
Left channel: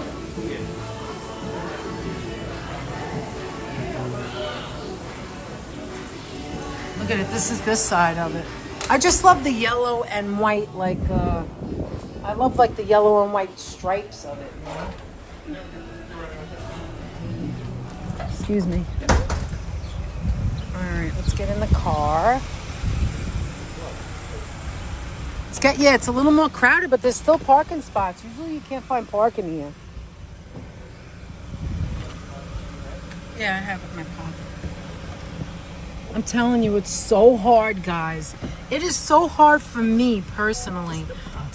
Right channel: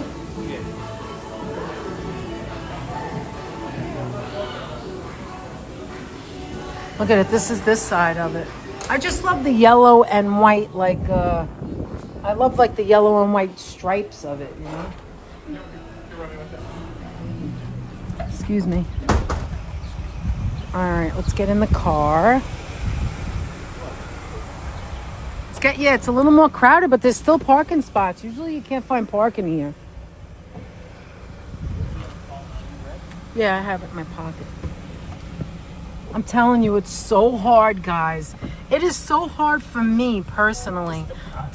Look at it. This is this side of it. I just love the yellow and white, like, I love like the yellow and white stripes of it, you know? Excuse me. All right, let's get in the car. It's a little more crowded, but there's still parking spots. Usually you can't find parking here. Yeah, I have it in my pocket. I'm telling you, it's so hard, guys. It is so hard for me personally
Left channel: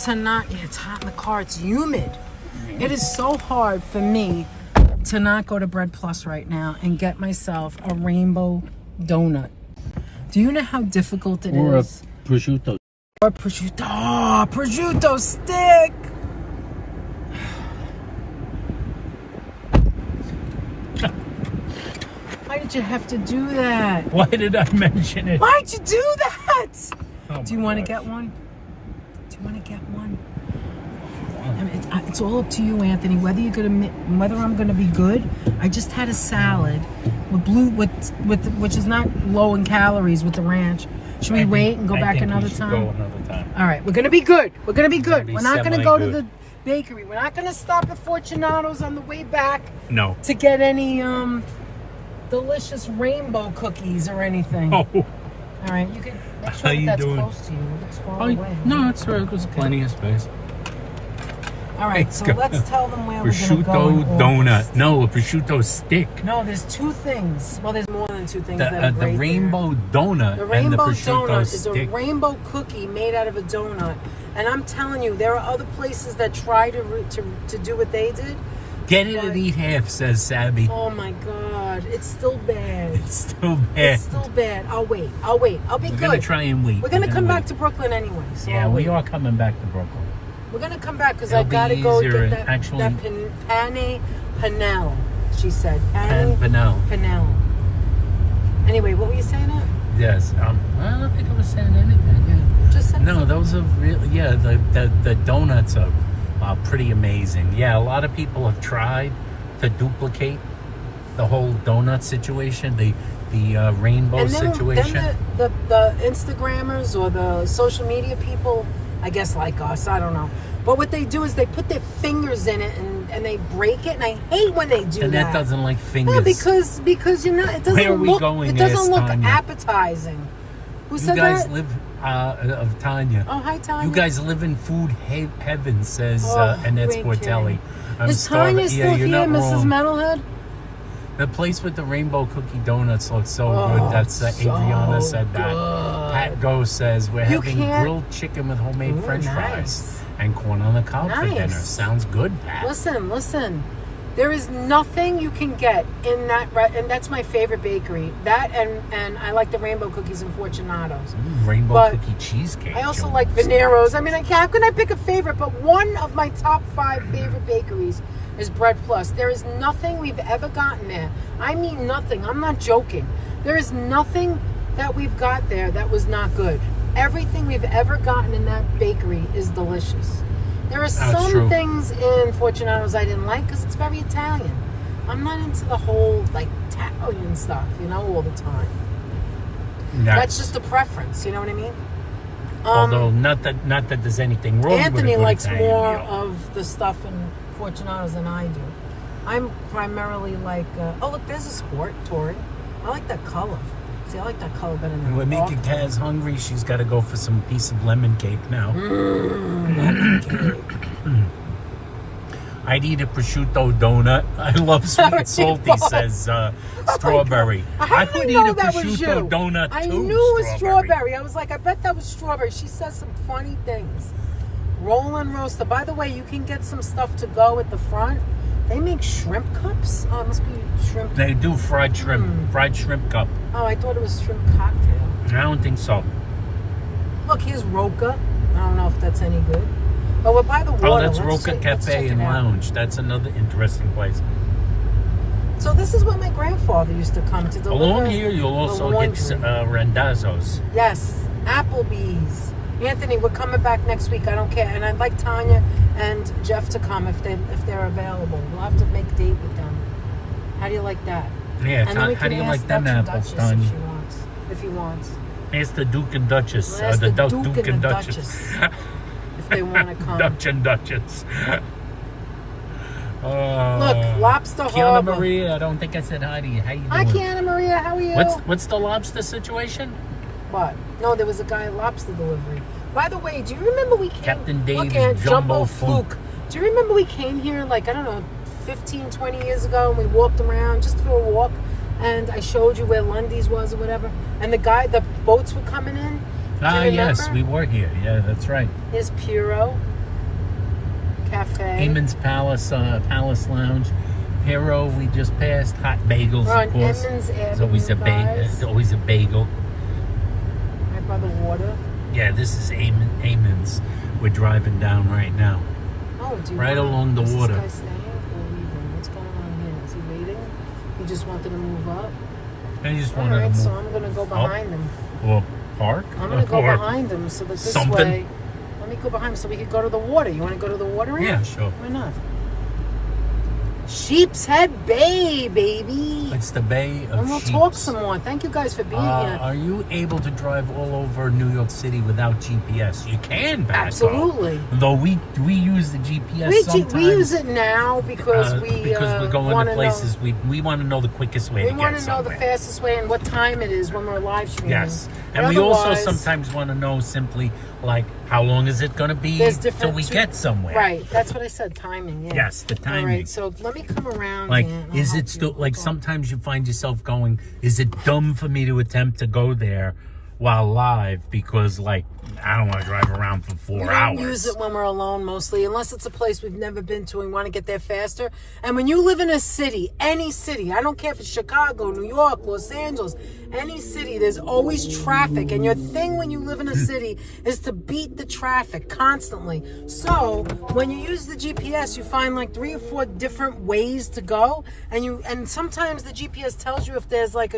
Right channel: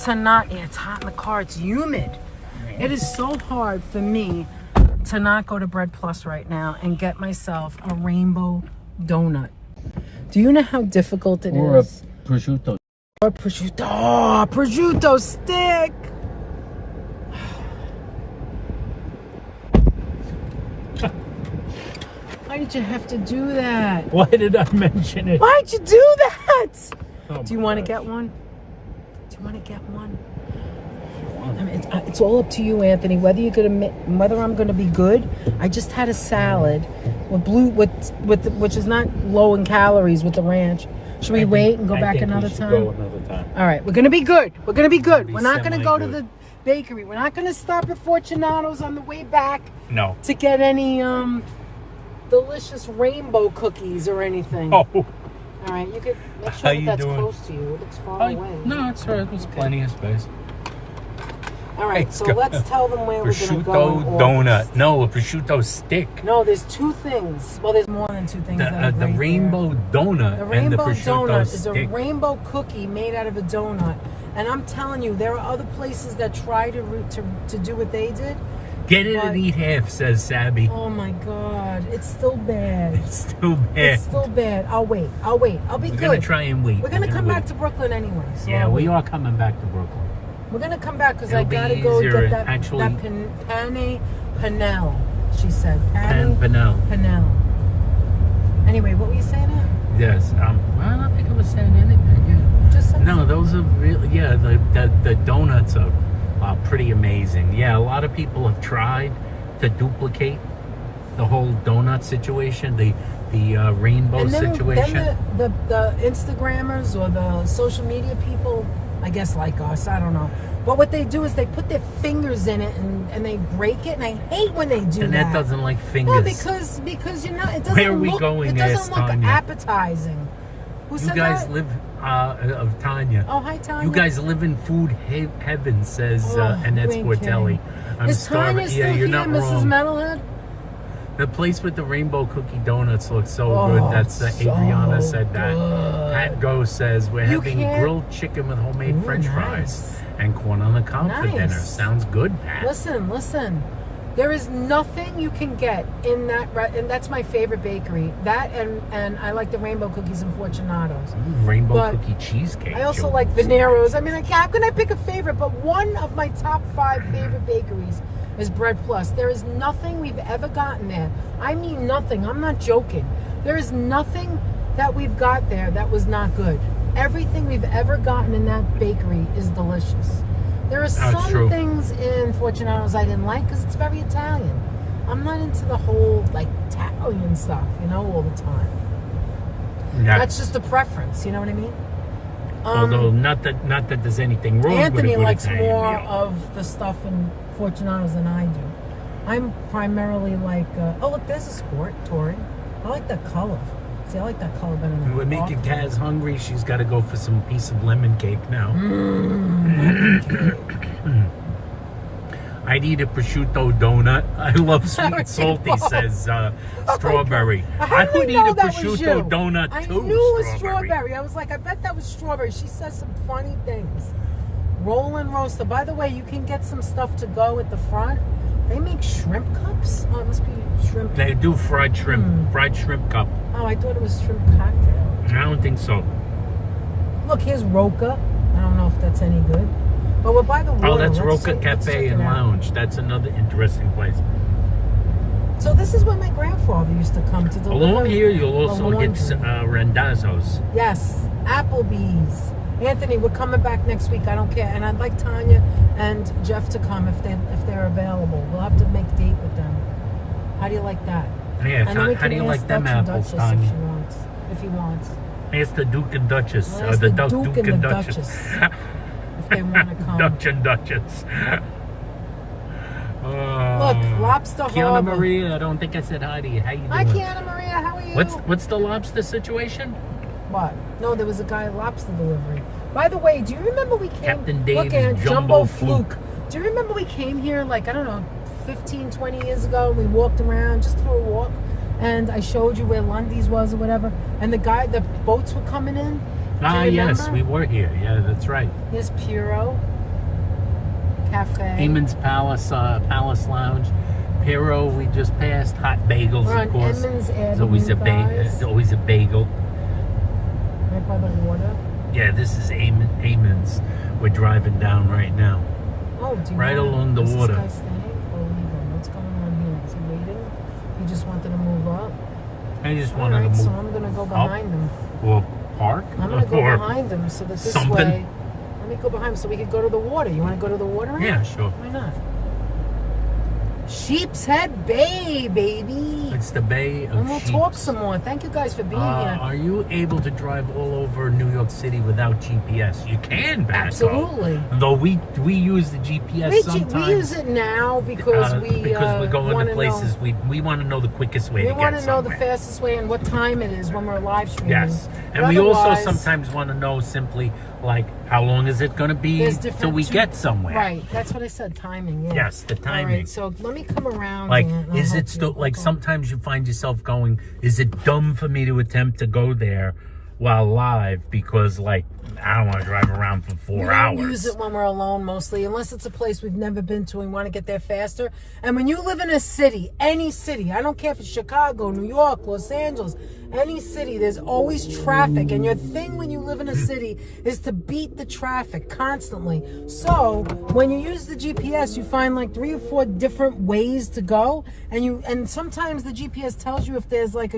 to not, it's hot in the car, it's humid. It is so hard for me to not go to Bread Plus right now and get myself a rainbow donut. Do you know how difficult it is? A prosciutto. Or prosciutto. Oh, prosciutto stick. Why did you have to do that? Why did I mention it? Why'd you do that? Oh, do you want to get one? Do you want to get one? I mean, it's all up to you, Anthony. Whether I'm gonna be good. I just had a salad which is not low in calories with the ranch. Should we wait and go back another time? Go another time. All right, we're gonna be good. We're gonna be good. Be We're not gonna go to semi-good. the bakery. We're not gonna stop at Fortunato's on the way back No. to get any delicious rainbow cookies or anything. Oh. All right, you could make sure How you that's doing? close to you. It looks far away. No, it's right. There's plenty of space. All right, Let's so go. let's tell them where we're Prosciutto gonna go. donut. No, a prosciutto stick. No, there's two things. Well, there's more than two things. that The are great rainbow donut there. The and the rainbow prosciutto donut is stick. a rainbow cookie made out of a donut. And I'm telling you, there are other places that try to do what they did. Get it But- and eat half, says Sabby. Oh my God, it's still bad. It's still bad. It's still bad. I'll wait. I'll be We're good. gonna try and wait. We're gonna come wait. back to Brooklyn anyway. So Yeah, I'll we wait. are coming back to Brooklyn. We're gonna come back because It'll I be gotta go easier, get that actually. pane panel. She said. And Vanille. Panel. Anyway, what were you saying? Yes. Well, I don't think I was saying anything. Yeah. Just said No, those are really, yeah, the donuts are pretty amazing. Yeah, a lot of people have tried to duplicate the whole donut situation, the rainbow and then, situation. Then the Instagrammers or the social media people, I guess like us, I don't know. But what they do is they put their fingers in it and they break it, and I hate when they do and that. that doesn't like fingers. No, because you know it doesn't Where are we look. going, It doesn't asked look Tanya. appetizing. Who You said guys that? live, of Tanya. Oh, hi, Tanya. You guys live in food heaven, says Oh, Annette you ain't Sportelli. I'm Is starving. Tanya still Yeah, you're here, not Mrs. wrong. Metalhead? The place with the rainbow cookie donuts looks so Oh, good. That's so Adriana said that. good. Pat Go says we're You having can't- grilled chicken with homemade Ooh, French nice. fries and corn on the cob for dinner. Nice. Sounds good, Pat. Listen. There is nothing you can get in that, and that's my favorite bakery. That and I like the rainbow cookies and Fortunato's. Rainbow But cookie cheesecake. I also Joe. like Venero's. I mean, how can I pick a favorite? But one of my top 5 favorite bakeries is Bread Plus. There is nothing we've ever gotten there. I mean nothing. I'm not joking. There is nothing that we've got there that was not good. Everything we've ever gotten in that bakery is delicious. There are some true. things in Fortunato's I didn't like because it's very Italian. I'm not into the whole like Italian stuff, all the time. Yeah. That's just a preference, you know what I mean? Although not that there's anything wrong Anthony with a good likes Italian more meal. of the stuff in Fortunato's than I do. I'm primarily like, oh look, there's a sport, Tori. I like that color. See, I like that color better than We're making Kaz hungry. She's got to go for some piece of lemon cake now. I'd eat a prosciutto donut. I love sweet and salty, says Strawberry. How I did would you eat know a that was you? prosciutto donut too. I knew it was strawberry. I was like, I bet that was strawberry. She says some funny things. Roll and roaster. By the way, you can get some stuff to go at the front. They make shrimp cups. Oh, it must be shrimp. They do fried shrimp. Fried shrimp cup. Oh, I thought it was shrimp cocktail. I don't think so. Look, here's Roca. I don't know if that's any good. But we're by the water. Oh, that's Let's Roca check- let's check Cafe it and out. Lounge. That's another interesting place. So this is where my grandfather used to come to deliver. Along here, you'll the also get laundry. Randazzo's. Yes, Applebee's. Anthony, we're coming back next week. I don't care, and I'd like Tanya and Jeff to come if they're available. We'll have to make a date with them. How do you like that? Yeah, And then we how do can you ask like them Dutch and apples, Duchess Tanya? If he wants. Ask the Duke and Duchess. Ask the the Duke and Duchess. if they want to come. Dutch and Duchess. Look, Lobster Kiana Harbor. Maria, I don't think I said hi to you. How you doing? Hi, Kiana Maria. How are you? What's the lobster situation? What? No, there was a guy at lobster delivery. By the way, do you remember we came... Captain Dave's Look at Jumbo Fluke. Do you remember we came here, like, I don't know, 15, 20 years ago, and we walked around just for a walk, and I showed you where Lundy's was or whatever, and the boats were coming in? Yes, we were here. Yeah, that's right. Here's Puro Cafe. Eamon's Palace Lounge. Pero, we just passed. Hot bagels, We're on of course. Emmons Avenue, It's always a guys. It's always a bagel. Right by the water. Yeah, this is Eamon's. We're driving down right now. Oh, do you Right want- along the is water. This guy staying or leaving? What's going on here? Is he waiting? He just wanted to move up? I just All wanted right, to so move. I'm going to go behind him. Or park. I'm going to go or behind him so that this something. way... Let me go behind him so we could go to the water. You want to go to the water? Yeah, sure. Why not? Sheepshead Bay, baby. It's the Bay of And we'll Sheep. talk some more. Thank you guys for being here. Are you able to drive all over New York City without GPS? You can, Baco. Absolutely. Though we use the GPS sometimes. We use it now because we're going wanna to places we want to know the quickest way We to want get to know the somewhere. fastest way and what time it is when we're live streaming. Yes, and But we also otherwise, sometimes want to know simply like how long is it going to be there's till different we get somewhere. Right, that's what I said. Timing. Yeah. Yes, the All timing. right, so let me come around. Like, and I'll is help it still you. like Okay. sometimes you find yourself going, is it dumb for me to attempt to go there while live because like I don't want to drive around for 4 We don't hours? use it when we're alone mostly, unless it's a place we've never been to and want to get there faster. And when you live in a city, any city, I don't care if it's Chicago, New York, Los Angeles, any city, there's always traffic. And your thing when you live in a city is to beat the traffic constantly. So when you use the GPS, you find like 3 or 4 different ways to go. And sometimes the GPS tells you if there's like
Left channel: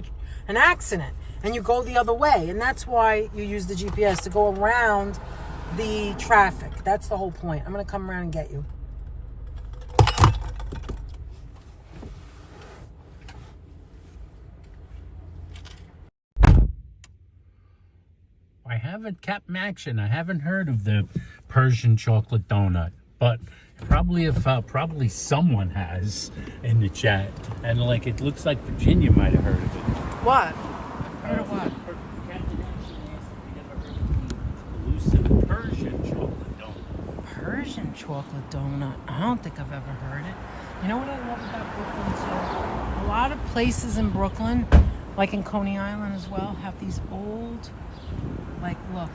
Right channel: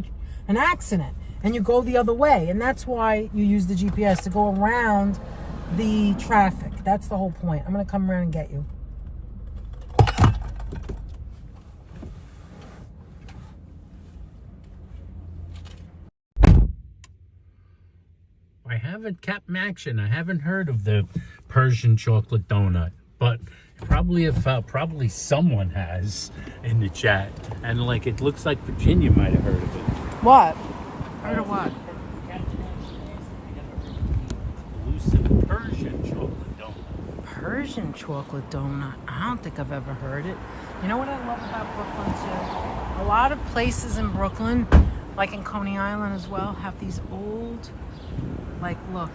an accident. And you go the other way. And that's why you use the GPS, to go around the traffic. That's the whole point. I'm going to come around and get you. I haven't kept action. I haven't heard of the Persian chocolate donut, but probably someone has in the chat. And like it looks like Virginia might have heard of it. What? Heard of what? Elusive Persian chocolate donut. Persian chocolate donut. I don't think I've ever heard it. You know what I love about Brooklyn too? A lot of places in Brooklyn, like in Coney Island as well, have these old, like, look,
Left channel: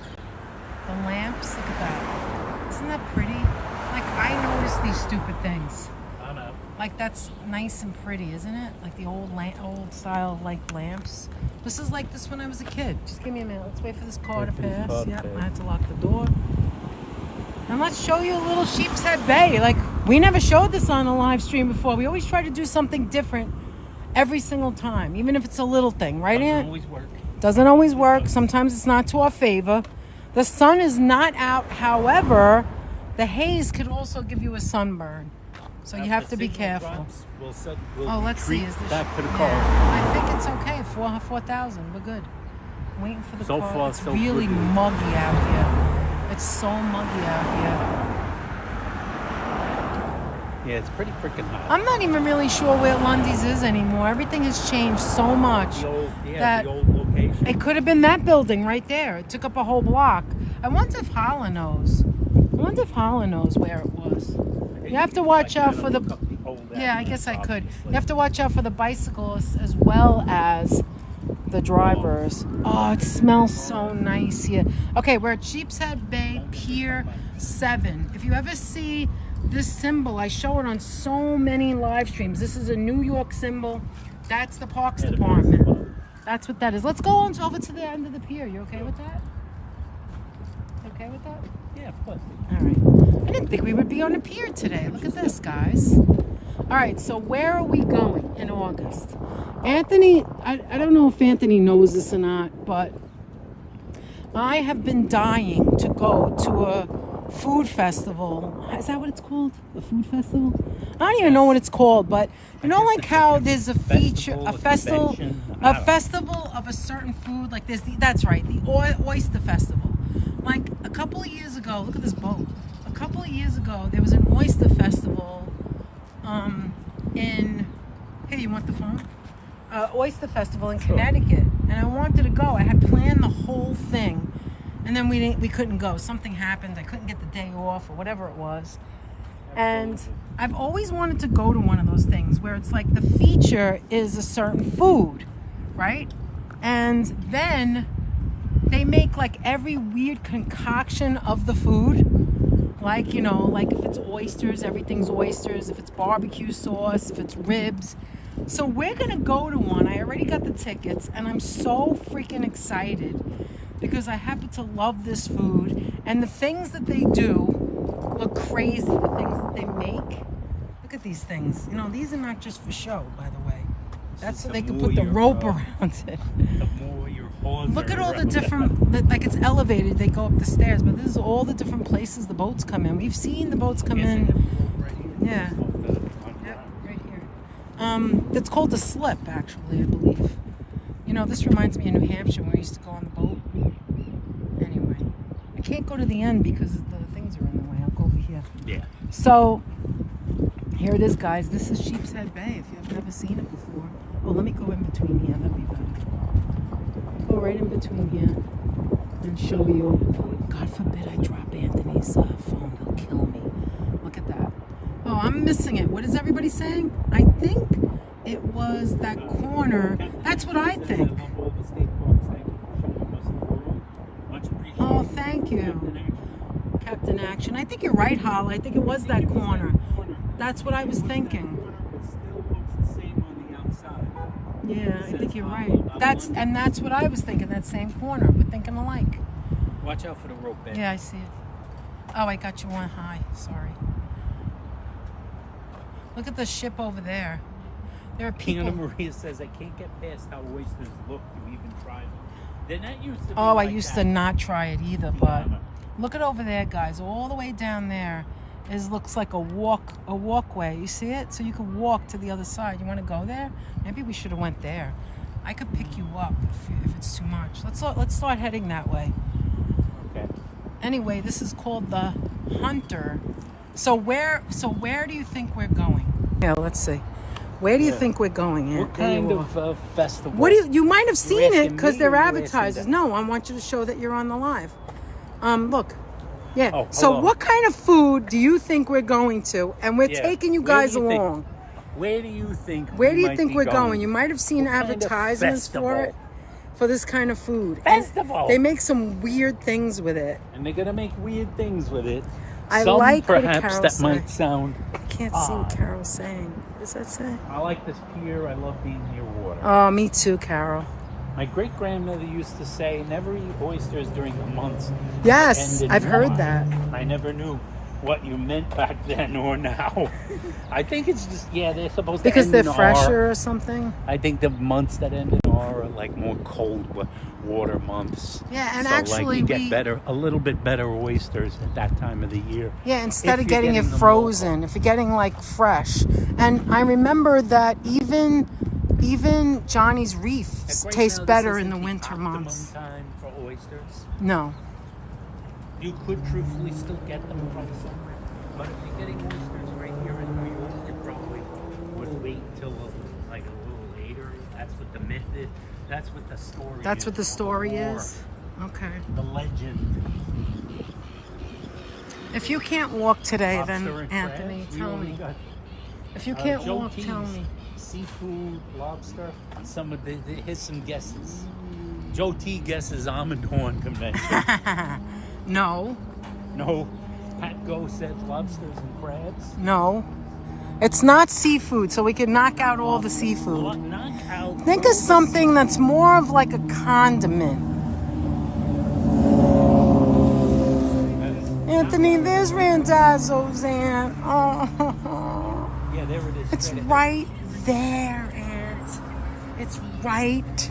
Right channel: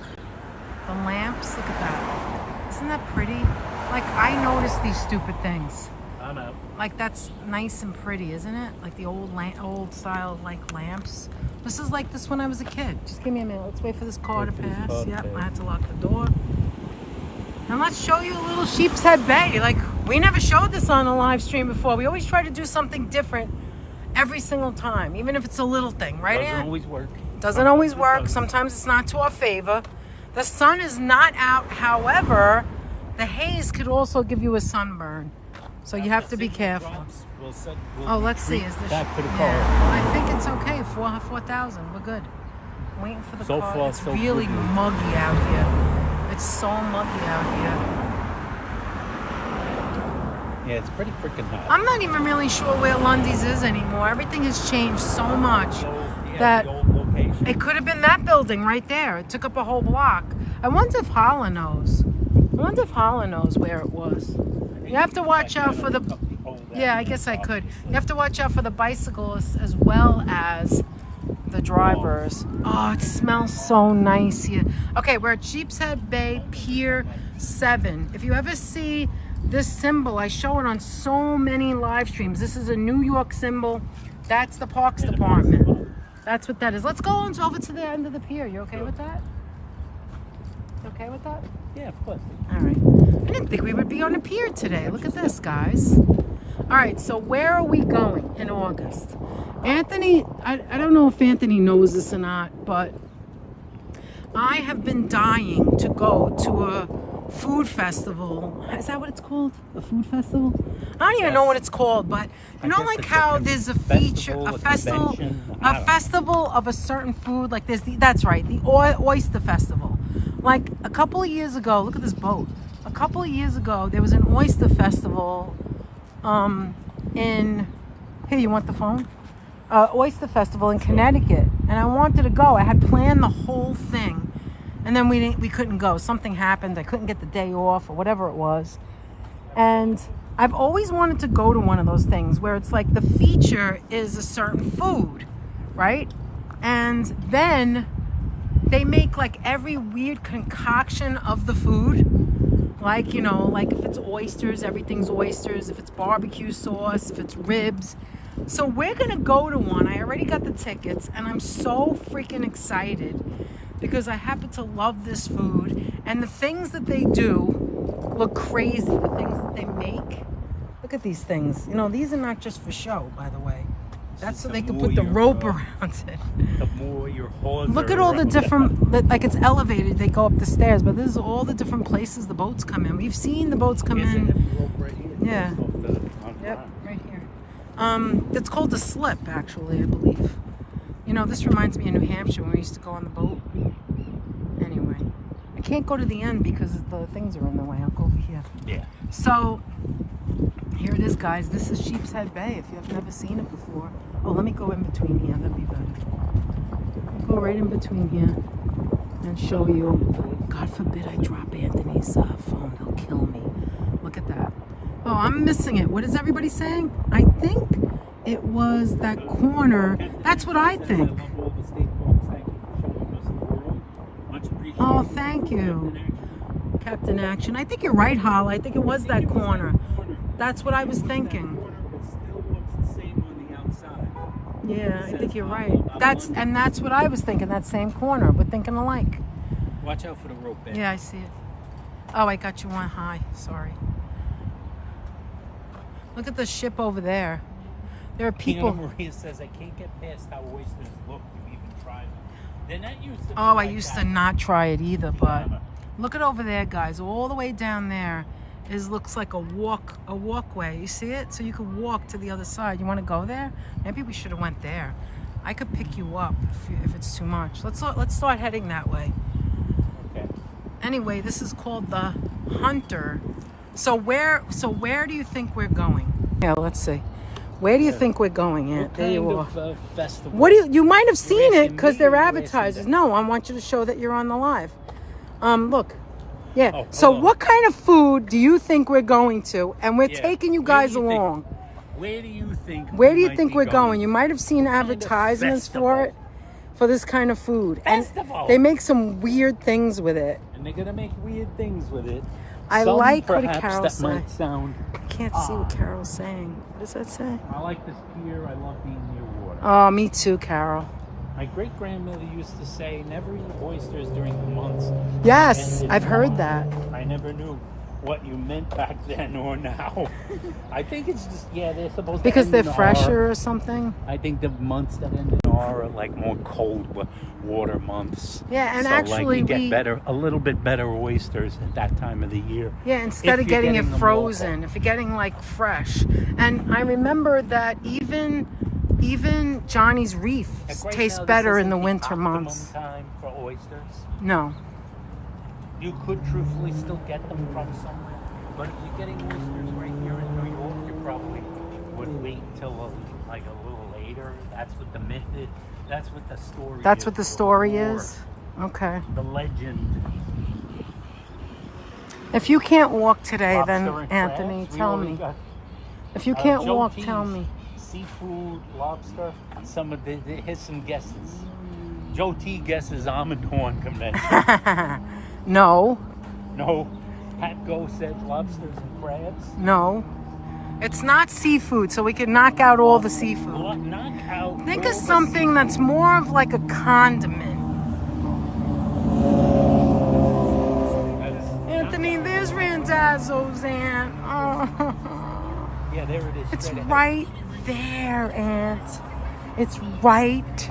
the lamps. Look at that. Isn't that pretty? Like, I notice these stupid things. I know. Like, that's nice and pretty, isn't it? Like the old style, like, lamps. This is like this when I was a kid. Just give me a minute. Let's wait for this car to pass. Yep, I had to lock the door. And let's show you a little Sheepshead Bay. Like, we never showed this on a live stream before. We always try to do something different every single time, even if it's a little thing, right? Doesn't always work. Doesn't always work. Sometimes it's not to our favor. The sun is not out. However, the haze could also give you a sunburn. So you have to be careful. Oh, let's see. Is this? Yeah, I think it's okay. 4,000. We're good. I'm waiting for the So car. far, It's so really good. muggy out here. It's so muggy out here. Yeah, it's pretty freaking hot. I'm not even really sure where Lundy's is anymore. Everything has changed so much that it could have been that building right there. It took up a whole block. I wonder if Holla knows. I wonder if Holla knows where it was. You have to watch out for the... Yeah, I guess I could. You have to watch out for the bicyclists as well as the drivers. Oh, it smells so nice here. Okay, we're at Sheepshead Bay Pier 7. If you ever see this symbol, I show it on so many live streams. This is a New York symbol. That's the Parks Department. That's what that is. Let's go on over to the end of the pier. You okay with that? You okay with that? Yeah, of course. All right. I didn't think we would be on a pier today. Look at this, guys. All right, so where are we going in August? Anthony, I don't know if Anthony knows this or not, but I have been dying to go to a food festival. Is that what it's called? The food festival? I don't even know what it's called, but you know, like how there's a feature, a festival of a certain food. Like there's that's right, the oyster festival. Like a couple of years ago, look at this boat. A couple of years ago, there was an oyster festival in, here, you want the phone? Oyster festival in Connecticut, and I wanted to go. I had planned the whole thing, and then we couldn't go. Something happened. I couldn't get the day off or whatever it was. And I've always wanted to go to one of those things where it's like the feature is a certain food, right? And then they make like every weird concoction of the food. Like, you know, like if it's oysters, everything's oysters. If it's barbecue sauce, if it's ribs. So we're gonna go to one. I already got the tickets, and I'm so freaking excited because I happen to love this food, and the things that they do look crazy. The things that they make. Look at these things. You know, these are not just for show, by the way. That's so they can put the rope around it. The more your horse. Look at all the different, like it's elevated. They go up the stairs, but this is all the different places the boats come in. We've seen the boats come in. Yeah. Yep, right here. It's called the slip, actually, I believe. You know, this reminds me of New Hampshire when we used to go on the boat. Anyway, I can't go to the end because the things are in the way. I'll go over here. Yeah. So, here it is, guys. This is Sheepshead Bay, if you've never seen it before. Oh, let me go in between here. That'd be better. Go right in between here and show you. God forbid I drop Anthony's phone. He'll kill me. Look at that. Oh, I'm missing it. What is everybody saying? I think it was that corner. That's what I think. Oh, thank you, Captain Action. I think you're right, Hal. I think it was that corner. That's what I was thinking. Yeah, I think you're right. That's what I was thinking. That same corner. We're thinking alike. Watch out for the rope bed. Yeah, I see it. Oh, I got you one high. Sorry. Look at the ship over there. There are people. Tina Maria says, I can't get past how oysters look. You even try them. They're not used to. Oh, I used to not try it either, but look at over there, guys. All the way down there looks like a walkway. You see it? So you could walk to the other side. You want to go there? Maybe we should have went there. I could pick you up if it's too much. Let's start heading that way. Okay. Anyway, this is called the Hunter. So where do you think we're going? Yeah, let's see. Where do you think we're going? What kind of festival? What do you might have seen it because they're advertisers. No, I want you to show that you're on the live. Look. Yeah. Oh, so what kind of food do you think we're going to? And we're taking you guys along. Where do you think? Where do you think we're going? You might have seen advertisements for it, for this kind of food. Festival. And they make some weird things with it. And they're gonna make weird things with it. I Some like what perhaps Carol that said. might sound. I can't see what Carol's saying. What does that say? I like this pier. I love being near water. Oh, me too, Carol. My great grandmother used to say, "Never eat oysters during the months." Yes, I've heard that. I never knew what you meant back then or now. I think it's just they're supposed to Because end they're in fresher R. or something. I think the months that end in R are like more cold water months. Yeah, and so actually like you get a little bit better oysters at that time of the year. Yeah, instead of getting it frozen, if you're getting like fresh. And I remember that even Johnny's Reef tastes better in the winter months. Time for oysters. No. You could truthfully still get them from somewhere, but if you're getting oysters right here in New York, you probably would wait till like a little later. That's what the myth is. That's what the story is. That's what the story or is? Okay. The legend. If you can't walk today, Lobster then and Anthony, crabs. tell We me. always got, If you can't Joe walk, T's tell me. Seafood, lobster. Some of here's some guesses. Joe T guesses almond horn convention. No. No. Pat Go says lobsters and crabs. No. It's not seafood, so we can knock out all the seafood. Knock out. Think of something that's more of like a condiment. Anthony, there's Randazzo's, Aunt. Oh. Yeah, there it is. It's right there, Aunt. It's right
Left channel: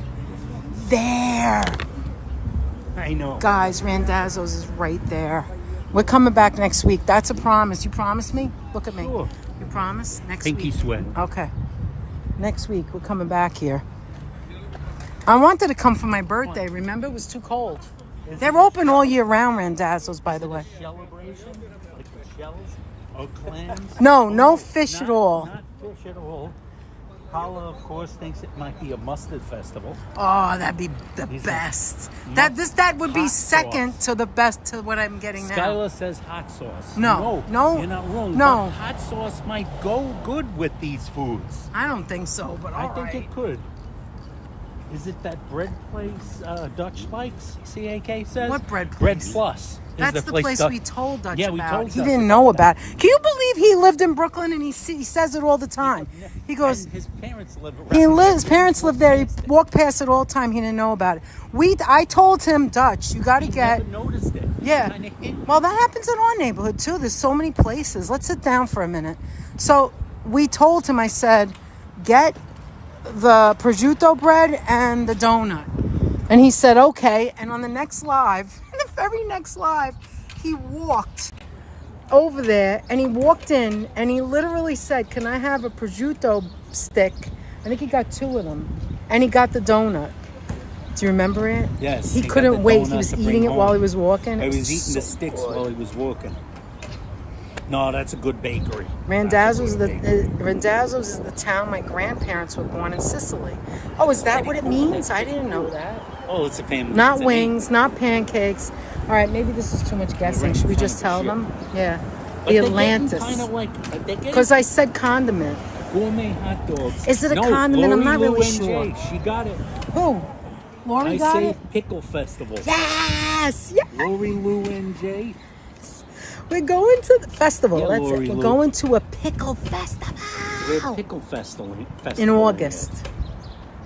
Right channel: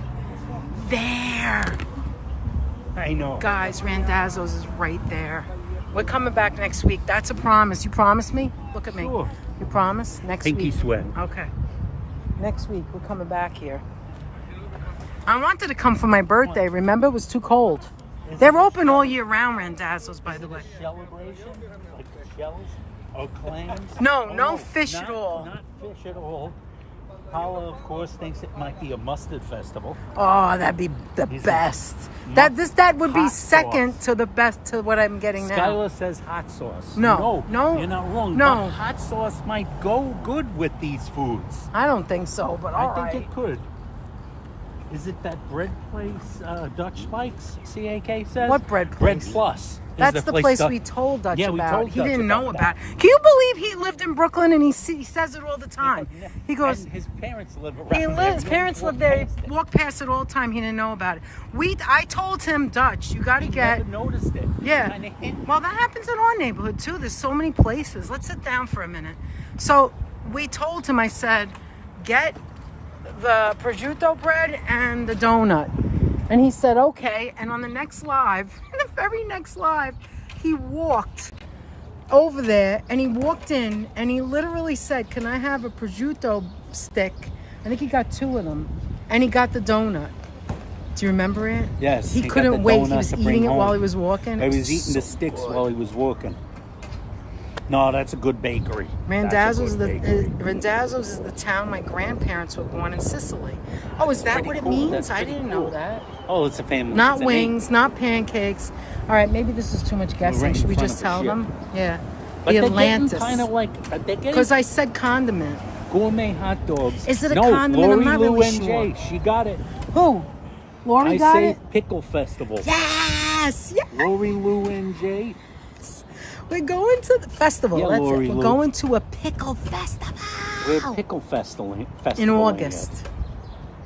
there. I know. Guys, Randazzo's is right there. We're coming back next week. That's a promise. You promise me? Look at me. Sure. You promise? Next Pinky week. sweat. Okay. Next week, we're coming back here. I wanted to come for my birthday. Remember, it was too cold. They're open all year round, Randazzo's, by the way. Or clams? No, no fish at all. Not fish at all. Paula, of course, thinks it might be a mustard festival. Oh, that'd be the These are best. That would be hot second sauce. to the best to what I'm getting now. Skylar says hot sauce. No, no, You're not wrong. no. But hot sauce might go good with these foods. I don't think so, but all I think right. it could. Is it that bread place Dutch likes, CAK says? What bread Bread place? Plus. is That's the place Dutch- we told Dutch Yeah, we about. told He Dutch didn't about know that. about. Can you believe he lived in Brooklyn and he says it all the time? He goes, And his parents live his parents live there. He walked past it all the time. He didn't know about it. I told him, Dutch, you got to get. noticed it. Yeah. Kinda hidden. Well, that happens in our neighborhood too. There's so many places. Let's sit down for a minute. So we told him, I said, get the prosciutto bread and the donut. And he said, okay. And on the next live, the very next live, he walked over there and he walked in and he literally said, can I have a prosciutto stick? I think he got 2 of them. And he got the donut. Do you remember it? Yes. He got couldn't the wait. He donut was to bring eating it home. while he was walking. He It was eating the so sticks good. while he was walking. No, that's a good bakery. Randazzo's Randazzo's is the town my grandparents were born in Sicily. Oh, is that what it means? I didn't know that. Oh, it's a family. Not it's a wings, not pancakes. All right, maybe this is too much guessing. right in Should we front just of tell the them? Yeah. But The they're Atlantis. Kind of like Because I said condiment. gourmet hot dogs. Is it a no, condiment? I'm not Lori, really Lou, and sure. Jay, she got it. Who? Lori I got say it? pickle festival. Yes! Yes! Lori, Lou, and Jay. We're going to the festival. Yeah, That's Lori it. We're Lou. going to a pickle festival. We're pickle festival In August.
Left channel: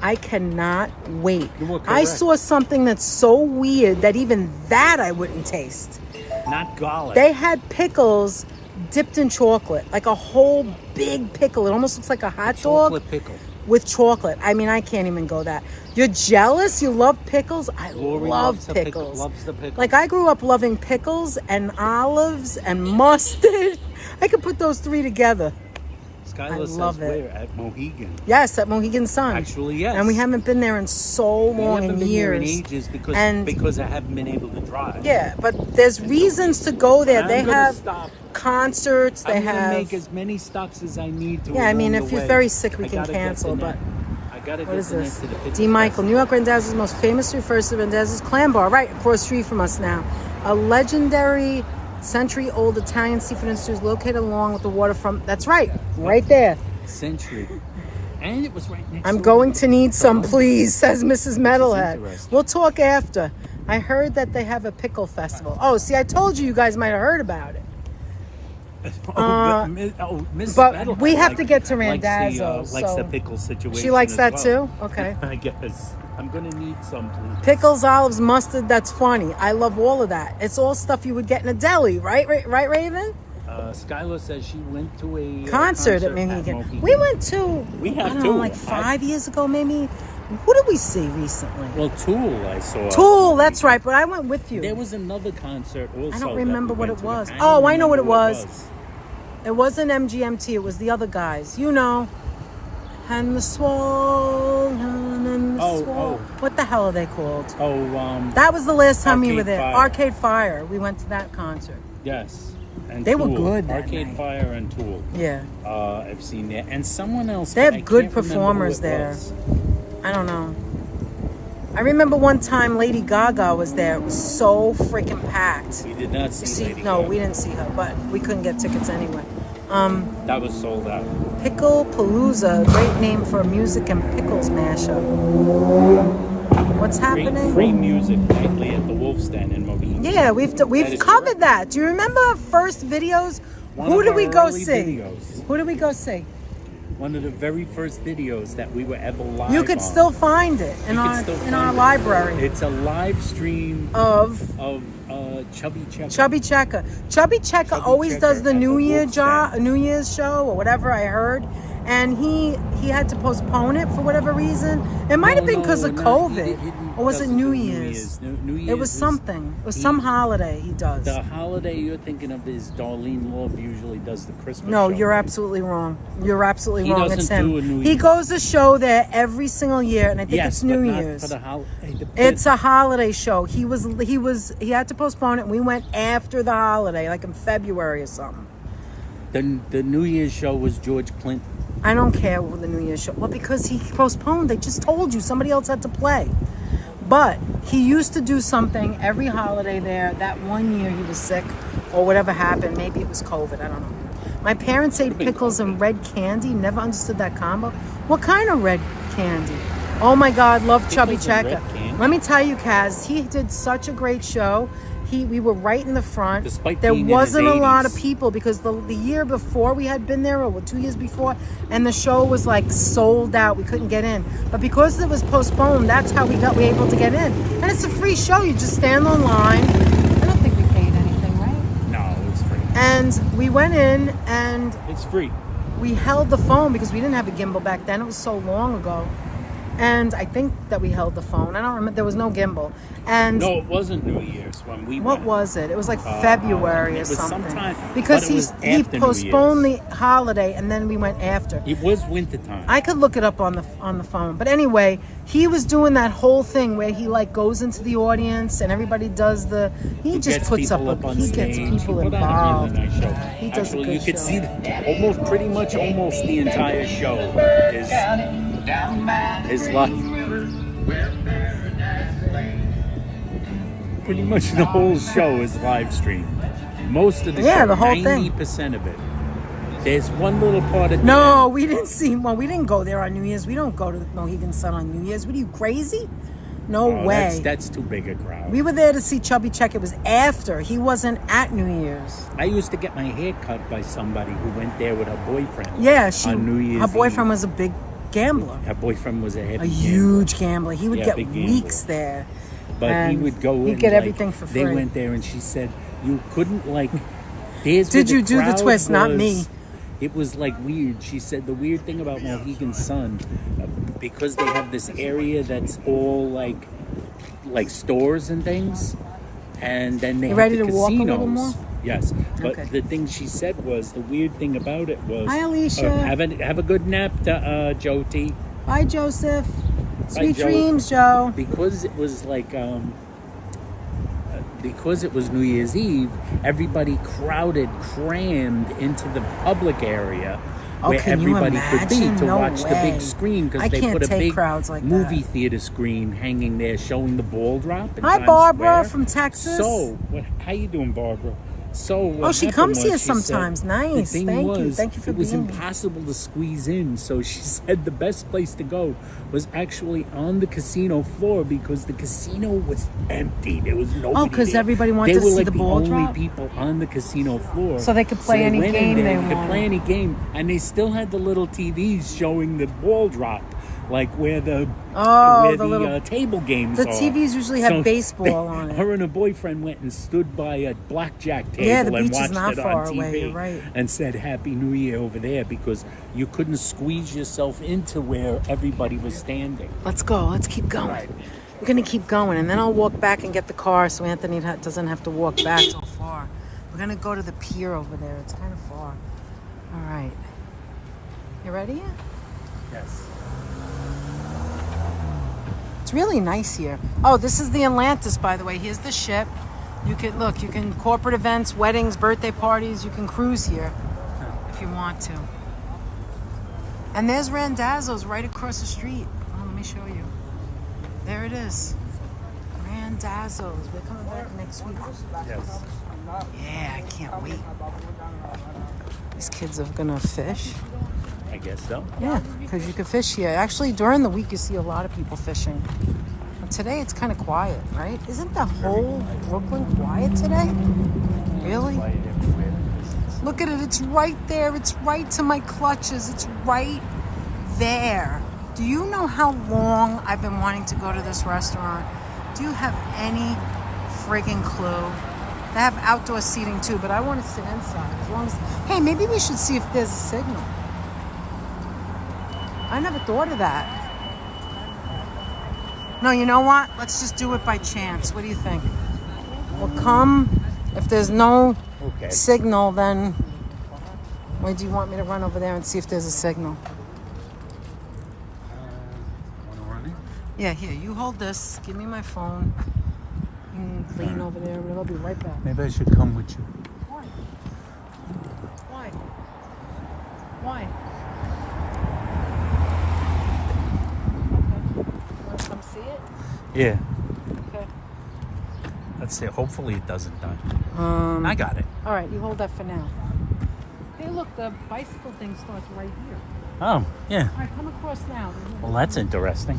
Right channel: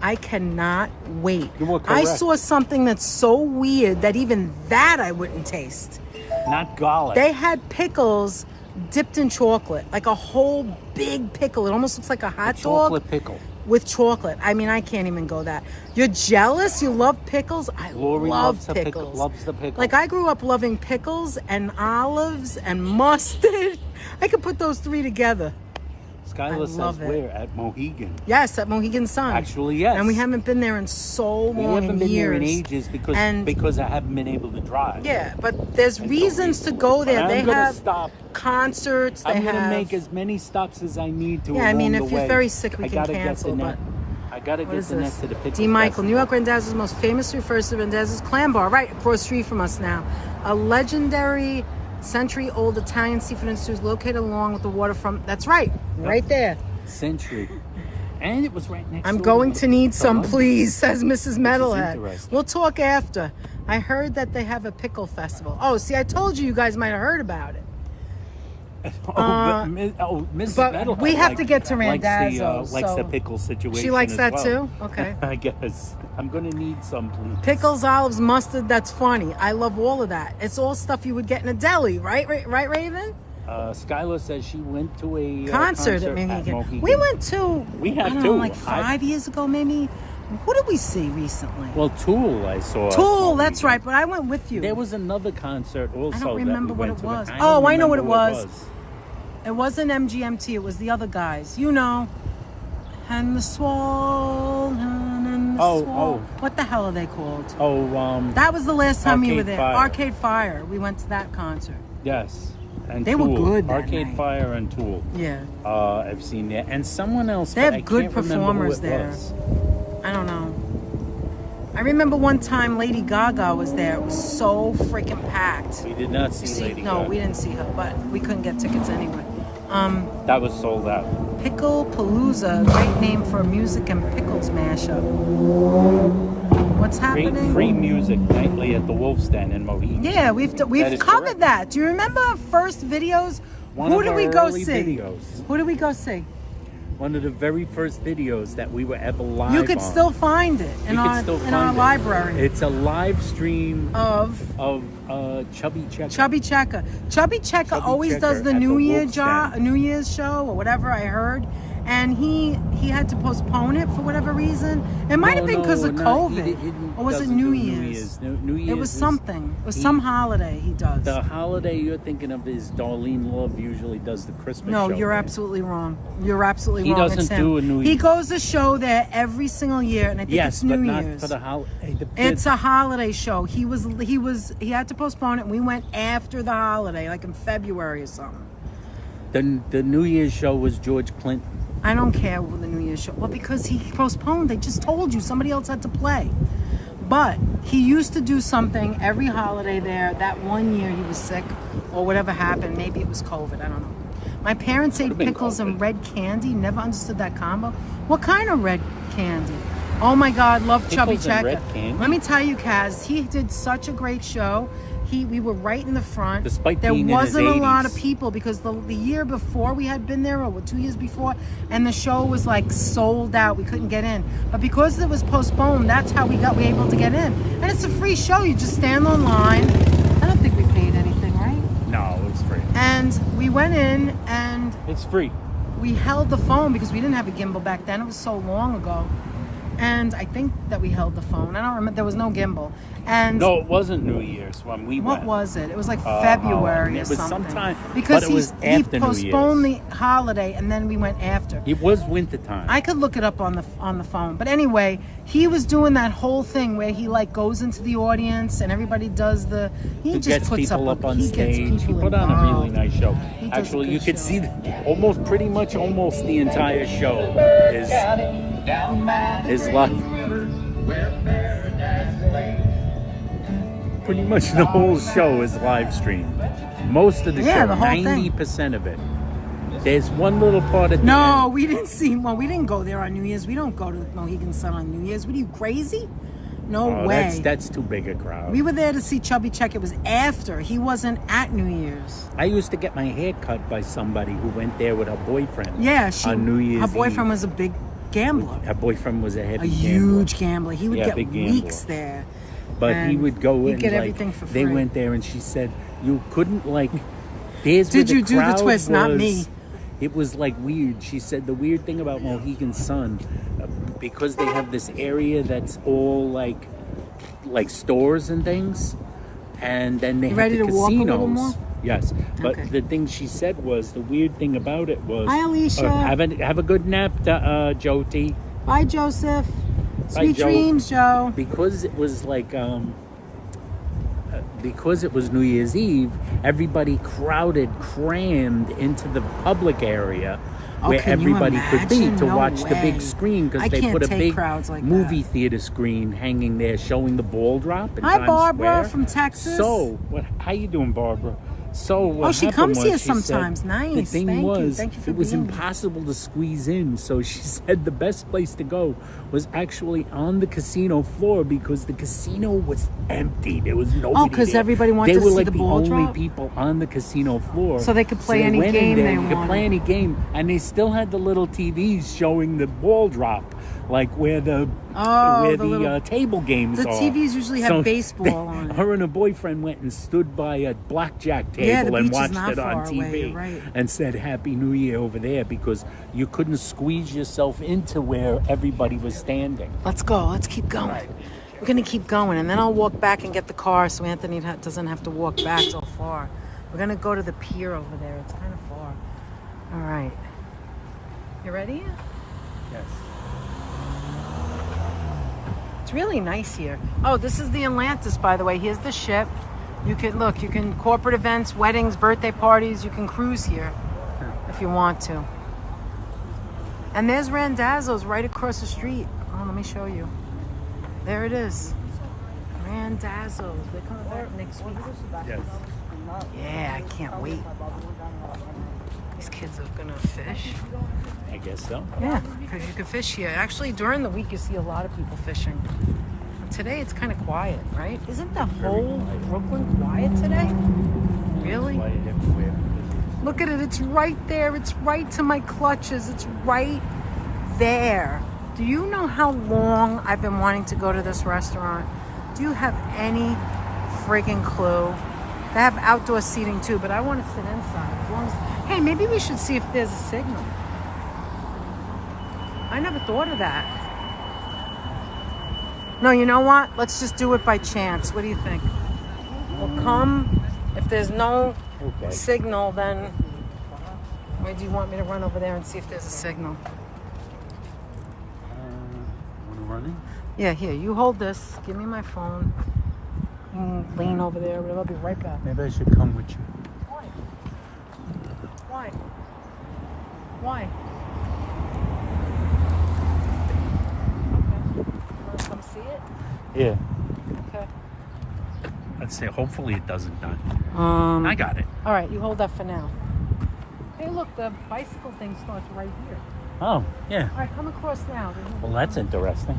I cannot wait. You were I correct. saw something that's so weird that even that I wouldn't taste. Not garlic. They had pickles dipped in chocolate, like a whole big pickle. It almost looks like a hot dog Chocolate pickle. with chocolate. I mean, I can't even go that. You're jealous? You love pickles? I Lori love loves the pickles. Loves the pickle. Like, I grew up loving pickles and olives and mustard. I could put those 3 together. I Skylar says love it. where? At Mohegan. Yes, at Mohegan Sun. Actually, yes. And we haven't been there in so We long, haven't in been years. there in ages And- because I haven't been able to drive. Yeah, but there's reasons to go there. I'm They gonna have stop. concerts. They I'm gonna have. make as many stops as I need to. Yeah, I mean, along if the you're way. very sick, we I can gotta get cancel. to But I gotta what get is to this? the pickle D. Michael, festival. New York Randazzo's most famous refers to Randazzo's Clam Bar, right across the street from us now. A legendary, century-old Italian seafood and stews located along with the waterfront. That's right, right there. Century. And it was right next I'm door going me. to need some, Tolentine. please, says Mrs. Metalhead. interesting. We'll talk after. I heard that they have a pickle festival. Oh, see, I told you guys might have heard about it. Mrs. but Metalhead we have to get to likes the, Randazzo's, likes so- the pickle situation. She likes as that well. too? Okay. I guess. I'm gonna need some, please. Pickles, olives, mustard, that's funny. I love all of that. It's all stuff you would get in a deli, right, Raven? Skylar says she went to a Concert at Mohegan. Mohegan. We went to, We have I don't too. know, like 5 years ago maybe. Who did we see recently? Well, Tool I saw. Tool, that's right, but I went with you. There was another concert also. I don't that remember we what went it to. was. don't Oh, I know what it remember was. It wasn't MGMT, it was the other guys. You know. And the Swollen and the Swole. What the hell are they called? That was the last time we were Arcade there. Fire. Arcade Fire. We went to that concert. Yes. And They were Tool. good that Arcade night. Fire and Tool. Yeah. I've seen that. And someone else. They but have I good can't remember who performers it there. was. I don't know. I remember one time Lady Gaga was there. It was so freaking packed. We did not see. You see, Lady no, Gaga. we didn't see her, but we couldn't get tickets anyway. That was sold out. Pickle Palooza, great name for a music and pickles mashup. What's happening? Free music nightly at the Wolf's Den in Mohegan. Yeah, we've is covered correct. that. Do you remember our first videos? One Who of did our we go early see? videos. Who did we go see? One of the very first videos that we were ever live You could on. still find it in You our could still in our find it. library It's a live stream of Chubby Checker. Chubby Checker. Chubby Checker Chubby always Checker does the at the New Wolf's Den. Year's show or whatever I heard, and he had to postpone it for whatever reason. It might have been because of COVID, or was it New Year's? New Year's. It was something. It was some holiday he does. The holiday you're thinking of is Darlene Love usually does the Christmas No, show. you're right? absolutely wrong. You're absolutely He wrong. doesn't It's him. do a New He Year's. goes to show there every single year, and I think Yes, it's New but not Year's. for the holiday. It's a holiday show. He had to postpone it, and we went after the holiday, like in February or something. The New Year's show was George Clinton. I don't care what the New Year's show. Well, because he postponed. They just told you somebody else had to play. But he used to do something every holiday there. That one year he was sick or whatever happened. Maybe it was COVID. I don't know. My parents ate pickles and red candy. Never understood that combo. What kind of red candy? Oh my God, love Chubby Pickles and Checker. red candy? Let me tell you, Kaz, he did such a great show. We were right in the front. Despite there being in wasn't a his lot of 80s. people because the year before we had been there, or 2 years before, and the show was like sold out. We couldn't get in. But because it was postponed, that's how we were able to get in. And it's a free show. You just stand online. I don't think we paid anything, right? No, it's free. And we went in and It's free. we held the phone because we didn't have a gimbal back then. It was so long ago. And I think that we held the phone. I don't remember. There was no gimbal. And No, it wasn't New Year's when we what went. was it? It was like February it or was something. sometime, Because but it was he after New postponed the Year's. holiday and then we went after. It was wintertime. I could look it up on the phone. But anyway, he was doing that whole thing where he like goes into the audience and everybody does he just gets puts people up on he stage. gets people He put on a involved. really nice show. He does a Actually, good you could show. see pretty much the entire show is live. Pretty much the whole show is live streamed. Most of the show, the whole thing. 90% of it. There's one little part of No, we didn't see. Well, we didn't go there on New Year's. We don't go to the Mohegan Sun on New Year's. What are you, crazy? No way. That's too big a crowd. We were there to see Chubby Check. It was after. He wasn't at New Year's. I used to get my hair cut by somebody who went there with her boyfriend. Yeah, on New Year's her boyfriend Eve. was a big gambler. Her boyfriend was a heavy A gambler. huge gambler. He would Yeah, get big gambler. weeks there. But he And would go in. he'd get like, everything for They free. went there and she said, you couldn't like. There's Did where you do the crowd twist? Not was. me. It was like weird. She said the weird thing about Mohegan Sun, because they have this area that's all like stores and things, and then they You have ready the to walk a casinos. little more? Yes, but Okay. the thing she said was the weird thing about it was. Hi, Alicia. Have a good nap, Jyoti. Bye, Joseph. Bye, Sweet Joe. dreams, Joe. Because it was like because it was New Year's Eve, everybody crammed into the public area Oh, where can you everybody could be imagine? to No watch the way. big screen, I because they can't put a take big crowds like movie that. theater screen hanging there showing the ball drop in Hi, Times Barbara Square. from Texas. So, how you doing, Barbara? So what she happened comes was here she said, sometimes. Nice. The thing Thank you. was, Thank you for it was being here. impossible to squeeze in. So she said the best place to go was actually on the casino floor because the casino was empty. There was nobody. Oh, 'cause there. everybody wanted They to were see like the ball only drop? people on the casino floor, So they could play any went in game there, they you could wanted. play any game, and they still had the little TVs showing the ball drop, like where the little table games The are. TVs usually have baseball on it. Her and her boyfriend went and stood by a blackjack table Yeah, the and beach is watched not it far on TV away, you're right. and said Happy New Year over there because you couldn't squeeze yourself into where everybody was standing. Let's go. Let's keep going. We're going to keep going, and then I'll walk back and get the car so Anthony doesn't have to walk back so far. We're going to go to the pier over there. It's kind of far. All right. You ready? Yes. It's really nice here. Oh, this is the Atlantis, by the way. Here's the ship. You can corporate events, weddings, birthday parties. You can cruise here if you want to. And there's Randazzo's right across the street. Oh, let me show you. There it is. Randazzo's. They're coming back next week. Yes. Yeah, I can't wait. These kids are gonna fish. I guess so. Yeah, because you can fish here. Actually, during the week, you see a lot of people fishing. But today, it's kind of quiet, right? Isn't the whole Brooklyn quiet today? Really? Look at it. It's right there. It's right to my clutches. It's right there. Do you know how long I've been wanting to go to this restaurant? Do you have any friggin' clue? They have outdoor seating too, but I want to sit inside. As long as, hey, maybe we should see if there's a signal. I never thought of that. No, you know what? Let's just do it by chance. What do you think? We'll come. If there's no signal, then... Or do you want me to run over there and see if there's a signal? Yeah, here. You hold this. Give me my phone. Lean over there, and I'll be right back. Maybe I should come with you. Why? Why? Okay. You want to come see it? Yeah. Okay. Let's see. Hopefully it doesn't die. I got it. All right, you hold that for now. Hey, look, the bicycle thing starts right here. Oh, yeah. All right, come across now. Well, that's interesting.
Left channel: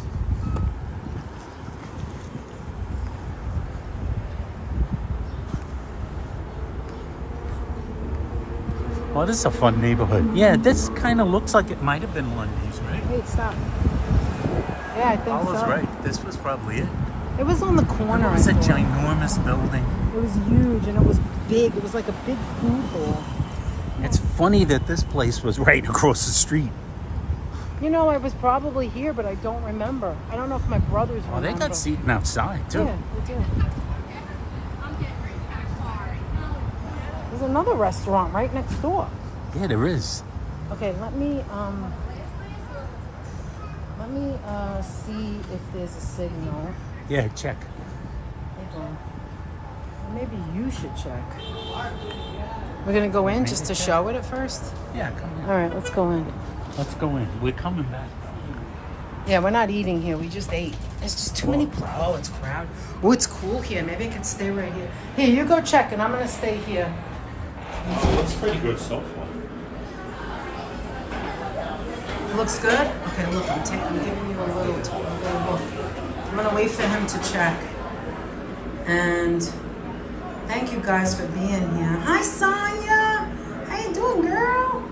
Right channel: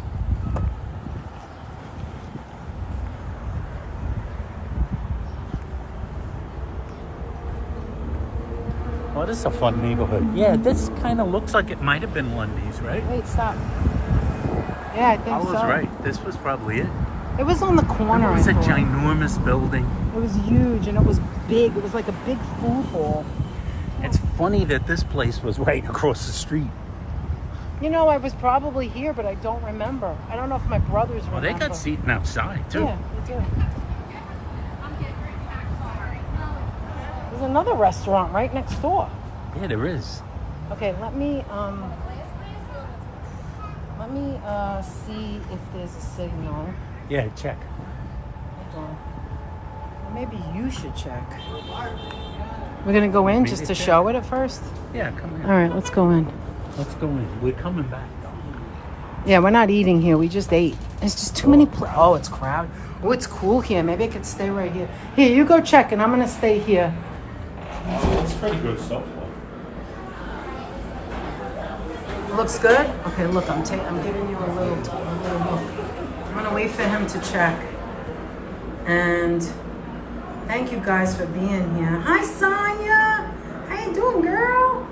Oh, this is a fun neighborhood. Yeah, this kind of looks like it might have been Lundy's, right? Wait, stop. Yeah, I think I was so. right. This was probably it. It was on the corner. Remember, it was a ginormous building. It was huge and it was big. It was like a big food hall. It's funny that this place was right across the street. You know, I was probably here, but I don't remember. I don't know if my brothers Oh, they got seating outside, too. Yeah, they did. There's another restaurant right next door. Yeah, there is. Okay, let me see if there's a signal. Yeah, check. Okay. Maybe you should check. We're gonna go in just to show it at first? Yeah, come All in. right, let's go in. Let's go in. We're coming back. Yeah, we're not eating here. We just ate. There's just too many places. Oh, it's crowded. Oh, it's cool here. Maybe I could stay right here. Here, you go check, and I'm gonna stay here. Oh, it looks pretty good so far. Looks good? Okay, look, I'm giving you a little look. I'm gonna wait for him to check. And thank you guys for being here. Hi, Sonia. How you doing, girl?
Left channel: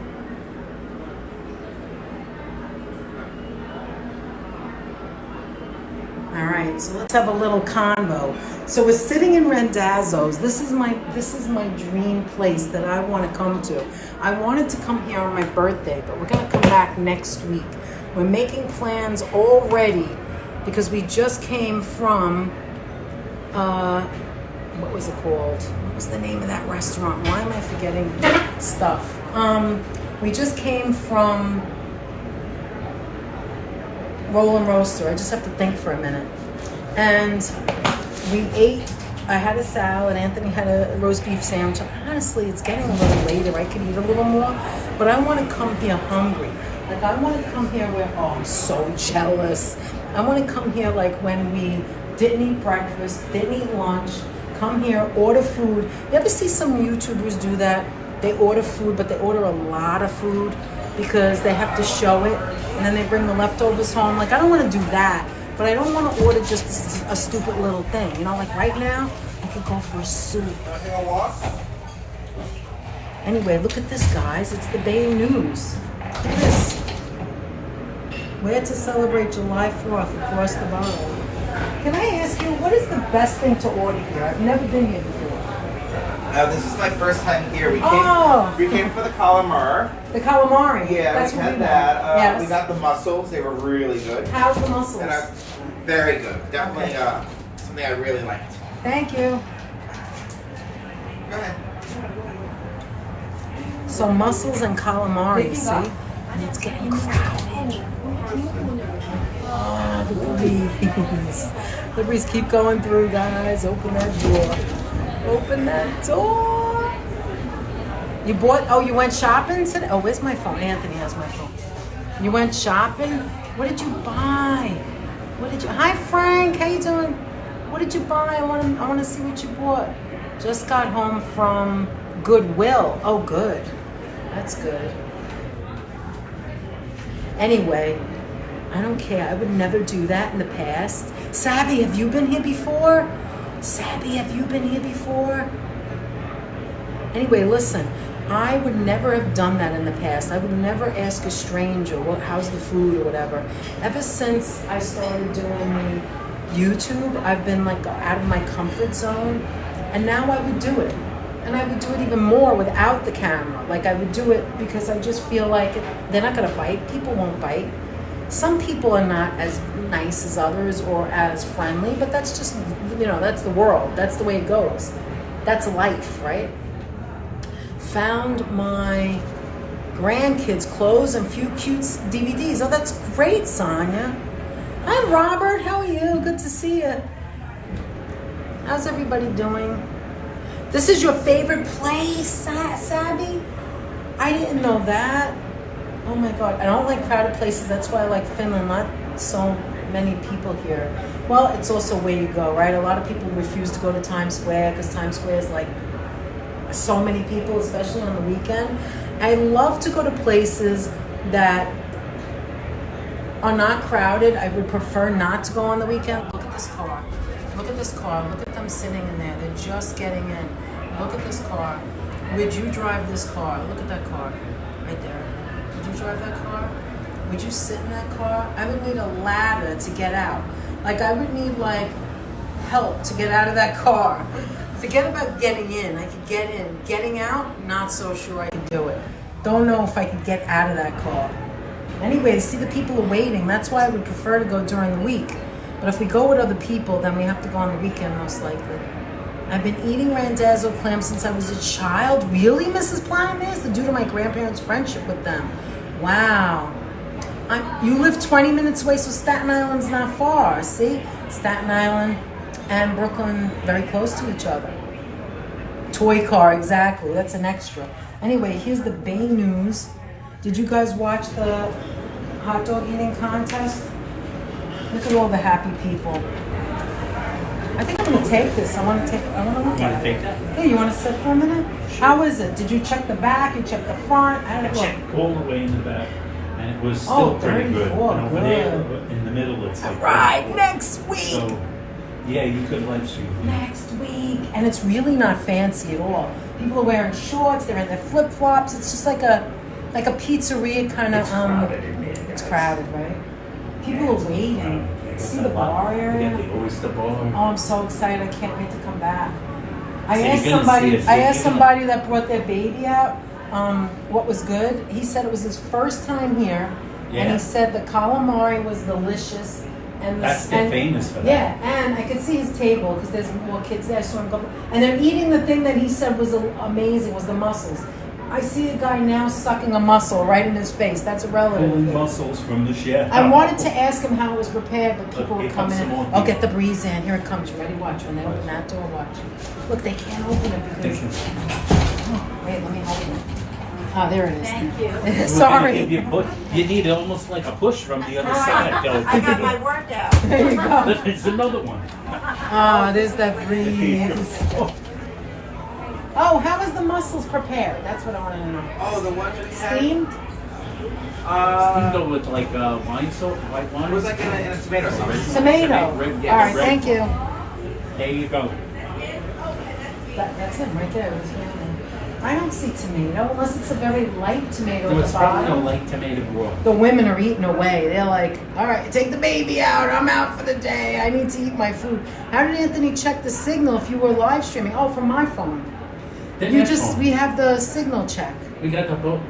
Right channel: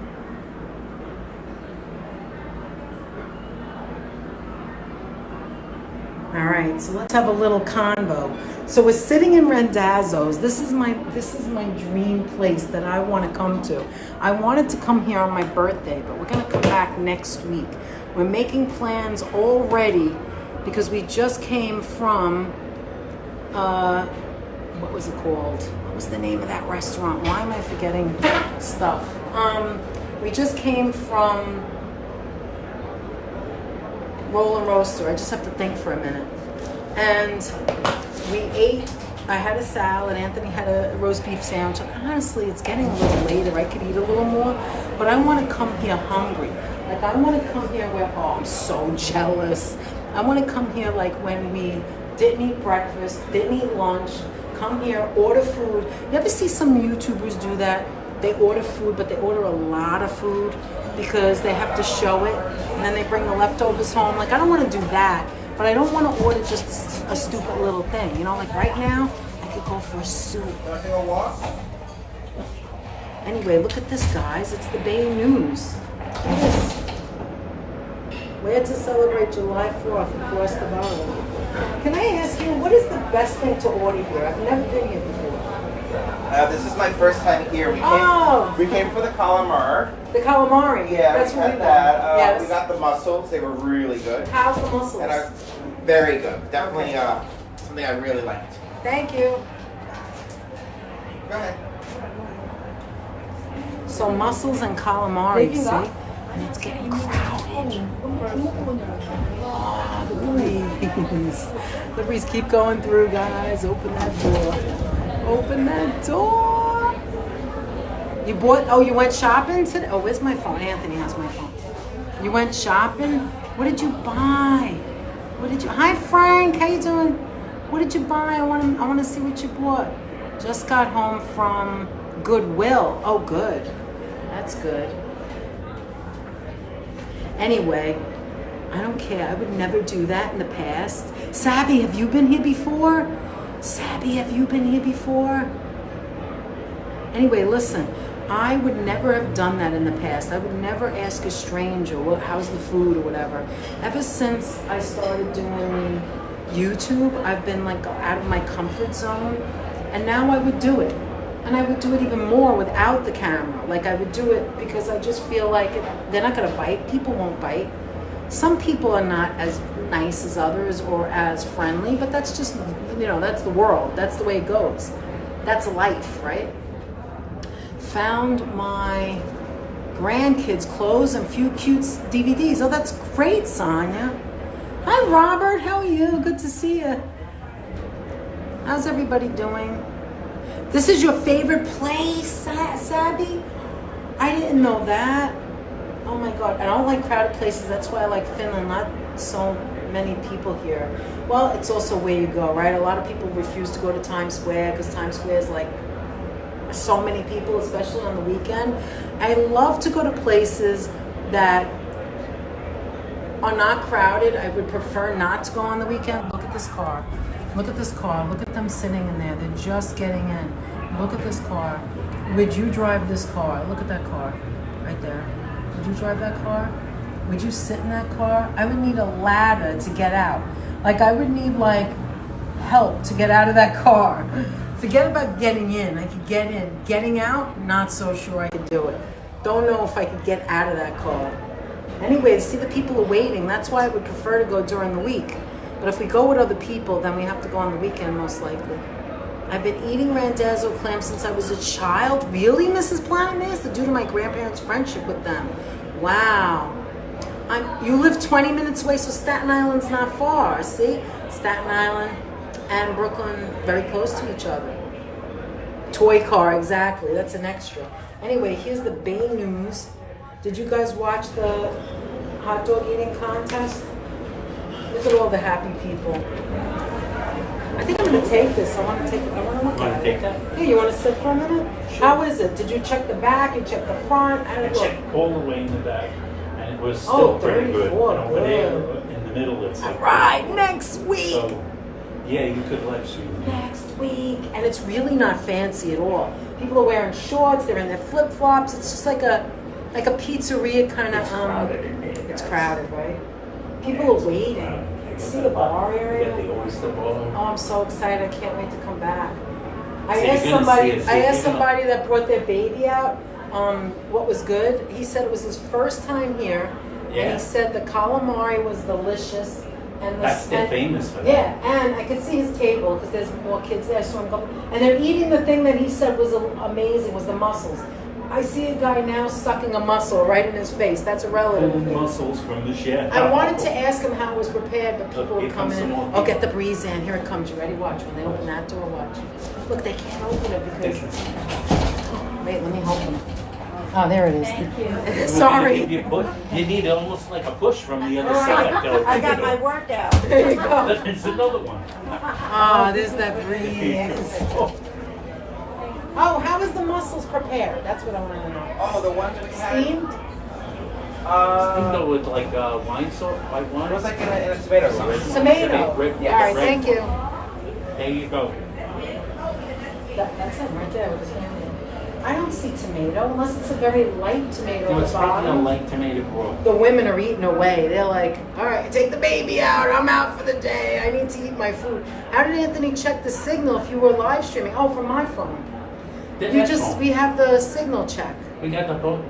All right, so let's have a little convo. So we're sitting in Randazzo's. This is my dream place that I want to come to. I wanted to come here on my birthday, but we're gonna come back next week. We're making plans already because we just came from what was it called? What was the name of that restaurant? Why am I forgetting stuff? We just came from Roll and Roaster. I just have to think for a minute. And we ate. I had a salad. Anthony had a roast beef sandwich. Honestly, it's getting a little later. I could eat a little more, but I want to come here hungry. Like, I want to come here where, oh, I'm so jealous. I want to come here like when we didn't eat breakfast, didn't eat lunch, come here, order food. You ever see some YouTubers do that? They order food, but they order a lot of food because they have to show it, and then they bring the leftovers home. Like, I don't want to do that, but I don't want to order just a stupid little thing. You know, like right now, I could go for a soup. Anyway, look at this, guys. It's the Bay News. Look at this. Where to celebrate July 4th across the borough. Can I ask you, what is the best thing to order here? I've never been here before. This is my first time here. We came for the calamari. The calamari. Yeah, that's we what had we that. want. Yes. We got the mussels. They were really good. How's the mussels? And very good. Definitely Okay. something I really liked. Thank you. Go ahead. So mussels and calamari, see? And it's getting crowded. Oh, the breeze. The breeze. Keep going through, guys. Open that door. Open that door. You went shopping today? Oh, where's my phone? Anthony has my phone. You went shopping? What did you buy? Hi, Frank. How you doing? What did you buy? I want to see what you bought. Just got home from Goodwill. Oh, good. That's good. Anyway, I don't care. I would never do that in the past. Sabby, have you been here before? Anyway, listen. I would never have done that in the past. I would never ask a stranger, how's the food or whatever. Ever since I started doing YouTube, I've been like out of my comfort zone. And now I would do it. And I would do it even more without the camera. Like, I would do it because I just feel like they're not gonna bite. People won't bite. Some people are not as nice as others or as friendly, but that's just, that's the world. That's the way it goes. That's life, right? Found my grandkids' clothes and few cute DVDs. Oh, that's great, Sonia. Hi, Robert. How are you? Good to see you. How's everybody doing? This is your favorite place, Sabby? I didn't know that. Oh my God. I don't like crowded places. That's why I like Finland. Not so many people here. Well, it's also where you go, right? A lot of people refuse to go to Times Square because Times Square is like so many people, especially on the weekend. I love to go to places that are not crowded. I would prefer not to go on the weekend. Look at this car. Look at this car. Look at them sitting in there. They're just getting in. Look at this car. Would you drive this car? Look at that car right there. Would you drive that car? Would you sit in that car? I would need a ladder to get out. Like I would need help to get out of that car. Forget about getting in. I could get in. Getting out, not so sure I could do it. Don't know if I could get out of that car. Anyway, see the people are waiting. That's why I would prefer to go during the week. But if we go with other people, then we have to go on the weekend most likely. I've been eating Randazzo clam since I was a child. Really, Mrs. Planamis? Due to my grandparents' friendship with them. Wow. You live 20 minutes away, so Staten Island's not far. See? Staten Island and Brooklyn very close to each other. Toy car, exactly. That's an extra. Anyway, here's the Bay news. Did you guys watch the hot dog eating contest? Look at all the happy people. I think I'm gonna take this. I want to look at it. Take that? Hey, you want to sit for a minute? How is it? Did you check the back? You checked the front? I I don't know. checked all the way in the back, and it was still pretty good. 34, And good. over there, in the middle, it's like Right, next week. So, yeah, you could let you. Next week. And it's really not fancy at all. People are wearing shorts, they're in their flip-flops. It's just like a pizzeria kind of it's crowded, right? People are waiting. See the bar They area? got the oyster bar. Oh, I'm so excited. I can't wait to come back. I So you're asked gonna see us, I you're asked gonna- somebody that brought their baby out what was good. He said it was his first time here, and Yeah. he said the calamari was delicious. And They're famous for that. Yeah, and I could see his table because there's more kids there. I saw him go, and they're eating the thing that he said was amazing, was the mussels. I see a guy now sucking a mussel right in his face. That's a relative of his. Mussels from the chef. I wanted to ask him how it was prepared, but people Look, were here coming comes in. some more Oh, get people. the breeze in. Here it comes. You ready? Watch. When they open that door, watch. Look, they can't open it because... Wait, let me hold it. Oh, there it is. Thank you. Sorry. You need almost like a push from the other side. I got my workout. There you go. It's another one. Ah, there's that breeze. Oh, how was the mussels prepared? That's what I want to know. Oh, the one that we had. Steamed? Steamed with like wine sauce, white wine. It was like in a tomato sauce. Tomato. Red- All right, red thank you. There you go. That's him right there with his family. I don't see tomato unless it's a very light tomato So at it's the probably a bottom. light tomato broth. The women are eating away. They're like, all right, take the baby out. I'm out for the day. I need to eat my food. How did Anthony check the signal if you were live streaming? Oh, from my phone. We have the signal check. We got the boat.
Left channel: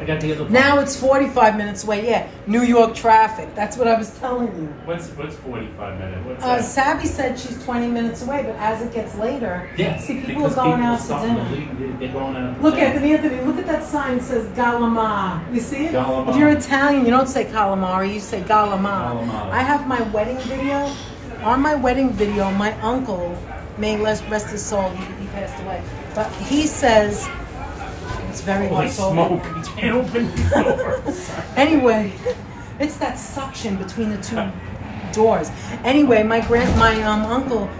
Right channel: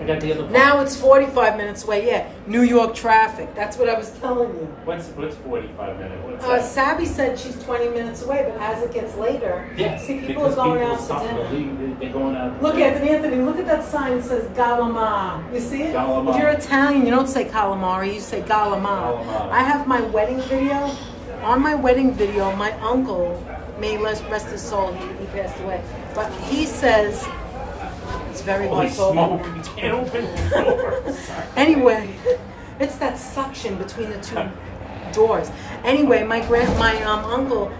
I got the other boat. Now it's 45 minutes away. Yeah, New York traffic. That's what I was telling you. What's 45 minutes? What's that? Sabby said she's 20 minutes away, but as it gets later, Yes, see, people are because going out to starting dinner. leave. They're going out to Look, dinner. Anthony, look at that sign that says Galama. You see it? Galama. If you're Italian, you don't say calamari, you say Galama. Galama. I have my wedding video. On my wedding video, my uncle, may rest his soul, he passed away, but he says, it's very Holy hard to open. smoke, can't open the door. Anyway, it's that suction between the two doors. Anyway, my uncle,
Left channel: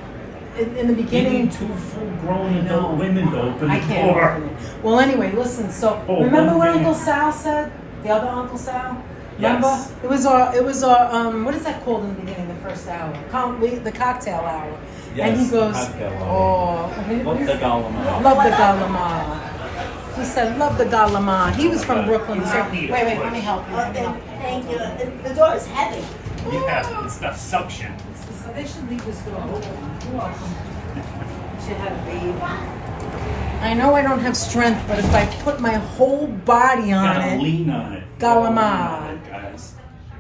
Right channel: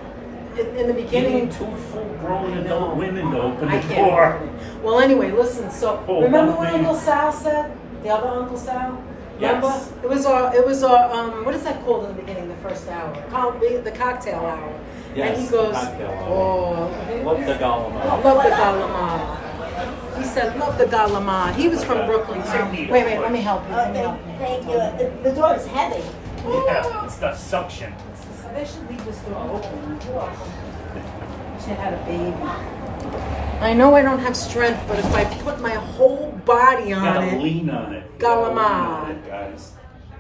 in the You beginning, need two full-grown I know. adult women to open I the can't door. open it. Well, anyway, listen. So Oh, remember one what thing. Uncle Sal said? The other Uncle Sal. Yes. Remember? It was our what is that called in the beginning? The first hour, the cocktail hour. Yes, and he goes, cocktail hour. oh, Love the Galama. love the Galama. He said, love the Galama. He was from Brooklyn too. Wait, let me help you. Let me help you. Thank you. The door is heavy. Yeah, it's the suction. So they should leave this door open. You're welcome. Should have a baby. I know I don't have strength, but if I put my whole body on Gotta it, lean on it. Galama. Gotta lean on it, guys.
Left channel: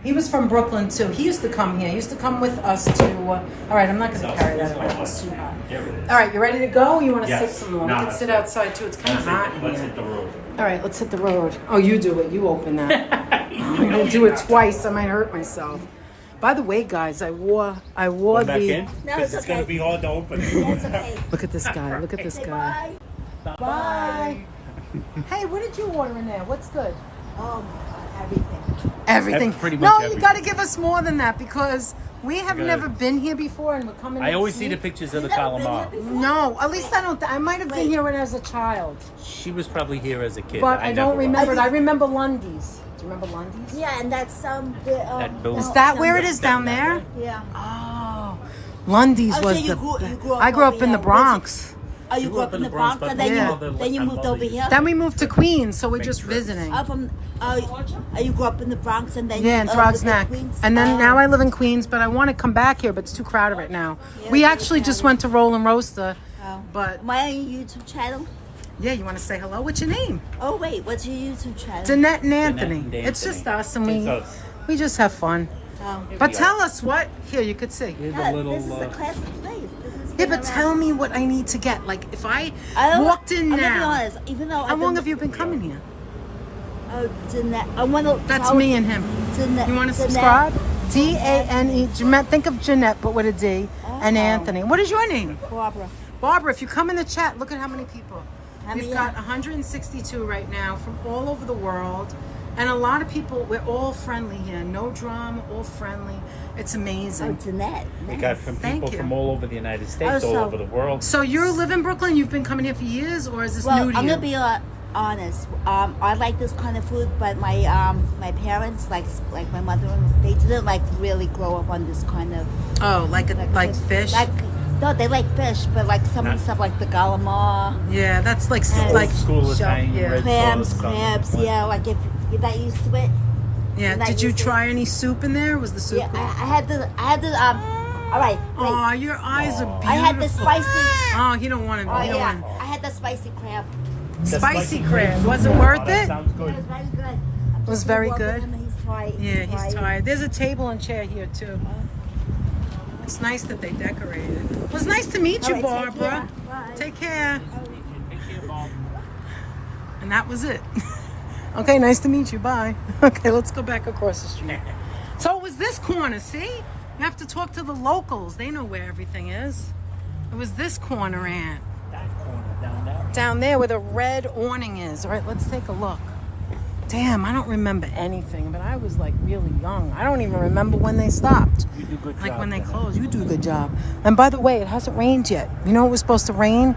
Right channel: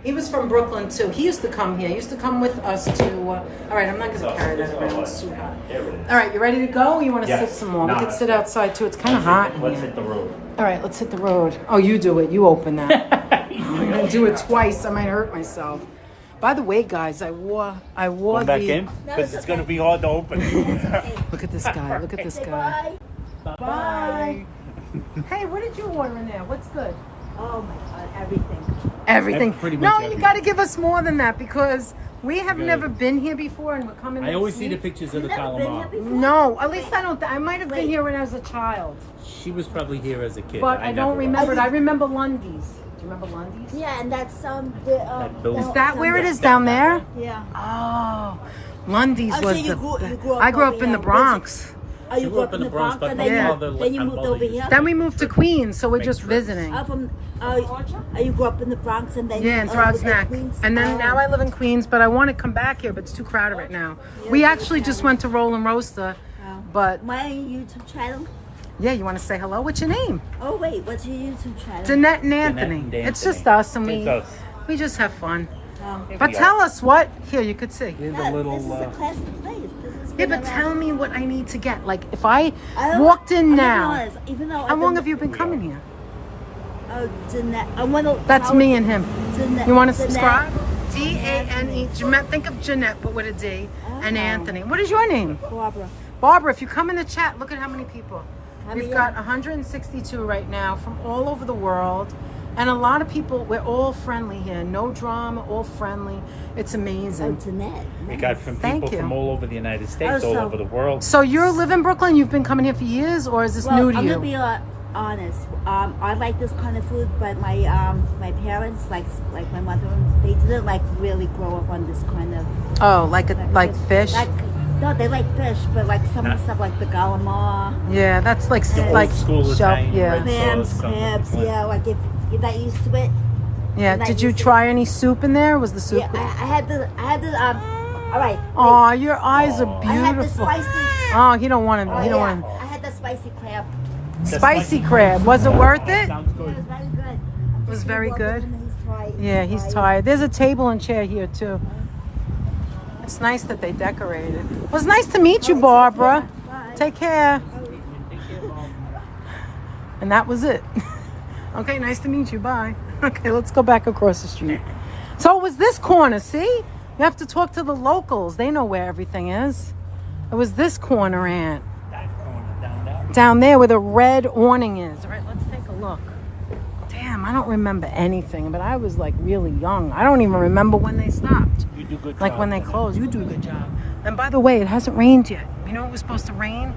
He was from Brooklyn too. He used to come here. He used to come with us to. All right, I'm not going to carry that around. It's too hot. All right, you ready to go? Or you want to sit some more? We can sit outside too. It's kind of hot in Let's here. hit the road. All right, let's hit the road. Oh, you do it. You open that. I'm going to do it twice. I might hurt myself. By the way, guys, I wore Back the. in? Because it's going to be hard to open. Look at this guy. Look at this guy. Bye. Hey, what did you order in there? What's good? Everything. Everything. Pretty much No, everything. you got to give us more than that because we have never been here before and we're coming. I to always see the see. pictures of the calamari. No, at least I don't. I might have been here when I was a child, She was probably here as a kid. but I don't never remember. was. I remember Lundy's. Do you remember Lundy's? Yeah, and that's That building. Is that where it is down there? Yeah. Oh, Lundy's Oh, so was you the. grew up I grew up over in the here. Bronx. Oh, you grew up in the Bronx, and then Yeah. you moved over here. Then we moved to Queens, so we're just visiting. You grew up in the Bronx, and then Yeah, in lived Throgs in Neck. Queens? And then Oh. now I live in Queens, but I want to come back here, but it's too crowded right now. Yeah, We it's actually just crowded. went to Roll and Roaster, Oh. but My YouTube channel. yeah, you want to say hello? What's your name? Oh wait, what's your YouTube channel? Jeanette and Anthony. and It's just Anthony. us, and It's we us. we just have fun. Oh. But tell us what. Here, you could see. Here's Yeah, a little. this is a classic place. This is Yeah, but tell me what I need to get. Like, if I I walked in I'm gonna be now, honest, even though how long have you been coming here? Oh, Jeanette. I want to. That's me and him. Jeanette. You want to Jeanette. subscribe? D-A-N-E. Jeanette, think of Jeanette, but with a D. And Oh. Anthony. What is your name? Barbara. Barbara, if you come in the chat, look at how many people. How We've many? got 162 right now from all over the world. And a lot of people, we're all friendly here. No drama, all friendly. It's Oh, amazing. Jeanette. We Nice. got from Thank people you. from all over the United States, Oh, all so- over the world. So you live in Brooklyn? You've been coming here for years? Or is this Well, new to I'm you? gonna be honest. I like this kind of food, but my parents, like my mother, they didn't like really grow up on this kind of Oh, like this- fish? No, they like fish, but like some of the stuff like the calamari, Yeah, that's like School of shell. Thing, Yeah. red clams, sauce, crabs. Yeah, like if you're not used to it. Yeah. And I Did you used to- try any soup in there? Was the soup Yeah, good? I had the. All right. wait. Oh, your eyes are beautiful. I had the spicy. Oh, he don't want to. Oh He don't yeah, want I had the spicy crab. spicy crab. Was it worth That it? sounds Yeah, it good. was very good. It was very good? Yeah, he's tired. There's a table and chair here too. It's nice that they decorated. It was nice to meet you, All right, Barbara. take care. Bye. Take care. Take care, Mom. And that was it. Okay, nice to meet you. Bye. Okay, let's go back across the street. So it was this corner, see? You have to talk to the locals. They know where everything is. It was this corner, Aunt. Down there where the red awning is. All right, let's take a look. Damn, I don't remember anything, but I was like really young. I don't even remember when they stopped. You do good Like job. when they closed. You do a good job. And by the way, it hasn't rained yet. You know it was supposed to rain?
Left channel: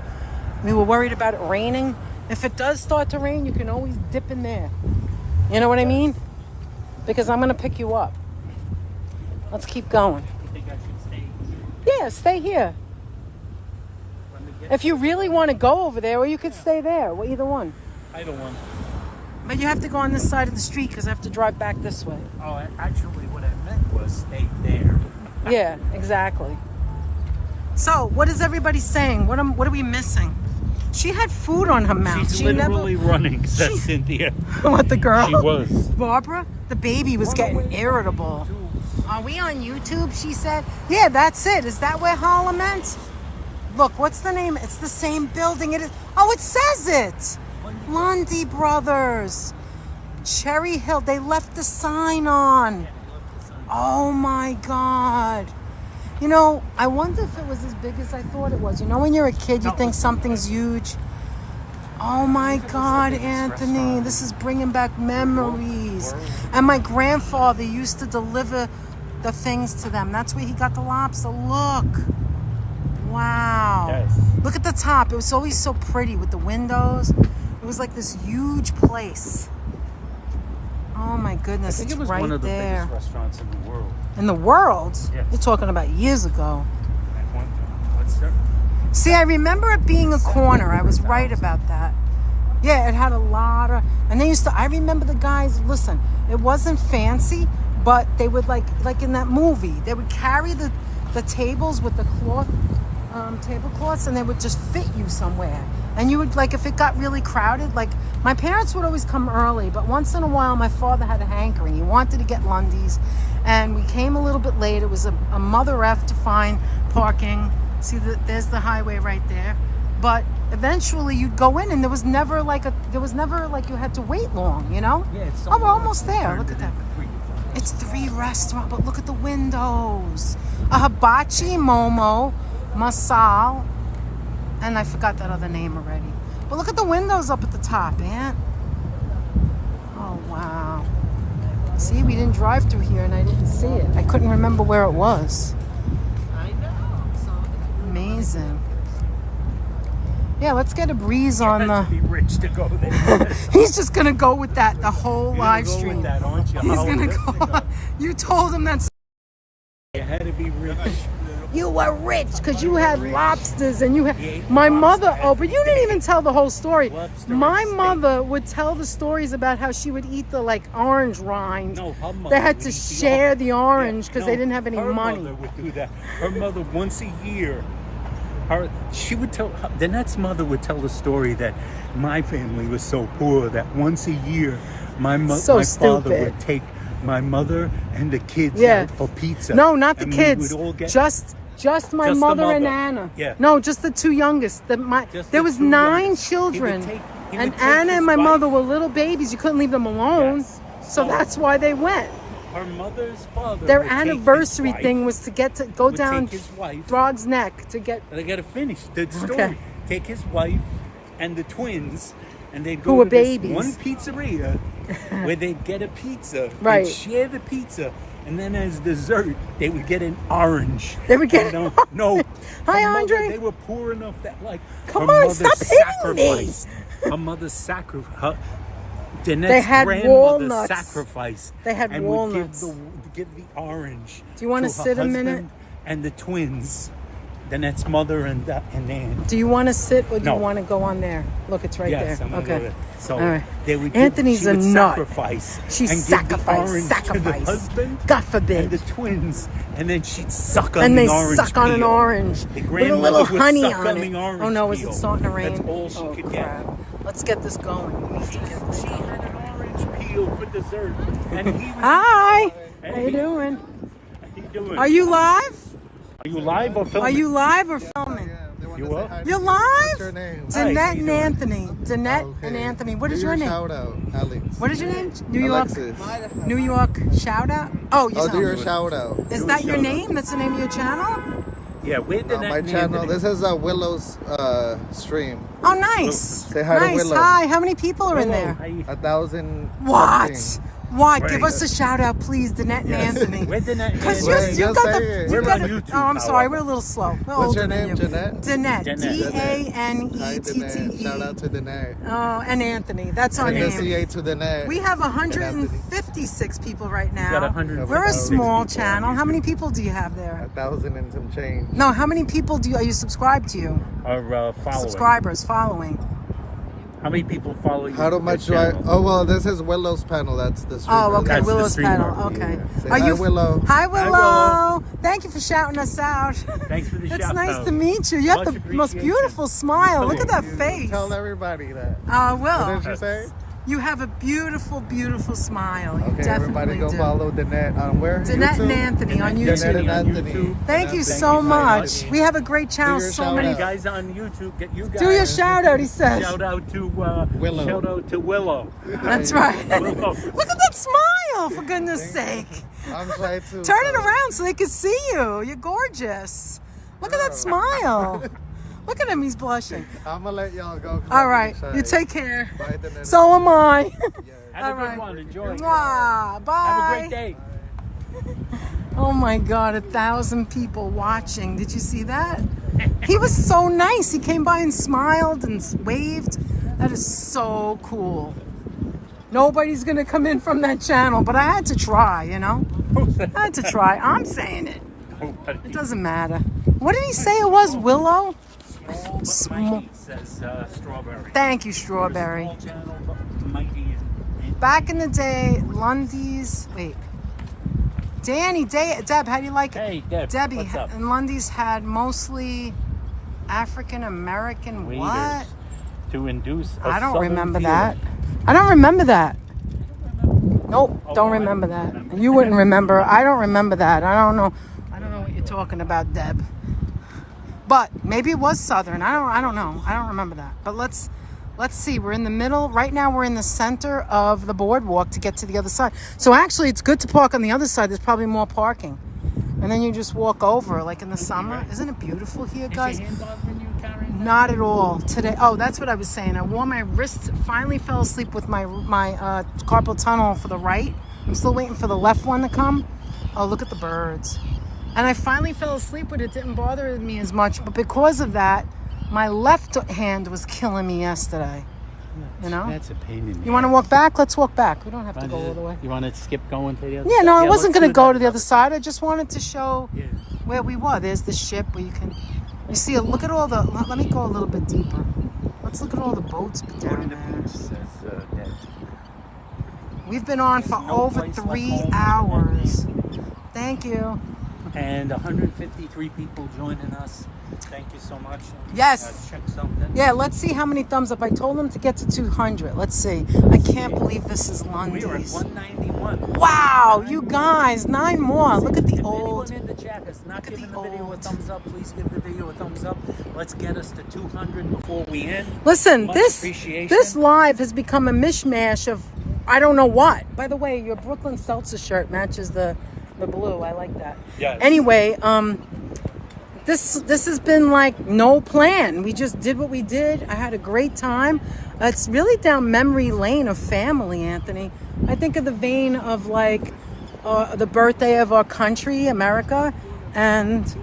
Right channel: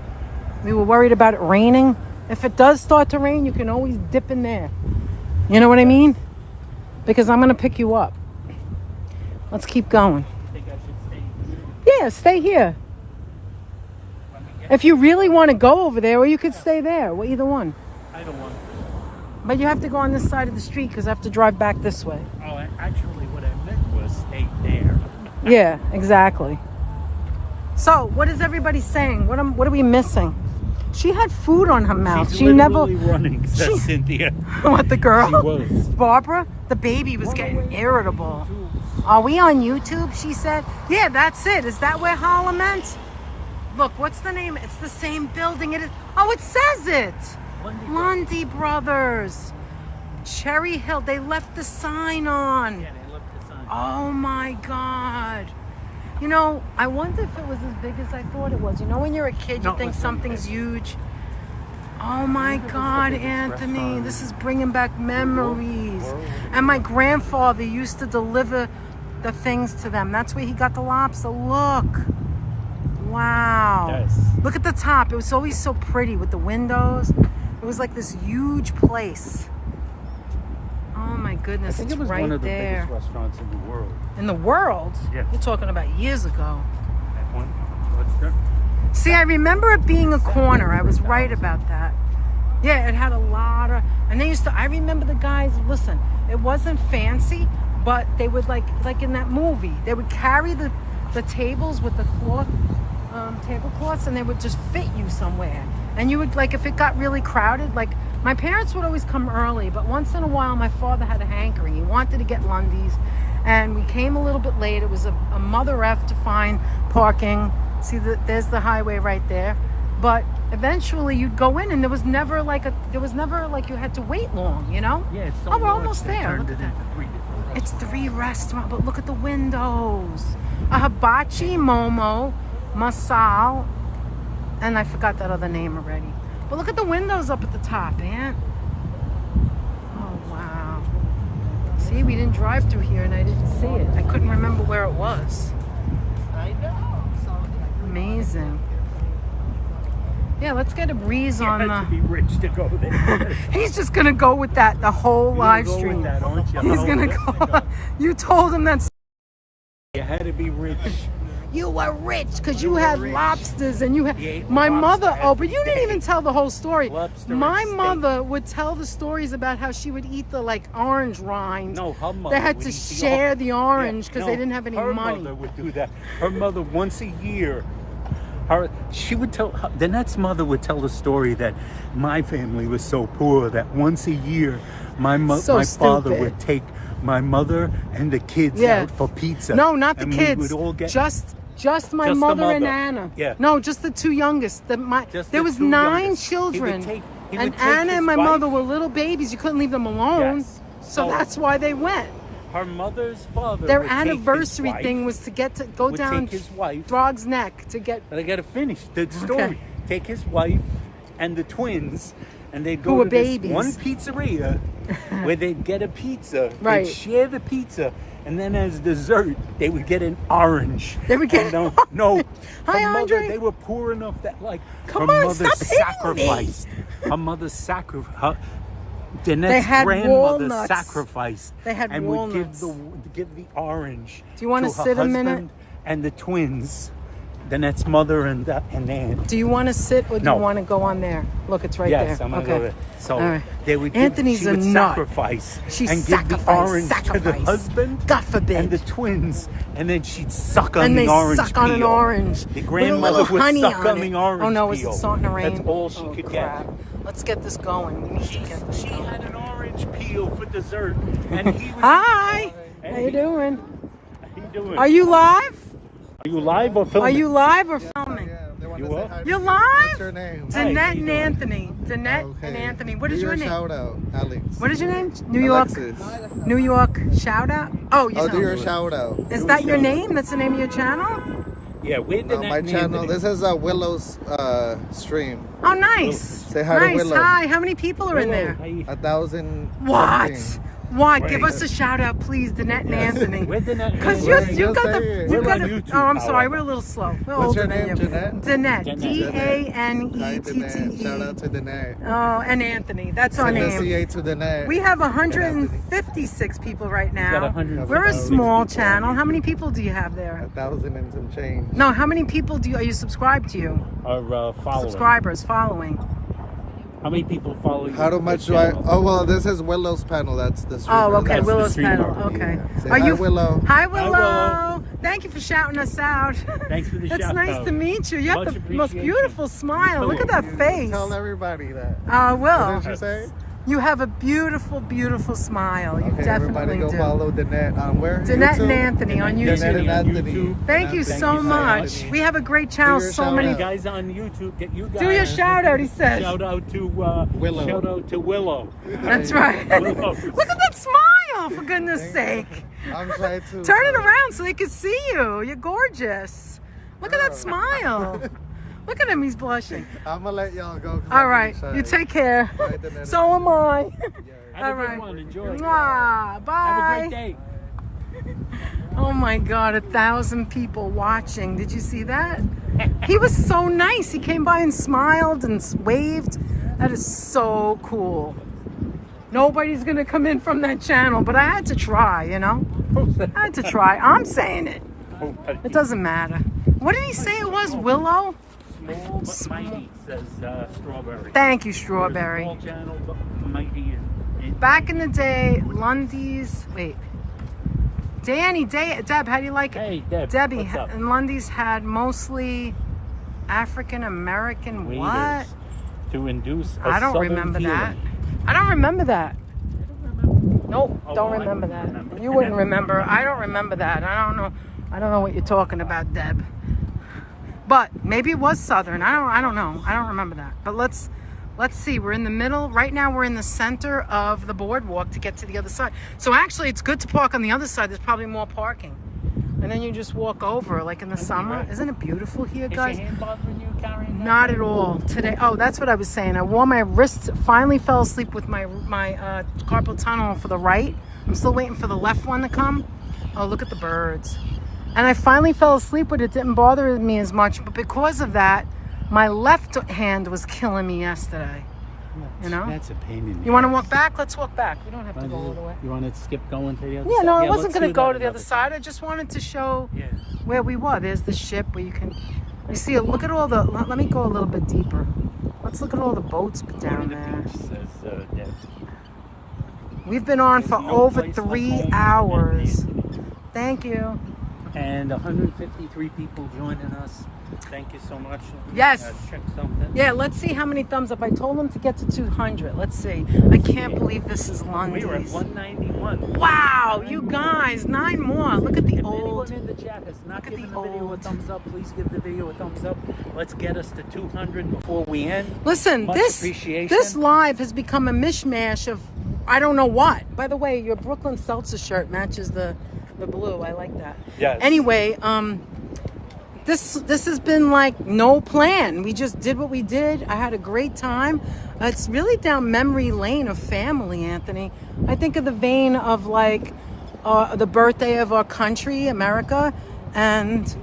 We were worried about it raining. If it does start to rain, you can always dip in there. You know what I mean? Because I'm going to pick you up. Let's keep going. You think I should stay? Yeah, stay here. If you really want to go over there, or you could stay there. Well, either one. I don't want. But you have to go on this side of the street because I have to drive back this way. Oh, actually, what I meant was stay there. Yeah, exactly. So, what is everybody saying? What are we missing? She had food on her mouth. She's She never. literally running, said She- Cynthia. What, the girl? She was. Barbara? The baby was getting irritable. Are we on YouTube? She said. Yeah, that's it. Is that where Harlem meant? Look, what's the name? It's the same building. It is. Oh, it says it. Lundy Brothers. Cherry Hill. They left the sign on. Oh my God. You know, I wonder if it was as big as I thought it was. You know, when you're a kid, you think something's huge. Oh my God, Anthony, this is bringing back memories. And my grandfather used to deliver the things to them. That's where he got the lobster. Look. Wow. Yes. Look at the top. It was always so pretty with the windows. It was like this huge place. Oh my goodness, I think it's it was right one of the there. biggest restaurants in the world. In the world? Yes. You're talking about years ago. What's that? See, I remember it being a corner. I was right about that. Yeah, it had a lot of, and they used to, I remember the guys, listen, it wasn't fancy, but they would like in that movie, they would carry the tables with the cloth, tablecloths, and they would just fit you somewhere. And you would, like, if it got really crowded, like My parents would always come early, but once in a while my father had a hankering. He wanted to get Lundy's, and we came a little bit late. It was a mother F to find parking. See, there's the highway right there. But eventually you'd go in, and there was never like you had to wait long, you know? Yeah, it's Oh, we're almost there. Look at that. It's It's 3 restaurants, but look at the windows. A hibachi, momo, masal, and I forgot that other name already. But look at the windows up at the top, Aunt. Oh, wow. See, we didn't drive through here and I didn't see it. I couldn't remember where it was. Amazing. Yeah, let's get a breeze on the... be rich to go there. He's just gonna go with that the whole live stream. He's gonna go. You told him that's... You had to be rich. You were rich because you had lobsters and you had my mother. Oh, but you didn't even tell the whole story. My mother would tell the stories about how she would eat the like orange rind. No, her mother. They had to share the orange because they didn't have any her money. Her mother would do that. Her mother once a year. She would tell. Danette's mother would tell the story that my family was so poor that once a year my father would take my mother and the kids out for pizza. No, not the and kids. We would all get, just my mother and Anna. Yeah. No, just the 2 youngest. There was 9 children, and Anna and my mother were little babies. You couldn't leave them alone, Yes. so that's why they went. Her mother's father. Their would take anniversary his wife, thing was to go would down take his wife. Throg's Neck to get. I gotta finish the story. Okay. Take his wife and the twins, and they'd Who go were to this babies. one pizzeria where they'd get a pizza. Right. They'd share the pizza, and then as dessert, they would get an orange. They would get And, no. Hi, her mother, Andre. they were poor enough that like Come her on, mother stop hitting me. sacrificed. Her mother sacrificed. Danette's They had grandmother walnuts. sacrificed. They had and walnuts. Would give the orange. Do you want to her sit a husband minute? And the twins. Danette's mother and Aunt. Do you want to sit or do No. you want to go on there? Look, it's right Yes, there. I'm Okay. over it. So All right. they would Anthony's she a would nut. sacrifice. She and give the orange sacrificed. to the husband God forbid. and the twins, and then she'd suck on And the they orange. suck on an peel. orange The with a grandmother little would honey suck on the it. orange Oh no, is it peel. starting to rain? That's all she Oh could crap. Let's get this going. We need to get this She going. had an orange peel for dessert. And he was, Hi. How you doing? he doing? Are you live? Are you live or filming? Are you live or filming? They want You to say what? hi. You're What's your live? name? Danette and Anthony. Danette Okay. and Anthony. What Do is your name? shout out, Alex. What is your name? New York. Alexis. New York shout out. Oh, you Oh, do your sound. shout out. Is that your name? That's the name of your channel? Yeah, we're No, my channel. This is Willow's stream. Oh, nice. Say hi to nice. Willow. Hi. How many people are in there? 1,000. What? something. What? Give us a shout out, please, Danette and Anthony. We're Danette. Because Wait, you just got say the it. you We're got on the. YouTube, Oh, I'm sorry, however. we're a little slow. We're What's older your than name, you. Danette? Danette. Hi, Danette. D-A-N-E-T-T-E. Shout out to Danette. Oh, and Anthony. That's our Send the name. CA to Danette. We have And Anthony. 156 people right now. got 156 We're a people. small channel. How many people do you have there? 1,000 and some change. No, how many people are you subscribed to you? Our following. Subscribers, following. How many people follow you? How much do I? Oh well, this is Willow's panel. That's the streamer. Oh, okay, That's the Willow's streamer. panel. Okay. Yeah. Say hi, Willow. Hi, Willow. Willow. Thank you for shouting us out. Thanks for the It's shout nice out. to meet you. You have Much the most appreciation. beautiful smile. Look at that face. Tell everybody that. I will. What did you say? You have a beautiful, beautiful smile. You Okay, everybody definitely go do. follow Danette on where? Danette YouTube? and Anthony on YouTube. Danette and Anthony. Thank you so Thank much. Anthony. We have a great channel. Do your So shout many. out. Guys on YouTube, get you guys. Do your shout out, he says. Shout out to Willow. Shout out to Willow. That's right. Look at that smile, for goodness sake. I'm trying to Turn it around so they can see you. You're gorgeous. Look at that smile. Look at him, he's blushing. I'm gonna let y'all go. 'cause All I'm right, shy. you take care. Bye, Danette. So am I. Have All a good right. one. Enjoy. Mwah. Have a Bye. great day. Oh my God, 1,000 people watching. Did you see that? He was so nice. He came by and smiled and waved. That is so cool. Nobody's gonna come in from that channel, but I had to try, you know? I had to try. I'm saying it. It doesn't matter. What did he say it was? Willow? Small Mikey says strawberry. Thank you, Strawberry. Small channel, but Mikey. Back in the day, Lundy's, wait. Deb, how do you like it? Hey, Deb. Debbie, what's up? and Lundy's had mostly African American what? Waiters to induce. a I don't southern remember feeling. that. I don't remember that. Nope, don't remember that. You wouldn't remember. I don't remember that. I don't know. I don't know what you're talking about, Deb. But maybe it was Southern. I don't know. I don't remember that. But let's see. We're in the middle. Right now we're in the center of the boardwalk to get to the other side. So actually it's good to park on the other side. There's probably more parking. And then you just walk over like in the summer. Isn't it beautiful here, guys? Not at all today. Oh, that's what I was saying. I wore my wrist, finally fell asleep with my carpal tunnel for the right. I'm still waiting for the left one to come. Oh, look at the birds. And I finally fell asleep with it. It didn't bother me as much. But because of that, my left hand was killing me yesterday. You know? That's a pain in the You want to ass. walk back? Let's walk back. We don't have to go all the way. You want to skip going to the other Yeah, side? no, I wasn't let's going to do go that to the other side. I just wanted to show Yeah. where we were. There's the ship where you can, you see, look at all the, let me go a little bit deeper. Let's look at all the boats down there. We've been on for over 3 hours. Thank you. And 153 people joining us. Thank you so much. Yes. Check something. Yeah, let's see how many thumbs up. I told them to get to 200. Let's see. I can't believe this is We were at Lundy's. 191. Wow, you guys, 9 more. Look at the old. Anyone in the chat has not Look at given the the video a old. thumbs up. Please give the video a thumbs up. Let's get us to 200 before we end. Listen, Much this appreciation. live has become a mishmash of I don't know what. By the way, your Brooklyn Seltzer shirt matches the blue. I like that. Yes. Anyway, this has been like no plan. We just did what we did. I had a great time. It's really down memory lane of family, Anthony. I think of the vein of like the birthday of our country, America, and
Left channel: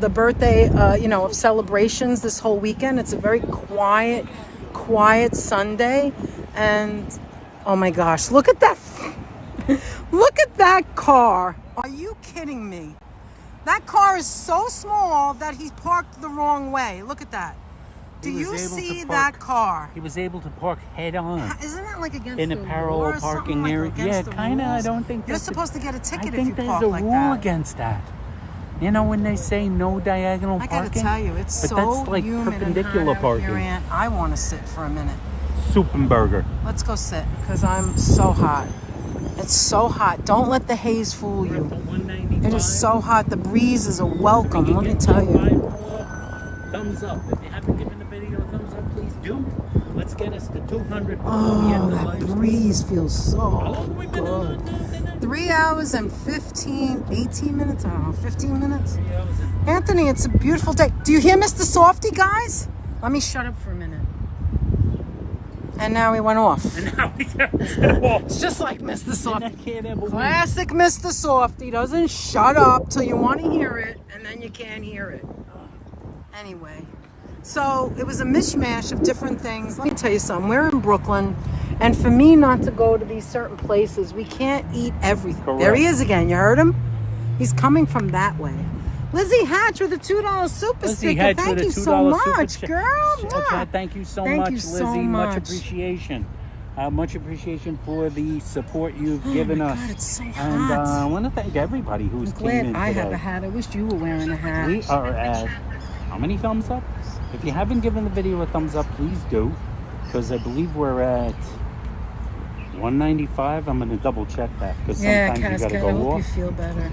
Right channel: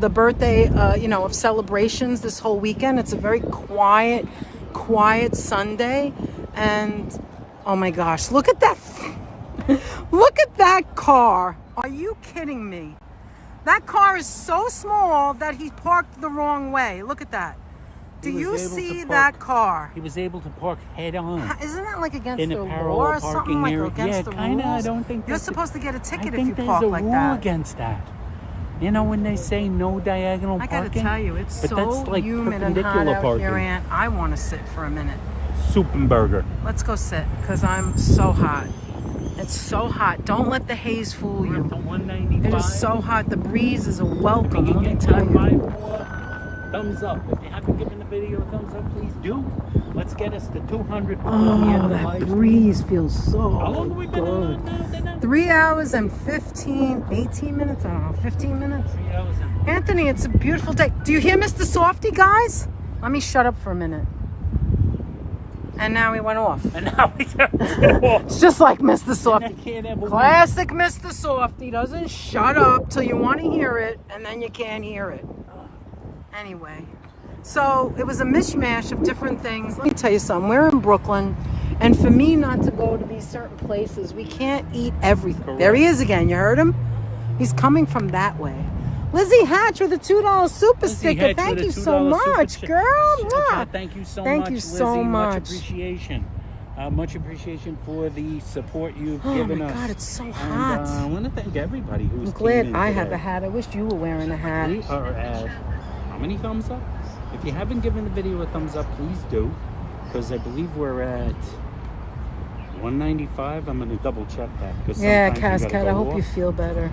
the birthday, of celebrations this whole weekend. It's a very quiet Sunday. And oh my gosh, look at that. Look at that car. Are you kidding me? That car is so small that he parked the wrong way. Look at that. Do He was you able see to that park- car? He was able to park head on. Isn't that like against In the a law parallel or parking something like area. against Yeah, the kinda. I rules? don't think You're that's supposed to get a ticket I if think you there's park a like rule that. against that. You know when they say no diagonal I parking? gotta tell you, it's But so that's like humid and hot perpendicular out parking. here, Aunt. I want to sit for a minute. Suppenberger. Let's go sit because I'm so hot. It's so hot. Don't let the haze fool you. 195. It is so hot. The breeze is a welcome, let me tell you. Thumbs up. If you haven't given the video a thumbs up, please do. Let's get us to 200. Oh, that breeze feels so How long have we been good. on? 3 hours and 18 minutes? I don't know, 15 minutes? Anthony, it's a beautiful day. Do you hear Mr. Softy, guys? Let me shut up for a minute. And now he went off. And now It's just like Mr. Softy. Classic Mr. Softy doesn't shut up till you want to hear it, and then you can't hear it. Anyway, so it was a mishmash of different things. Let me tell you something. We're in Brooklyn, and for me not to go to these certain places, we can't eat everything. Correct. There he is again. You heard him? He's coming from that way. Lizzie Hatch with a $2 super Lizzie sticker. Hatch Thank with a you so $2 super much, sticker. girl. Okay, Mwah. thank you so Thank much, you Lizzie. so Much much. appreciation. Much appreciation for the support you've Oh given my us. God, it's so And hot. I want to thank everybody who's I'm glad tuned in I have today. a hat. I wish you were wearing a hat. We are at how many thumbs up? If you haven't given the video a thumbs up, please do, because I believe we're at 195. I'm going to double check that because Yeah, sometimes you got to Cascade, I go hope you off. feel better.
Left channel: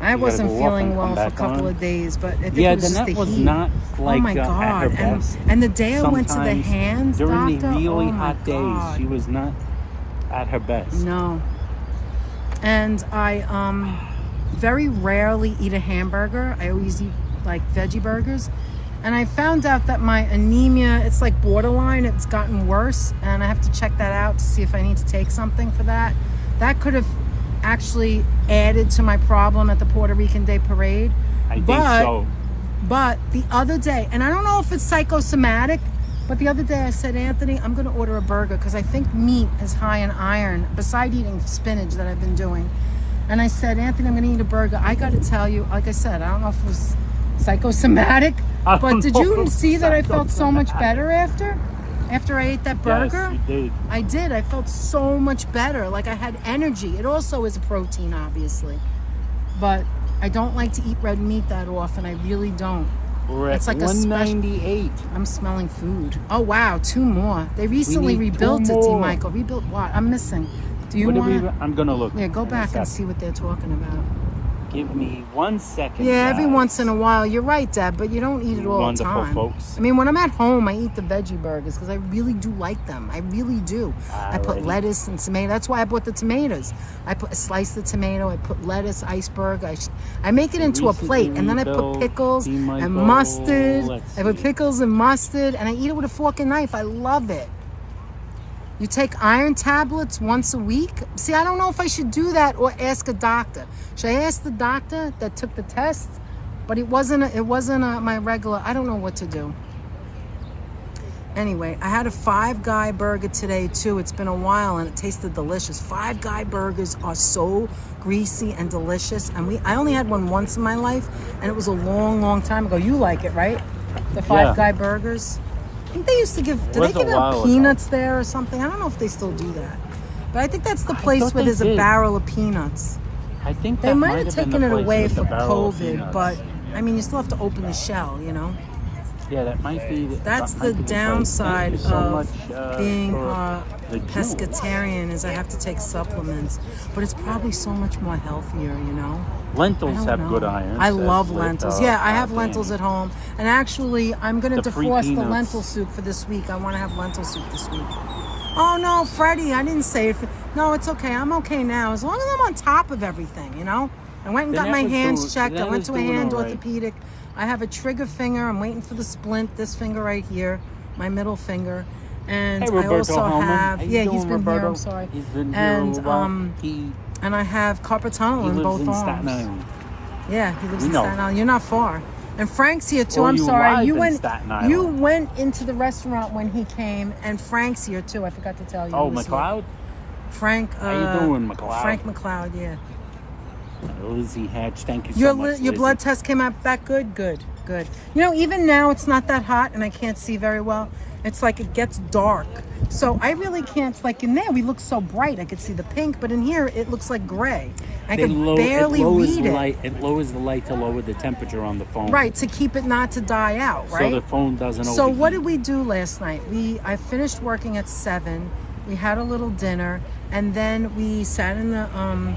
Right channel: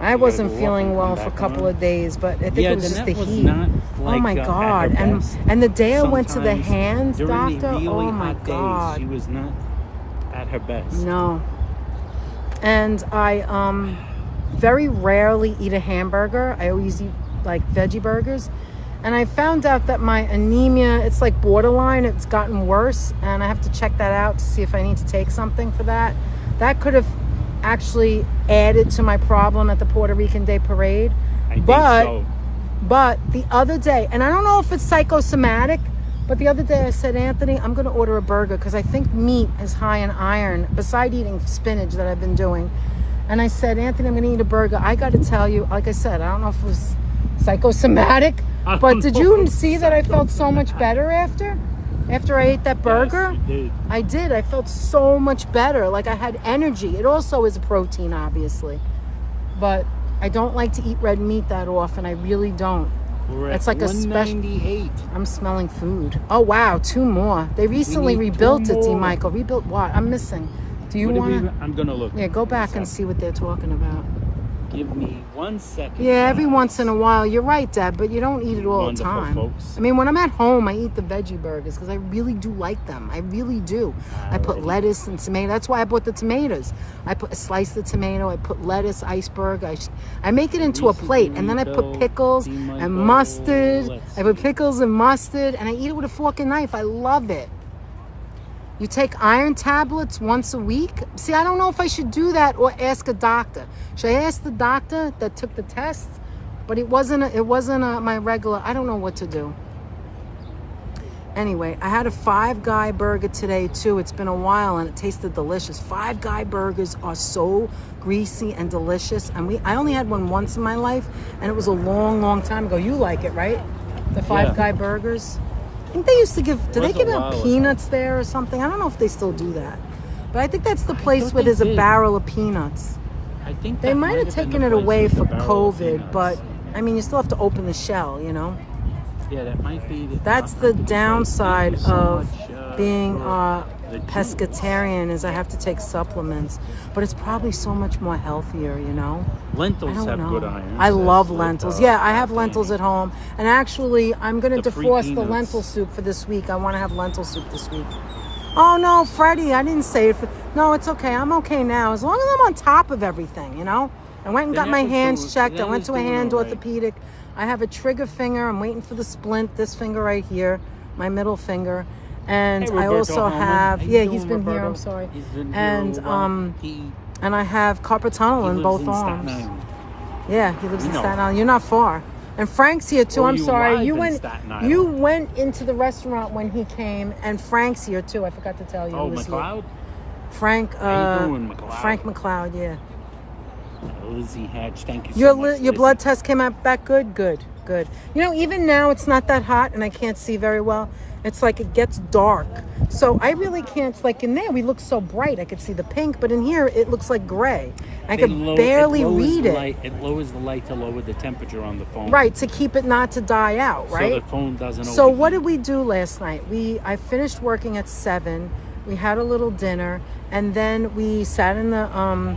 I gotta wasn't go off feeling and well come for a back couple on. of days, but I think Yeah, it was the just net the was heat. not like oh my at her God. best. And the day I went to the Sometimes hands during doctor, the really oh my hot God. days, she was not at her best. No. And I very rarely eat a hamburger. I always eat like veggie burgers. And I found out that my anemia, it's like borderline. It's gotten worse. And I have to check that out to see if I need to take something for that. That could have actually added to my problem at the Puerto Rican Day Parade. I think But- so. But the other day, and I don't know if it's psychosomatic, but the other day I said, Anthony, I'm going to order a burger because I think meat is high in iron, beside eating spinach that I've been doing. And I said, Anthony, I'm going to eat a burger. I got to tell you, like I said, I don't know if it was psychosomatic, I but don't did know you if see that I felt so much psychosomatic. better after I ate that burger? Yes, you did. I did. I felt so much better. Like I had energy. It also is a protein, obviously. But I don't like to eat red meat that often. I really don't. We're at It's like a special. 198. I'm smelling food. Oh wow, 2 more. They recently need 2 rebuilt it, D. more. Michael. Rebuilt what? I'm missing. Do you What want? do I'm gonna look. Yeah, go in a back and sec. see what they're talking about. Give me 1 second. Yeah, every guys. once in a while. You're right, Dad, but you don't eat it all the Wonderful, time. folks. I mean, when I'm at home, I eat the veggie burgers because I really do like them. I really do. I put Alrighty. lettuce and tomato. That's why I bought the tomatoes. I slice the tomato. I put lettuce, iceberg. I make it into a plate, and then I put pickles and mustard. I put pickles and mustard, and I eat it with a fork and knife. I love it. You take iron tablets once a week. See, I don't know if I should do that or ask a doctor. Should I ask the doctor that took the test? But it wasn't my regular. I don't know what to do. Anyway, I had a Five Guy burger today too. It's been a while and it tasted delicious. Five Guy burgers are so greasy and delicious. And I only had one once in my life, and it was a long, long time ago. You like it, right? The Five Guy burgers. I think they used to give. Did they give out peanuts there or something? I don't know if they still do that. But I think that's the place where there's a barrel of peanuts. I think They might have taken it away for COVID, but I mean, you still have to open the shell, you know? Yeah, that might be. That's the downside of being pescatarian is I have to take supplements. But it's probably so much more healthier, you know? Lentils have good iron. I love lentils. Yeah, I have lentils at home. And actually, I'm going to defrost the lentil soup for this week. I want to have lentil soup this week. Oh, no, Freddie, I didn't say it. No, it's okay. I'm okay now. As long as I'm on top of everything, you know? I went and got my hands checked. I went to a hand orthopedic. I have a trigger finger. I'm waiting for the splint. This finger right here, my middle finger. And I also have, he's been here. I'm sorry. He's been and here and I have carpal tunnel in both arms. Yeah, he lives in Staten Island. You're not far. And Frank's here too. I'm sorry. You went into the restaurant when he came, and Frank's here too. I forgot to tell you. Oh, McLeod? Frank. How you doing, McLeod? Frank McLeod. Yeah. Lizzie Hatch, thank you so much. Your blood test came out back good. Good. You know, even now it's not that hot, and I can't see very well. It's like it gets dark, so I really can't. Like in there, we look so bright. I could see the pink, but in here it looks like gray. I can barely read it. It lowers the light to lower the temperature on the phone. Right, to keep it not to die out, right? So the phone doesn't overheat. So what did we do last night? I finished working at 7. We had a little dinner, and then we sat in the on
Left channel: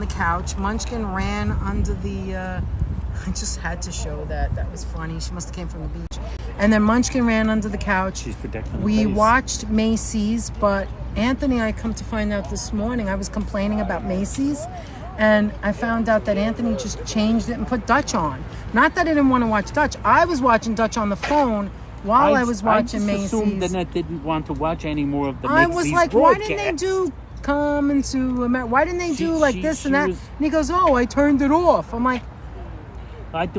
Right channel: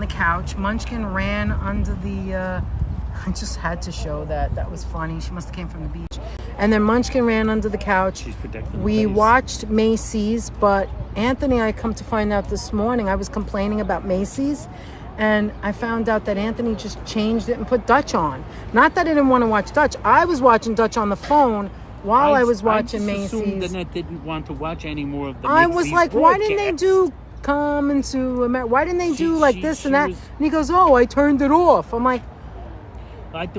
the couch. Munchkin ran under the I just had to show that. That was funny. She must have came from the beach. And then Munchkin ran under the couch. She's protecting We watched Macy's, but Anthony, I come to find out this morning, I was complaining about Macy's, and I found out that Anthony just changed it and put Dutch on. Not that I didn't want to watch Dutch. I was watching Dutch on the phone while I was watching Macy's. I assumed that I didn't want to watch any more of the I Macy's was like, broadcast. why didn't they do Come to America? Why didn't they do like this and that? And he goes, oh, I turned it off. I'm like,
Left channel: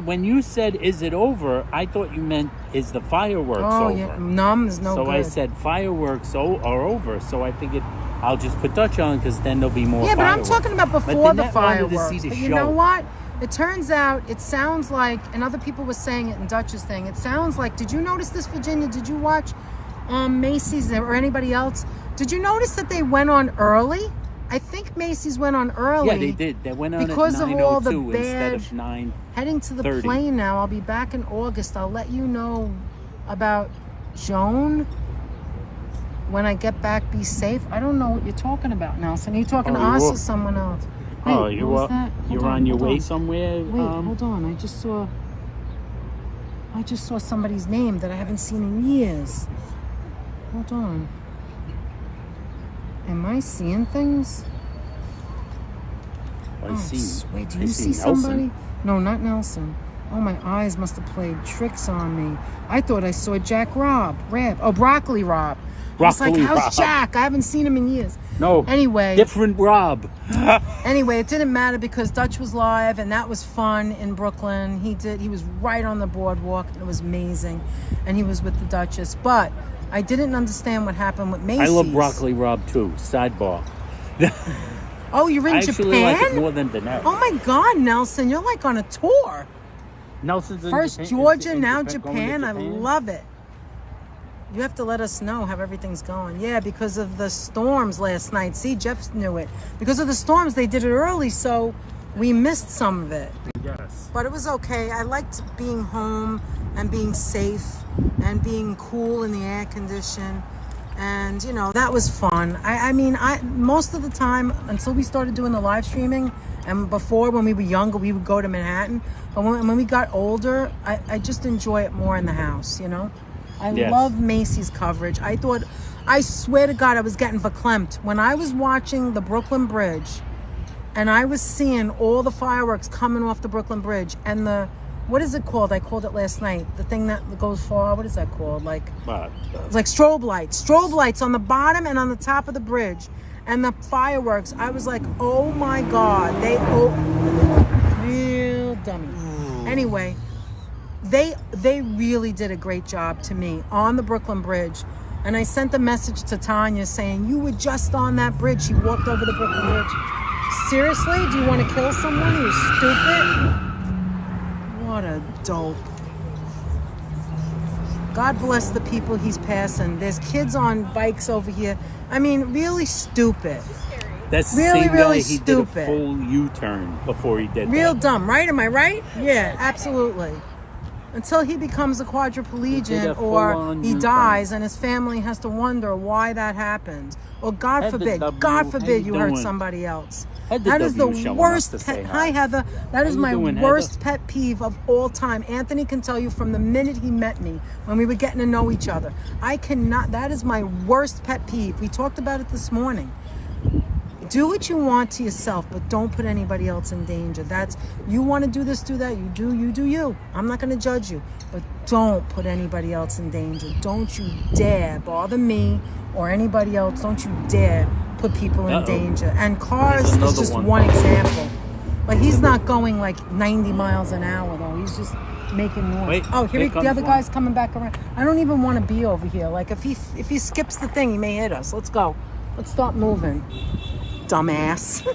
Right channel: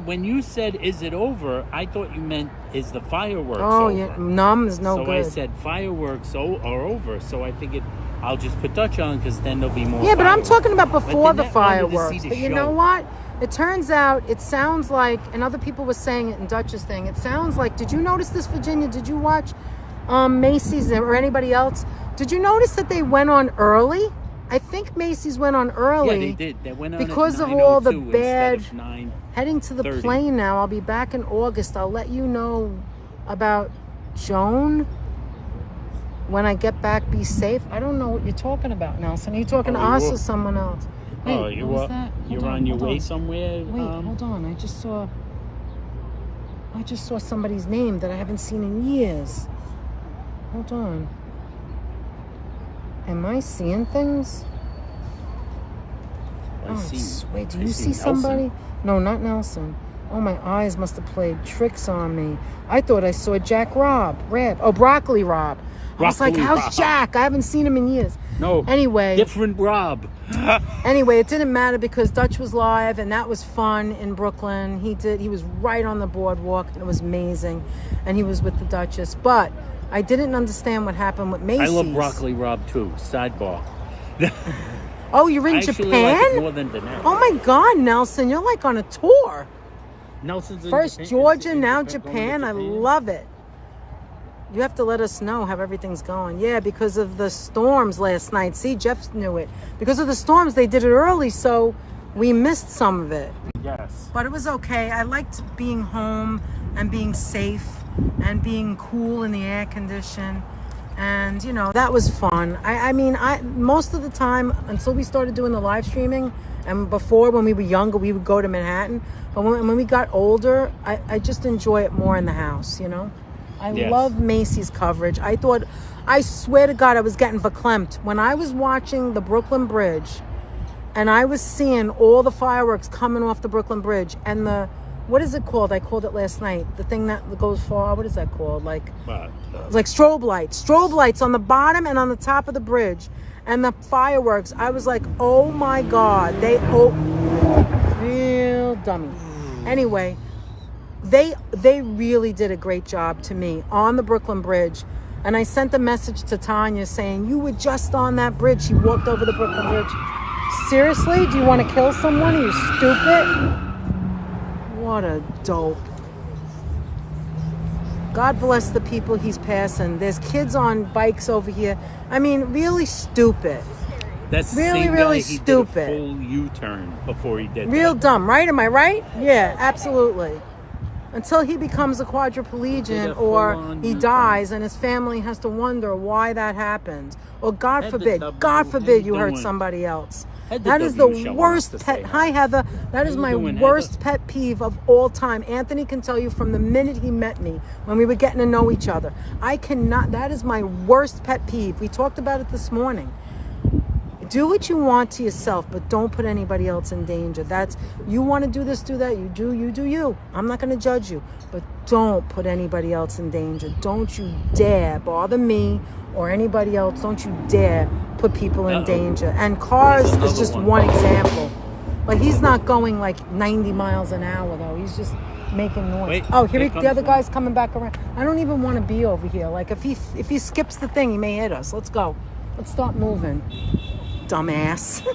when you said, is it over, I thought you meant, is the fireworks over? Yeah, numb is no good. So I said, fireworks are over. So I figured I'll just put Dutch on because then there'll be more Yeah, but fireworks. I'm talking about before the fireworks. But you know what? It turns out, it sounds like, and other people were saying it in Dutch's thing, it sounds like, did you notice this, Virginia? Did you watch Macy's or anybody else? Did you notice that they went on early? I think Macy's went on early. Yeah, they did. They went on because at 9:02 of all the bad. instead of 9. Heading to the plane now. I'll be back in August. I'll let you know about Joan when I get back. Be safe. I don't know what you're talking about, Nelson. Are you talking to us or someone else? Wait, Oh, you're on your way somewhere? Wait, hold on. I just saw somebody's name that I haven't seen in years. Hold on. Am I seeing things? Wait, do you see somebody? No, not Nelson. Oh, my eyes must have played tricks on me. I thought I saw Jack Rob. Oh, Broccoli Rob. I was like, how's Jack? I haven't seen him in years. No. Anyway. Different Rob. Anyway, it didn't matter because Dutch was live and that was fun in Brooklyn. He was right on the boardwalk. It was amazing. And he was with the Duchess. But I didn't understand what happened with Macy's. I love Broccoli Rob too. Sidebar. Oh, you're in Japan? I actually like it more than Danette. Oh my God, Nelson, you're like on a tour. Nelson's First Georgia, now Japan. I love it. You have to let us know how everything's going. Yeah, because of the storms last night. See, Jeff knew it. Because of the storms, they did it early, so we missed some of it. Yes. But it was okay. I liked being home and being safe and being cool in the air condition. And, you know, that was fun. I mean, most of the time, until we started doing the live streaming, and before when we were younger, we would go to Manhattan. But when we got older, I just enjoy it more in the house, you know? I love Macy's coverage. I swear to God, I was getting verklempt. When I was watching the Brooklyn Bridge, and I was seeing all the fireworks coming off the Brooklyn Bridge, and what is it called? I called it last night. The thing that goes far, what is that called? Like strobe lights. Strobe lights on the bottom and on the top of the bridge. And the fireworks, I was like, oh my God. Real dummy. Anyway, they really did a great job to me on the Brooklyn Bridge. And I sent a message to Tanya saying, you were just on that bridge. You walked over the Brooklyn Bridge. Seriously? Do you want to kill someone? Are you stupid? What a dope. God bless the people he's passing. There's kids on bikes over here. I mean, really stupid. That's really, the same really guy, he stupid. did a full U-turn before he did Real that. dumb, right? Am I right? Yeah, absolutely. Until he becomes a quadriplegic or he dies and his family has to wonder why that happened. Or God forbid you hurt somebody else. That is the worst pet. Hi, Heather. That is my worst pet peeve of all time. Anthony can tell you from the minute he met me, when we were getting to know each other. I cannot, that is my worst pet peeve. We talked about it this morning. Do what you want to yourself, but don't put anybody else in danger. You want to do this, do that. You do you. I'm not going to judge you, but don't put anybody else in danger. Don't you dare bother me or anybody else. Don't you dare put people in danger. And cars is just one example. But he's not going like 90 miles an hour though. He's just making noise. Wait, here the other guy's coming back around. I don't even want to be over here. Like if he skips the thing, he may hit us. Let's go. Let's start moving. Dumbass.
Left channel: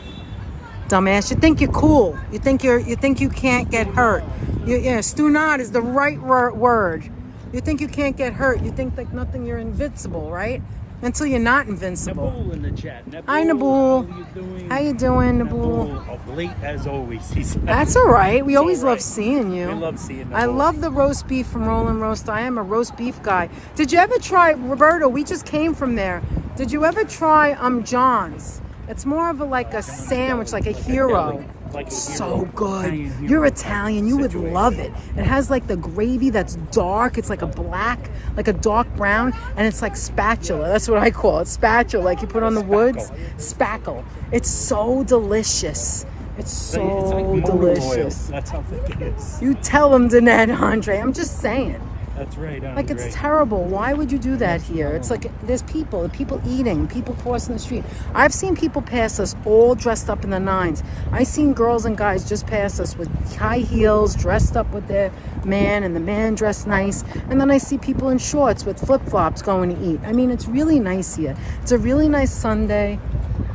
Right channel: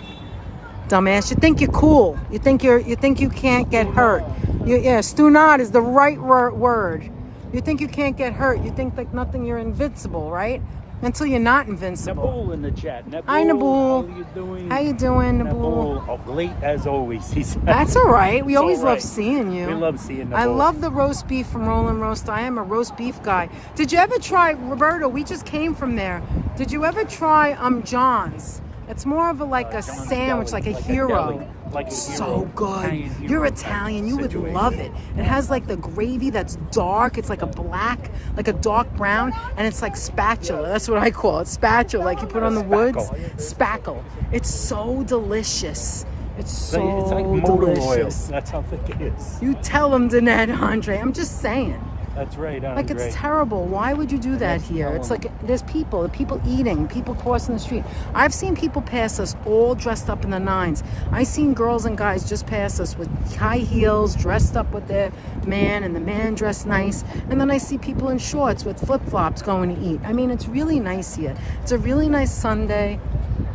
Dumbass. You think you're cool. You think you can't get hurt. Stunad is the right word. You think you can't get hurt. You think like nothing, you're invincible, right? Until you're not invincible. Nabul in the chat. Hi, Nabul. How you doing, Nabul? Of late as always, he said. That's all right. We always love seeing you. We love seeing Nabul. I love the roast beef from Roland Roast. I am a roast beef guy. Did you ever try, Roberto, we just came from there. Did you ever try John's? It's more of a sandwich, like a hero. So good. You're Italian, you would love it. It has like the gravy that's dark. It's like a dark brown, and it's like spatula. That's what I call it, spatula, like you put on the woods. Spackle. It's so delicious. It's so delicious. That's how thick it is. You tell them, Danette, Andre. I'm just saying. That's right, Andre. Like, it's terrible. Why would you do that here? It's like there's people eating, people crossing the street. I've seen people pass us all dressed up in the nines. I've seen girls and guys just pass us with high heels, dressed up with their man, and the man dressed nice. And then I see people in shorts with flip-flops going to eat. I mean, it's really nice here. It's a really nice Sunday.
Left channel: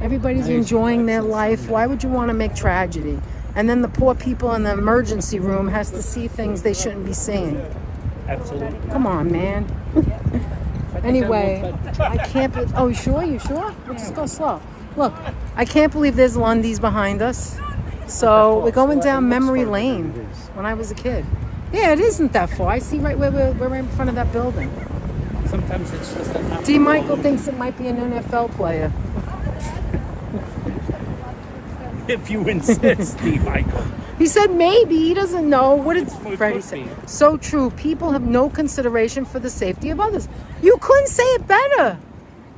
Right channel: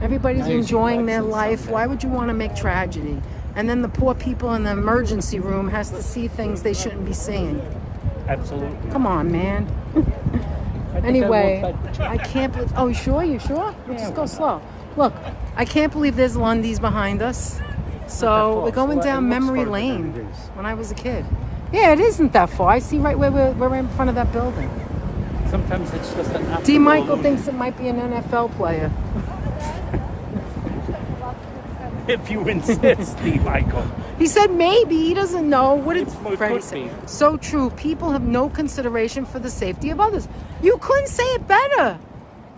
Everybody's enjoying their life. Why would you want to make tragedy? And then the poor people in the emergency room has to see things they shouldn't be seeing. Absolutely. Come on, man. Anyway, I can't believe... Oh, you sure? Let's just go slow. Look, I can't believe there's Lundy's behind us. So we're going down memory lane when I was a kid. Yeah, it isn't that far. I see right where we're in front of that building. Sometimes it's just an... D. Michael thinks it might be an NFL player. If you insist, D. Michael. He said maybe. He doesn't know. What did Freddie say? So true. People have no consideration for the safety of others. You couldn't say it better.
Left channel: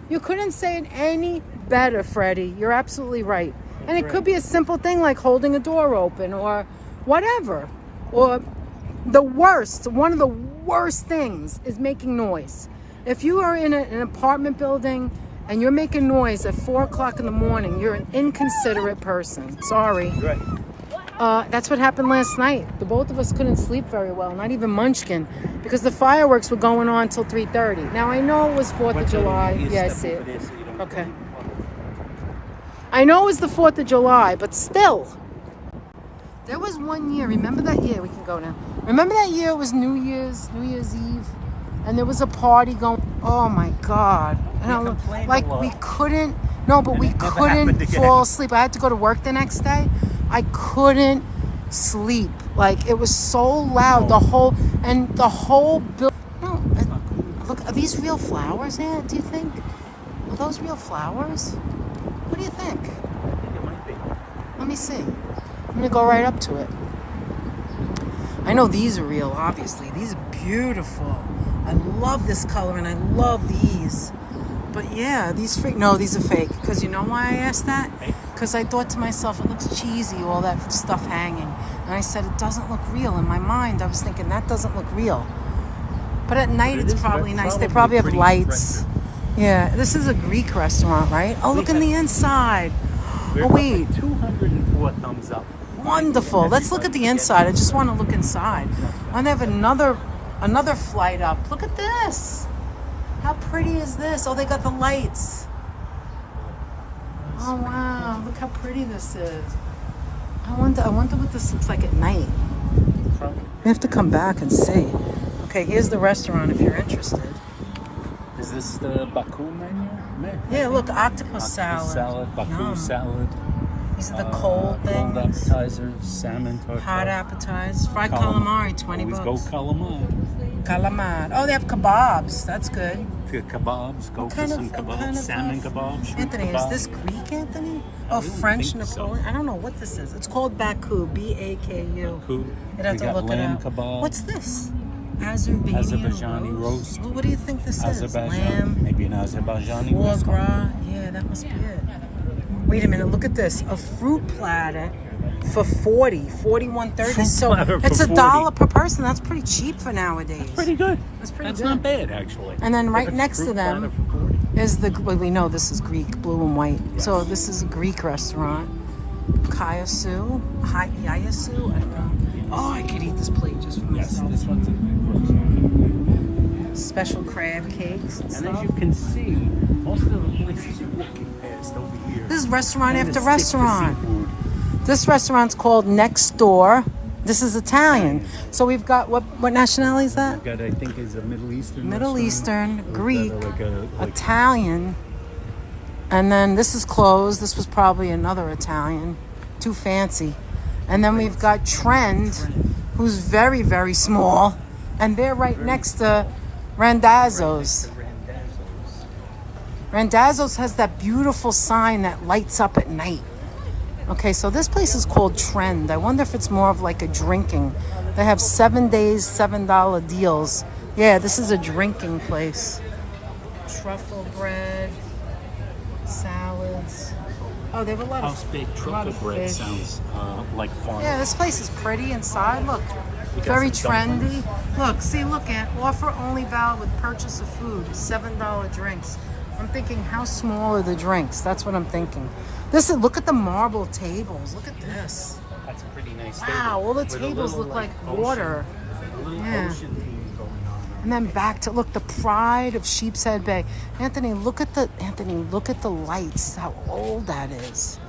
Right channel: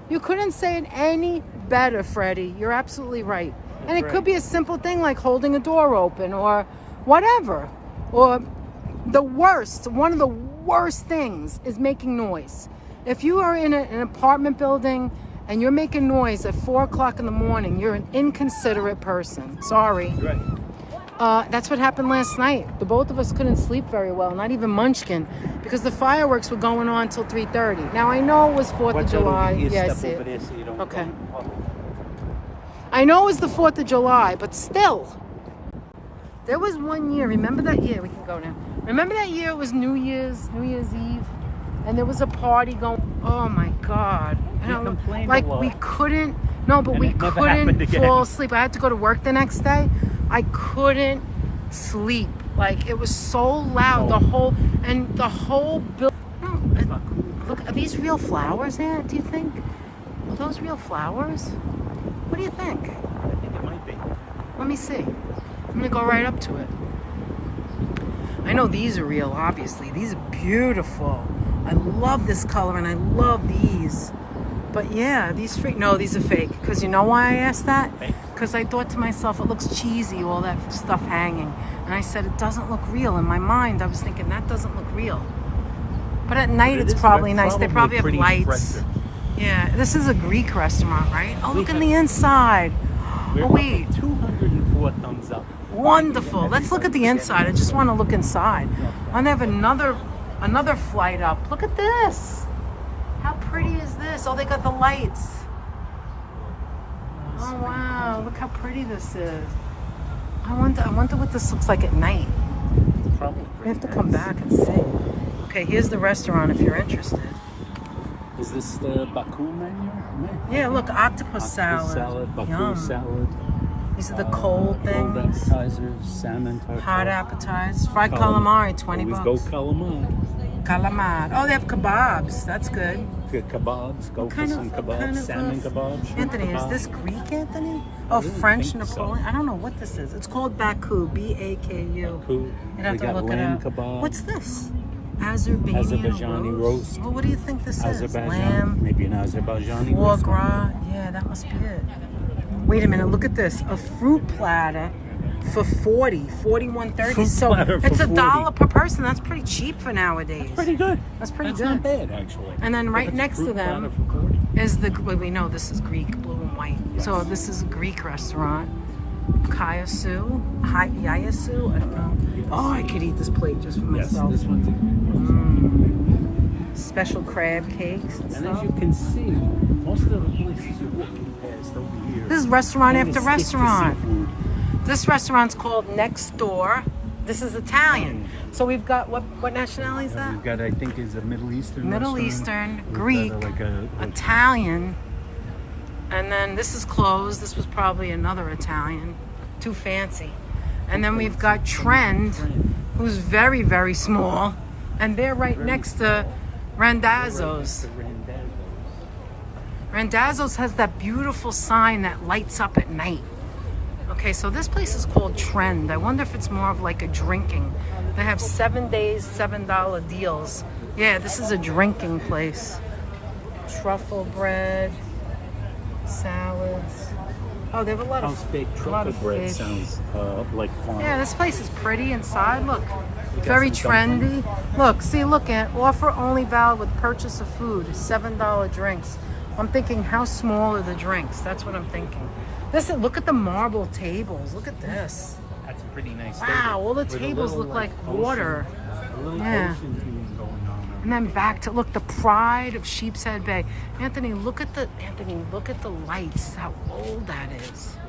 You couldn't say it any better, Freddie. You're absolutely right. And it could be a simple thing like holding a door open or whatever. Or one of the worst things is making noise. If you are in an apartment building and you're making noise at 4 o'clock in the morning, you're an inconsiderate person. Sorry. Right. That's what happened last night. The both of us couldn't sleep very well, not even Munchkin, because the fireworks were going on till 3:30. Now, I know it was 4th of July. Yeah, I see it. Okay. I know it was the 4th of July, but still. There was one year, remember that year? We can go now. Remember that year it was New Year's Eve? And there was a party going. Oh my God! We couldn't fall asleep. I had to go to work the next day. I couldn't sleep. Like, it was so loud. The whole building. Look, are these real flowers here, do you think? Are those real flowers? What do you think? Let me see. I'm gonna go right up to it. I know these are real, obviously. These are beautiful. I love this color and I love these. But yeah, these are fake. Because you know why I asked that? Because I thought to myself, it looks cheesy, all that stuff hanging. And I said, it doesn't look real. In my mind, I was thinking, that doesn't look real. But at night, it's probably nice. They probably have lights. Yeah, this is a Greek restaurant, right? Oh, look in the inside. Oh, wait. 204 thumbs up. Wonderful. Let's look at the inside. I just want to look inside. And they have another flight up. Look at this. How pretty is this? Oh, they got the lights. Oh, wow. Look how pretty this is. I wonder what this looks like at night. We have to come back and see. Okay, here's the restaurant if you're interested. Is this the Baku menu? Yeah, look, octopus salad. Baku Yum. salad. These are the cold Cold things. appetizers, salmon tartar. Hot appetizers. Fried calamari, 20 Always bucks. go calamari. Calamari. Oh, they have kebabs. That's good. The kebabs, go for some kebabs, salmon kebabs. shrimp Anthony, is kebabs. this Greek, Anthony? Oh, French think so. Napoleon? I don't know what this is. It's called Baku, B-A-K-U. Baku. You'd have They to got look it lamb up. kebab. What's this? Azerbaijani Azerbaijani roast. Well, what do you think this is? Azerbaijan, Lamb, maybe an Azerbaijani. foie gras. Yeah, that must be it. Wait a minute, look at this. A fruit platter for 41.30. Fruit So platter for it's $40. $1 per person. That's pretty cheap for nowadays. Pretty good. That's pretty That's good. not bad, actually. And then right If it's next to fruit platter them for $40. is well, we know this is Greek, blue and white. So this is a Greek restaurant. Yayasu? I don't know. Oh, I could eat this plate just for Yes, myself. this one's Special crab cakes and And stuff. as you can see, most of the places you're looking past over here. This is restaurant Kinda after stick to restaurant. seafood. This restaurant's called Next Door. This is Italian. So we've got, what nationality is that? We've got, I think, is a Middle Eastern. Middle restaurant. Eastern, We've got Greek, like Italian. And then this is closed. This was probably another Italian. Too fancy. And then we've got Trend, who's very, very small. And they're right next to Randazzo's. Randazzo's has that beautiful sign that lights up at night. Okay, so this place is called Trend. I wonder if it's more of like a drinking. They have 7 days, $7 deals. Yeah, this is a drinking place. Truffle bread, salads. Oh, they have a lot House of baked a lot truffle of bread fish. sounds like farm. Yeah, this place is pretty inside. Look, very trendy. Look, at offer only valid with purchase of food. $7 drinks. I'm thinking, how small are the drinks? That's what I'm thinking. Look at the marble tables. Look at this. That's a pretty nice. Wow, all the With a tables little, look like ocean- water. a little Yeah. ocean theme going on. And then back to look, the pride of Sheepshead Bay. Anthony, look at the lights. How old that is.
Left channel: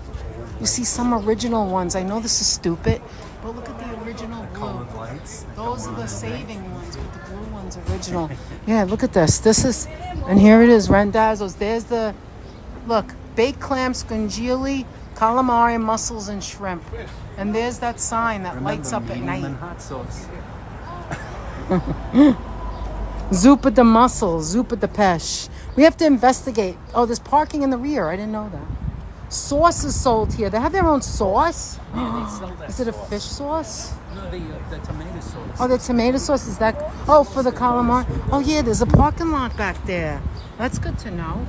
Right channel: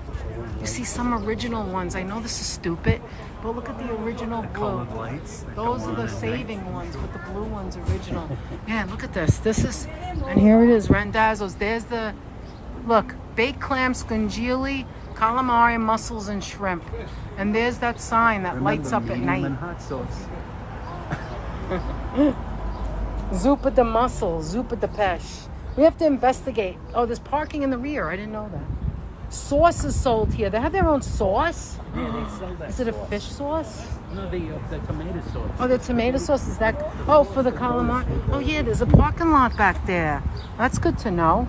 You see some original ones. I know this is stupid, but look at the original blue. Colored lights. that Those go are on the at saving ones, with the blue ones original. Yeah, look at this. And here it is, Randazzo's. There's the, look, baked clam, scungili, calamari, mussels, and shrimp. And there's that sign that lights up at night. And hot sauce. Zuppa de mussels, zuppa de pesh. We have to investigate. Oh, there's parking in the rear. I didn't know that. Sauce is sold here. They have their own sauce. Yeah, they sell that Is it a sauce. fish sauce? No, the tomato sauce. Oh, the tomato sauce, is that? Oh, for the calamari. Oh, yeah, there's a parking lot back there. That's good to know.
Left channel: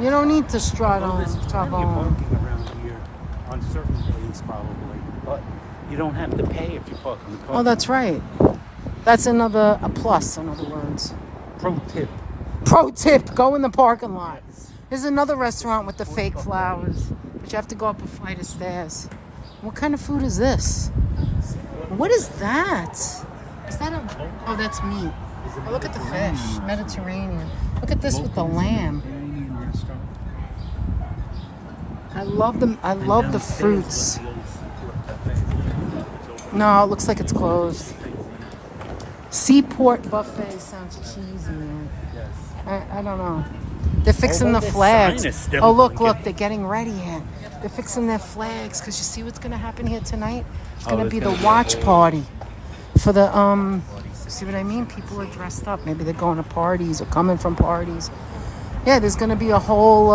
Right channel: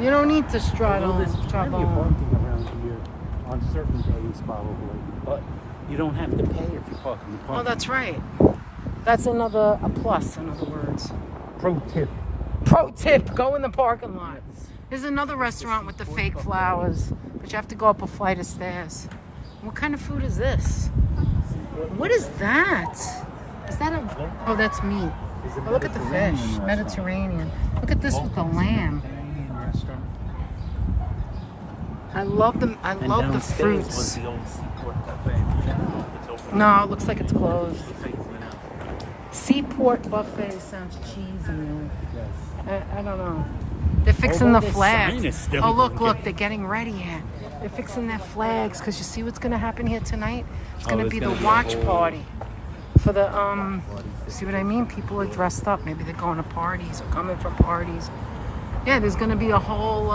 You don't need to strut Well, there's on plenty of trouble. parking around here on certain days, probably, but you don't have to pay if you park in the parking. Oh, that's right. That's a plus, in other words. Pro tip. Pro tip, go in the parking lot. There's another restaurant with the fake flowers, but you have to go up a flight of stairs. What kind of food is this? What is that? Is that a... Oh, that's meat. Oh, look at the fish. Mediterranean. Look at this with the lamb. Mediterranean restaurant. I love them. I love the fruits. No, it looks like it's closed. Seaport buffet sounds cheesy. I don't know. They're fixing the their flags. sign is still Oh, look, broken. they're getting ready here. They're fixing their flags because you see what's going to happen here tonight? It's going to it's be the gonna be watch party for the, see what I mean? People are dressed up. Maybe they're going to parties or coming from parties. Yeah, there's going to be a whole,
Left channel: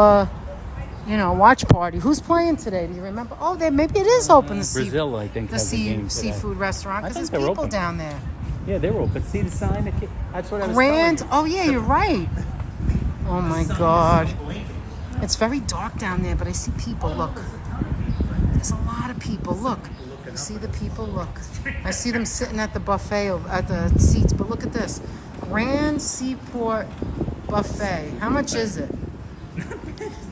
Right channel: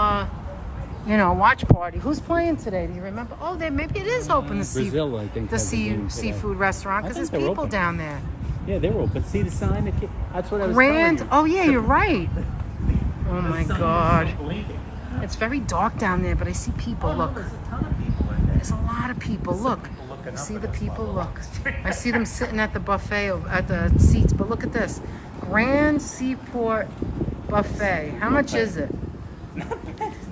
watch party. Who's playing today? Do you remember? Oh, maybe it is open, the Brazil, I think, the has a game today. seafood restaurant, I because think there's they're people open. down there. Yeah, they're open. See the sign? That's what I was Grand. telling Oh, yeah, you're right. Oh, my you. God. It's very dark down there, but I see people. Look. There's a lot of people. Look. You see the people? Look. I see them sitting at the buffet, at the seats. But look at this. Grand Seaport Buffet. How much is it?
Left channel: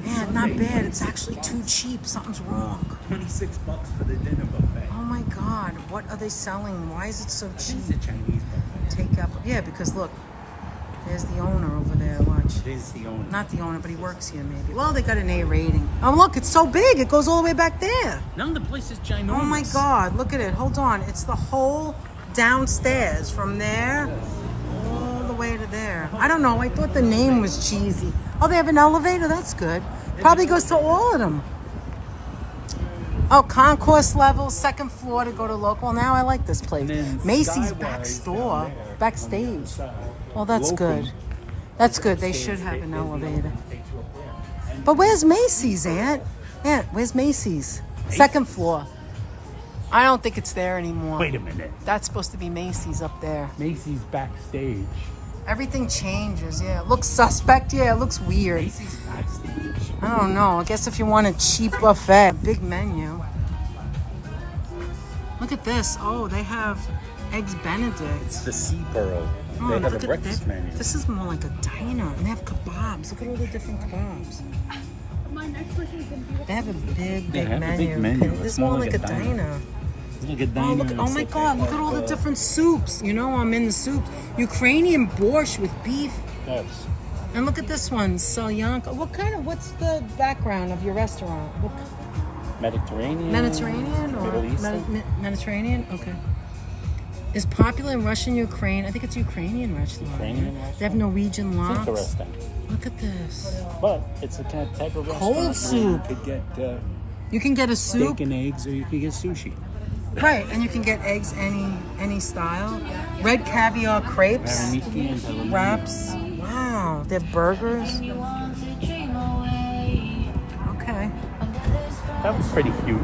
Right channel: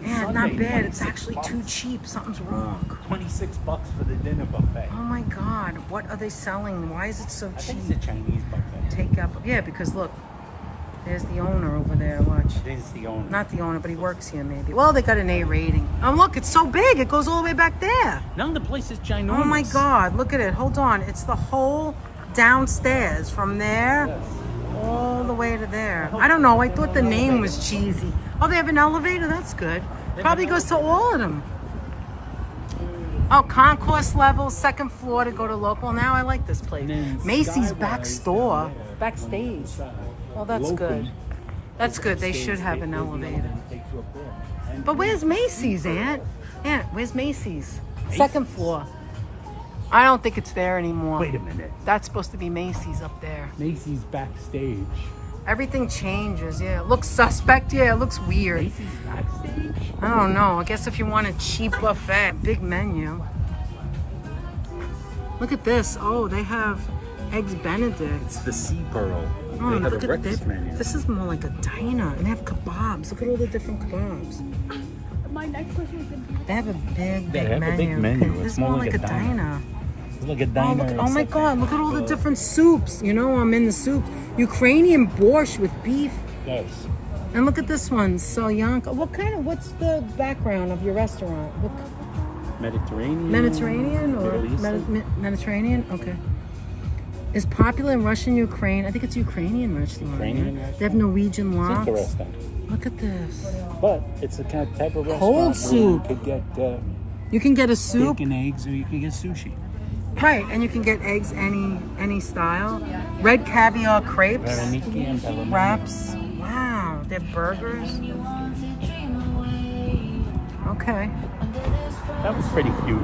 Man, not bad. It's actually too cheap. Something's wrong. $26 for the dinner buffet. Oh, my God. What are they selling? Why is it so cheap? Take up. Yeah, because look. There's the owner over there. Watch. He's the owner. Not the owner, but he works here maybe. Well, they got an A rating. Oh, look, it's so big. It goes all the way back there. No, the place is Chinese. Oh, my God. Look at it. Hold on. It's the whole downstairs from there all the way to there. I don't know. I thought the name was cheesy. Oh, they have an elevator? That's good. Probably goes to all of them. Oh, concourse level, second floor to go to local. Now I like this place. Macy's back store, backstage. Oh, that's good. That's good. They should have an elevator. But where's Macy's, Aunt? Aunt, where's Macy's? Second floor. I don't think it's there anymore. Wait a minute. That's supposed to be Macy's up there. Macy's backstage. Everything changes, yeah. It looks suspect, yeah. It looks weird. Macy's backstage. I don't know. I guess if you want a cheap buffet, big menu. Look at this. Oh, they have Eggs Benedict. It's the Sea Pearl. Oh, They have look a at this. breakfast menu. This is more like a diner. And they have kebabs. Look at all the different kebabs. My next question is going to be They have a big, They big have a menu. big menu. This It's is more like a diner. It's like a Oh, diner. look! Oh my except God! Look at all the different soups. You know, I'm in the soup. Ukrainian borscht with beef. Yes. And look at this one, Salyanka. What's the background of your restaurant? What, Mediterranean. Mediterranean or Middle Eastern. Mediterranean? Okay. Is popular in Russian, Ukraine. I think it's Ukrainian restaurant. Ukrainian yeah? They have Norwegian It's lox. interesting. Look at this. But it's a kind of type of restaurant Cold where soup. You could get You can get a soup, steak and eggs, or you could get sushi. right? And you can get eggs any style. Red caviar crepes, wraps. Wow, they're burgers. Okay. That was pretty cute.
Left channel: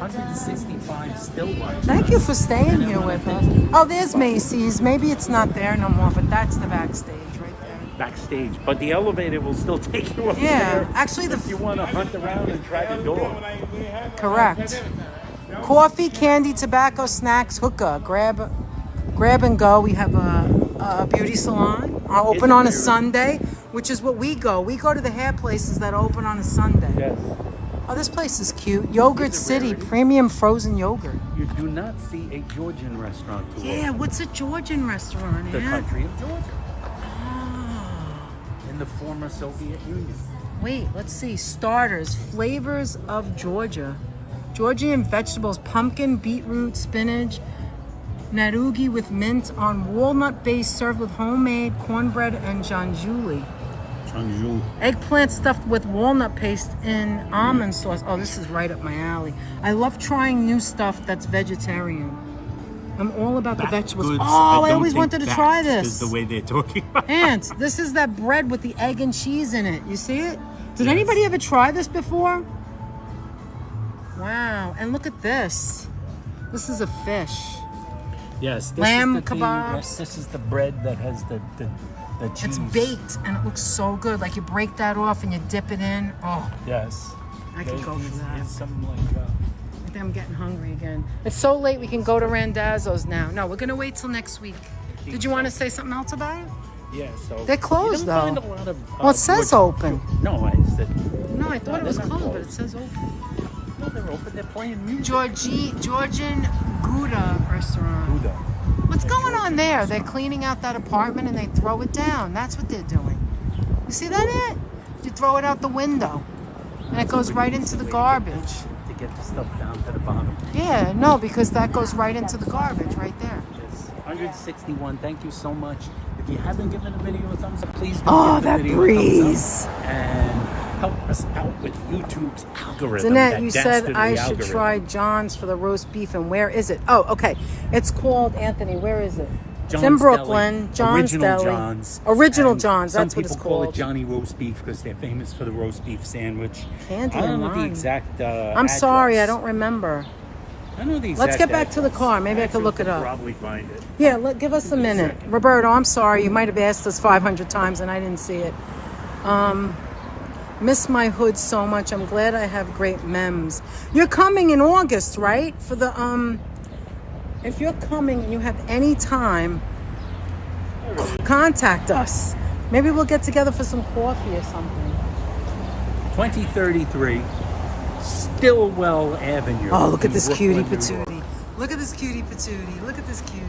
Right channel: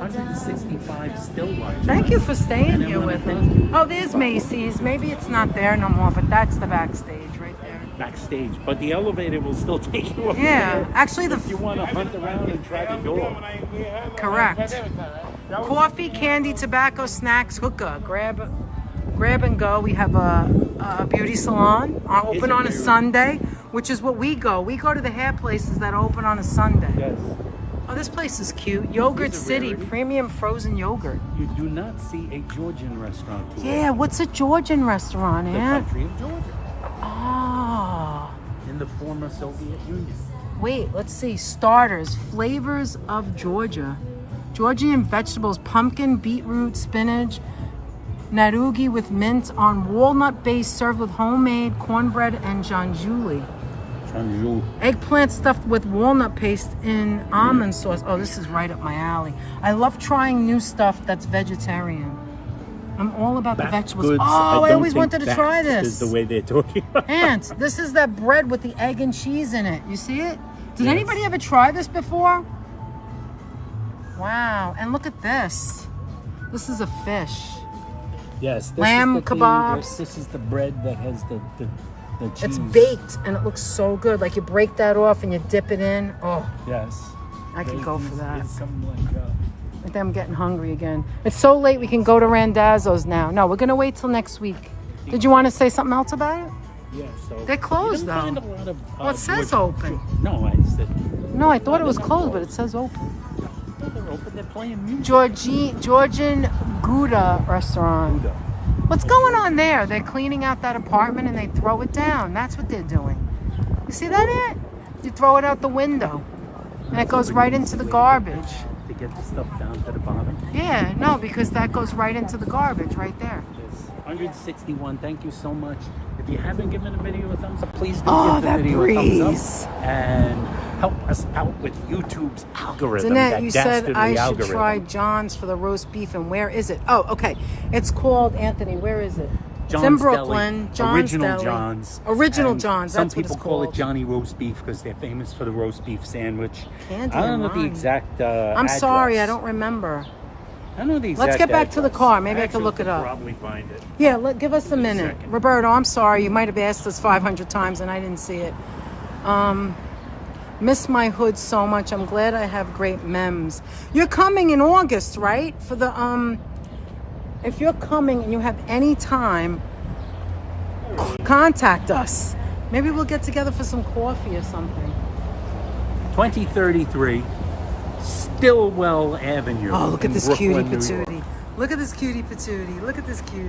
165 still large. Thank you for staying here with us. Oh, there's Macy's. Maybe it's not there no more, but that's the backstage right there. Backstage, but the elevator will still take you over Yeah, there. actually If you want to hunt around and try the door. correct. Coffee, candy, tobacco, snacks, hookah. Grab and go. We have a beauty salon open on a Sunday, which is what we go. We go to the hair places that open on a Sunday. Yes. Oh, this place is cute. Yogurt City, premium frozen yogurt. You do not see a Georgian restaurant. today. Yeah, what's a Georgian restaurant, The yeah? country of Georgia. Oh. In the former Soviet Union. Wait, let's see. Starters, flavors of Georgia. Georgian vegetables, pumpkin, beetroot, spinach, narugi with mint on walnut base served with homemade cornbread and janjuli. Changzhou. Eggplant stuffed with walnut paste in almond sauce. Oh, this is right up my alley. I love trying new stuff that's vegetarian. I'm all about the vegetables. Oh, I always wanted to try this. Is the way they're talking about. Aunt, this is that bread with the egg and cheese in it. You see it? Did anybody ever try this before? Wow. And look at this. This is a fish. Yes. This Lamb is the thing, kebabs. This is the bread that has the cheese. It's baked and it looks so good. Like you break that off and you dip it in. Oh, Yes. I could go for that. There's something like that. I think I'm getting hungry again. It's so late we can go to Randazzo's now. No, we're going to wait till next week. Did you want to say something else about it? Yeah, so They're closed, you don't find though. a lot of, Well, it says open. No, it's that No, I thought it was closed, but it says open. they're open. They're playing music. Georgian Gouda restaurant. What's going on there? They're cleaning out that apartment and they throw it down. That's what they're doing. You see that, Aunt? You throw it out the window and it goes right into the garbage. To get the stuff down to the bottom. Yeah, no, because that goes right into the garbage right there. 161. Thank you so much. If you haven't given the video a thumbs up, please do Oh, give the that video a thumbs breeze. up and help us out with YouTube's algorithm. Danette, that you said dastardly I should algorithm. try John's for the roast beef, and where is it? Oh, okay. It's called, Anthony, where is it? It's in John's Brooklyn. Deli. John's Original Deli. John's. Original And John's, that's some what it's people call called. it Johnny Roast Beef because they're famous for the roast beef sandwich. Candy I don't and know the Ronnie. exact I'm sorry, I don't remember. I don't know the exact Let's get back to the address. car. Maybe I Actually, could look it up. Probably find it. Yeah, give us a minute. Roberto, I'm sorry. You might have asked us 500 times and I didn't see it. Miss my hood so much. I'm glad I have great memes. You're coming in August, right? For the, if you're coming and you have any time, contact us. Maybe we'll get together for some coffee or something. 2033 Stillwell Avenue. Oh, look at in this Brooklyn, cutie New York. patootie. Look at this cutie patootie. Look at this cutie.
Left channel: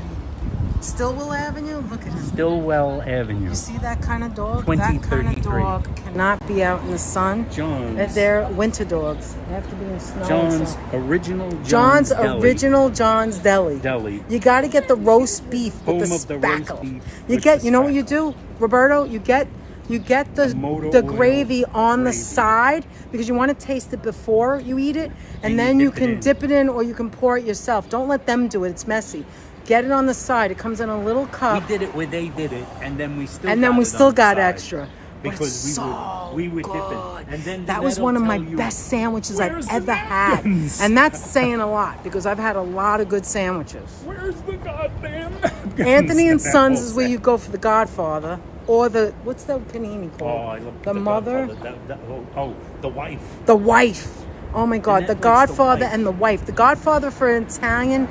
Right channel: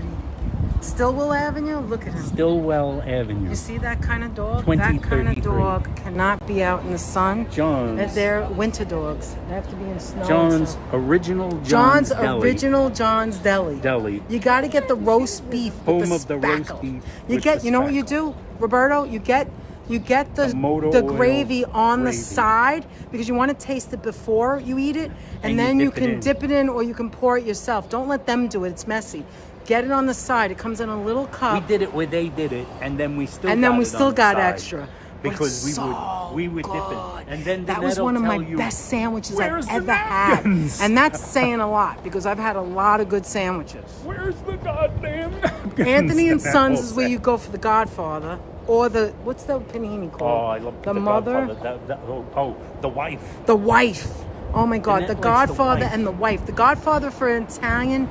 Stillwell Avenue? Look at him. Stillwell Avenue. You see that kind of dog? That kind of 2033. dog cannot be out in the sun. John's. They're winter dogs. They have to be in snow. and John's stuff. original John's Deli. original John's Deli. Deli. You got to get the roast beef with Home the of the roast spackle. beef You with get. the You know what you spackle. do, Roberto? You get the motor oil gravy on the gravy. side because you want to taste it before you eat it, and And then you you dip it can in. dip it in or you can pour it yourself. Don't let them do it. It's messy. Get it on the side. It comes in a little cup. We did it where they did it, and then we still And then got we it still on the got side. extra. But Because it's so we would good. dip it. And then That was Danette'll one of my tell you, best sandwiches I've "Where's the ever had. napkins?" And that's saying a lot because I've had a lot of good sandwiches. Where's the goddamn napkins? Anthony and That Sons whole is where set. you go for the Godfather. Or the, what's the panini Oh, called? I love the mother? Godfather. The wife. The wife. Oh my God, And the that one's the Godfather wife. and the wife. The Godfather for an Italian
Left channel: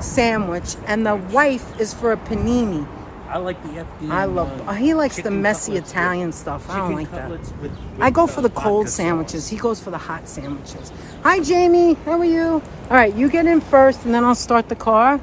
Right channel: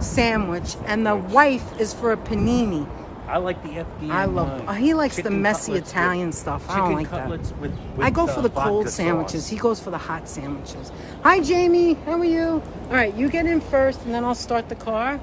sandwich, and the wife is for a panini. I like the FD. I love. He likes the chicken messy cutlets with- Italian stuff. I don't chicken like that. cutlets with I go for the vodka cold sauce. sandwiches. He goes for the hot sandwiches. Hi, Jamie. How are you? All right, you get in first, and then I'll start the car.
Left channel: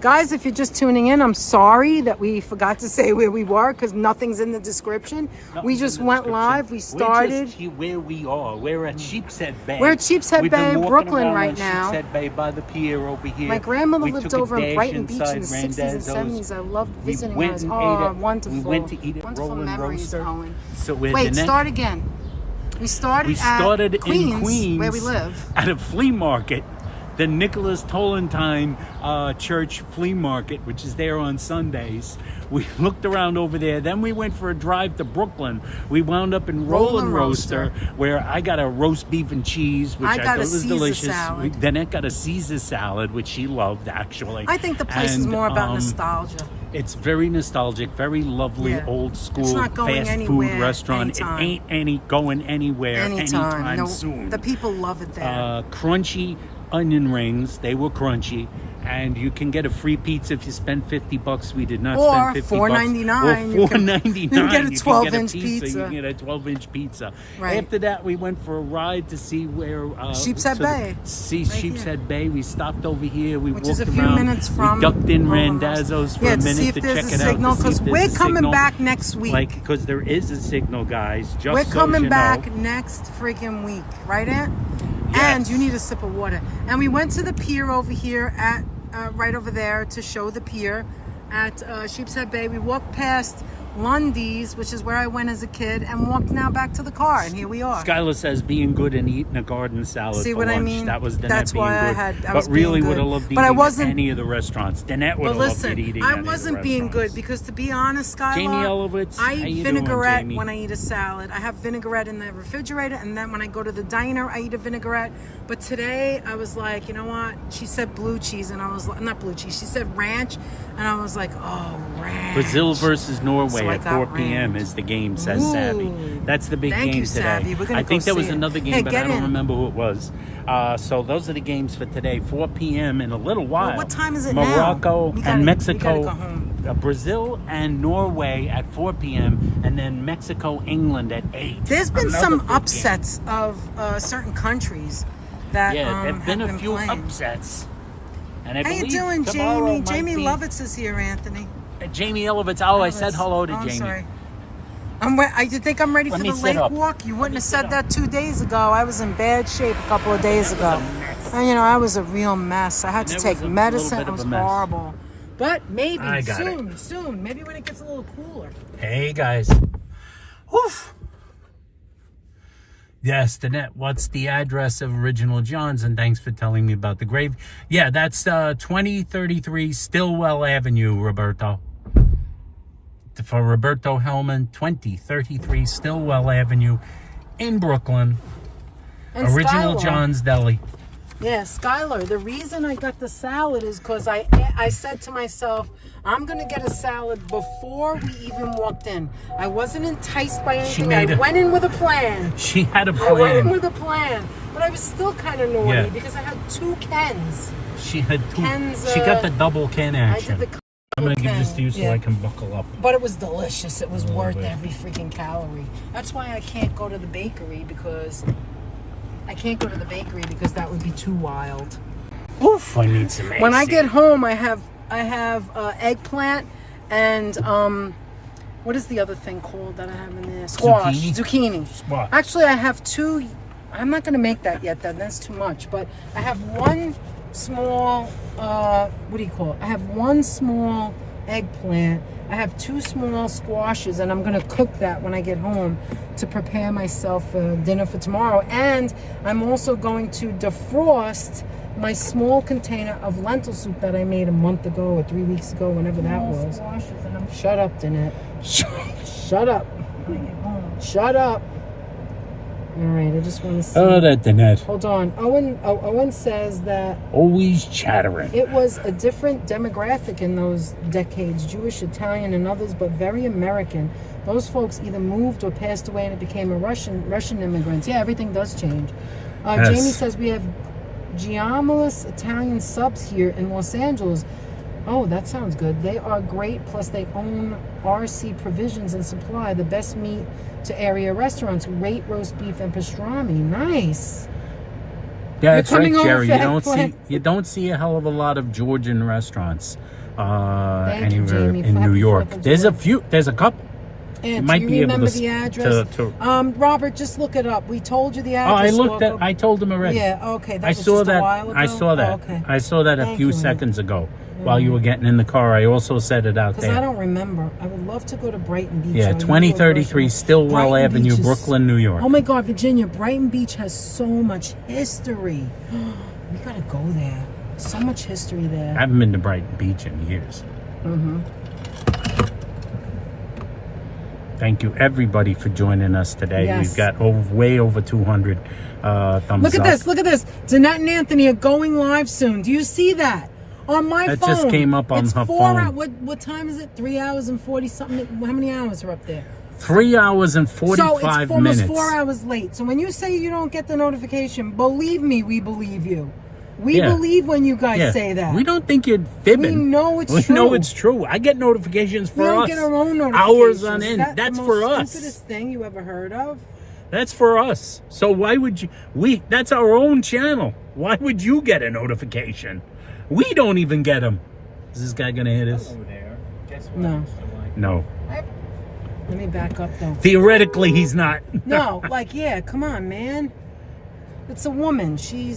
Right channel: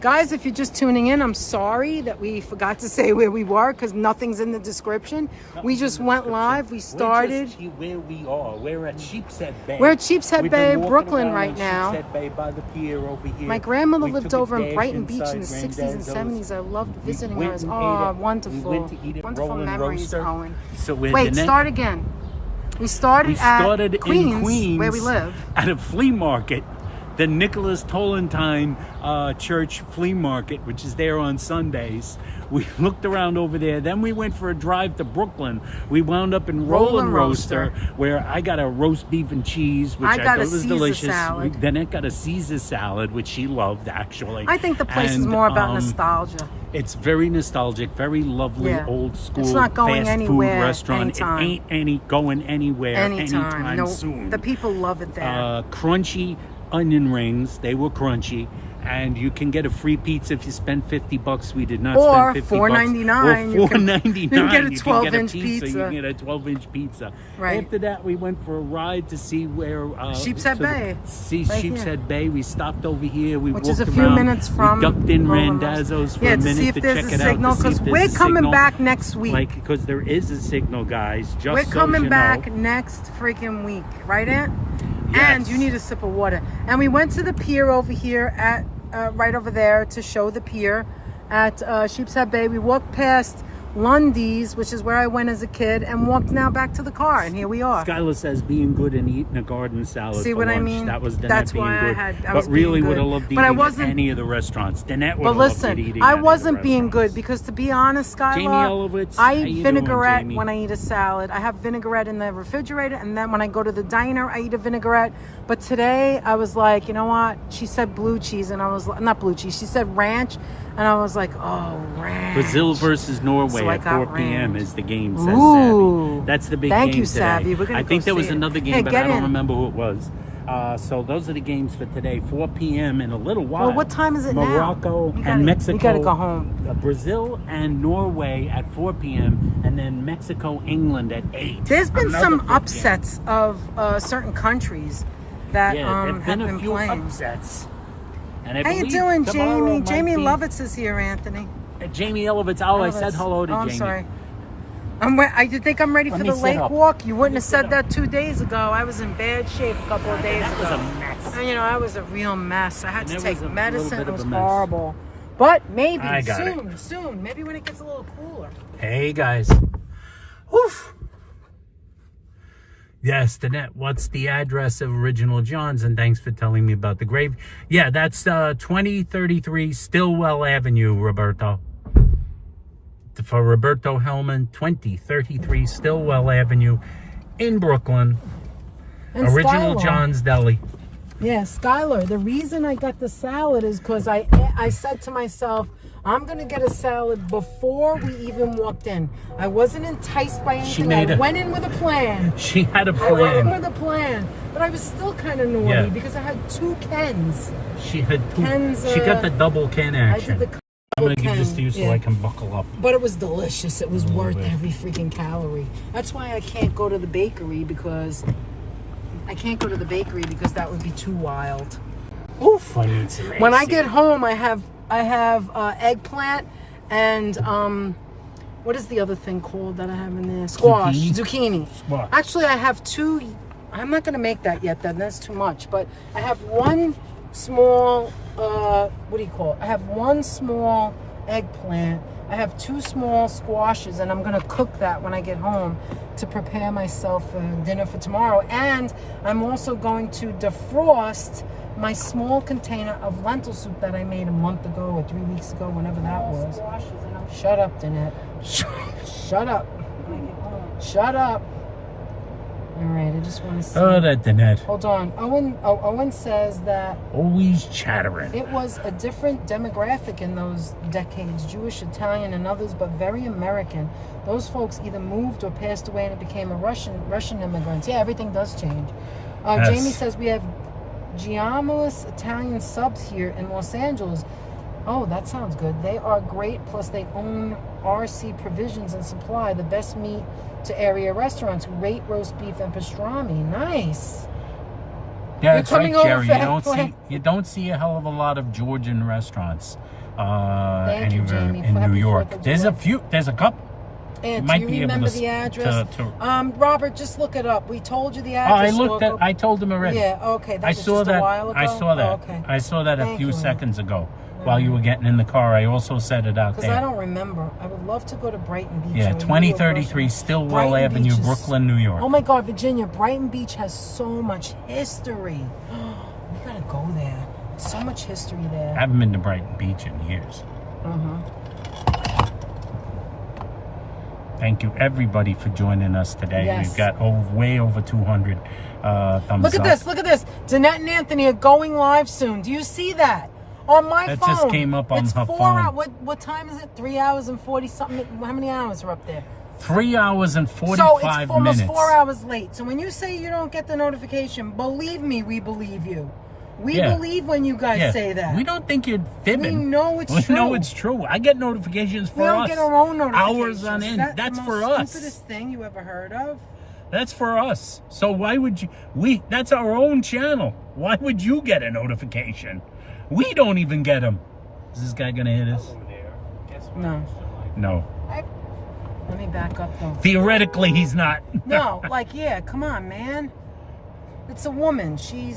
Guys, if you're just tuning in, I'm sorry that we forgot to say where we were because nothing's in the description. We just went live. We started. We're just where we are. We're at Sheepshead Bay. We're at Sheepshead We've Bay, been walking Brooklyn around right now. Sheepshead Bay by the pier over here. My grandmother We lived took a over in dash Brighton Beach in the inside 60s and Randazzo's. 70s. I loved We visiting went hers. and Oh, ate at- wonderful. We went to eat at Wonderful Roland memories, Roaster. Owen. So we're Wait, Danette- start again. We started in Queens, where we live. at a flea market, the Nicholas Tolentine Church Flea Market, which is there on Sundays. We looked around over there. Then we went for a drive to Brooklyn. We wound up in Roland Roaster, where I got a roast beef and cheese, which I I, got thought a was Caesar delicious. salad. Then it got a Caesar salad, which she loved, actually. I think the place is And, more about nostalgia. It's very nostalgic, very lovely, Yeah. old school It's not going fast anywhere food restaurant. anytime. It ain't going anywhere anytime No, soon. the people love it there. Crunchy onion rings. They were crunchy. And you can get a free pizza if you spend $50. We did not Or spend $50. $4.99. Or $4.99. You can get a You 12-inch You pizza. can get a 12-inch pizza. Right. After that, we went for a ride to see where Sheepshead Bay. See Right Sheepshead Bay. We stopped over here. We Which walked is a few around. minutes from We ducked in Roland Randazzo's for yeah, a to minute see if to there's check a it out. signal to see if because there's we're a coming signal. back next week. Like, because there is a signal, guys. Just We're so coming you back know. next freaking week, right, Aunt? Yes. And you need a sip of water. And we went to the pier over here at right over there to show the pier at Sheepshead Bay. We walked past Lundy's, which is where I went as a kid, and walked now back to the car, and here we are. Skylar says being good and eating a garden salad. See for what I lunch. mean? That was Danette That's being why I good. had- I but was really being would have good. loved But I eating wasn't- at any of the restaurants. Danette would But have loved listen, eating I at any wasn't of the being good restaurants. because, to be honest, Skylar, Jamie Elowitz, I how you eat doing, vinaigrette Jamie? when I eat a salad. I have vinaigrette in the refrigerator, and then when I go to the diner, I eat a vinaigrette. But today, I was like, you know what? She said blue cheese, and I was like, not blue cheese. She said ranch, and I was like, oh, ranch. Brazil versus Norway So I at got 4 p.m. ranch. is the game, says Ooh. Savvy. That's the big Thank game you, today. Savvy. We're gonna I think go there was see it. another game, Hey, but get I don't in. remember who it was. So those are the games for today, 4 p.m. in a little while. Well, what time is it now? Morocco We gotta- and we Mexico. gotta go home. Brazil and Norway at 4 p.m. and then Mexico, England at 8. There's been Another some big game. upsets of certain countries that Yeah, there've been have a been few playing. upsets. And I How you believe doing, tomorrow Jamie? might Jamie be- Lovitz is here, Anthony. Jamie Elowitz. Oh, I said Lovitz. hello to Oh, I'm Jamie. sorry. You think I'm ready Let for me the sit lake up. walk? You wouldn't have sit said up. that 2 days ago. I was in bad shape a couple of days That was ago. a mess. And, I was a real mess. I had to That take was a little medicine. bit It of was a mess. horrible. But maybe I got soon. Maybe when it gets a little cooler. Hey guys. Oof. Yes, Danette, what's the address of Original John's? And thanks for telling me about the grave. Yeah, that's 2033 Stillwell Avenue, Roberto. For Roberto Hellman, 2033 Stillwell Avenue in Brooklyn. And Original Skylar. John's Deli. Yeah, Skylar, the reason I got the salad is because I said to myself, I'm going to get a salad before we even walked in. I wasn't enticed by anything. I went in with a plan. She had a I went in plan. with a plan. But I was still kind of naughty because I had 2 Kens. She had 2. Kens, She got the double can action. I did the I'm going to give Ken, this to you so I can buckle up. But it was delicious. It was worth bit. every freaking calorie. That's why I can't go to the bakery because that would be too wild. Oof, I need some When I AC. get home, I have eggplant and what is the other thing called that I have in there? Squash, zucchini. Squash. Actually, I have 2. I'm not going to make that yet. That's too much. But I have 1 small. What do you call it? I have 1 small eggplant. I have 2 small squashes, and I'm gonna cook that when I get home to prepare myself dinner for tomorrow. And I'm also going to defrost my small container of lentil soup that I made a month ago or 3 weeks ago, whenever that was. Shut up, Danette. Shut up. Shut up. All right, I just want to see. Oh, that Danette. Hold on. Owen says that Always chattering. it was a different demographic in those decades, Jewish, Italian, and others, but very American. Those folks either moved or passed away and it became a Russian immigrants. Yeah, everything does change. Yes. Jamie says we have giamolis Italian subs here in Los Angeles. Oh, that sounds good. They are great, plus they own RC Provisions and Supply, the best meat to area restaurants. Great roast beef and pastrami. Nice. Yeah, that's right, coming over Jerry. for You don't see a hell of a lot of Georgian restaurants Thank you, anywhere Jamie. in New Happy York. 4th of There's July. there's a couple. And might do be you able remember to the address? to Robert, just look it up. We told you the Oh, address. I looked so at. I told him already. Yeah, okay. That I was saw just a that. while I ago? saw that. Oh, okay. I saw that a Thank few you. seconds ago while you were getting in the car. I also said it out Because I there. don't remember. I would love to go to Brighton Beach. Yeah, I know 2033 Brighton Stillwell Beach Avenue, is- Brooklyn, New York. Oh my God, Virginia, Brighton Beach has so much history. We gotta go there. So much history there. I haven't been to Brighton Beach in years. Mm-hmm. Thank you, everybody, for joining us today. Yes. We've got way over 200 thumbs Look at up. this. Look at this. Danette and Anthony are going live soon. Do you see that? On my That phone. just came up on it's her 4 phone. hours. What time is it? 3 hours and 40 something. How many hours are up there? 3 hours and 45 so it's almost minutes. 4 hours late. So when you say you don't get the notification, believe me, we believe you. We Yeah. believe when you guys Yeah. say that. We don't think you're fibbing. We know it's We true. know it's true. I get notifications for We don't us. get our own notifications. Hours on end. That's That's the for most us. stupidest thing you ever heard of. That's for us. So why would you? That's our own channel. Why would you get a notification? We don't even get them. Is this guy gonna hit us? No. No. Let me back up though. Theoretically, he's not. No, like yeah, come on, man. It's a woman. She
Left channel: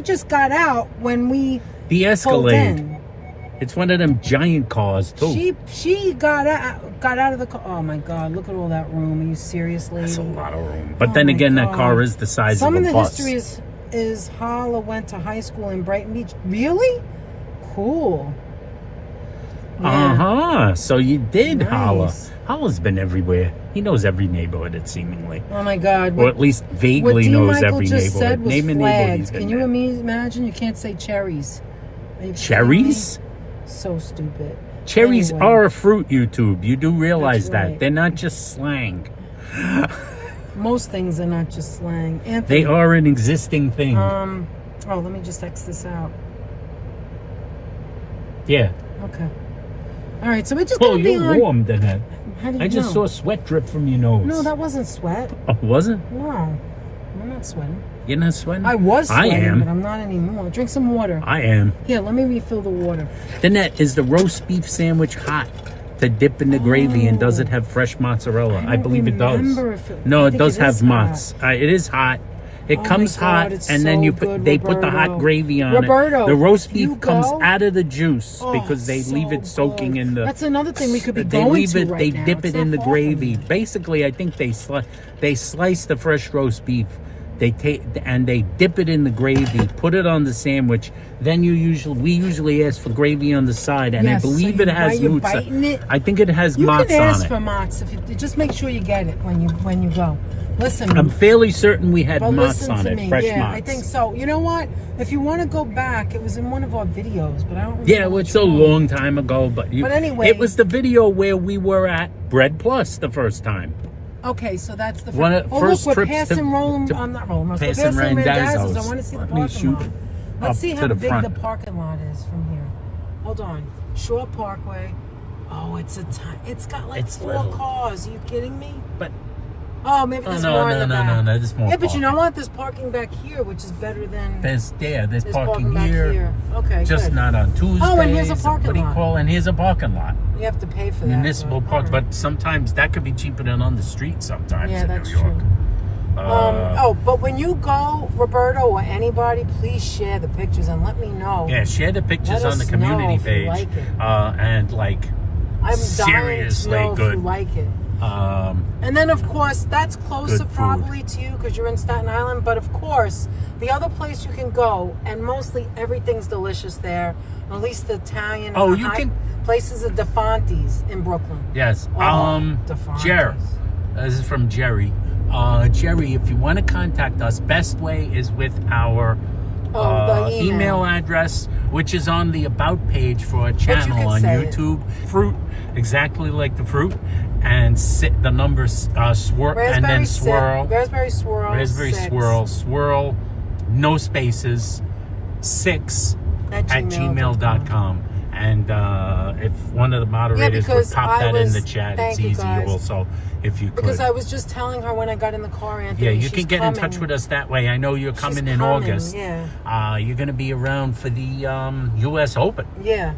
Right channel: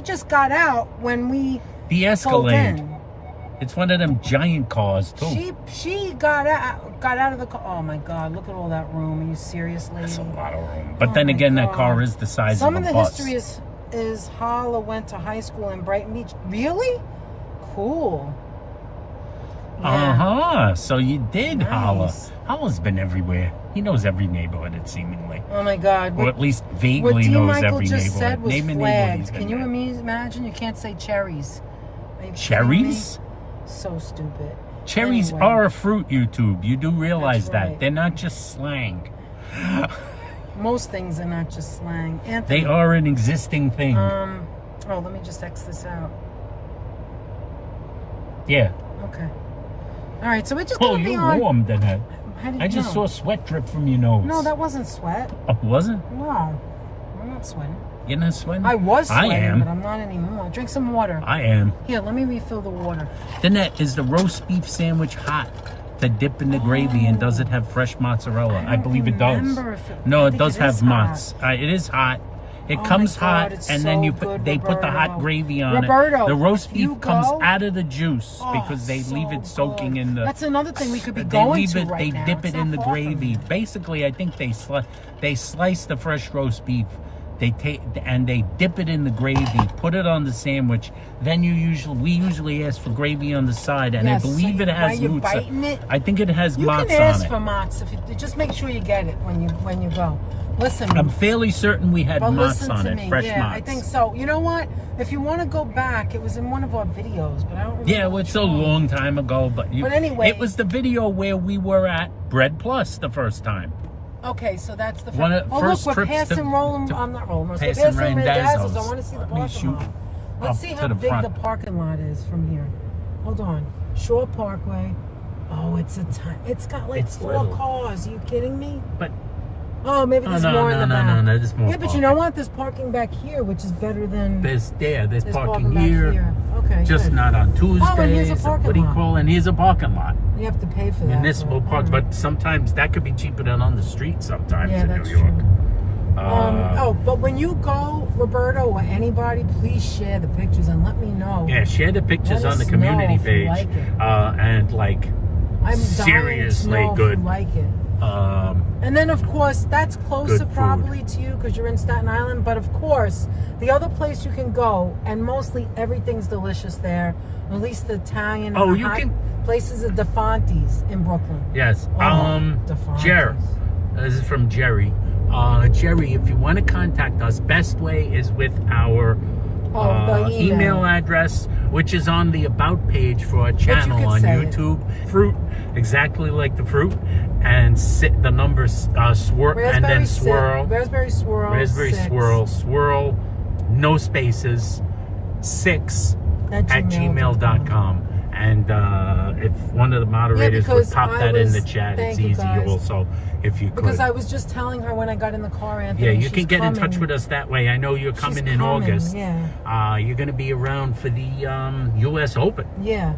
just got out when we The pulled Escalade. in. It's one of them giant cars too. She got out of the car. Oh my God! Look at all that room. Are you serious, lady? That's a lot of room. But Oh then my again, that God. car is the size Some of of a the bus. history is Hala went to high school in Brighton Beach. Really? Cool. Yeah. So you did Nice. holla. Holla's been everywhere. He knows every neighborhood, it seemingly. Oh my God. Or at least What vaguely D. knows Michael every just said neighborhood. was Name a neighborhood flags. he's been Can you there. imagine? You can't say cherries. Are you kidding Cherries? me? So stupid. Cherries Anyway. are a fruit, YouTube. You do realize That's that. right. They're not just slang. Most things are not just slang. Anthony, They are an existing thing. Oh, let me just X this out. Yeah. Okay. All right, so we're just Oh, gonna be you're on. warm, Danette. How did I you just know? saw sweat drip from your nose. No, that wasn't sweat. Oh, wasn't? No, I'm not sweating. You're not sweating? I was I sweating, am. but I'm not anymore. Drink some water. I am. Here, let me refill the water. Danette, is the roast beef sandwich hot to dip in the gravy, and does it have fresh mozzarella? I don't believe it does. remember if it- I No, it think does it have is hot. mozz. It is hot. It Oh comes my hot, God, it's and then so you put good, they put the Roberto. hot gravy on Roberto, it. The roast you beef comes go? out of the juice Oh, because they so leave it soaking good. in the. That's another thing we could be They going leave to it. right They now. dip It's it in the not far from gravy. here. Basically, I think they slice the fresh roast beef. They take and they dip it in the gravy, put it on the sandwich. Then we usually ask for gravy on the side, and I Yes, believe so it has when you're biting mozza. it, I think it has You mozza can ask on for it. mozz if you just make sure you get it when you go. Listen, I'm fairly certain we had but mozz listen on to it, me. fresh Yeah, mozz. I think so. You know what? If you want to go back, it was in one of our videos, but I don't remember. Yeah, it was which a one. long time ago, but anyway. it was the video where we were at Bread Plus the first time. Okay, so that's the One of oh, first look, we're trips passing to not Roland, we're passing Randazzo's. Randazzo's. I want to see the Let me parking shoot lot. up Let's see to how the big front. the parking lot is from here. Hold on, Shore Parkway. Oh, it's got like It's 4 little. cars. Are you kidding me? But Oh, maybe there's no, more in the back. no, there's more. Yeah, but you know parking. what? There's parking back here, which is better than There's parking back here. Okay, Just good. not on Tuesdays. Oh, and here's a parking what do you lot. call? And here's a parking lot. You have to pay for that. Municipal but, parks, all right. but sometimes that could be cheaper than on the street. Sometimes Yeah, in that's New York. true. But when you go, Roberto or anybody, please share the pictures and let me know. Yeah, share the pictures Let on the us community know if you page, like it. and like I'm seriously dying to know good. if you like it. And then, of course, that's closer Good food. probably to you because you're in Staten Island. But of course, the other place you can go, and mostly everything's delicious there. At least the Italian. Oh, and you high can- places of DeFonte's in Brooklyn. Yes. DeFonte's. Jerry. This is from Jerry. Jerry, if you want to contact us, best way is with our The email address, which is on the About page for our channel can on say it. YouTube. Fruit, exactly like the fruit, and the numbers and then swirl. Raspberry swirl. Raspberry 6 swirl, no spaces, 6 at gmail.com. And if one of the moderators would because pop I that in was- the chat, thank it's you, easy guys. also if you could. Because I was just telling her when I got in the car, Anthony. Yeah, you she's can get in touch coming. with us that way. I know you're coming in coming, August. yeah. You're going to be around for the U.S. Open. Yeah.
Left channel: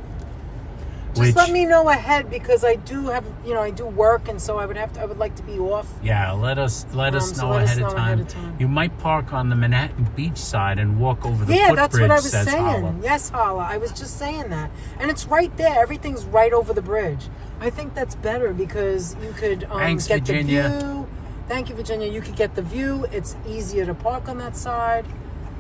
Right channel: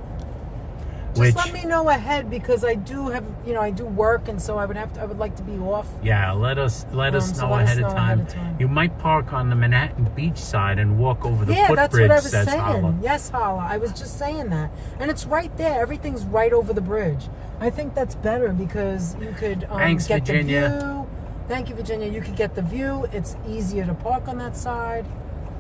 Just Which, let me know ahead because I do have, I do work, and so I would like to be off. yeah, let us So know let us ahead know of time. ahead of time. You might park on the Manhattan Beach side and walk over the Yeah, that's footbridge, what I was says saying. Holla. Yes, Holla. I was just saying that, and it's right there. Everything's right over the bridge. I think that's better because you could Thanks, get Virginia. the view. Thank you, Virginia. You could get the view. It's easier to park on that side.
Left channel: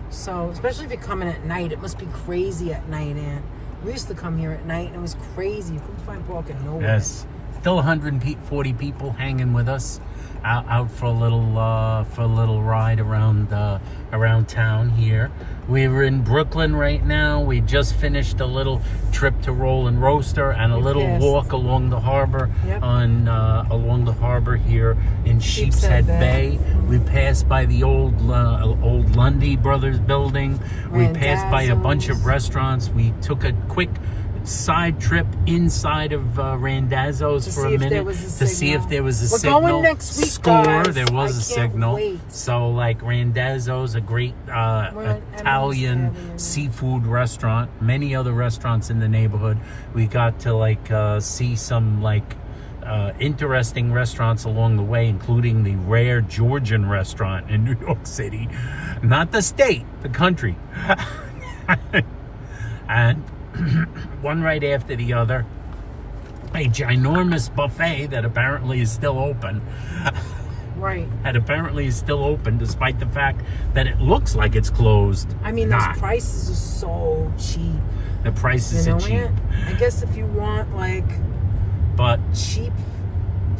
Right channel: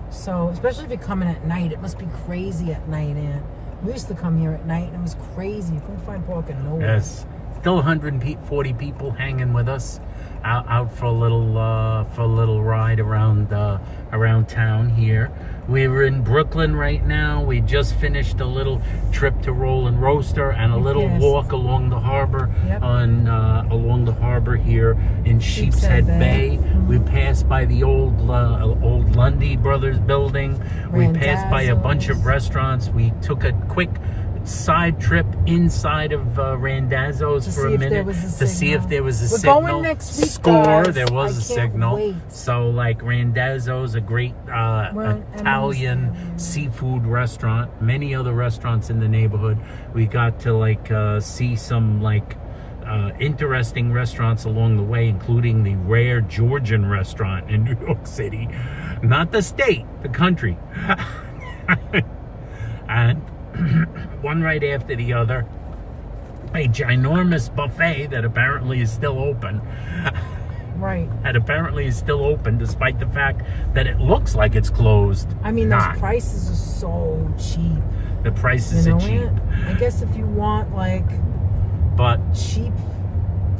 So, especially if you're coming at night, it must be crazy at night, Ann. We used to come here at night, and it was crazy. You couldn't find parking nowhere. Yes, still 140 people hanging with us out for a little ride around town here. We were in Brooklyn right now. We just finished a little trip to Roll and Roaster and a little passed. walk along the harbor Yep. along the harbor here in Sheepshead Sheepshead Bay. We passed by the old Lundy Brothers building. We passed by a bunch of Randazzo's. restaurants. We took a quick side trip inside of Randazzo's To for see a if there minute was a to see if signal. there was a We're signal. going next week, Score, guys. there was I a can't signal. wait. So like Randazzo's, a great Italian Emily's seafood restaurant. Many other restaurants in the neighborhood. We got to see some interesting restaurants along the way, including the rare Georgian restaurant in New York City. Not the state, the country. And one right after the other, a ginormous buffet that apparently is still open. Right. That apparently is still open, despite the fact that it looks like it's closed. I mean, Not. those prices are so cheap. The prices are cheap. Aunt? I guess if you want But cheap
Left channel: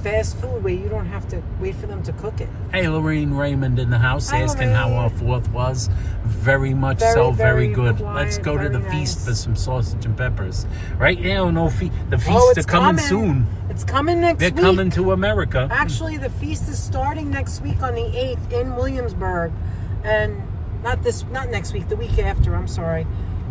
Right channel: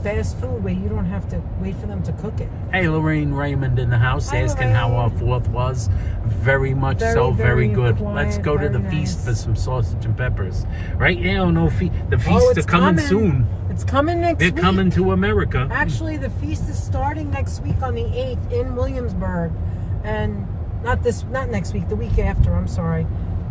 fast food where you don't have to wait for them to cook it. hey, Lorraine Raymond in the house Hi, asking how Lorraine. our 4th was. Very much Very, so, very very good. quiet, Let's go to very the feast nice. for some sausage and peppers. Right now, the feasts Oh, are it's coming soon. It's coming next They're week. coming to America. Actually, the feast is starting next week on the 8th in Williamsburg. And not next week, the week after, I'm sorry.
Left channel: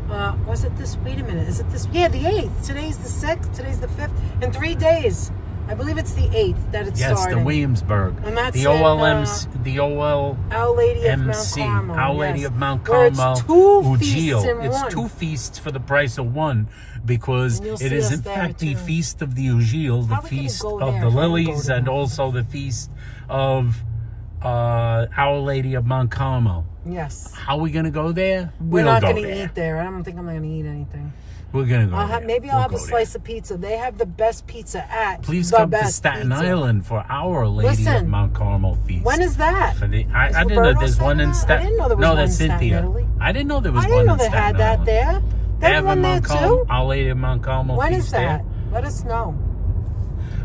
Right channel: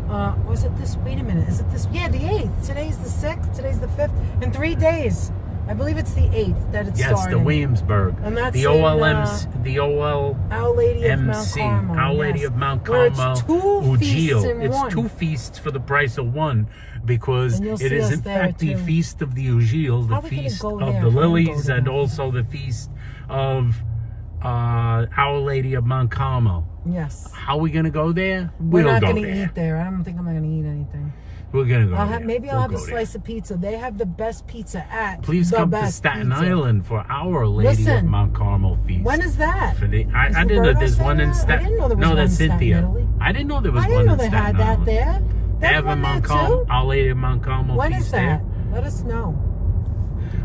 Was it this? Wait a minute. Is it this? Yeah, the 8th. Today's the 6th. Today's the 5th. In 3 days. I believe it's the 8th that it's Yes, starting. the Williamsburg. And that's the in, OLMC, the OL. Our Lady of Mount MC, Carmel. Our Lady yes. of Mount Where it's Carmel, two feasts in It's one. 2 feasts for the price of 1, because And you'll it see is us in there, fact the too. feast of the Ugil, the How are we gonna feast go of there? the I wanna go lilies, to and that. also the feast of Our Lady of Mount Carmel. Yes. How are we gonna go there? We're We'll not go going to there. eat there. I don't think I'm going to eat anything. We're gonna go. Maybe I'll have a go slice of pizza. They have the best pizza at Please the come to best Staten pizza. Island for Our Lady of Listen, Mount Carmel feast. When is that? For the, I didn't know Roberto there's saying one in that? I Staten. didn't know there was No, one that's in Staten Cynthia. Italy. I didn't know there was I one didn't know in they Staten had that Island. there. They have a one there Mount Carmel, too? Our Lady of Mount Carmel When feast is that? there. Let us know.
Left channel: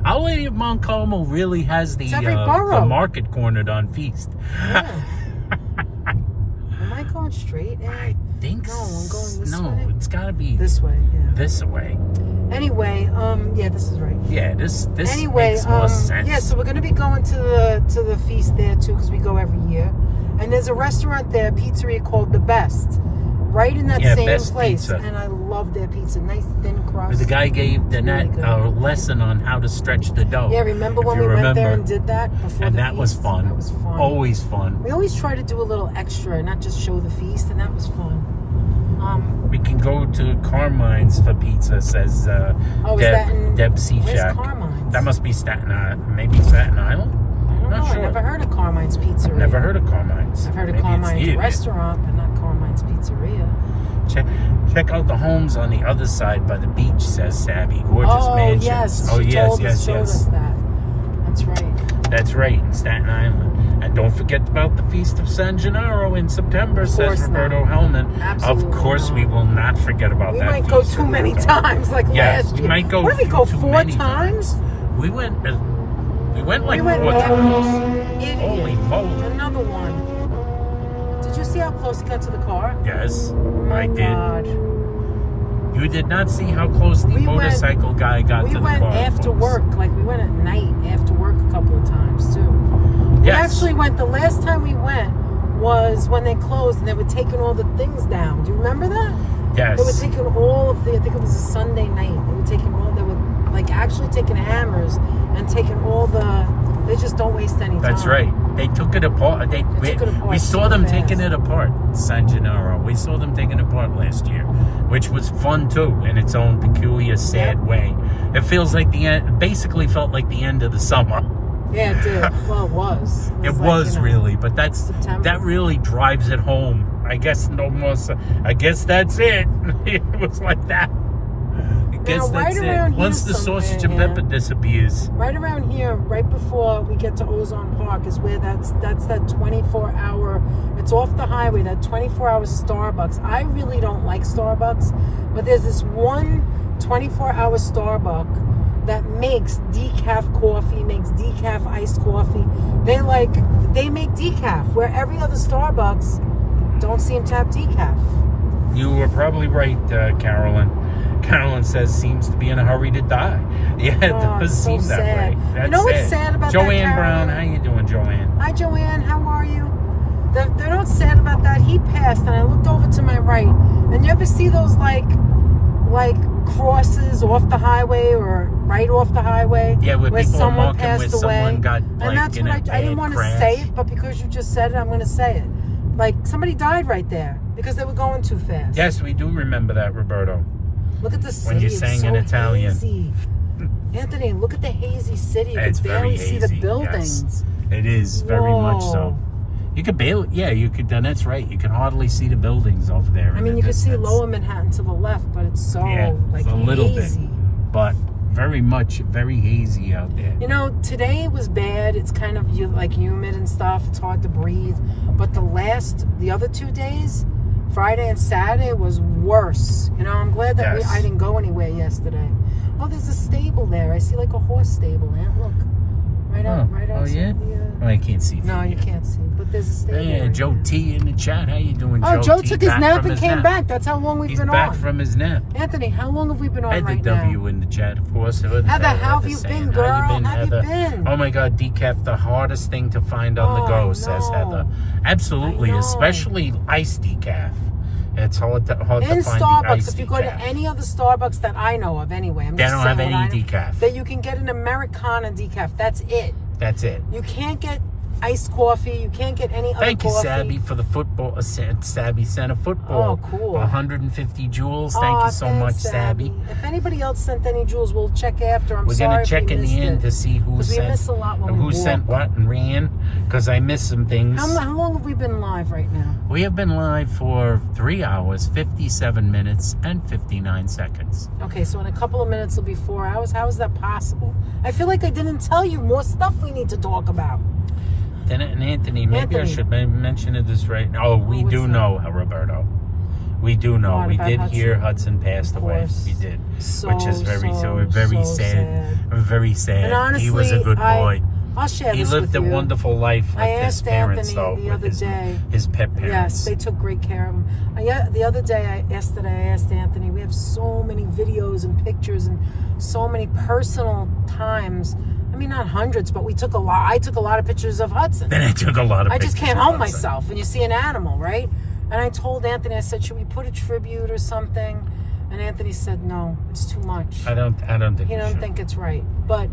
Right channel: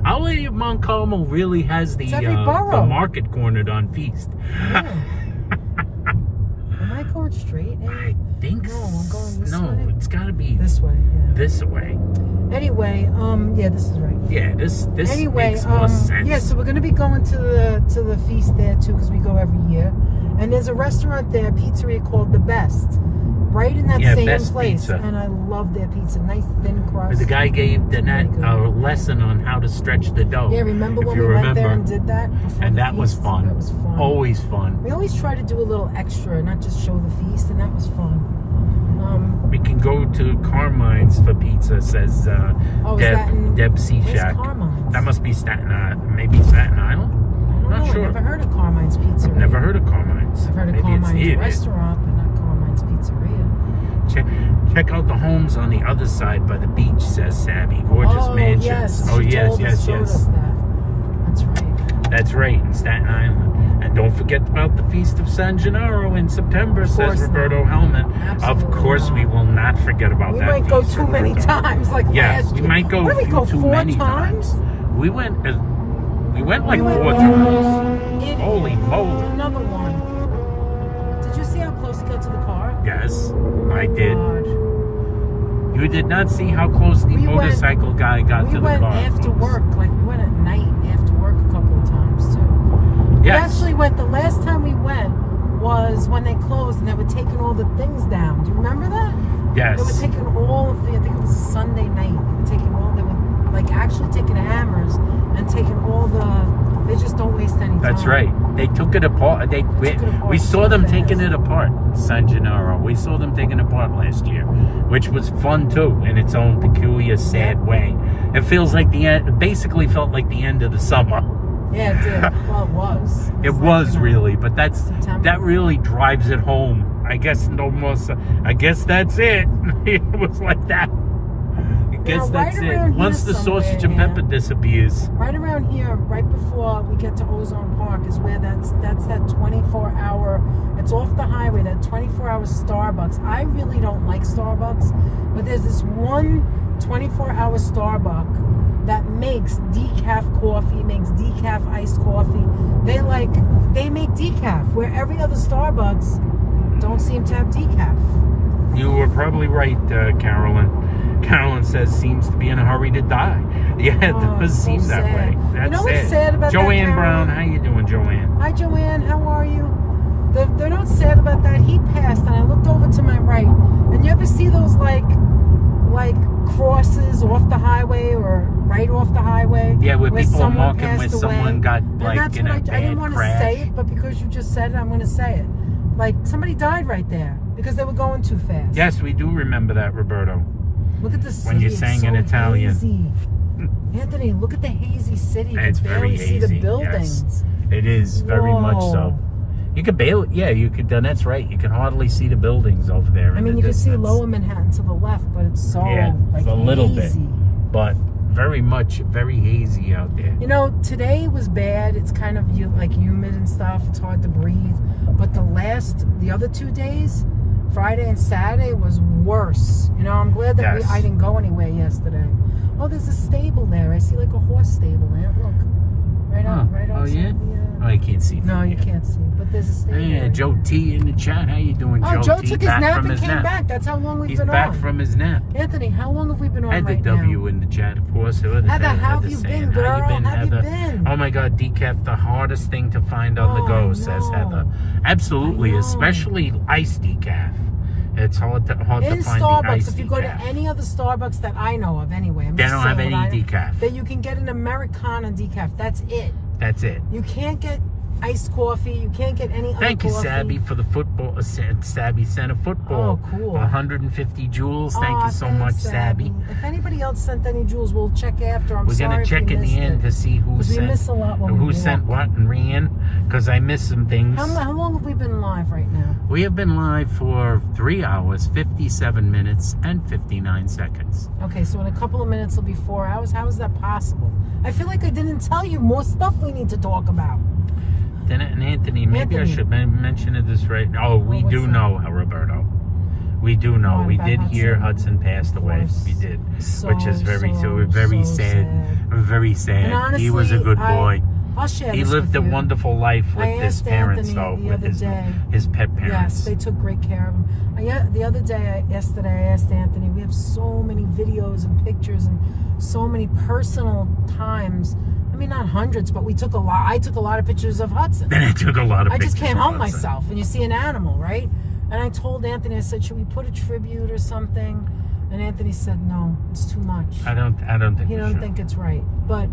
Our Lady of Mount Carmel really has the It's every borough. market cornered on feast. Yeah. Am I going straight? I think No, I'm going this way. No, it's gotta be This way, yeah. this way. Anyway, yeah, this is right. Yeah, this Anyway, makes more sense. yeah, so we're gonna be going to the feast there too, because we go every year. And there's a restaurant there, pizzeria called The Best, right in that same Best place. Pizza. And I love their pizza, nice thin crust. The guy gave Danette Really good. a lesson on how to stretch the dough. Yeah, remember if when you we went there remember. and did that before And the that was feast? fun. That was fun. Always fun. We always try to do a little extra, not just show the feast, and that was fun. We can go to Carmine's for pizza, says Is that in, Deb where's Seashack. Carmine's? That must be Staten Island. Maybe Staten Island? I don't Not know. sure. I've never heard of Carmine's Pizzeria. I've never heard of Carmine's. I've heard of Maybe it's Carmine's near there. Restaurant, but not Carmine's Pizzeria. Check out the homes on the other side by the beach, says Sabby. Gorgeous mansions. Yes. Oh, She yes, told us, showed us that. That's right. That's right, in Staten Island. And don't forget about the Feast of San Gennaro in September, says course Roberto not. Hellman. Absolutely Of course, not. we will not forget about We that. might go feast, too many Roberto. times, like Yes, last we year. might go What did we go too 4 many times? We went like We went 4 back. times. Idiot. Holy moly. Another one. Did you see how close he got to the car? Yes, Oh I did. God. You did not see how close the We went- motorcycle guy got We to the went car. after folks. work, like we went at night after work a couple of times too. We Yes. actually went, the last time we went was when they closed and they were taking all the things down. Do you remember that? Yes. They were taking all of the, I think it was a Sunday night. They were like actually taking hammers and taking all they just don't waste any time. That's right. They took it apart. took it apart We saw so them fast. taking it apart, San Gennaro. We saw them taking it apart last year, which was fun too, in its own peculiar, sad way. It feels like the end. It basically felt like the end of the summer. Yeah, it did. Well, it was. It like, was really, but September. that really drives it home. I guess no more. I guess that's it. It was like that. I guess Now, that's right it. around here Once the sausage and somewhere, pepper man. disappears. Right around here, right before we get to Ozone Park, is where that's that 24-hour. It's off the highway. That 24-hour Starbucks. I really don't like Starbucks, but there's this one 24-hour Starbucks that makes decaf coffee, makes decaf iced coffee. They make decaf, where every other Starbucks don't seem to have decaf. You were probably right, Carolyn. Carolyn says seems to be in a hurry to die. Yeah, it Oh, does so seem that sad. way. You That's know what's sad about that, Joanne Carolyn? Brown, how you doing, Joanne? Hi, Joanne. How are you? They're not sad about that. He passed, and I looked over to my right. And you ever see those like crosses off the highway or right off the highway? Yeah, where people are someone marking passed where away? someone got And like that's in a what I didn't bad want to crash. say it, but because you just said it, I'm going to say it. Like somebody died right there because they were going too fast. Yes, we do remember that, Roberto. Look at the city. When you It's sang so in Italian. hazy. Anthony, look at the hazy city. You It's can very barely see the hazy, buildings. yes. It is very much so. Whoa. You could barely, yeah, you could. That's right. You can hardly see the buildings over there. I in mean, the you can see distance. Lower Manhattan to the left, but it's so Yeah, like it's a little hazy. bit, but very hazy out there. You know, today was bad. It's kind of like humid and stuff. It's hard to breathe. But the other 2 days, Friday and Saturday, was worse. You know, I'm glad that Yes. I didn't go anywhere yesterday. Oh, there's a stable there. I see like a horse stable there. Look, right out. Oh yeah? Oh, I can't see. No, from you here. can't see. But there's a stable. Yeah, right Joe there. T in the chat. How you doing, Oh, Joe T? took his Back nap from and his came nap. back. That's how long we've He's been back on. from his nap. Anthony, how long have we been on Had the right W now? in the chat, of course. Heather, how have you been, girl? How you been, How have you Heather? been? Oh my God, decaf, the hardest thing to find on the Oh, go, I says know. Heather. Absolutely, I know. especially iced decaf. It's hard to In find the Starbucks, iced if you go to decaf. any other Starbucks that I know of, anyway, I'm They just don't have saying any what I know, decaf. that you can get an Americana decaf. That's it. That's it. You can't get iced coffee. You can't get any other Thank you, coffee. Sabby, for the football. Sabby sent a football. Oh, cool. 150 joules. Thank you so thanks, much, Sabby. If anybody else sent any jewels, we'll check after. I'm We're sorry gonna if check we in the missed end it. to see who 'Cause we sent miss a lot when we who walk. sent what and ran, because I missed some things. How long have we been live right now? We have been live for 3 hours, 57 minutes, and 59 seconds. Okay, so in a couple of minutes it'll be 4 hours. How is that possible? I feel like I didn't tell you more stuff we need to talk about. Then, and Anthony, maybe I should mention this right now. Oh, we do know, Roberto. We do know. We did hear Hudson passed away. We did, which is very sad. Very sad. Honestly, he was a good boy. I'll share He this lived with a you. wonderful life with his parents, though, the with other day. his pet parents. Yes, they took great care of him. Yeah, the other day, yesterday, I asked Anthony. We have so many videos and pictures and so many personal times. I mean, not hundreds, but we took a lot. I took a lot of pictures of Hudson. Then I took a lot of pictures. I just can't of help Hudson. myself. And you see an animal, right? And I told Anthony, I said, should we put a tribute or something? And Anthony said, no, it's too much. I don't think. He don't think it's right. But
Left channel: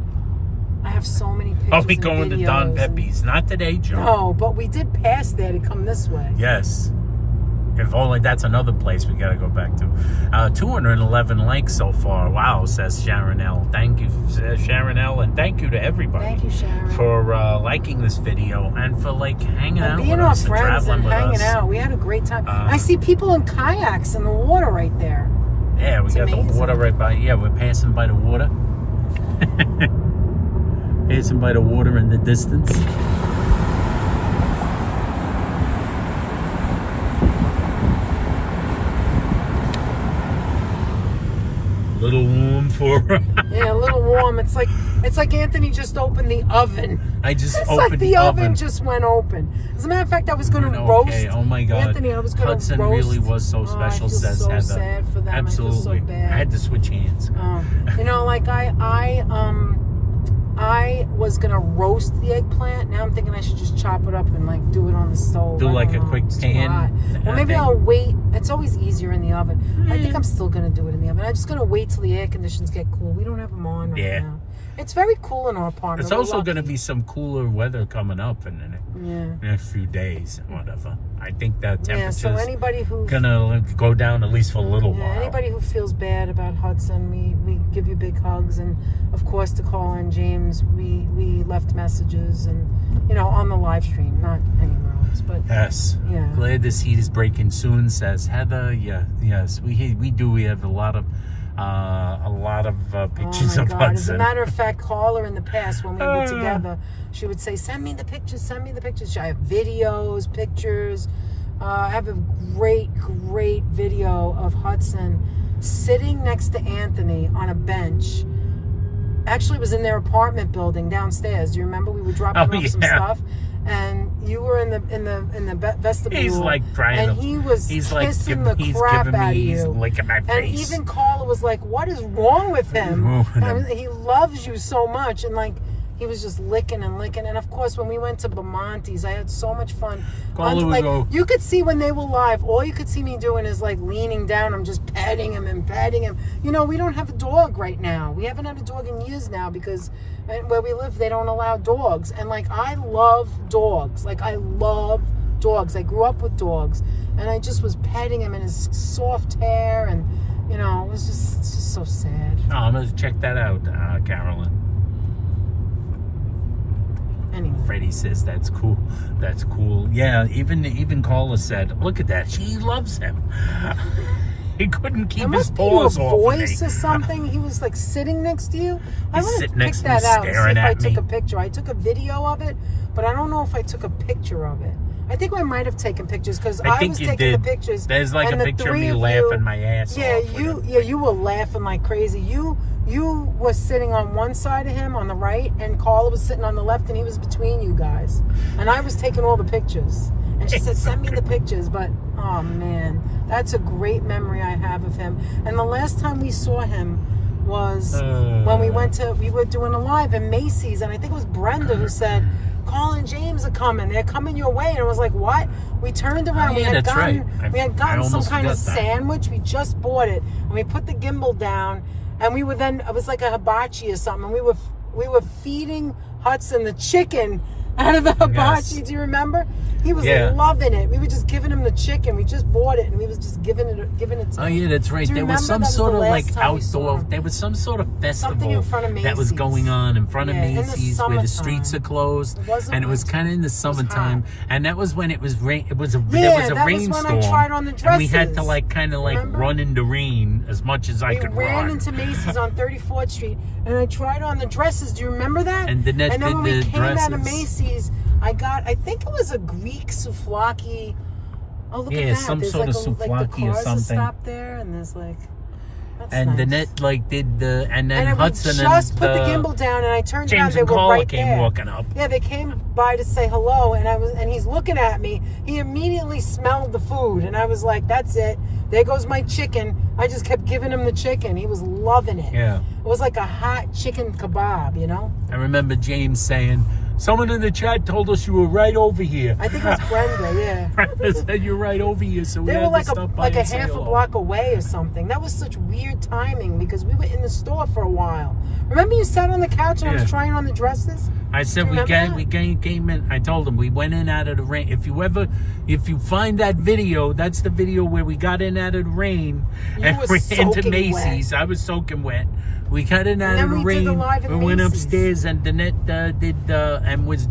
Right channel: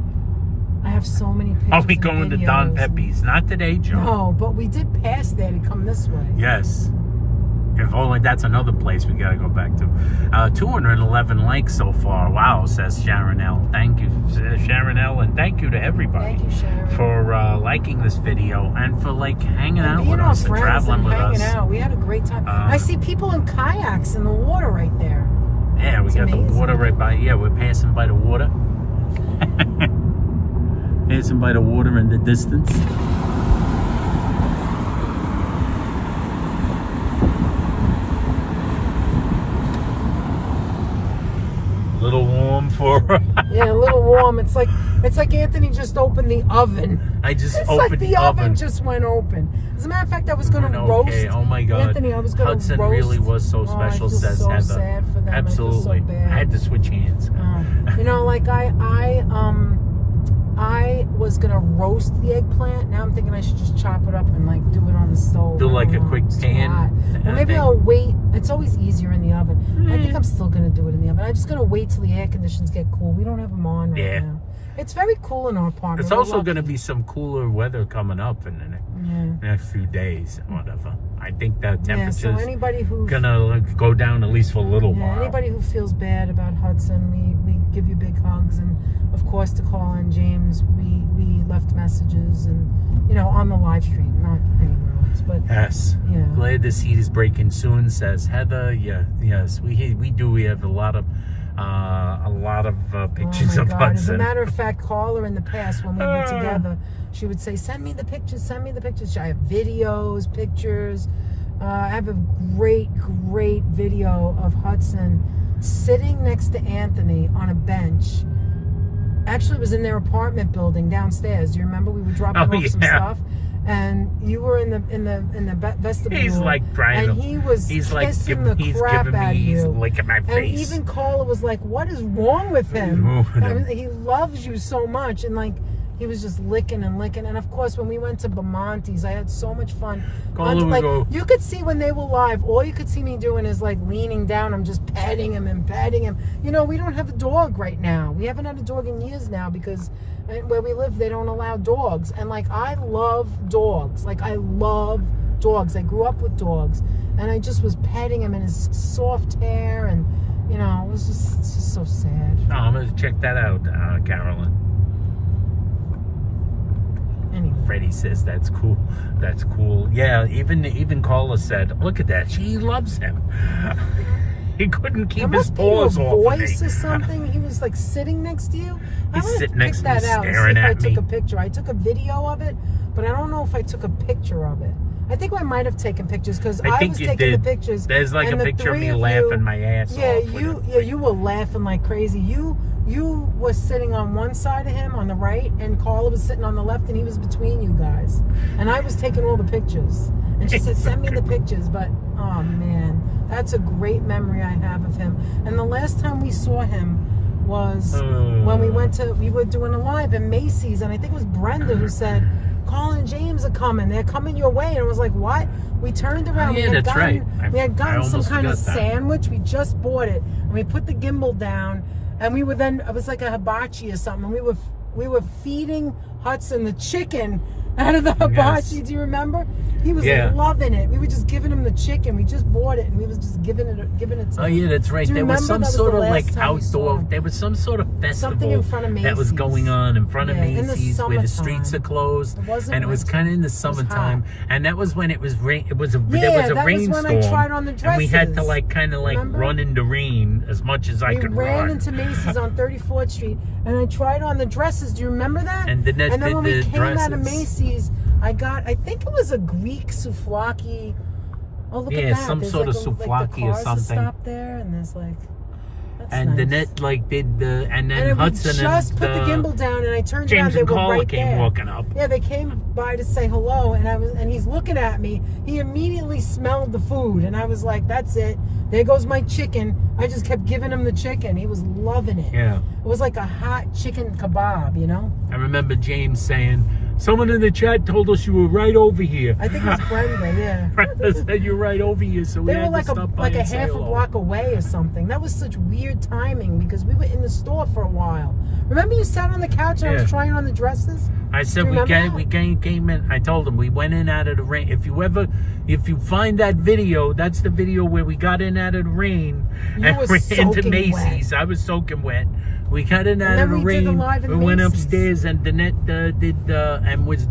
I have so many pictures. Are we going to Don Pepe's? Not today, Joe. No, but we did pass there to come this way. Yes. If only that's another place we got to go back to. 211 likes so far. Wow, says Sharon L. Thank you, Sharon L. And thank you to everybody. Thank you, Sharon. For liking this video and for hanging out with us and traveling with us. Out. We had a great time. I see people in kayaks in the water right there. Yeah, we got amazing. the water right by. Yeah, we're passing by the water. Passing by the water in the distance. Little warm for Yeah, a little warm. It's like Anthony just opened the oven. I just It's opened like the oven just went open. As a matter of fact, I was going to roast. Okay, oh my God, Anthony, I was going to Hudson roast. really was so special, I feel says so Heather. sad for them. Absolutely, I feel so bad. I had to switch hands. You know, like I was gonna roast the eggplant. Now I'm thinking I should just chop it up and do it on the stove. Do I like don't a know, quick it's too pan hot. Well, maybe thing. I'll wait. It's always easier in the oven. I think I'm still gonna do it in the oven. I'm just gonna wait till the air conditions get cool. We don't have them on right now. It's very cool in our apartment. It's also going to be some cooler weather coming up in the next few days, whatever. I think that temperature's so anybody who gonna go down at least for a little while. Anybody who feels bad about Hudson, we give you big hugs, and of course to Carla and James, we left messages and on the live stream, not anywhere else. But yes, yeah. Glad this heat is breaking soon, says Heather. Yeah, yes, we have a lot of pictures of God. Hudson. As a matter of fact, Carla in the past when we were together, she would say, send me the pictures. I have videos, pictures. I have a great video of Hudson sitting next to Anthony on a bench. Actually, it was in their apartment building downstairs. Do you remember? We were dropping off some stuff, and you were in the vestibule. He's trying and he was kissing the crap out of you. He's licking my face. And even Carla was like, "What is wrong with him? He loves you so much." And he was just licking and licking. And of course, when we went to Bamonte's, I had so much fun. You could see when they were live, all you could see me doing is leaning down. I'm just petting him and petting him. We don't have a dog right now. We haven't had a dog in years now because where we live, they don't allow dogs. And I love dogs. I love dogs. I grew up with dogs. And I just was petting him in his soft hair. And, it was just so sad. Oh, I'm going to check that out, Carolyn. Anyway. Freddie says that's cool. That's cool. Yeah, even Carla said, look at that. She loves him. He couldn't keep his paws off of me. Voice or something. He was sitting next to you. He's sitting next to me, staring at me. I took me. a picture. I took a video of it, but I don't know if I took a picture of it. I think I might have taken pictures because I think was you taking did. the pictures. There's a picture of me laughing my ass off. You were laughing like crazy. You was sitting on one side of him on the right, and Carla was sitting on the left, and he was between you guys. And I was taking all the pictures. And she said, send me the pictures. But, oh, man, that's a great memory I have of him. And the last time we saw him was when we were doing a live in Macy's, and I think it was Brenda who said, Carl and James are coming. They're coming your way. And I was like, what? We turned around. We had gotten some kind of sandwich. We just bought it. And we put the gimbal down. And we were it was like a hibachi or something. And we were feeding Hudson the chicken out of the hibachi. Yes. Do you remember? He was loving it. We were just giving him him the chicken. We just bought it and we was just giving it to Oh him. yeah, that's right. Do you There was remember? some That was sort the of like last time we saw outdoor. him. There was some sort of Something in festival front of that was Macy's. going on in front of Yeah, in the Macy's, where the streets summertime. are closed, It wasn't and it was winter. kind of in the was summertime, hot. and that was when it was rain. It was a there Yeah, was a that was when I rainstorm, tried on the and we had to dresses. like kind of like Remember? run in the rain as much as I We could ran run. into Macy's on 34th Street, and I tried on the dresses. Do you remember that? And Danette and then did when we the came out of dresses. Macy's, I think it was a Greek souvlaki. Oh, look Yeah, at that. some There's sort of like the souvlaki or cars are something. stopped there, and there's like. That's And nice. Danette like did the, and then And Hudson we just and put the gimbal down, and I turned around. James They and were Carla right came there. walking up. Yeah, they came by to say hello, and he's looking at me. He immediately smelled the food, and I was like, "That's it. There goes my chicken." I just kept giving him the chicken. He was loving it. Yeah. It was like a hot chicken kebab, you know? I remember James saying, "Someone in the chat told us you were right over here." I think it was Brenda, yeah. Brenda said you're right over here, so we They were had like to a stop by and say half a hello. block away or something. That was such weird timing because we were in the store for a while. Remember you sat on the couch and I was Yeah. trying on the dresses? I said Remember that? we came in. I told him we went in out of the rain. If you find that video, that's the video where we got in out of the rain You and were ran into soaking Macy's. wet. I was soaking wet. We got in out then of the we did the rain. live in We went Macy's. upstairs and Danette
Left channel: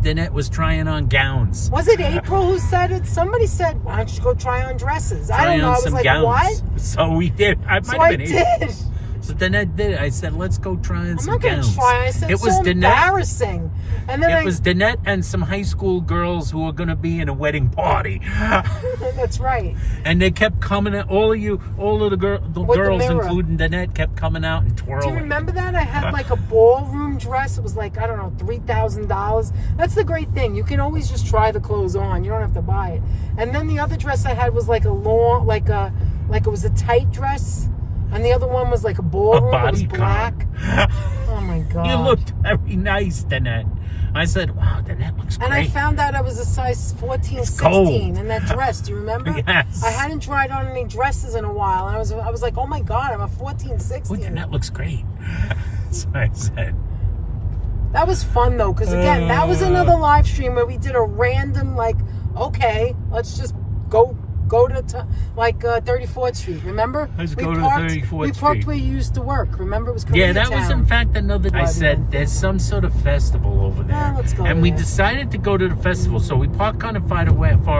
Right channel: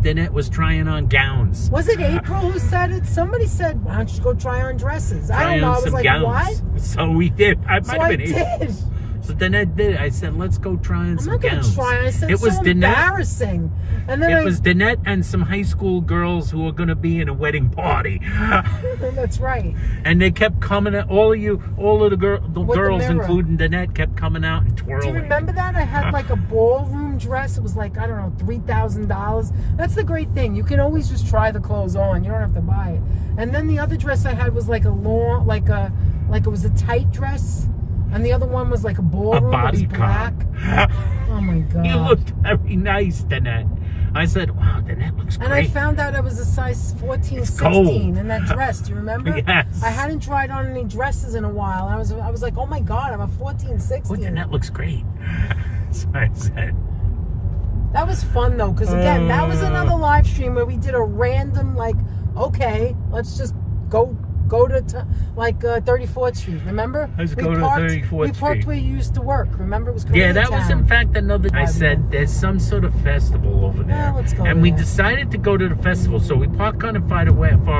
Danette was trying on gowns. Was it April who said it? Somebody said, "Why don't you go try on dresses?" I Try don't know. on I was some like, gowns. "What?" So we did. I So might I have been April. did. So Danette did it. I said, let's go try on I'm some not going gowns. to try. I said, It was so Danette. embarrassing. And then It was Danette and some high school girls who were going to be in a wedding party. That's right. And they kept coming out. All of the girls, mirror. including Danette, kept coming out and twirling. Do you remember that? I had like a ballroom dress. It was like, I don't know, $3,000. That's the great thing. You can always just try the clothes on. You don't have to buy it. And then the other dress I had was like a long, like it was a tight dress. And the other one was like a ballroom. It was black. Oh my God. You looked very nice, Danette. I said, wow, Danette looks great. And I found out I was a size 14, It's 16 cold. in that dress. Do you remember? Yes. I hadn't tried on any dresses in a while. And I was like, oh my God, I'm a 14, 16. Oh, Danette looks great. So I said. That was fun though, because again, that was another live stream where we did a random, like, okay, let's just go to 34th Street. Remember? Let's We go to parked- 34th We parked Street. where you used to work. Remember? It was Yeah, that was in Koreatown. fact another. I By the said way. there's some sort of festival over there, let's go and we there. decided to go to the festival. So we parked kind of far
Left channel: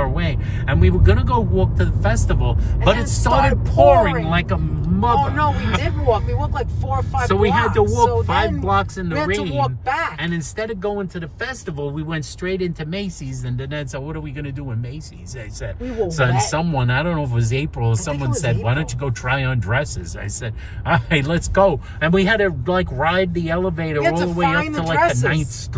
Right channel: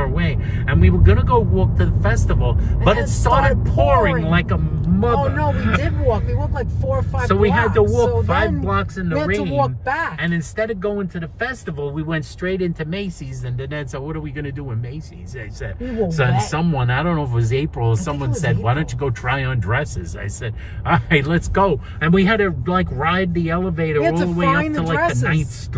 away, and we were gonna go walk to the festival, but then it started pouring pouring. like a mother. Oh no, we did walk. We walked like 4 or 5 So we had to blocks. walk So 5 then blocks in the we had rain, to walk back. and instead of going to the festival, we went straight into Macy's. And then said, "What are we gonna do in Macy's?" I said, We were "So wet. someone, I don't know if it was April or think someone it was said, why don't April. you go try on dresses?" I said, "All right, let's go." And we had to like ride the elevator We had all to the way up find to the like dresses. the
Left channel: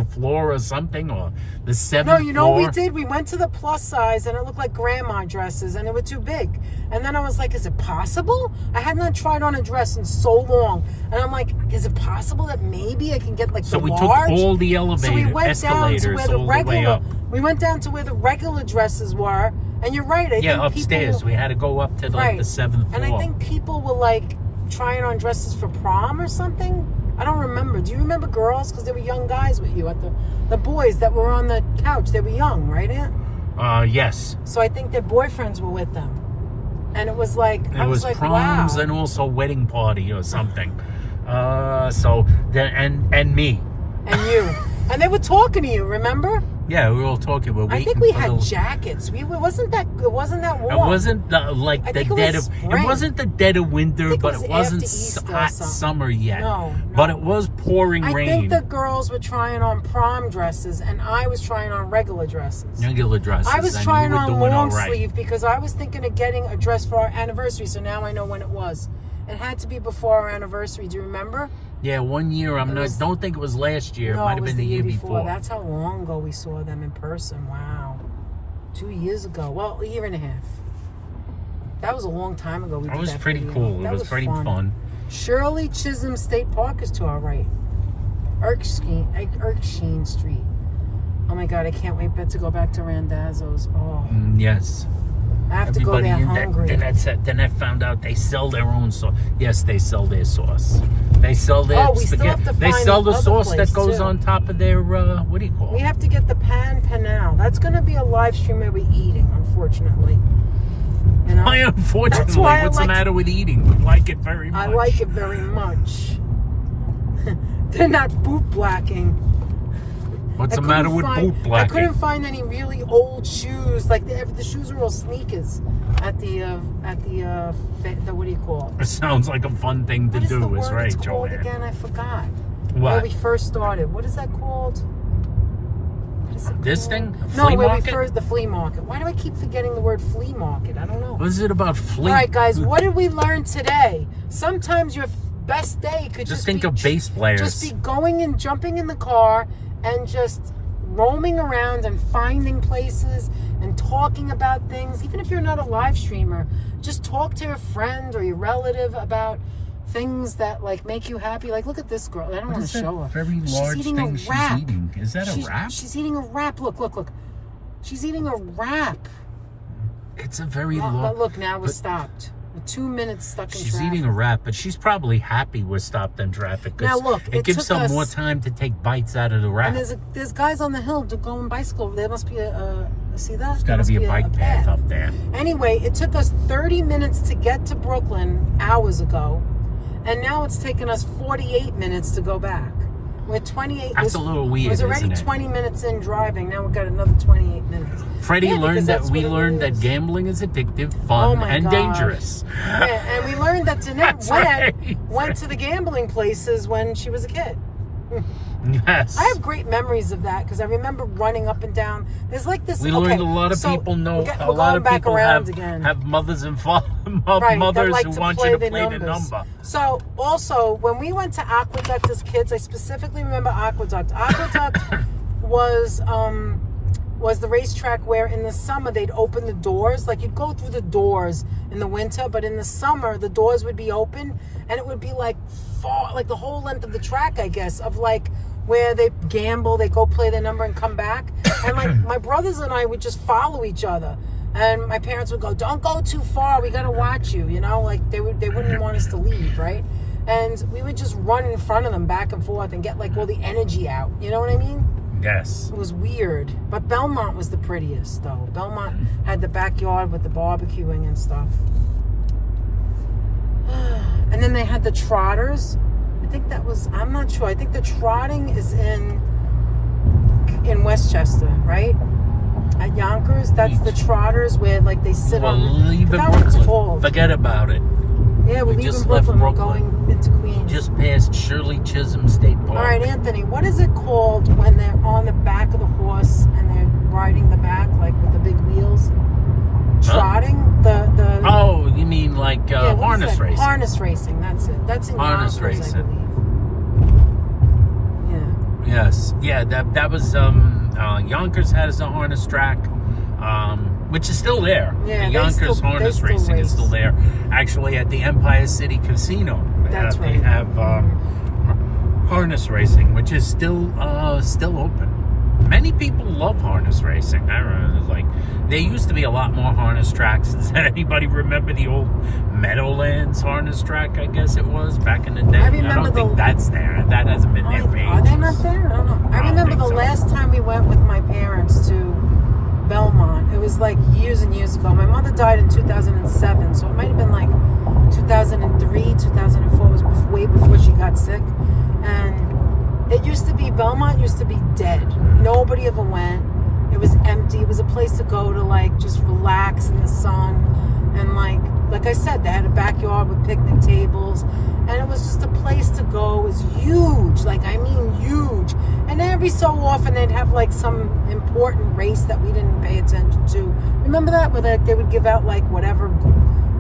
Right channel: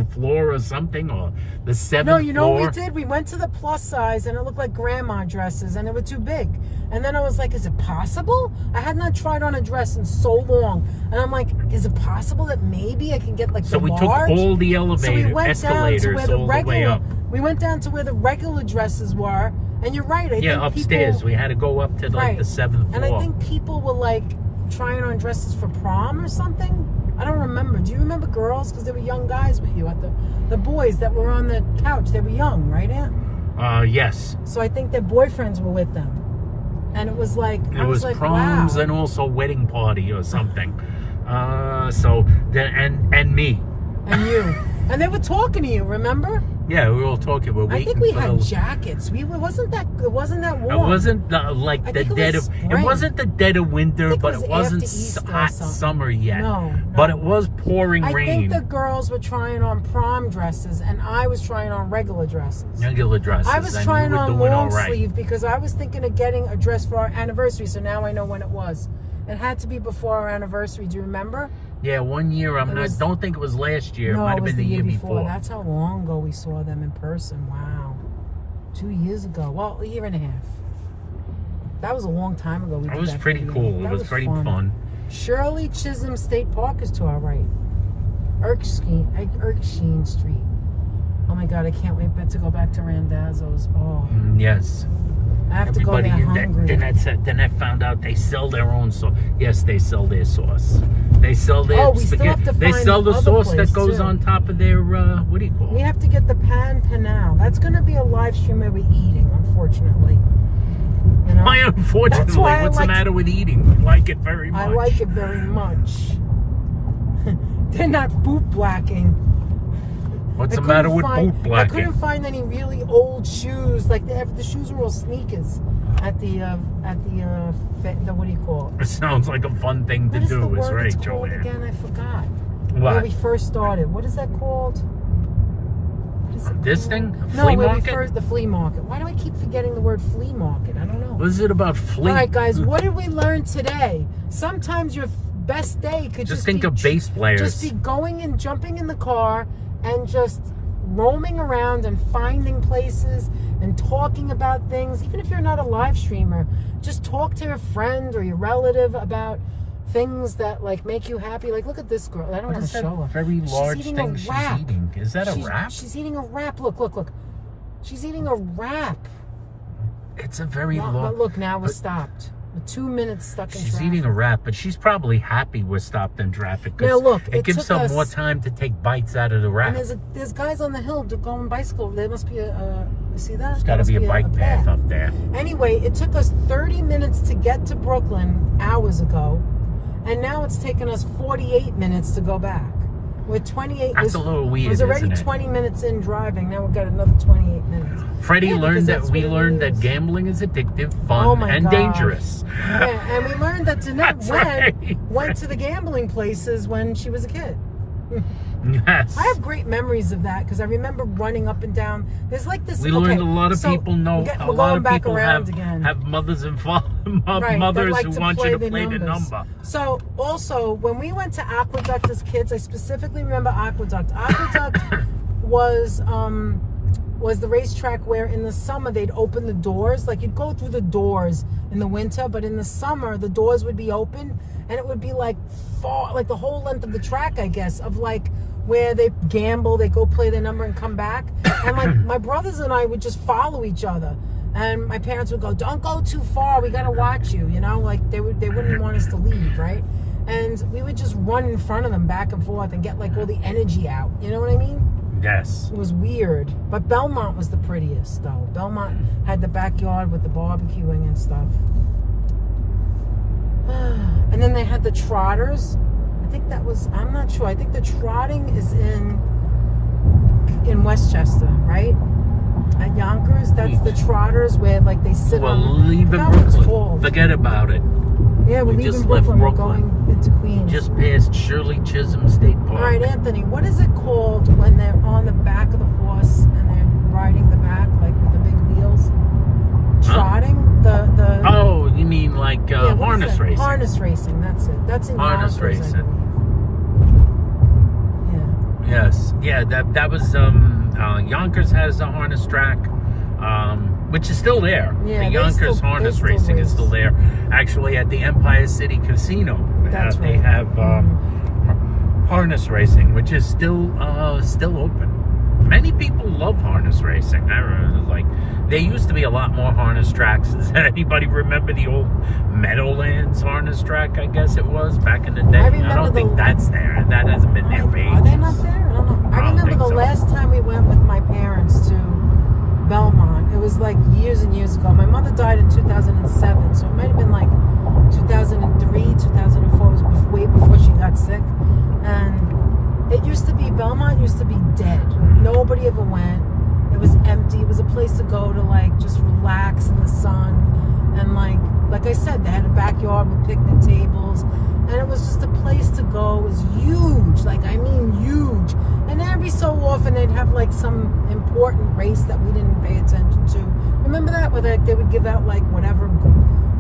9th floor or something, or the 7th No, you know floor. what we did? We went to the plus size and it looked like grandma dresses and they were too big. And then I was like, is it possible? I had not tried on a dress in so long. And I'm like, is it possible that maybe I can get like So the we took large? all the So we elevator went escalators down to where the all the way up. We went down to where the regular dresses were. And you're right. I Yeah, think upstairs. people, we had to go up to like Right. the 7th floor. and I think people were like trying on dresses for prom or something. I don't remember. Do you remember girls? Because there were young guys with you at the boys that were on the couch. They were young, right, Aunt? Yes. So I think their boyfriends were with them. And it was like, It I was like, proms wow. and also wedding party or something. And me. And you. And they were talking to you, remember? Yeah, we were all talking. We're waiting I think we for had the. jackets. It wasn't that warm. It wasn't like I the think it dead was of. It spring. wasn't the dead of I winter, think it but was it wasn't after Easter or hot something. summer yet. No. But it was pouring I rain. think the girls were trying on prom dresses and I was trying on regular dresses. Regular dresses. I was and trying you were on doing all long right. sleeve because I was thinking of getting a dress for our anniversary, so now I know when it was. It had to be before our anniversary. Do you remember? Yeah, 1 year. was- Don't think it was last year. No, it might have was been the year before. That's how long ago we saw them in person. Wow. 2 years ago. Well, a year and a half. That was a long time ago. It was pretty cool. It was pretty fun. Shirley Chisholm State Park is to our right. Erskine Street. Oh my God, I can't wait to go back to Randazzo's. Oh, Yes. I have to go there hungry. Then I found out they sell their own sauce. Yes, they sell their sauce. They sell their we still spaghetti. have to They find sell the the other sauce place, that goes too. on top of their what do you call We it? have to get the pan panal. That's going to be a live stream where we're eating on unfortunately. You know? Why, unfortunately? That's why I What's the like- matter with eating? We like it very much. I like it very much. They're not boot blacking. What's I the matter couldn't with find- boot blacking? I couldn't find any really old shoes. Like the shoes are all sneakers at the what do you call it? It sounds like a fun thing to What is the do, is word right, it's called Joanne? again? I forgot. What? Where we first started. What is that called? What is it This called? thing? A No, flea where market? we first the flea market. Why do I keep forgetting the word flea market? I don't know. What is it about flea? All right, guys. What did we learn today? Sometimes your best day could Just just think be of bass players. Just be going and jumping in the car and just roaming around and finding places and talking about things. Even if you're not a live streamer, just talk to your friend or your relative about things that like make you happy. Like, look at this girl. I don't What want is to that show her. very She's large eating thing a she's wrap. eating? Is that a wrap? She's eating a wrap. Look. She's eating a wrap. It's a very Well, long... but look, now we're but stopped. We're 2 minutes stuck in She's traffic. eating a wrap, but she's probably happy we're stopped in traffic. 'Cause Now, look, it it gives took them us- more time to take bites out of the wrap. And there's guys on the hill to go on bicycle. There must be a see that? There's There got to must be a bike path up there. Anyway, it took us 30 minutes to get to Brooklyn hours ago, and now it's taken us 48 minutes to go back. We're 28. That's a little weird, It was already isn't it? 20 minutes in driving. Now we've got another 28 minutes. Freddie Yeah, learned because that that's we what it learned that is. gambling is addictive, Oh fun, my and gosh. dangerous. Yeah, and we learned that That's Danette right. went to the gambling places when she was a kid. Yes. I have great memories of that because I remember running up and down. There's like this. We okay, learned a lot of so people know. we're A going lot of back people around have, again. have mothers and Right, mothers that like who to want play you to the play the numbers. number. So also when we went to Aqueduct as kids, I specifically remember Aqueduct. Aqueduct was the racetrack where in the summer they'd open the doors. Like you'd go through the doors in the winter, but in the summer the doors would be open and it would be like far, like the whole length of the track, I guess, of like where they gamble, they go play their number and come back. And like my brothers and I would just follow each other. And my parents would go, "Don't go too far. We gotta watch you." You know, like they wouldn't want us to leave, right? And we would just run in front of them back and forth and get like all the energy out. You know what I mean? Yes. It was weird. But Belmont was the prettiest, though. Belmont had the backyard with the barbecuing and stuff. And then they had the trotters. I think that was, I'm not sure. I think the trotting is in Westchester, right? At Yonkers, that's the trotters where like they sit Well, on. leaving I forgot what it's Brooklyn. called. Forget about it. Yeah, we're we leaving just left Brooklyn. We're Brooklyn. going into Queens. Just past Shirley Chisholm State Park. All right, Anthony, what is it called when they're on the back of the horse and they're riding the back, like with the big wheels? Trotting? The Oh, you mean like yeah, what is harness that? racing? Harness racing, that's it. That's in Harness Yonkers, racing. I believe. Yes. Yeah, that was Yonkers has a harness track. Which is still there. Yeah, the they Yonkers still- harness they still racing is race. still there. Actually, at the Empire City Casino, That's they right. have harness racing, which is still open. Many people love harness racing. I remember, like, there used to be a lot more harness tracks. Does anybody remember the old Meadowlands harness track? I guess it was back in the day. I don't think that's there. That hasn't been there for ages. Are they not there? I don't know. I I don't remember think the so. last time we went with my parents to Belmont. It was like years and years ago. My mother died in 2007, so it might have been like 2003, 2004. It was way before she got sick. And it used to be, Belmont used to be dead. Nobody ever went. It was empty. It was a place to go to like just relax in the sun. And like I said, they had a backyard with picnic tables. And it was just a place to go. It was huge. Like, I mean huge. And every so often they'd have like some important race that we didn't pay attention to. Remember that? Where they would give out like whatever,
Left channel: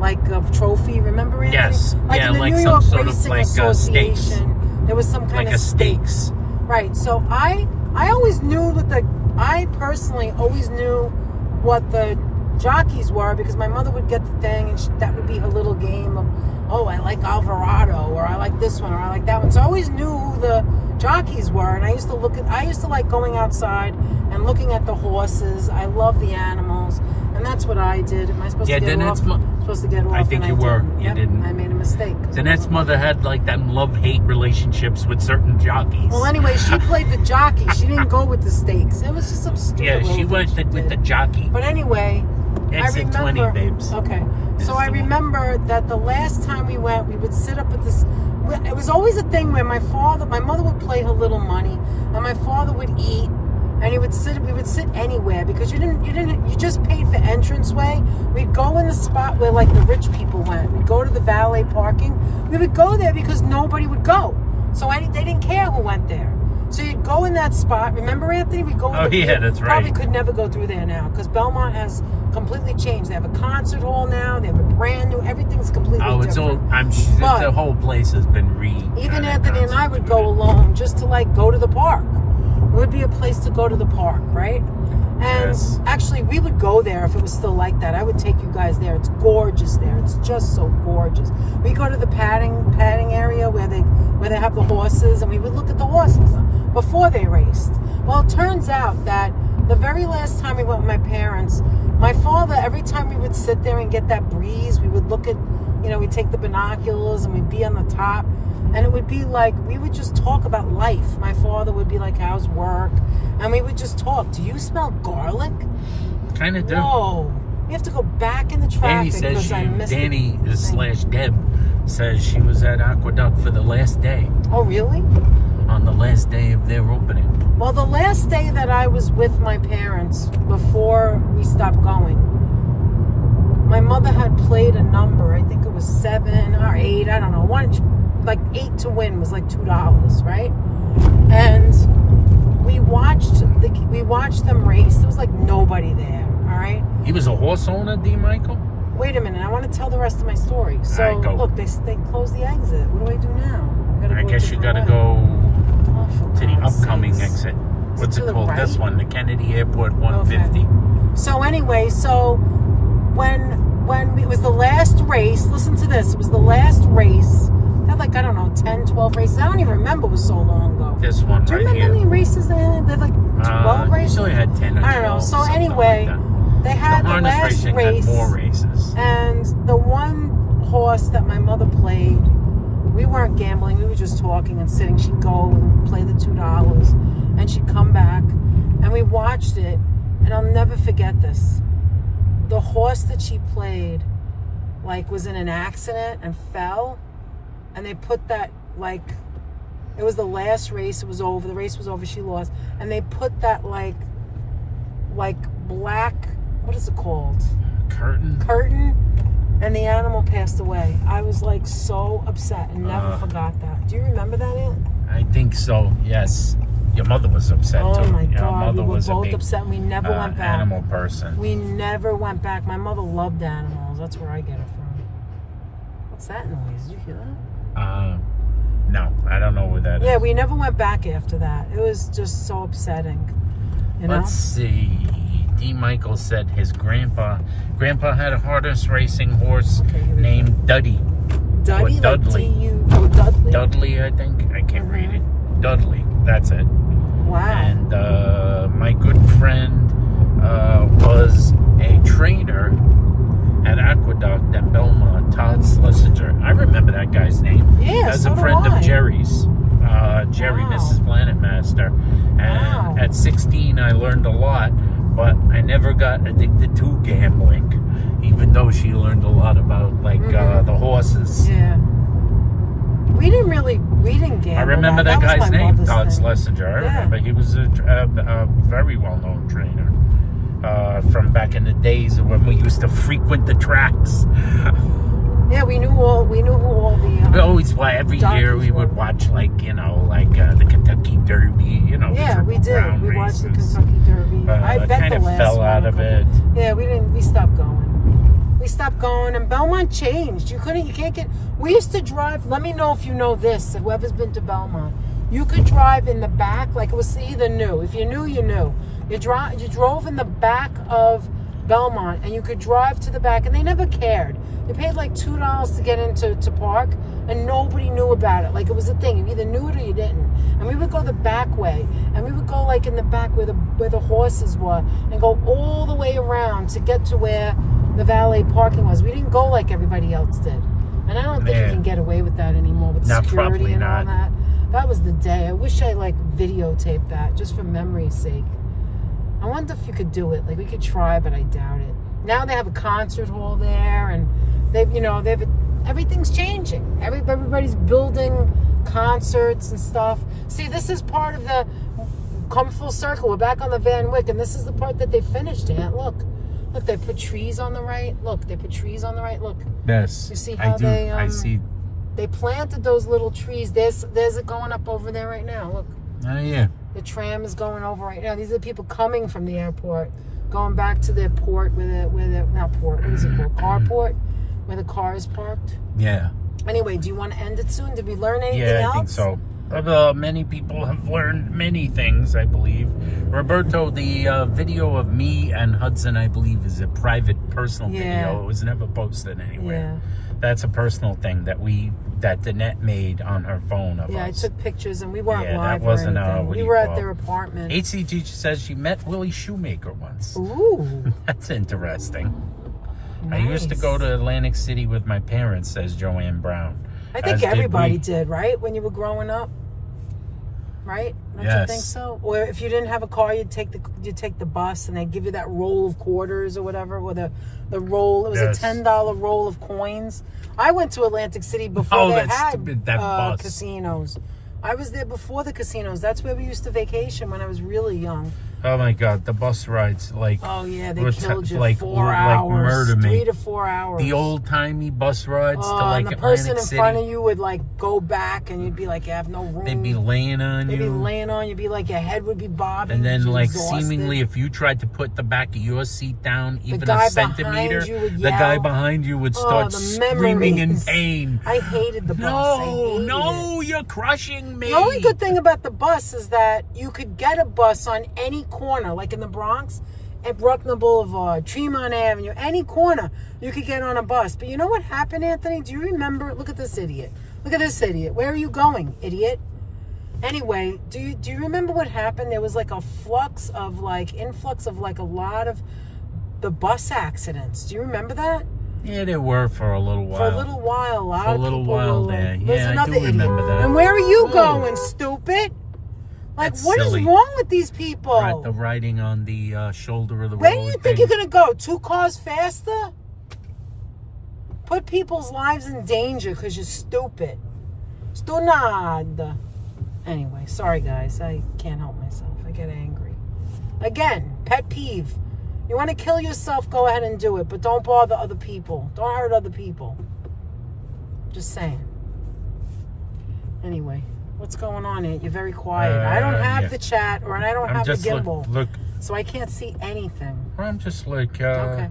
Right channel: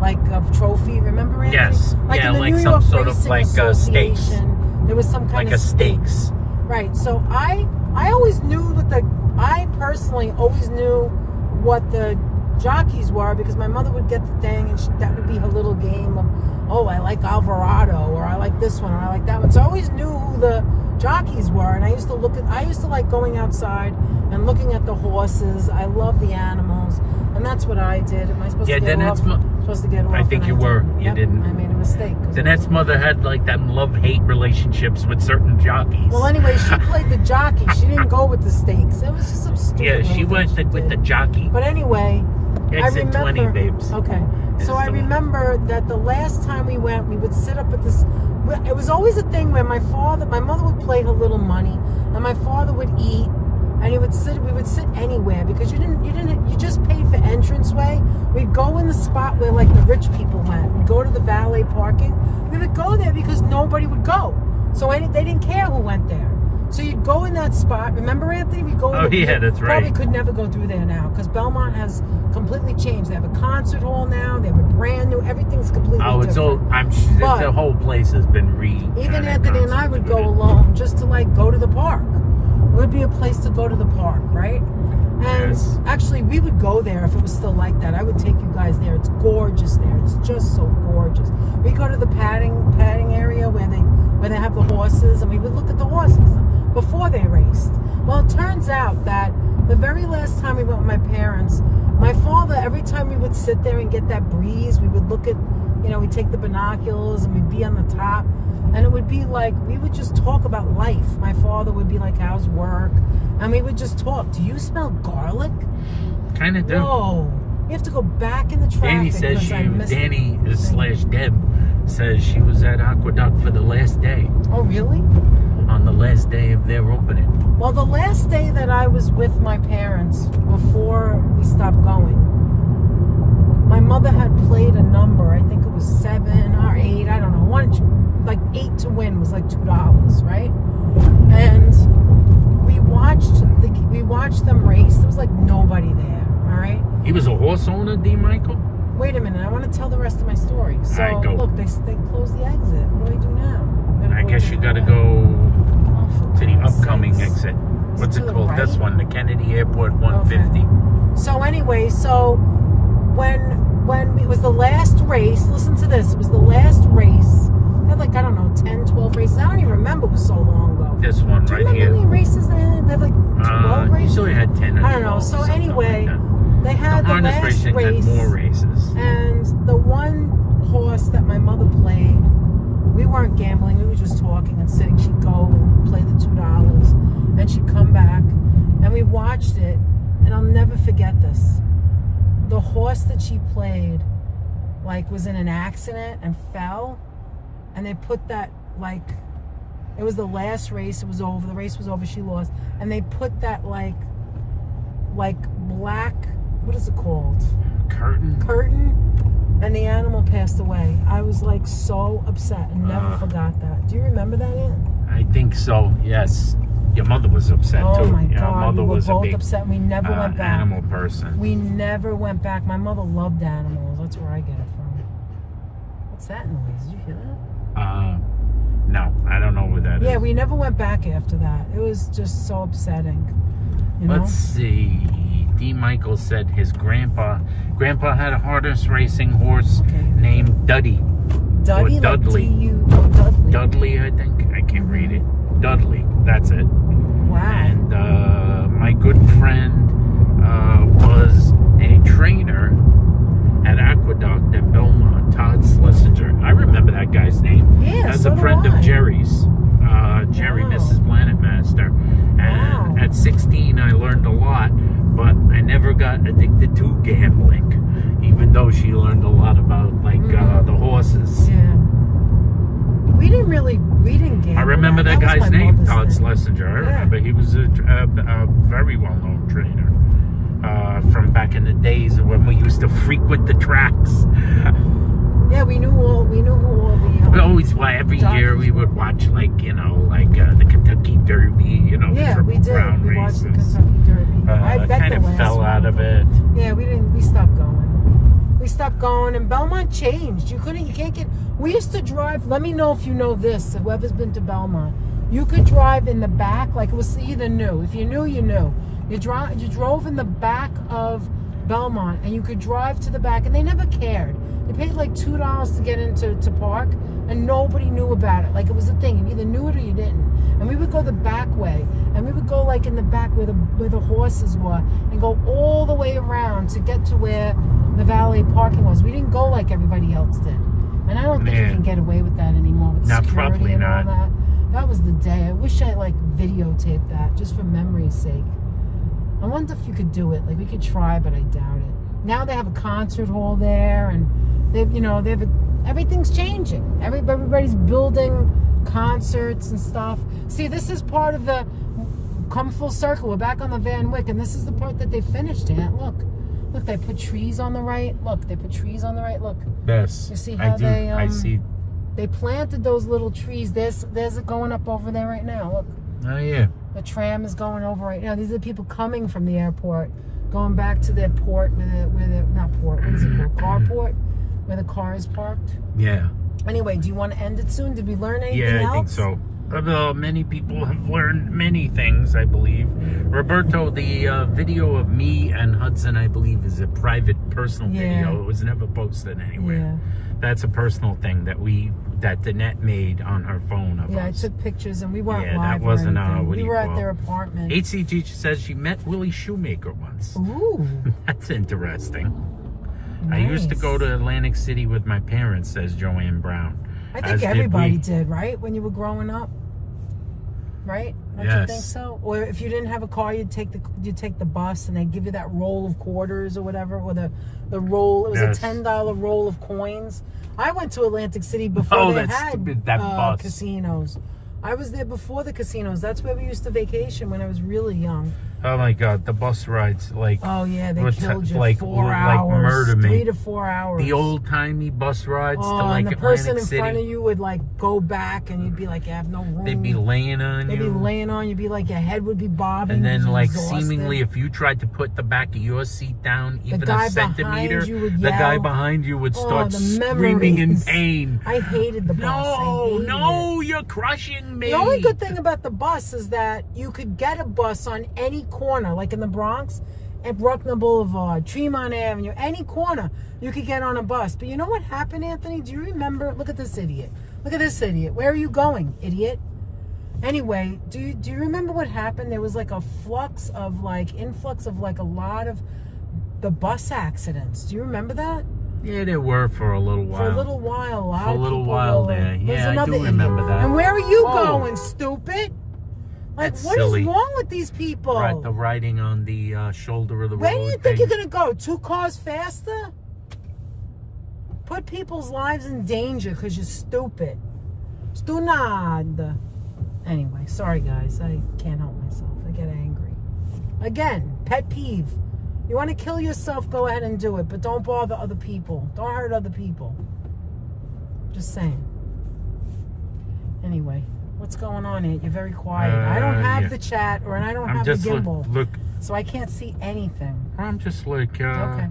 like a trophy. Remember, Anthony? Yes. Yeah, in the like New some York sort of Racing like stakes. Association, there was some kind Like of a stakes. Right. So I always knew that I personally always knew what the jockeys were because my mother would get the thing and that would be her little game of, oh, I like Alvarado or I like this one or I like that one. So I always knew who the jockeys were, and I used to like going outside and looking at the horses. I love the animals, and that's what I did. Am I supposed Yeah, to get then off? it's Supposed to get off. I think and you were. didn't. You Yep, didn't. I made a mistake. Danette's mother had like that love-hate relationships with certain jockeys. Well, anyway, she played the jockey. She didn't go with the stakes. It was just some stupid. Yeah, she little went thing she with the did. jockey. But anyway, Exit 20, babes. Okay. Is So I the one. remember that the last time we went, we would sit up at this. It was always a thing where my mother would play her Little Money, and my father would eat, and we would sit anywhere because you just paid for entranceway. We'd go in the spot where like the rich people went. We'd go to the valet parking. We would go there because nobody would go. So they didn't care who went there. So you'd go in that spot. Remember, Anthony? We'd go in That's right. Probably could never go through there now because Belmont has completely changed. They have a concert hall now. They have a brand new. Everything's completely It's different. all. I'm sure But the whole place has been even Anthony and I would go alone just to like go to the park. It would be a place to go to the park, right? And Yes. actually, we would go there if it was still like that. I would take you guys there. It's gorgeous there. It's just so gorgeous. We go to the padding area where they have the horses, and we would look at the horses before they raced. Well, it turns out that the very last time we went with my parents, my father, every time we would sit there and get that breeze, we would look at, we'd take the binoculars and we'd be on the top. And it would be like, we would just talk about life. My father would be like, how's work? And we would just talk. Do you smell garlic? Kind of do. Whoa. We have to go back in the traffic because I missed it. Danny/Deb says she was at Aqueduct for the last day. Oh, really? On the last day of their opening. Well, the last day that I was with my parents before we stopped going, my mother had played a number. I think it was 7 or 8. I don't know. Like 8 to win was like $2, right? And we watched them race. There was like nobody there. All right. He was a horse owner, D. Michael. Wait a minute. I want to tell the rest of my story. So All right, go. look, they closed the exit. What do I do now? I guess you gotta go to the upcoming exit. What's it called? This one, the Kennedy Airport 150. So anyway, when it was the last race, listen to this. It was the last race. They had like, I don't know, 10, 12 races. I don't even remember. It was so long ago. This one Do you right remember here. how many races they had? They had like 12 races? Usually had 10 or 12. I don't know. So something anyway, like that. they had the harness last racing race. had more races. And the one horse that my mother played, we weren't gambling. We were just talking and sitting. She'd go play the $2. And she'd come back. And we watched it. And I'll never forget this. The horse that she played, like, was in an accident and fell. And they put that, like, it was the last race. It was over. The race was over. She lost. And they put that, like black, what is it called? Curtain. And the animal passed away. I was, like, so upset and never forgot that. Do you remember that, Ann? I think so, yes. Your mother was upset, too. Oh, my Your God. mother We were was a both big upset. We never went back. animal person. We never went back. My mother loved animals. That's where I get it from. What's that noise? Did you hear that? No, I don't know where that is. Yeah, we never went back after that. It was just so upsetting. You know? Let's see. D. Michael said his grandpa had a harness racing horse named Duddy. Duddy? Or Dudley. Dudley. Dudley, I think. I can't read it. Dudley. That's it. Wow. And my good friend was a trainer at Aqueduct at Belmont, Todd Schlesinger. I remember that guy's name. Yeah, as so a do friend I. of Jerry's. Jerry, Wow. Mrs. Planet Master. And at 16, I learned a lot, but I never got addicted to gambling, even though she learned a lot about, like, the horses. Yeah. We didn't gamble. I remember that was guy's my name, mother's Todd thing. Schlesinger. I Yeah. remember he was a very well-known trainer from back in the days when we used to frequent the tracks. Yeah, we knew who all the. We always, every year we would watch, the Kentucky Derby, Yeah, the we Triple did. Crown We watched the races. Kentucky Derby. I bet kind the of last fell one. out of it. Yeah, we stopped going. We stopped going, and Belmont changed. You can't get. We used to drive. Let me know if you know this. Whoever's been to Belmont, you could drive in the back, like it was either new. If you knew, you knew. You drove in the back of Belmont, and you could drive to the back, and they never cared. You paid like $2 to get into park, and nobody knew about it. Like it was a thing. You either knew it or you didn't. And we would go the back way, and we would go like in the back where the horses were, and go all the way around to get to where the valet parking was. We didn't go like everybody else did. And I don't think you can get away with that anymore with security and all that. That was the day. I wish I videotaped that just for memory's sake. I wonder if you could do it. Like we could try, but I doubt it. Now they have a concert hall there, and everything's changing. Everybody's building concerts and stuff. See, this is part of the come full circle. We're back on the Van Wyck, and this is the part that they finished, Aunt. Look, they put trees on the right. Look, they put trees on the right. Look. Yes. You see how I see. They planted those little trees. There's it going up over there right now. Look. Oh yeah. The tram is going over right now. These are the people coming from the airport, going back to their port not port, what is it called? Carport, where the car is parked. Yeah. Anyway, do you want to end it soon? Did we learn anything else? Yeah, I think so. Many people have learned many things, I believe. Roberto, the video of me and Hudson, I believe, is a private, personal video. It was never posted anywhere. Yeah. That's a personal thing that Danette made on her phone of us. I took pictures, and we weren't live. That wasn't we were at their apartment. HC teacher says she met Willie Shoemaker once. Ooh. That's interesting. Nice. I used to go to Atlantic City with my parents, says Joanne Brown. I think everybody did, right? When you were growing up, right? Don't you think so? Or if you didn't have a car, you'd take the bus, and they'd give you that roll of quarters or whatever, or the roll. It was a $10 roll of coins. I went to Atlantic City before they had casinos. I was there before the casinos. That's where we used to vacation when I was really young. Oh my God, the bus rides they killed you like 4 hours, murder me. 3 to 4 hours. The old timey bus rides to and the Atlantic person City. in front of you would go back, and you'd be like, you have no room. They'd be laying on you. They'd be laying on you. You'd be like, your head would be bobbing. And then exhausted. seemingly, if you tried to put the back of your seat down even a centimeter, the guy behind you would start screaming in pain. I hated the bus. No, you're crushing me. The only good thing about the bus is that you could get a bus on any corner, like in the Bronx, at Bruckner Boulevard, Tremont Avenue, any corner you could get on a bus. But you know what happened, Anthony? Do you remember? Look at this idiot. Look at this idiot. Where are you going, idiot? Anyway, do you remember what happened? There was an influx of a lot of the bus accidents. Do you remember that? Yeah, there were for a little while. For a little while, a lot of people. For a little while there. Yeah, I do remember that. And where are you going, stupid? That's what silly. is wrong with these people? Right, the riding on the shoulder of the road. Where do you think you're going to go? 2 cars faster? Put people's lives in danger because you're stupid. Stunad. Anyway, sorry guys. I can't help myself. I get angry. Again, pet peeve. You want to kill yourself, go ahead and do it. But don't bother other people. Don't hurt other people. Just saying. Anyway. What's going on, Aunt? You're very quiet. I don't have the chat, or I don't have the gimbal. So I can't see anything. I'm just okay.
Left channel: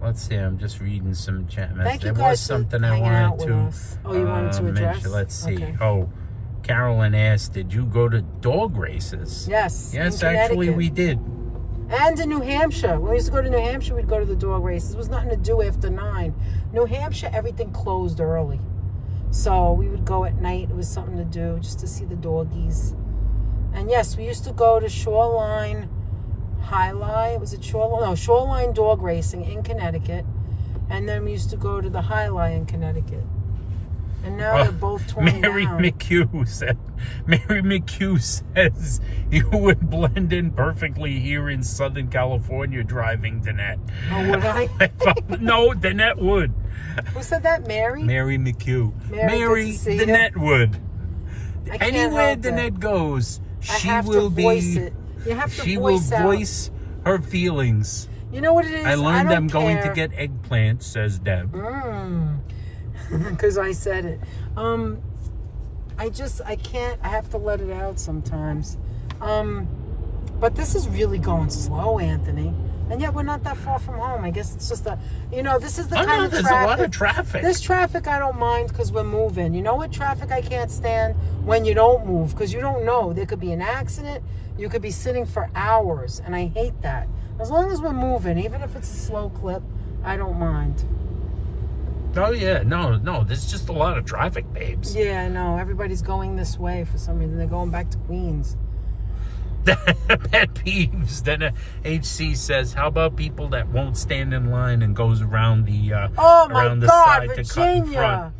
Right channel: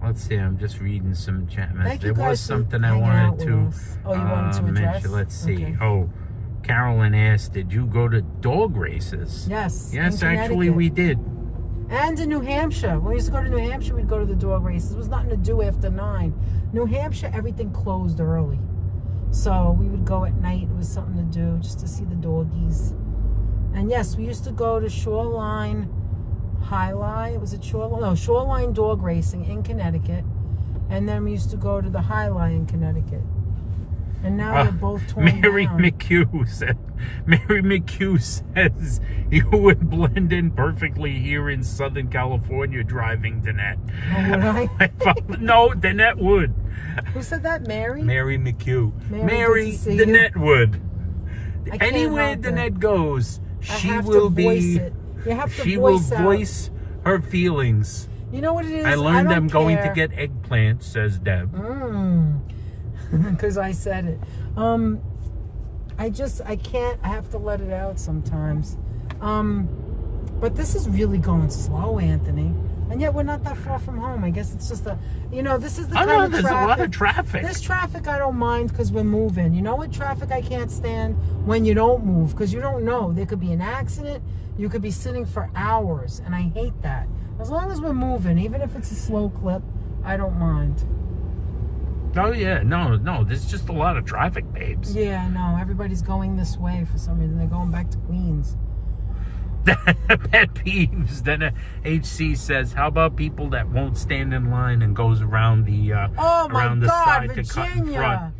Let's see, I'm just reading some chat messages. There was something I wanted to you wanted to address? mention. Let's see. Okay. Oh, Carolyn asked, did you go to dog races? Yes. Yes, actually we did. And in New Hampshire. When we used to go to New Hampshire, we'd go to the dog races. There was nothing to do after 9. New Hampshire, everything closed early. So we would go at night. It was something to do, just to see the doggies. And yes, we used to go to Shoreline Highline. Was it Shoreline? No, Shoreline Dog Racing in Connecticut. And then we used to go to the Highline in Connecticut. And now they're both torn down. Mary McHugh says you would blend in perfectly here in Southern California driving Danette. Oh, would I? No, Danette would. Who said that? Mary? Mary McHugh. Mary Danette would. Anywhere Danette goes, she will be. She will voice her feelings. You know what it is? I learned I'm going to get eggplant, says Deb. Because I said it. I can't. I have to let it out sometimes. But this is really going slow, Anthony. And yet we're not that far from home. I guess it's just this is the kind of there's traffic. A lot of traffic. This traffic I don't mind because we're moving. You know what traffic I can't stand? When you don't move, because you don't know. There could be an accident. You could be sitting for hours, and I hate that. As long as we're moving, even if it's a slow clip, I don't mind. Oh, yeah. No. There's just a lot of traffic, babes. Yeah, I know. Everybody's going this way for some reason. They're going back to Queens. Pet peeves. Then HC says, how about people that won't stand in line and goes around the side Virginia. to cut in front?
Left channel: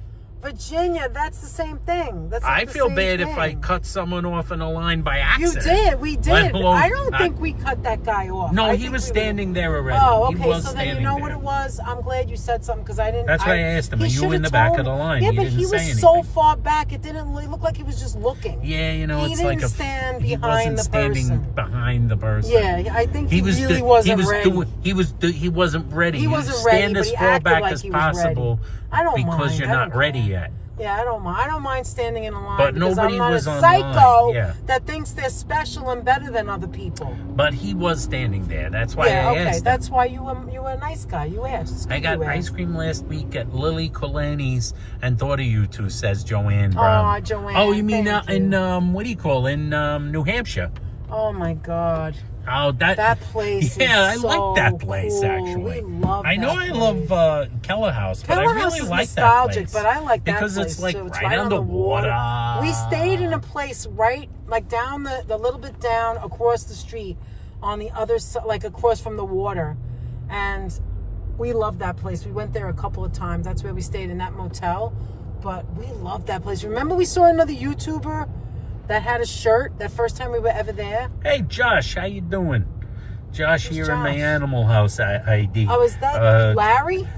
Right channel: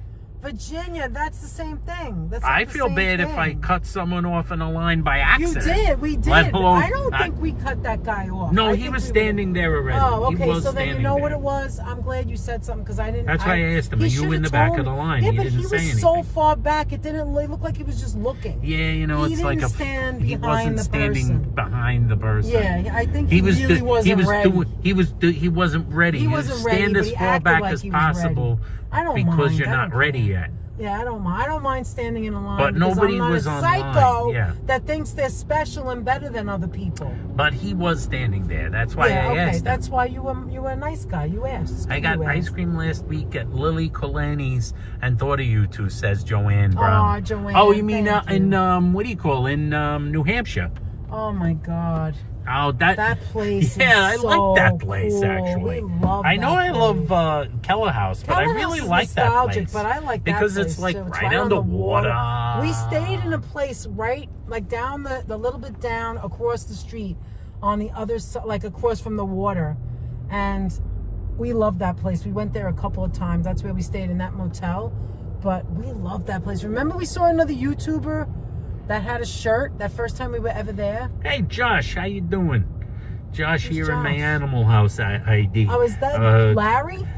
Virginia, that's the same thing. That's I the feel same bad if I thing. cut someone off in a line by You accident. did. We did. Let alone- I don't think we cut that guy off. No, I he think was we standing there already. Oh, He okay. was So then you standing know there. what it was? I'm glad you said something because I didn't. That's why I asked him, he are you should've in the back told of the me. line? Yeah, He but didn't he say was so anything. far back, it didn't look like he was just looking. Yeah, you know, He it's like didn't a. stand He behind wasn't the standing person. behind the person. Yeah, I think he really wasn't ready. He wasn't ready. He You wasn't stand ready, but as he far acted back like as he was ready. possible I don't because mind. you're I not don't ready care. yet. Yeah, I don't mind. I don't mind standing in a line But because nobody I'm not was a on psycho line, yeah. that thinks they're special and better than other people. But he was standing there. That's why Yeah, I okay. asked him. That's why you were a nice guy. You asked. I got You ice asked. cream last week at Lily Colani's and thought of you two, says Joanne Brown. Aw, Joanne, Oh, you mean thank in you. what do you call in New Hampshire? Oh my God. Oh, that place Yeah, is I like that so place cool. actually. We love I know that I love Keller House, but I Keller really House is like that nostalgic, place. but I like that because place it's like too. It's right on the water. We stayed in a place right like down the little bit down across the street on the other side, like across from the water, and we love that place. We went there a couple of times. That's where we stayed in that motel, but we love that place. Remember we saw another YouTuber that had a shirt that first time we were ever there? Hey Josh, how you doing? Josh Who's here in my Josh? Animal House ID. Oh, is that Larry?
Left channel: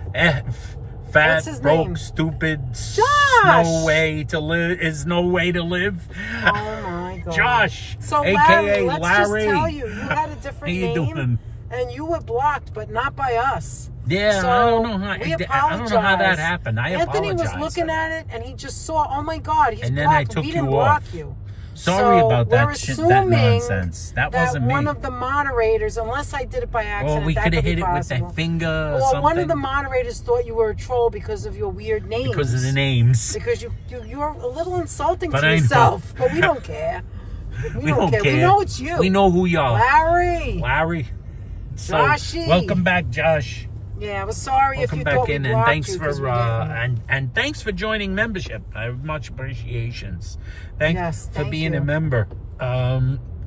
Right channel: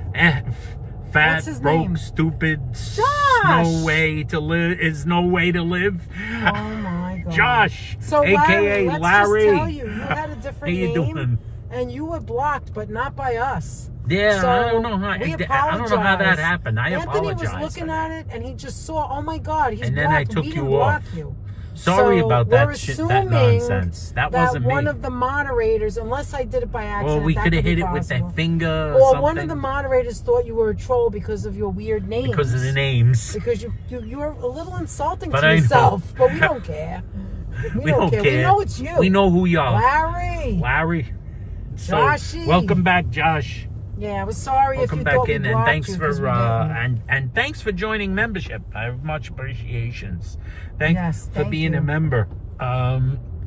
Fat, What's his broke, name? stupid, Josh! no way to live is no way to live. Oh my God. Josh, So aka let's Larry. just tell you had a different How you name, doing? and you were blocked, but not by us. Yeah, So, I don't know how. we I don't know how that apologize. happened. I Anthony apologize. was looking for that. at it, and he just saw, oh my God, he's And then blocked. I took we you didn't off. block you. Sorry So about we're that shit, that assuming nonsense. That wasn't me. one of the moderators, unless I did it by accident, Or we that could have be hit it with possible. that finger or Or something. one of the moderators thought you were a troll because of your weird names. because of the names. Because you're a little insulting But to I know. yourself, but we don't care. We don't care. We know it's you. We know who you are. Larry. Larry. So, Joshy. welcome back, Josh. Yeah, I was sorry Welcome if you back thought we in, and blocked thanks you, for 'cause we didn't. and thanks for joining membership. I have much appreciations. Thanks Yes, for thank being you. a member.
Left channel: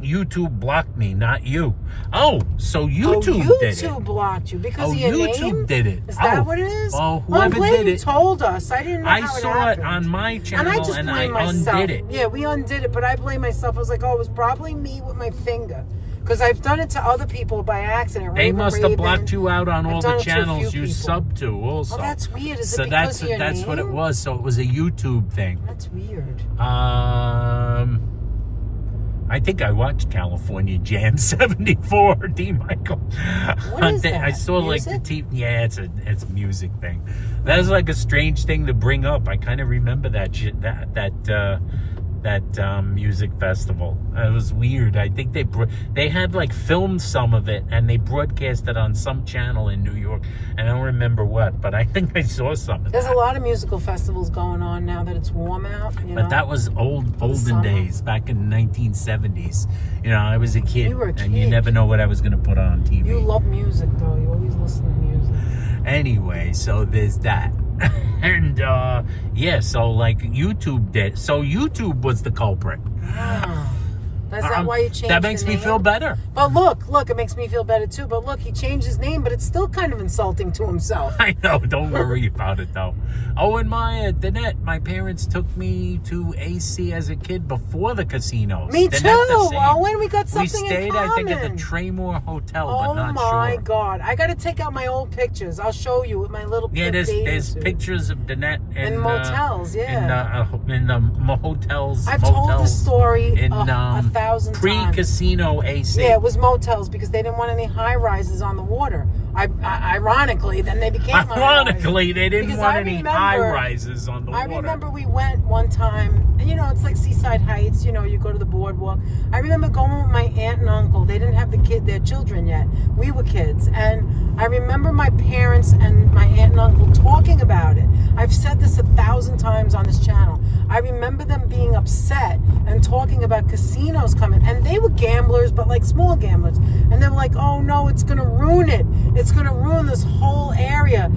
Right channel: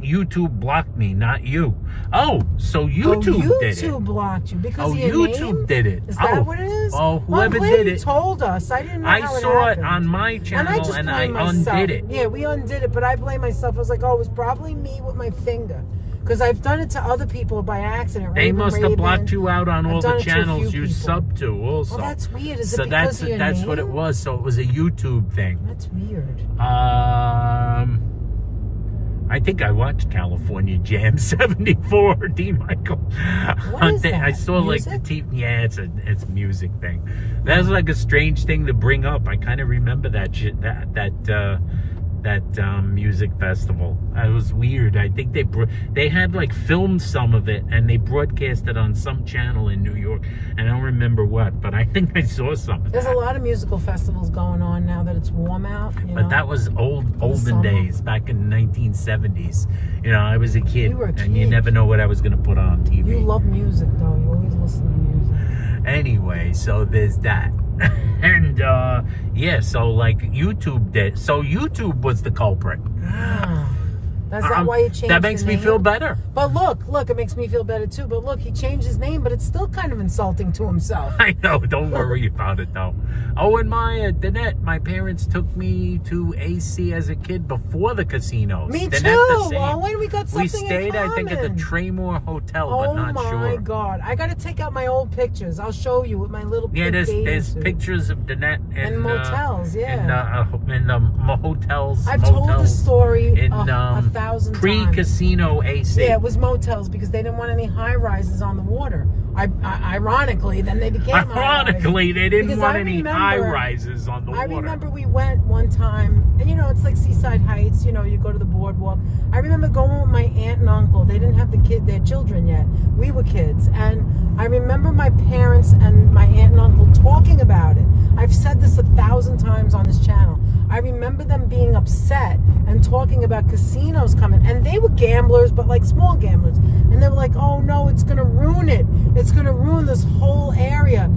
YouTube blocked me, not you. Oh, so YouTube did it. YouTube blocked you because Oh, of your YouTube name? did it. Is that Oh. what it is? Oh, I'm whoever glad did you it. told us. I didn't know I how saw it happened. on my And I channel just and blame I myself. undid it. Yeah, we undid it, but I blame myself. I was like, oh, it was probably me with my finger. Because I've done it to other people by accident. They must have blocked you out on I've all done the it to a channels few you people. sub to also. Oh, that's weird. Is so it because of your that's what it name? was. So it was a YouTube thing. That's weird. I think I watched California Jam '74. D. Michael. What is that? I saw Music? like the TV. Yeah, it's a music thing. That's like a strange thing to bring up. I kind of remember that shit. That music festival. It was weird. I think they had like filmed some of it and they broadcast it on some channel in New York. I don't remember what, but I think I saw some of There's that. a lot of musical festivals going on now that it's warm out. You know? But that was olden summer. days, back in the 1970s. You know, I was a kid, You were a and you kid. never know what I was going to put on TV. You love music, though. You always listen to music. Anyway, so there's that. And yeah, so like YouTube did. So YouTube was the culprit. Ah. That's not why you changed That makes the me name? feel better. But look, it makes me feel better too. But look, he changed his name, but it's still kind of insulting to himself. I know, don't worry about it though. Oh, and Danette, my parents took me to AC as a kid before the casinos. Me Danette, too. the same. Well, when we got something We stayed, in I think, at the common. Traymore Hotel, but Oh not my sure. God! I got to take out my old pictures. I'll show you with my little. Yeah, pink bathing there's suit. pictures of Danette In motels, yeah. in the hotels. I've told the motels story in a 1,000 times. pre-casino AC. Yeah, it was motels because they didn't want any high rises on the water. Ironically, then they became Ironically, they didn't Because want I any remember- high rises on the I water. remember we went one time, and you know, it's like Seaside Heights, you know, you go to the boardwalk. I remember going with my aunt and uncle. They didn't have their children yet. We were kids. And I remember my parents and my aunt and uncle talking about it. I've said this 1,000 times on this channel. I remember them being upset and talking about casinos coming. And they were gamblers, but like small gamblers. And they were like, oh no, it's going to ruin it. It's going to ruin this whole area.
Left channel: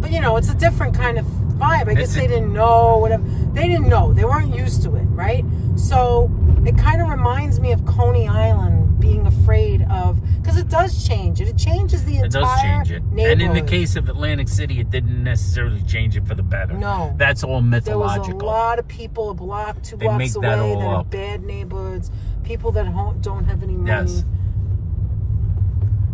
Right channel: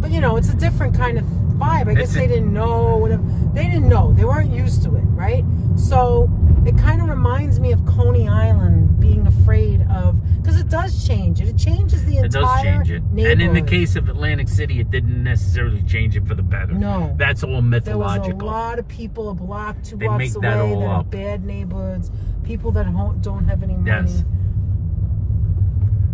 But you know, it's a different kind of vibe. I guess they didn't know, whatever. They didn't know. They weren't used to it, right? So it kind of reminds me of Coney Island being afraid of, because it does change it. It changes the entire It does change it. And in the neighborhood. case of Atlantic City, it didn't necessarily change it for the better. No. That's all There was a mythological. lot of people a block, two They blocks make away that that all are up. bad neighborhoods, people that don't have any money. Yes.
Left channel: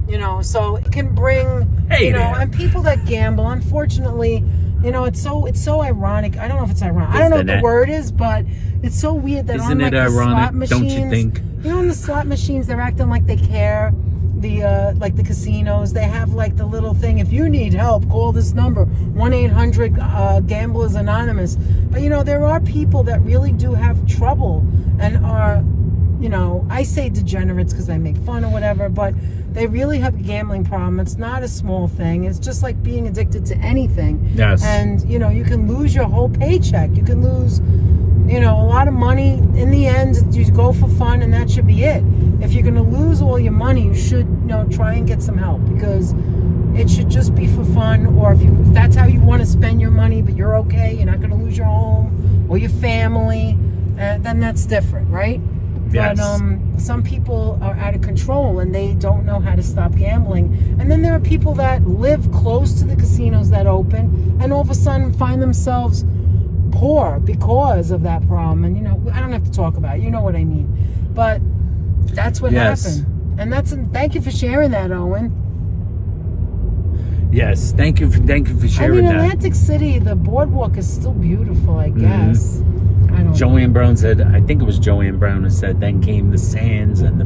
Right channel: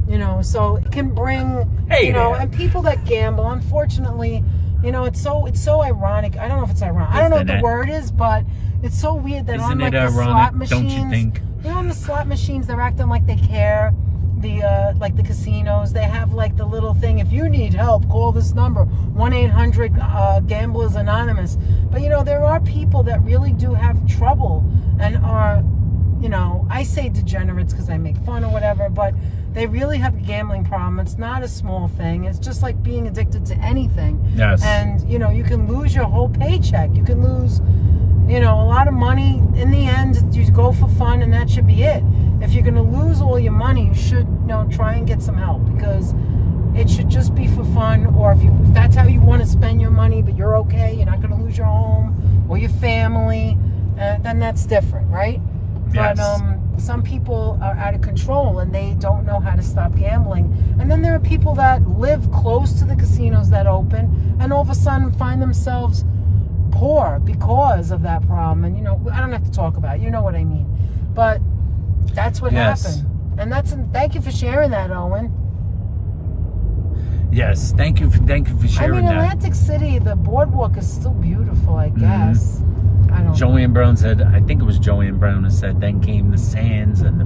You know, so it can bring, Hey you know, there. and people that gamble, unfortunately, you know, it's so ironic. I don't know if it's ironic. I don't know what the Isn't it? word is, but it's so weird that Isn't on, it like, the slot ironic? machines, Don't you think? You know, in the slot machines, they're acting like they care. Like the casinos, they have like the little thing. If you need help, call this number, 1-800 Gamblers Anonymous. But you know, there are people that really do have trouble and are, you know, I say degenerates because I make fun or whatever, but they really have a gambling problem. It's not a small thing. It's just like being addicted to anything. Yes. And you know, you can lose your whole paycheck. You can lose, you know, a lot of money. In the end, you go for fun and that should be it. If you're going to lose all your money, you should, you know, try and get some help, because it should just be for fun. Or if that's how you want to spend your money, but you're okay, you're not going to lose your home or your family, then that's different, right? Yes. But some people are out of control and they don't know how to stop gambling. And then there are people that live close to the casinos that open and all of a sudden find themselves poor because of that problem. And, you know, I don't have to talk about it. You know what I mean. But that's what Yes. happened. And thank you for sharing that, Owen. Yes, thank you for sharing that. Atlantic City, the boardwalk is still beautiful, I guess. I don't know. Joanne Brown said, I think it was Joanne Brown who said, then came the Sands and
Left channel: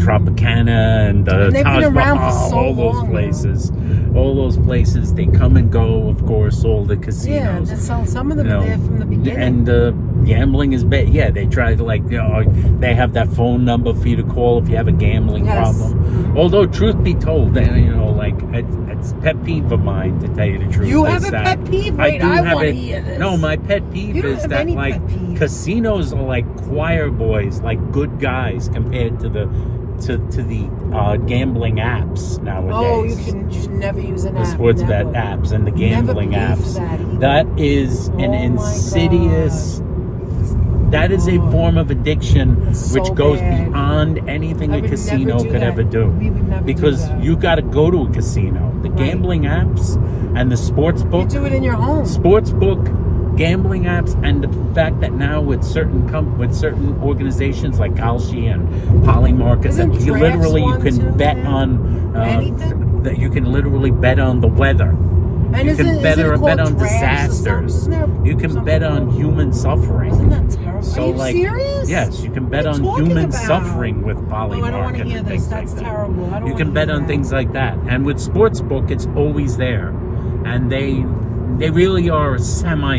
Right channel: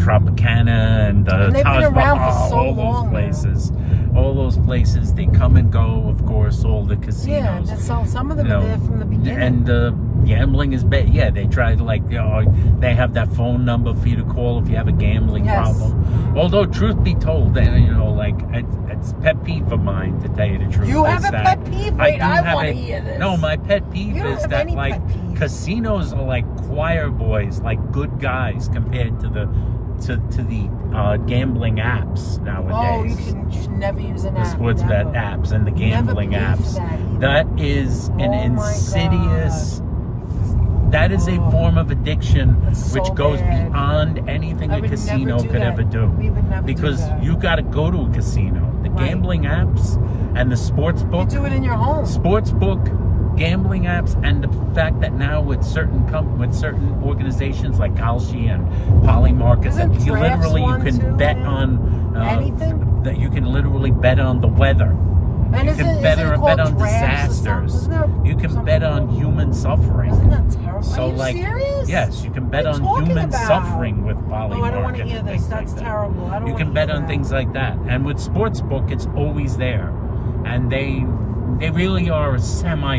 Tropicana and And they've Taj been around for Mahal, so all those long. places. All those places, they come and go, of course, all the Yeah, casinos. some of them you know, are there from the beginning. and gambling is bad. Yeah, they try to, like, you know, they have that phone number for you to call if you have a gambling Yes. problem. Although, truth be told, you know, like, it's pet peeve of mine, to tell you the truth. You is have a that pet peeve? I Wait, do I have wanna a hear this. no. My pet peeve You don't is have that, any like, pet peeves. casinos are like choir boys, like good guys compared to the gambling apps nowadays. Oh, you can just never use an The app. sports bet never. apps and the gambling Never apps. believed that That is an Oh my insidious. That is a form of addiction It's which so goes bad. beyond anything I a would casino never do could that. ever do. We would never do Because that. you got to go to a casino. The gambling apps and the sports You book. do it in your home. Sportsbook, gambling apps, and the fact that now with certain organizations like Kalshi and Polymarket, Isn't that you drafts literally you one can too? bet on Anything? that you can literally bet on the weather. And You isn't- can isn't bet it bet called on drafts or disasters. something? You can bet on human suffering. Isn't that terrible? So, Are you like, serious? yes, you can bet What are on you talking human about? suffering with Oh, I don't want to Polymarket hear and this. things That's like that. terrible. I don't You can wanna bet hear on that. things like that. And with Sportsbook, it's always there. And they really are a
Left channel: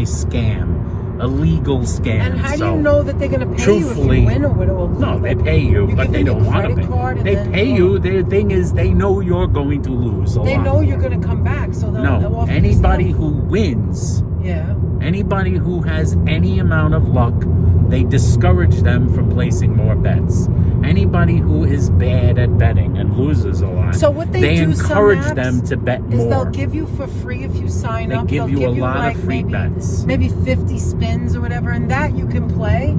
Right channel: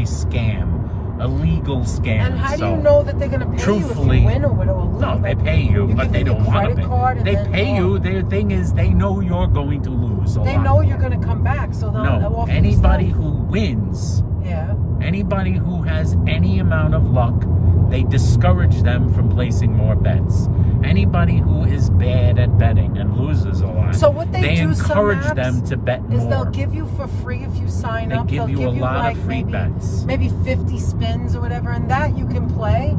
semi-scam, a legal scam. And how do So, you know that they're going to pay truthfully, you if you win or what? Or no, they pay you, You but give they them don't your want to credit pay. card and They then, pay you. Their thing is they know you're going to lose a They lot. know you're going to come back, so they'll No, offer you anybody stuff. who wins, Yeah. anybody who has any amount of luck, they discourage them from placing more bets. Anybody who is bad at betting and loses a lot, So what they do, encourage some apps, them to bet Because more. they'll give you for free if you sign They up. give They'll you a lot like of free maybe, bets. Maybe 50 spins or whatever, and that you can play.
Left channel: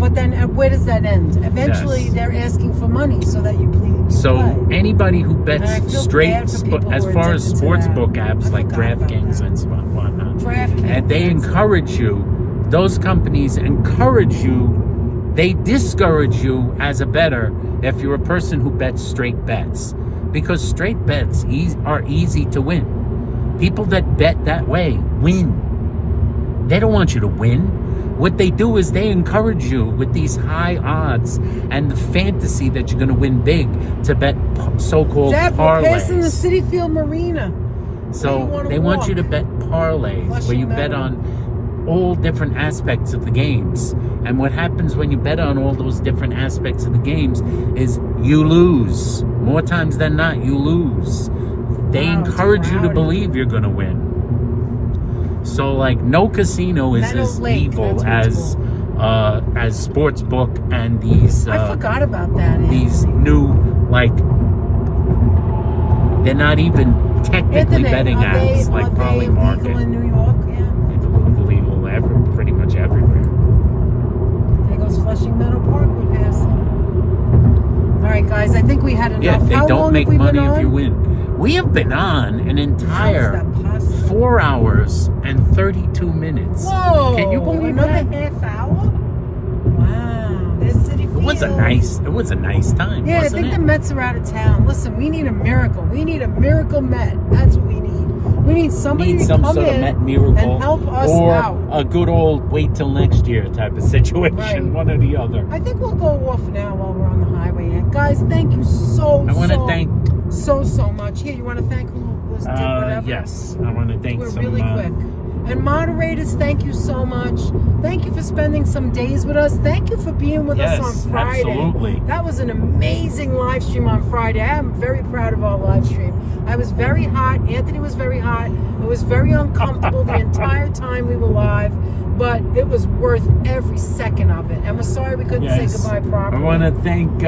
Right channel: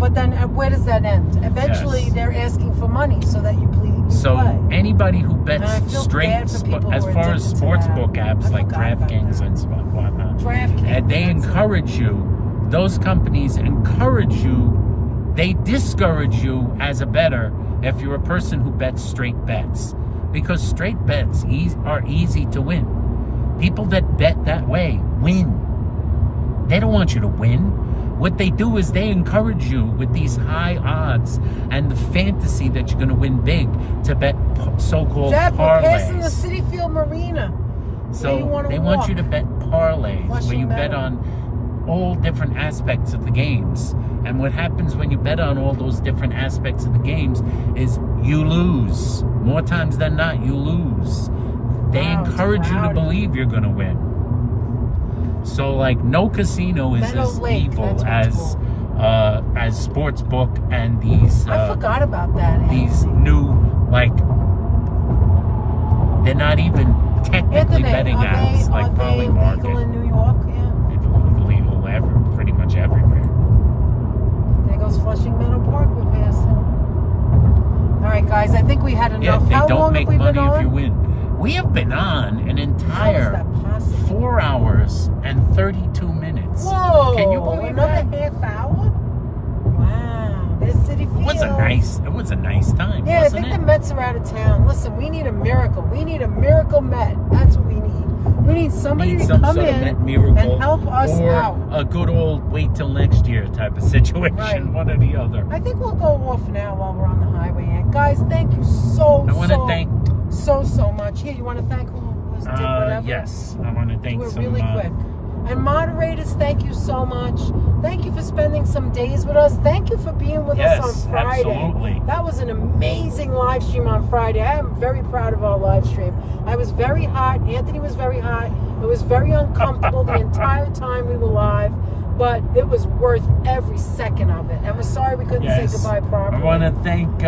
But then where does that end? Eventually, Yes. they're asking for money so that you please So play. anybody who And I bets feel straight, bad for people as who are far as addicted to that. sportsbook apps I like forgot about DraftKings that. and whatnot, DraftKings. and they encourage you, those companies encourage you, they discourage you as a bettor if you're a person who bets straight bets. Because straight bets are easy to win. People that bet that way win. They don't want you to win. What they do is they encourage you with these high odds and the fantasy that you're going to win big to bet so-called Dad, we're passing the parlays. City Field Marina. So they want you to bet parlays where you bet on all different aspects of the games. And what happens when you bet on all those different aspects of the games is you lose. More times than not, you lose. They Wow, encourage you to howdy. believe you're going to win. So, like, no casino is Meadow as Lake, evil that's what as sportsbook and these I forgot about that. these new, like, they're not even technically Anthony, betting are they- apps like are they Polymarket. illegal in New York? Yeah. It's illegal pretty much everywhere. There goes Flushing Meadow Park. We're passing. All right, guys. I think we had enough. Yeah, they How don't long make have we money been if you on? win. We have been on an entire How is that possible? 4 hours and 32 minutes. Whoa, Can you believe another that? half hour? Wow, there's City It was a nice time, Yeah, I wasn't think it? the Mets are out of town. Listen, we need a miracle. We need a miracle Met. That's what we need. We need somebody Need to some come sort of in Met miracle, and help us or out. a good old wait till next year type of situation, Right. one or the other. I think we'll go off now while we're on the highway. And guys, thank you I want to thank. so much. Here, you want to thank who was doing whatever? Yes, I want to thank We're some. really quick. And moderators, thank you so much. Thank you for spending some days with us. Thank you for being with us Yes, on Friday. absolutely. That was an amazing live stream on Friday. I am very proud of our live stream. I was very hot. Anthony was very hot. It was very uncomfortable the entire time we were live, but it was worth every second of it. And we're sorry we couldn't Yes, say goodbye properly. I want to thank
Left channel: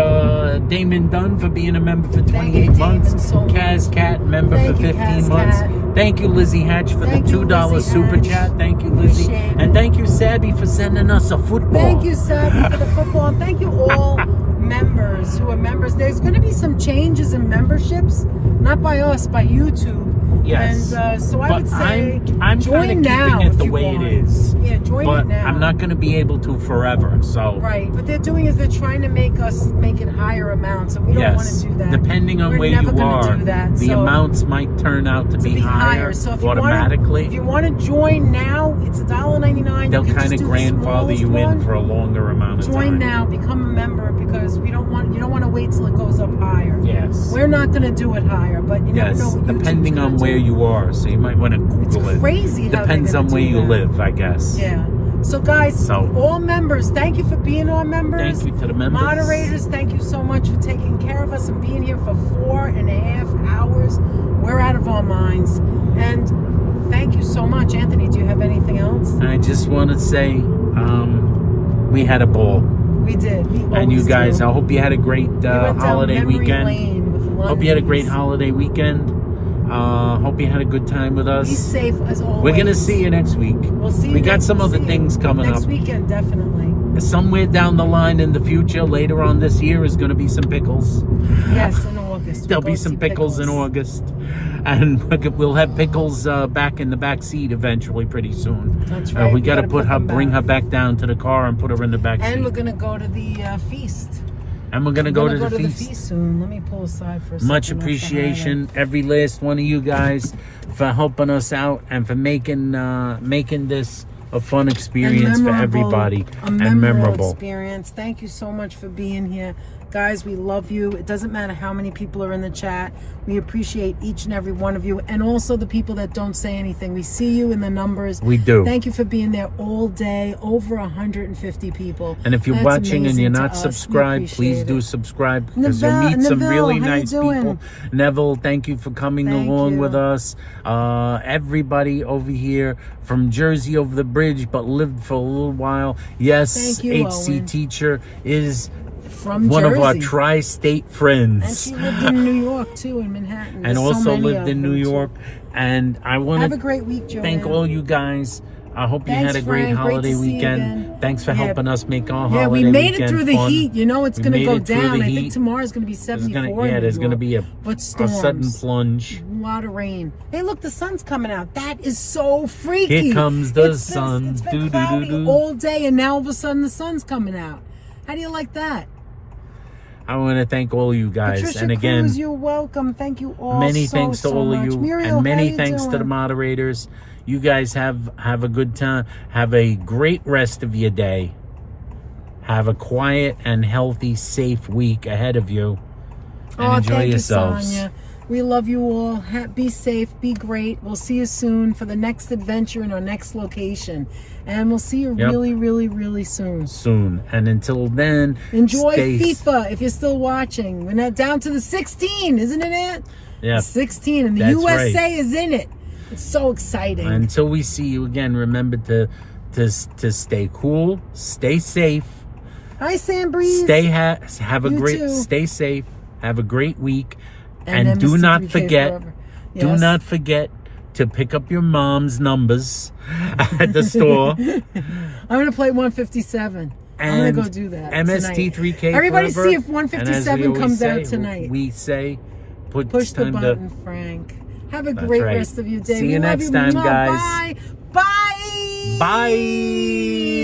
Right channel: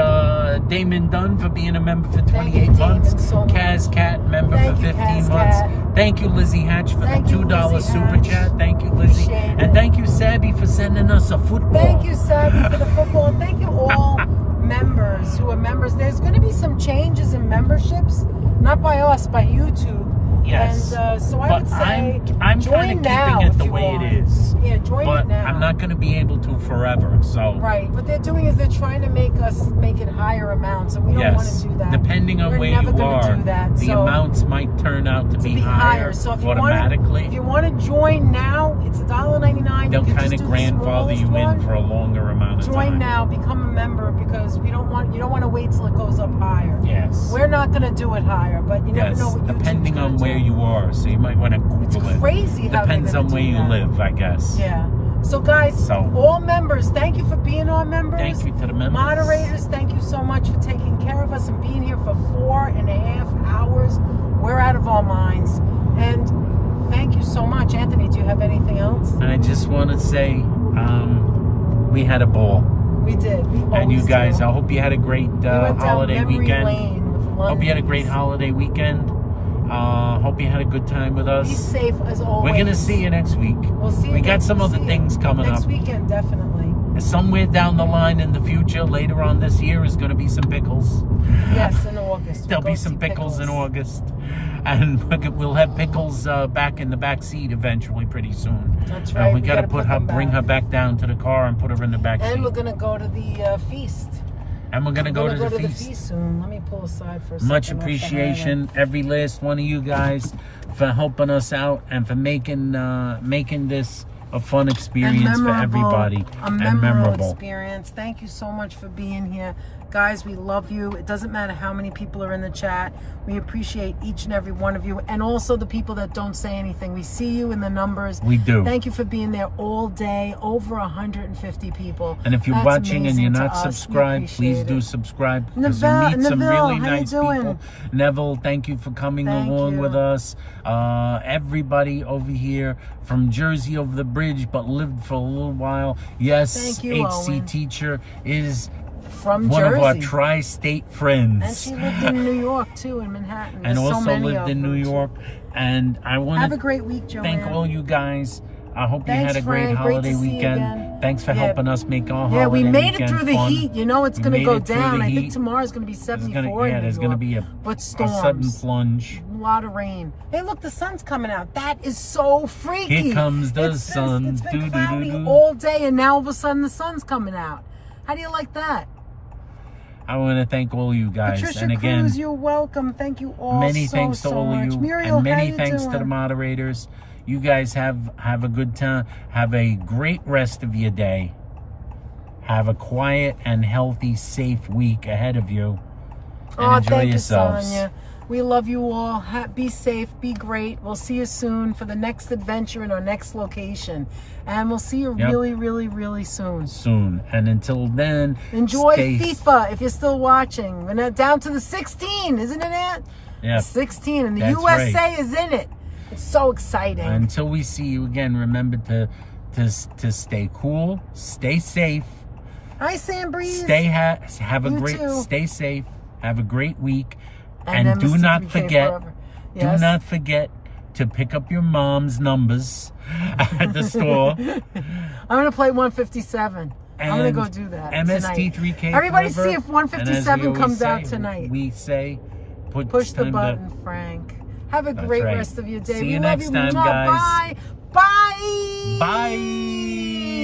Damon Dunn for being a member for 28 you, months. Damon, so much. Kaz Cat, member Thank for you, 15 Kaz months. Cat. Thank you, Lizzie Hatch, for Thank the you, $2 Lizzie super Hatch. chat. Thank you, Lizzie. Appreciate it. And thank you, Sabby, for sending us a football. Thank you, Sabby, for the football. Thank you, all members who are members. There's going to be some changes in memberships, not by us, by YouTube. Yes. And so I But would say I'm join kind of now keeping it if the you way want. it is. Yeah, join But it now. I'm not going to be able to forever. So, Right. What they're doing is they're trying to make it higher amounts, so we don't want yes, to do that. depending on We're where never you gonna are, do that, the so amounts might turn out to be higher So if you automatically. if you want to join now, it's $1.99. They'll You can kind just of do the grandfather you smallest in one. for a longer amount of Join time. now, become a member, because you don't want to wait till it goes up higher. Yes. We're not going to do it higher, but you never know Yes, what YouTube's depending gonna on do. where you are. So you might want to Google it. Crazy how Depends they're on gonna where do you that. live, I guess. Yeah. So guys, So- all members, thank you for being our members. Thank you to the members. Moderators, thank you so much for taking care of us and being here for 4.5 hours. We're out of our minds. And thank you so much. Anthony, do you have anything else? I just want to say, we had a ball. We did. We And you always guys, do. I hope you had a great We went down holiday memory weekend. lane with Hope you had a great London's. holiday weekend. Hope you had a good time with Be us. safe as always. We're going to see you next week. We'll see you We got next- some we'll other see you things coming next up. weekend, definitely. Somewhere down the line in the future, later on this year, is going to be some pickles. Yes, in August. There'll We'll be go some see pickles in August. And we'll have pickles back in the back seat eventually pretty soon. That's right. We got to gotta bring her back. back down to the car and put her in the back And seat. we're gonna go to the feast. And we're going to We're go to gonna the feast. soon. Let me pull aside for a second. Much off the appreciation, every last one of you guys, for helping us out and for making this a fun highway. experience for everybody A and memorable. experience. Thank you so much for being here. Guys, we love you. It doesn't matter how many people are in the chat. We appreciate each and every one of you, and also the people that don't say anything. We see you in the numbers. We do. Thank you for being there all day. Over 150 people. And if you're That's watching and amazing you're to not us. We subscribed, please appreciate do it. subscribe, because you'll Neville, meet some Neville, really how you nice doing? people. Neville, thank you for coming Thank along you. with us. Everybody over here from Jersey over the bridge, but lived for a little while. Yes, Thank you, HC Owen. teacher is From one Jersey. of our tri-state And friends. she lived in New York too, in Manhattan. And There's so also many lived of in them, New too. York. And I want Have a to great week, Joanne. thank all you guys. I hope you Thanks, had a great Frank. Great holiday to see you weekend. again. Thanks for Yeah. helping us make our Yeah, holiday we made weekend it through the fun. heat. You know it's We going to made go it through the down. I think heat. tomorrow's going to be 74. There's in gonna New be York. a But storms. sudden plunge. A lot of rain. Hey, look, the sun's coming out. That is so freaky. Here comes the It's sun. It's been Do, do, cloudy do, do. all day, and now all of a sudden the sun's coming out. How do you like that? I want to thank all you guys, Patricia and again, Cruz, you're welcome. Thank you all. many so, thanks to so all of much. you, Muriel, and many how you thanks to the doing? moderators. You guys have a good time. Have a great rest of your day. Have a quiet and healthy, safe week ahead of you, and enjoy thank yourselves. You, Sonia. We love you all. Be safe. Be great. We'll see you soon for the next adventure in our next location. And we'll see you Yep. really, really, really soon. Soon, and until then, Enjoy stay- FIFA if you're still watching. We're not down to the 16, isn't it, Ant? Yeah. 16, and the That's USA right. is in it. It's so exciting. Until we see you again, remember to stay cool, stay safe, Hi, Sam Breeze. have a You great, too. stay safe, have a great week, And and do Mr. not DK forget, forever. do Yes. not forget to pick up your mom's numbers at the store. I'm going to play 157. I'm gonna go do that. MST3K Everybody forever. see if 157 comes out tonight. We say, Push the button, Frank. Have a great right. rest of your day. See We you love next time, Mwah. guys. Bye. Bye. Bye.